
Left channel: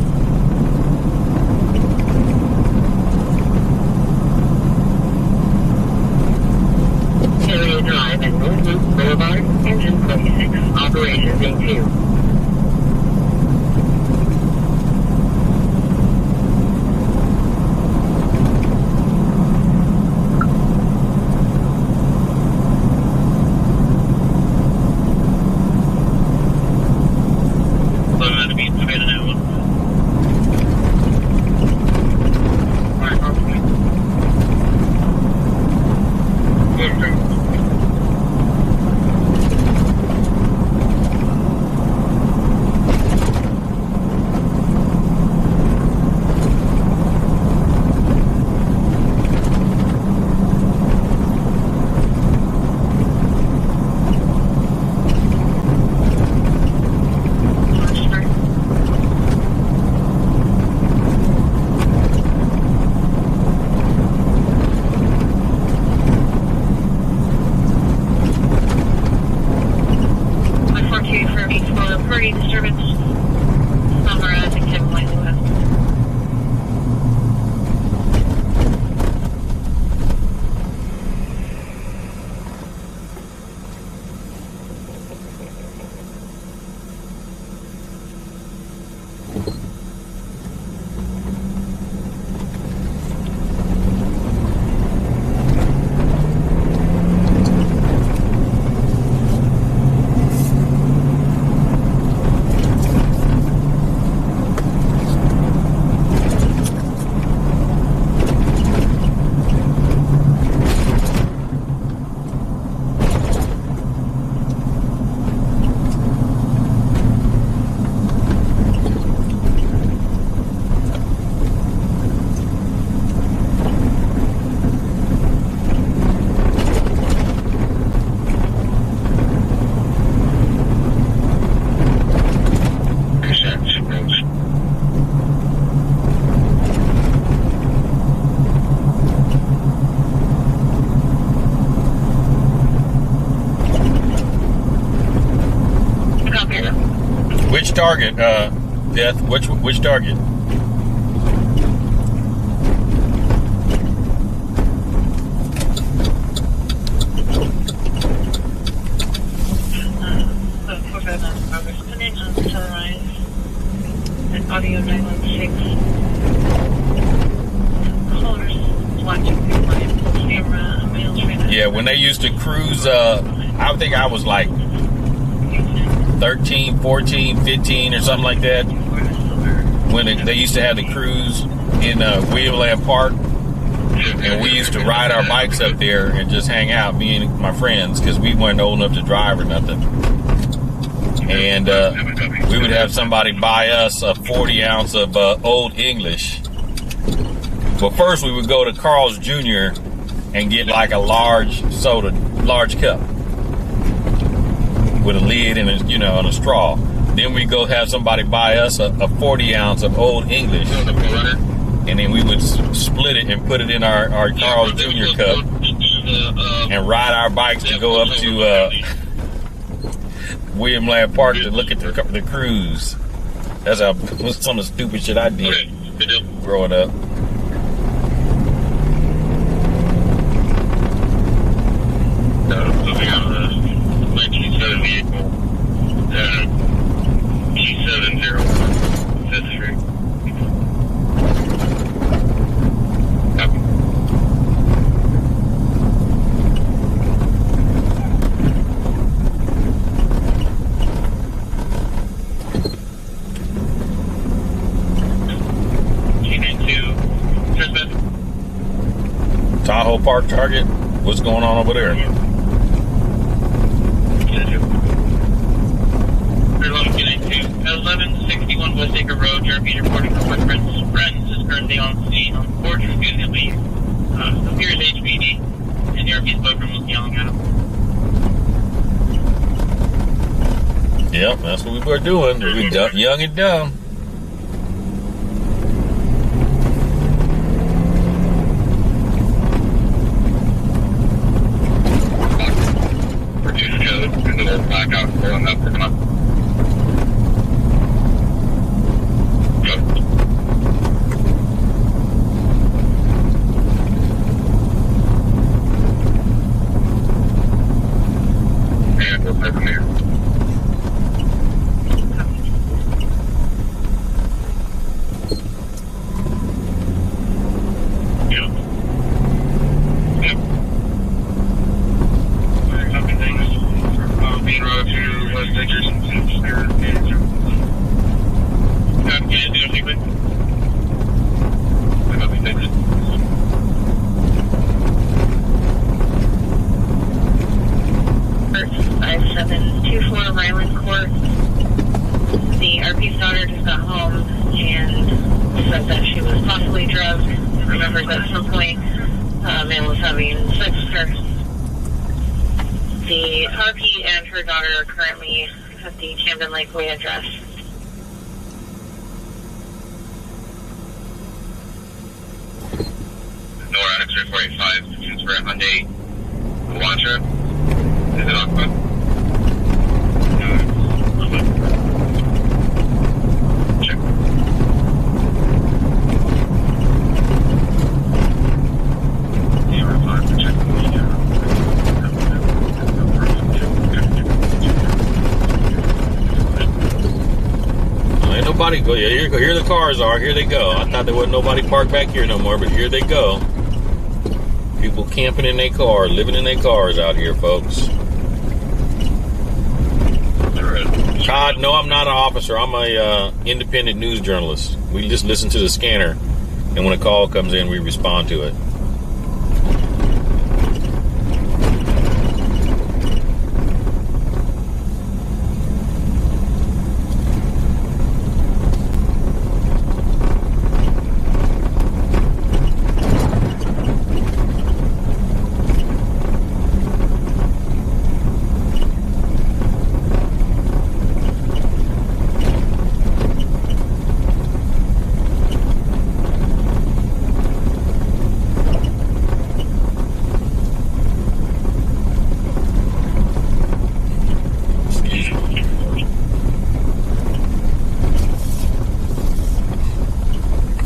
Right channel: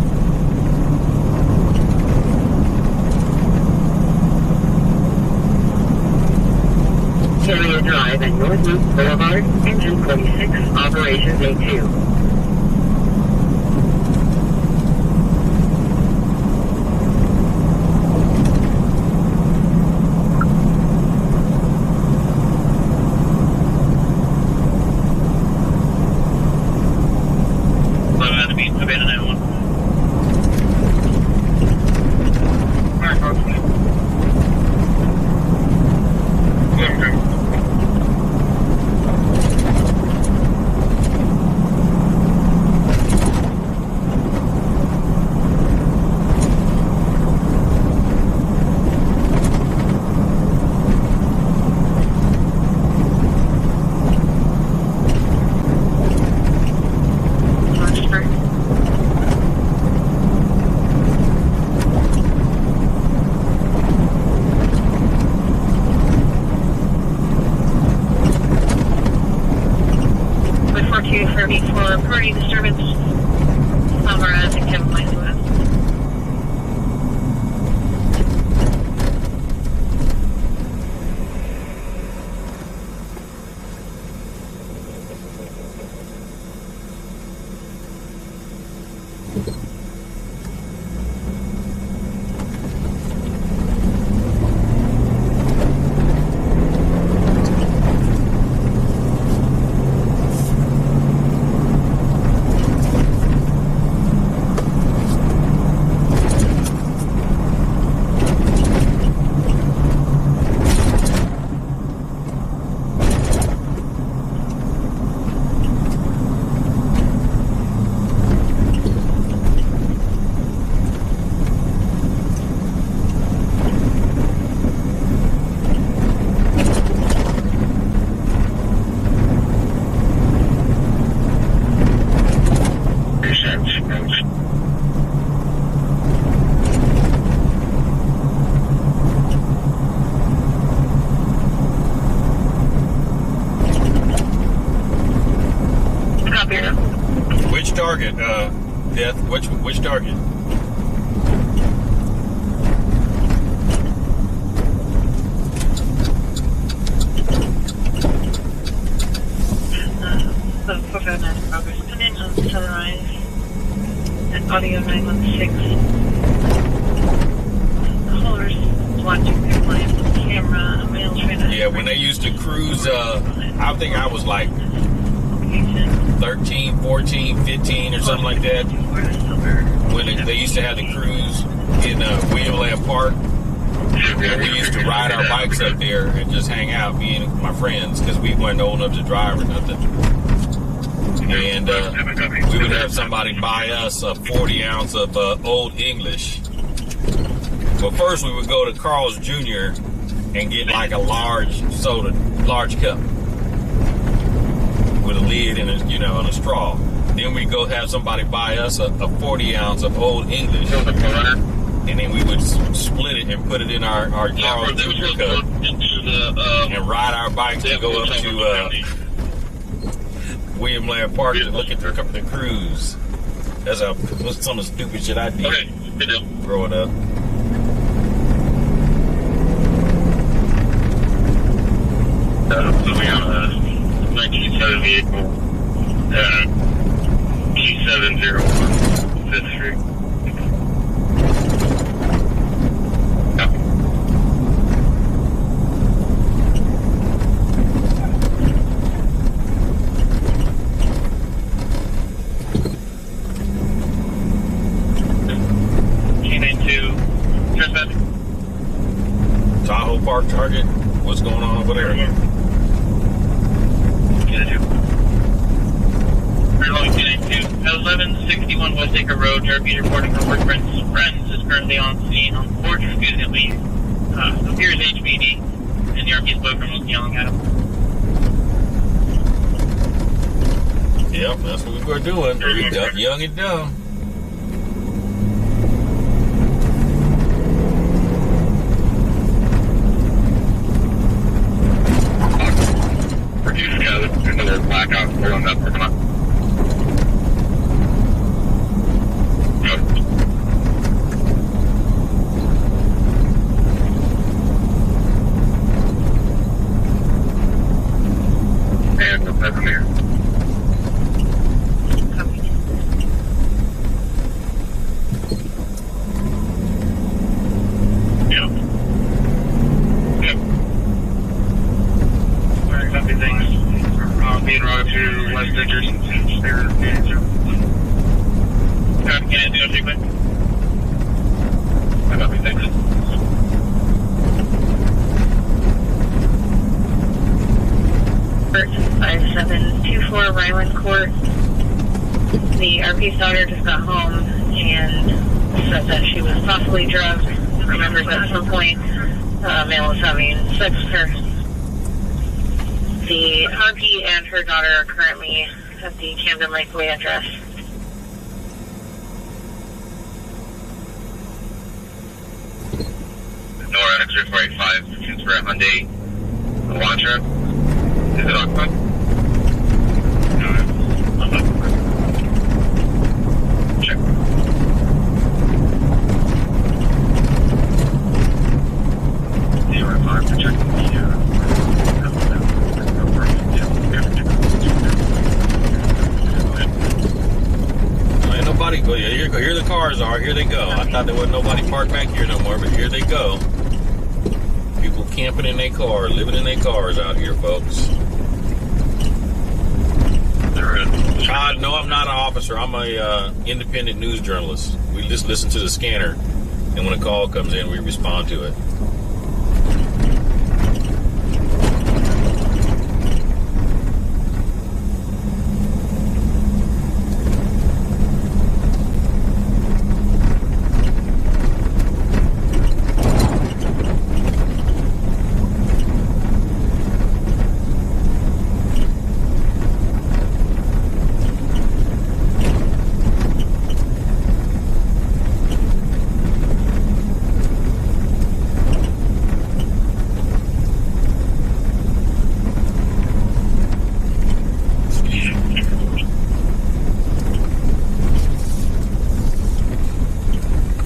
Area Drive and North Loop Boulevard, engine 26, operations A2. Which target, Death? Which target? Coming on Sunrise and audio 916. Callers watching compliance camera, mail trainer. Yeah, when they used to cruise, I think I was like 13, 14, 15 or something like that. When they used to have the cruise in Williamland Park. And we used to ride our bikes up there and just hang out, me and my friends, because we weren't old enough to drive or nothing. And we would have somebody buy us a 40 ounce of Old English. But first we would go to Carl's Jr. and get like a large cup with a lid and and a straw. Then we go have somebody buy us a 40 ounce of Old English, and then we would split it and put it in our Carl Jr. cup and ride our bikes to go up to William Land Park to look at the cruise. That's some of the stupid shit I did growing up. So we have a 1970 vehicle, G701, 5th Street. Copy. G92, trespassing. Tahoe Park Target. What's going on over there? At 1161 West Acre Road, Jeremy reporting from work friends is currently on scene on the porch refusing to leave. Appears HPD, and the RP spokesman was yelling at him. Yep, that's what we were doing. We were young and dumb. Reduce code into their blackout, pulling up, come on. And we'll play from here. Yep. Copy things. Being routed to West Dickerson to Spirit. Copy, can I do anything quick? Copy things. First 5724 Ryland Court. The RP's daughter just got home and said that she was possibly drugged. Remembers at some point a man was having sex with her. The RP and her daughter are currently at the Camden Lakeway address. Nora X-ray 485, transfer at Hyundai, Elantra. Is it occupied? No, it's not. Check. Zero 5 for checking the Ain't nobody go. Yeah, here the cars are. Here they go. I thought there wasn't nobody parked back here no more, but here they go. People camping in their car, living in their cars out here, folks. Todd, no, I'm not an officer. I'm a independent news journalist. We just listen to the scanner, and when a call comes in, we respond to it.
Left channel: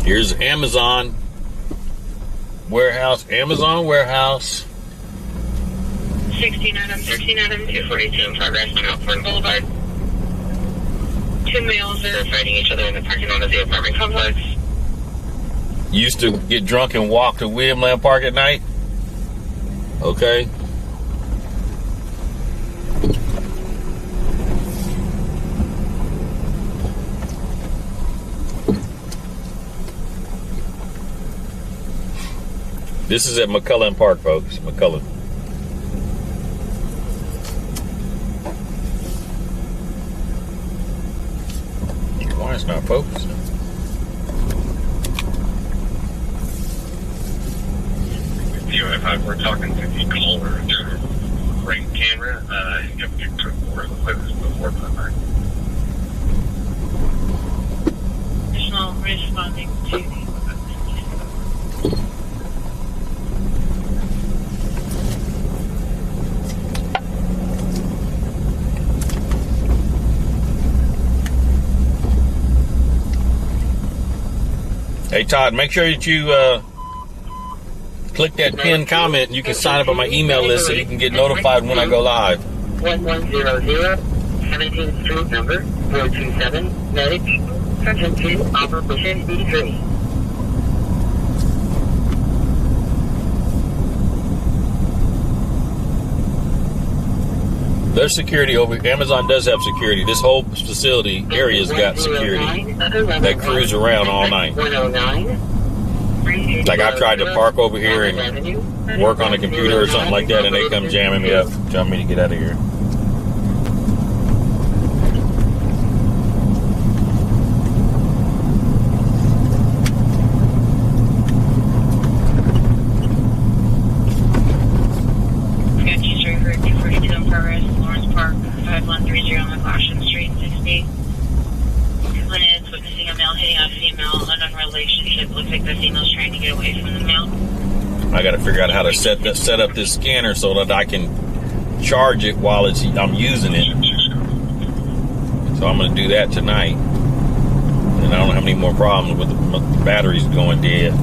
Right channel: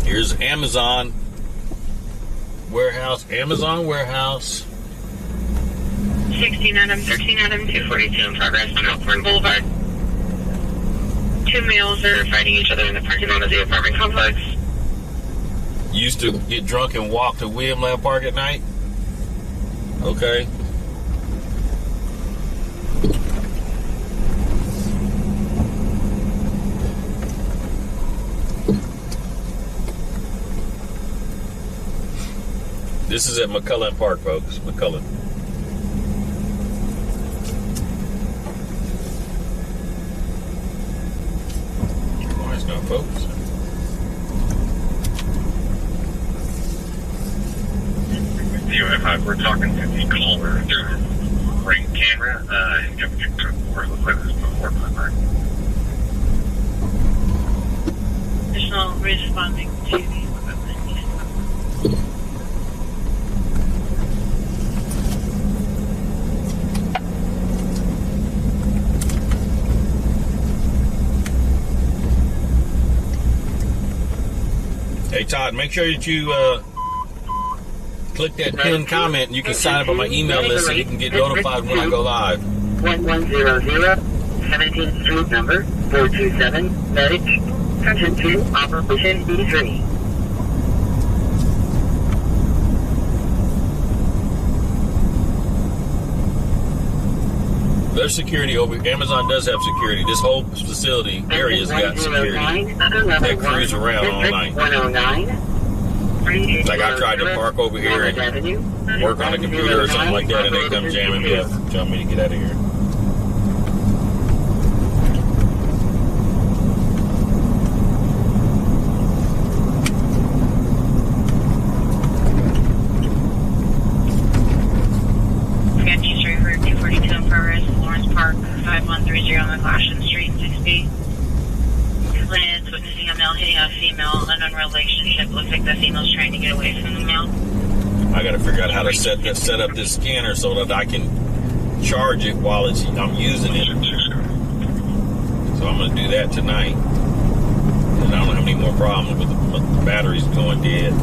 Here's Amazon warehouse. 16 Adam, 13 Adam, 242 in progress on Alford Boulevard. Two males are fighting each other in the parking lot of the apartment complex. Used to get drunk and walk to William Land Park at night? Okay. This is at McCullen Park, folks. McCullen. Why it's not focused? DOF 542 Hey, Todd, make sure that you click that pinned comment and you can sign up on my email list so you can get notified when I go live. 1100 17th Street number 427 medic Section 2 Operation E3. There's security over. Amazon does have security. This whole facility area's got security. They cruise around all night. 109. Like I've tried to park over here and work on a computer or something like that, and they come jamming me up, telling me to get out of here. I got to figure out how to set up this scanner so that I can charge it while I'm using it. So I'm going to do that tonight. And I don't have any more problems with the batteries going dead.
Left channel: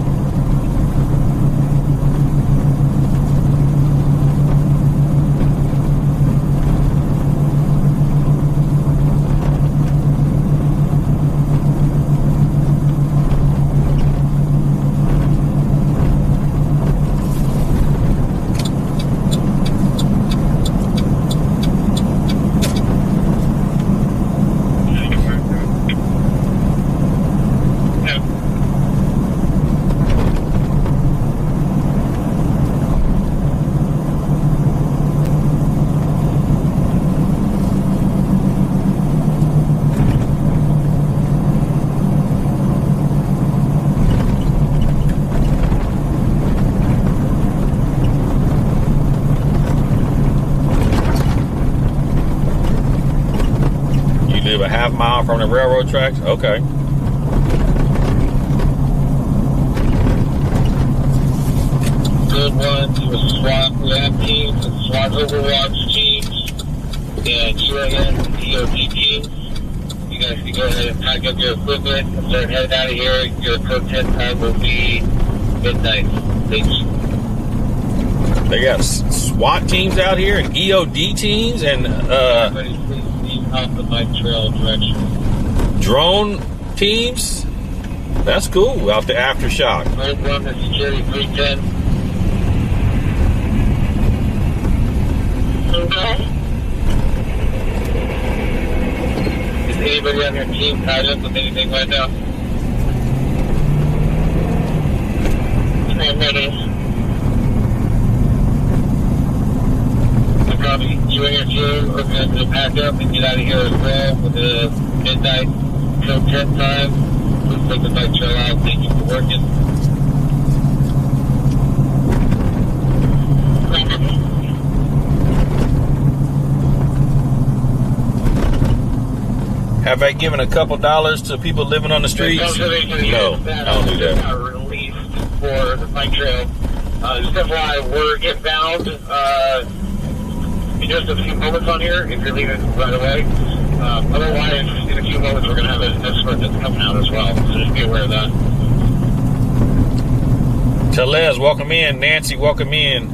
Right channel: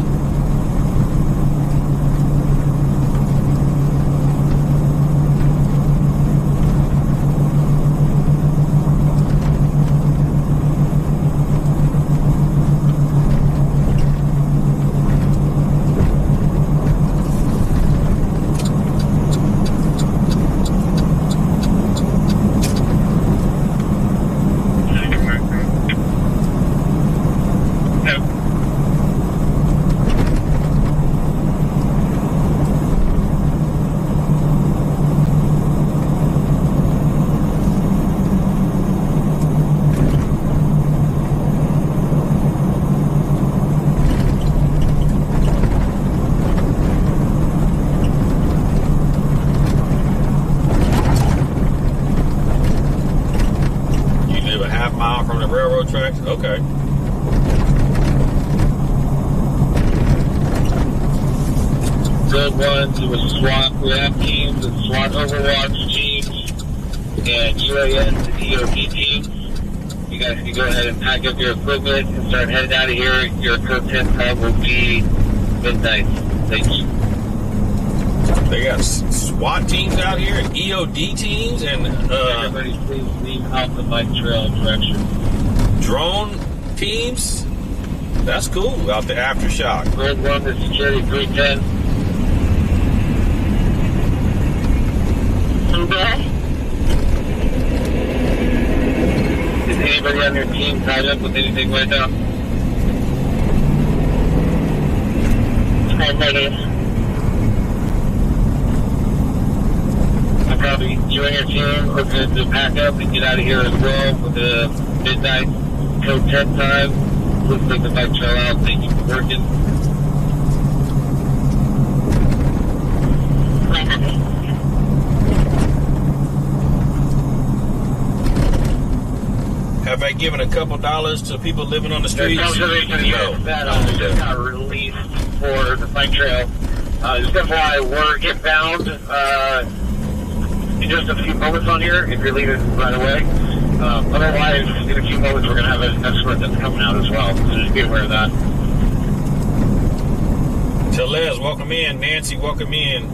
From the railroad tracks? Okay. Good one to the SWAT lab teams and SWAT Overwatch teams and UAN and DOD teams. You guys can go ahead and pack up your equipment and start heading out of here. Your code 10 time will be midnight. Thank you. They got SWAT teams out here and EOD teams and everybody please leave out the bike trail direction. Drone teams. That's cool. Out the aftershock. Red 1 to security 310. Okay. Is anybody on your team tied up with anything right now? Negative. Probably you and your team are going to pack up and get out of here as well with the midnight till 10 time. Please take the bike trail out. Thank you for working. Have I given a couple dollars to people living on the streets? No, I don't do that. Got released for the bike trail. Just FYI, we're inbound in just a few moments on here if you're leaving right away. Otherwise, in a few moments, we're going to have an escort that's coming out as well. So just be aware of that. Telez, welcome in. Nancy, welcome in.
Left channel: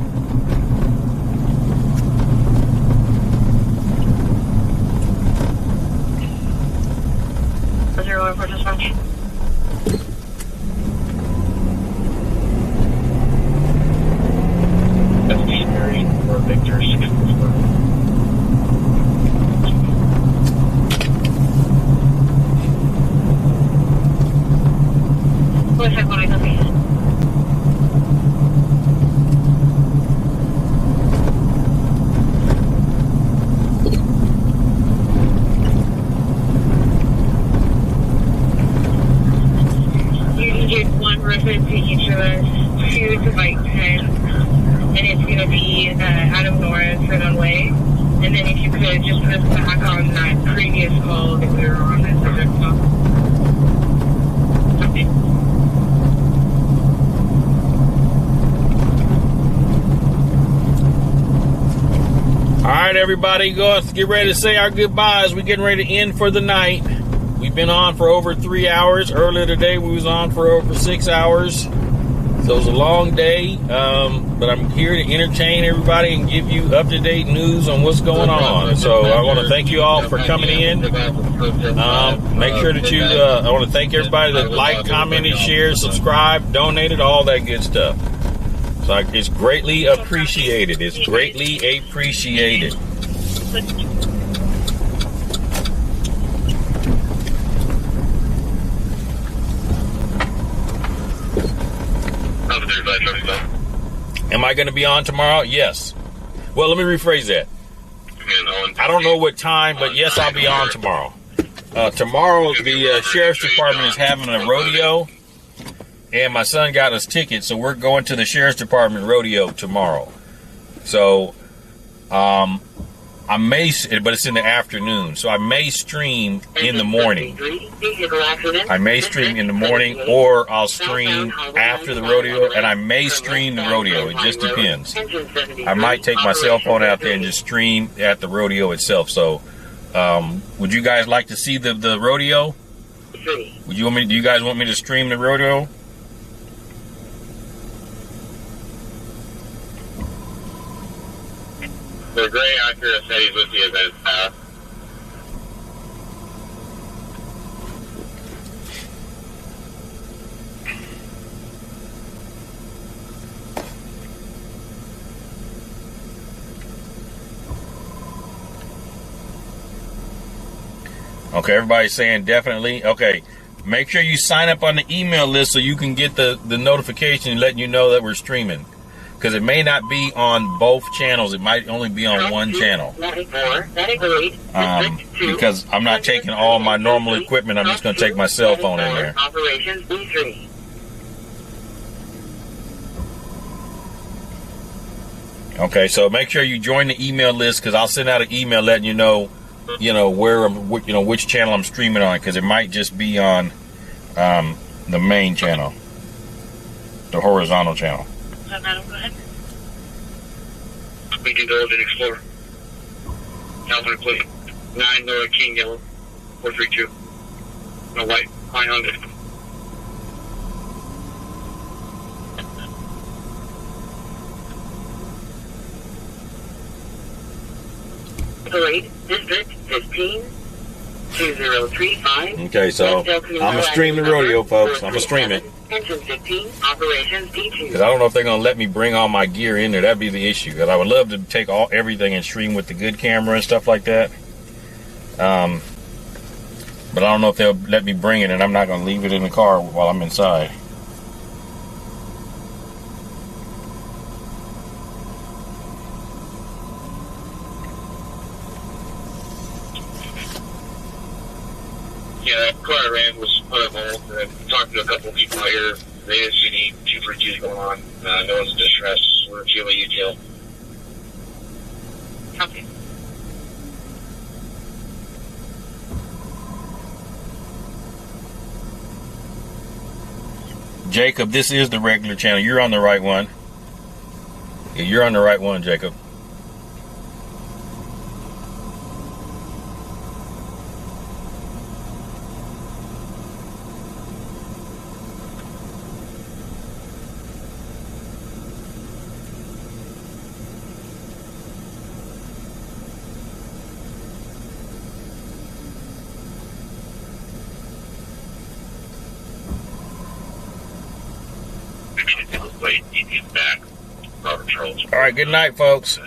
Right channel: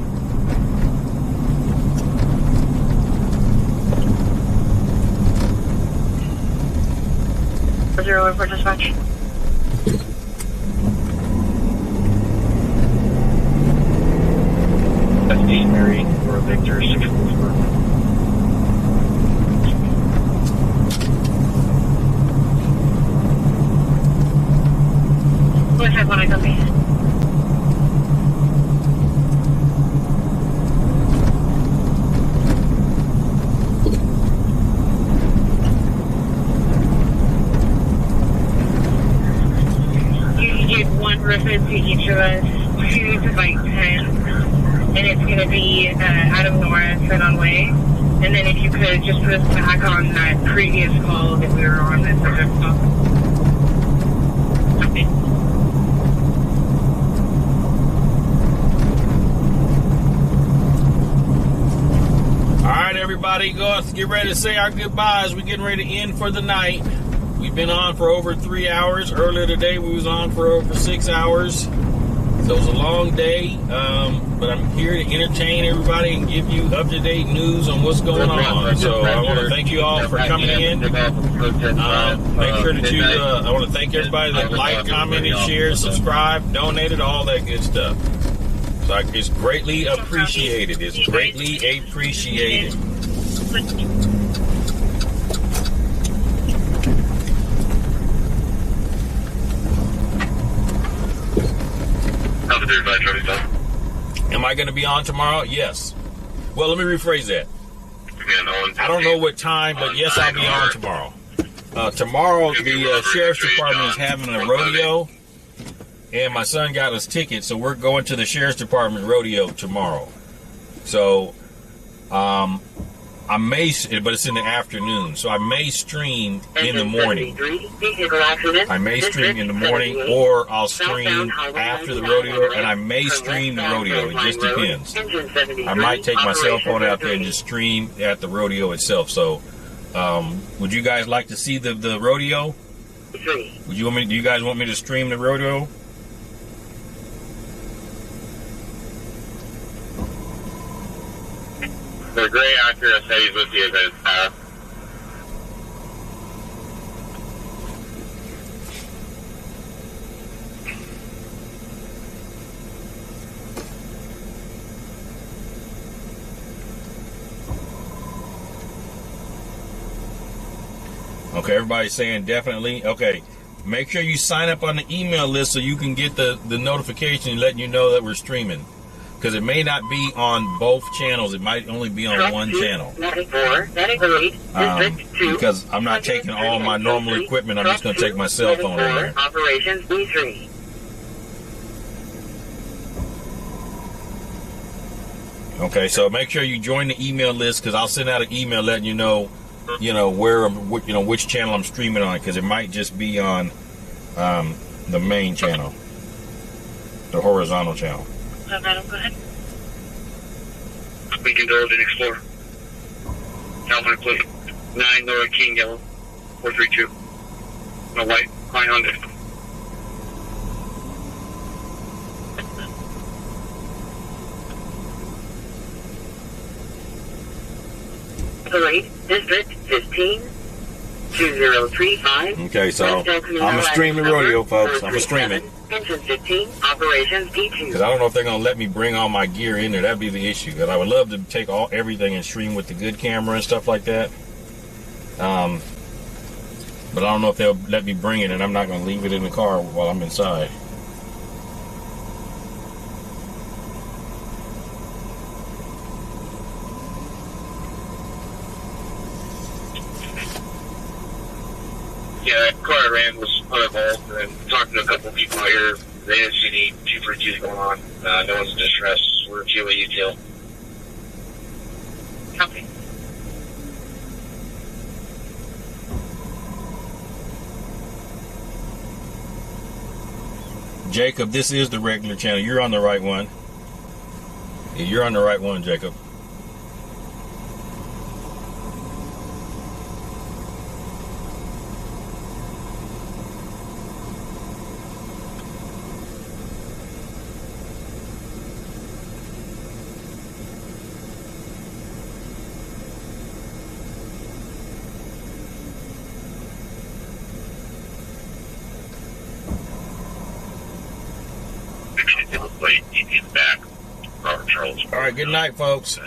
Zero report dispatch. That's Dean Mary for Victor 664. Go ahead when I come in. You can get one person to each of us, 2 to bike 10, and it's going to be Adam Norris and on way. And then if you could just put us back on that previous call that we were on that subject call. All right, everybody, go get ready to say our goodbyes. We're getting ready to end for the night. We've been on for over 3 hours. Earlier today, we was on for over 6 hours. So it was a long day, but I'm here to entertain everybody and give you up-to-date news on what's going on. So I want to thank you all for coming in. Make sure that you, I want to thank everybody that liked, commented, shared, subscribed, donated, all that good stuff. So it's greatly appreciated. It's greatly appreciated. Am I going to be on tomorrow? Yes. Well, let me rephrase that. I don't know what time, but yes, I'll be on tomorrow. Tomorrow, the Sheriff's Department is having a rodeo, and my son got us tickets, so we're going to the Sheriff's Department rodeo tomorrow. So, I may, but it's in the afternoon, so I may stream in the morning. I may stream in the morning, or I'll stream after the rodeo, and I may stream the rodeo. It just depends. I might take my cell phone out there and just stream at the rodeo itself. So, would you guys like to see the rodeo? Would you want me? Do you guys want me to stream the rodeo? The gray actor stays with you as path. Okay, everybody's saying definitely. Okay, make sure you sign up on the email list so you can get the notification letting you know that we're streaming. Because it may not be on both channels. It might only be on one channel. Because I'm not taking all my normal equipment. I'm just going to take my cell phone in there. Operations B3. Okay, so make sure you join the email list because I'll send out an email letting you know where I'm, which channel I'm streaming on. Because it might just be on the main channel, the horizontal channel. Madam, go ahead. Lincoln Golden Explorer. California plate. 9 Laura King Yellow. 432. No white. Fine Honda. Parade District 15 2035. Okay, so I'm gonna stream the rodeo, folks. I'm gonna stream it. Engine 15, operations D2. Because I don't know if they're going to let me bring all my gear in there. That'd be the issue. Because I would love to take everything and stream with the good camera and stuff like that. But I don't know if they'll let me bring it, and I'm not going to leave it in the car while I'm inside. Yeah, that car I ran was uninvolved, and talking to a couple of people out here, they didn't see any 242s going on. No one's in distress. We're QA util. Copy. Jacob, this is the regular channel. You're on the right one. Yeah, you're on the right one, Jacob. All right, good night, folks.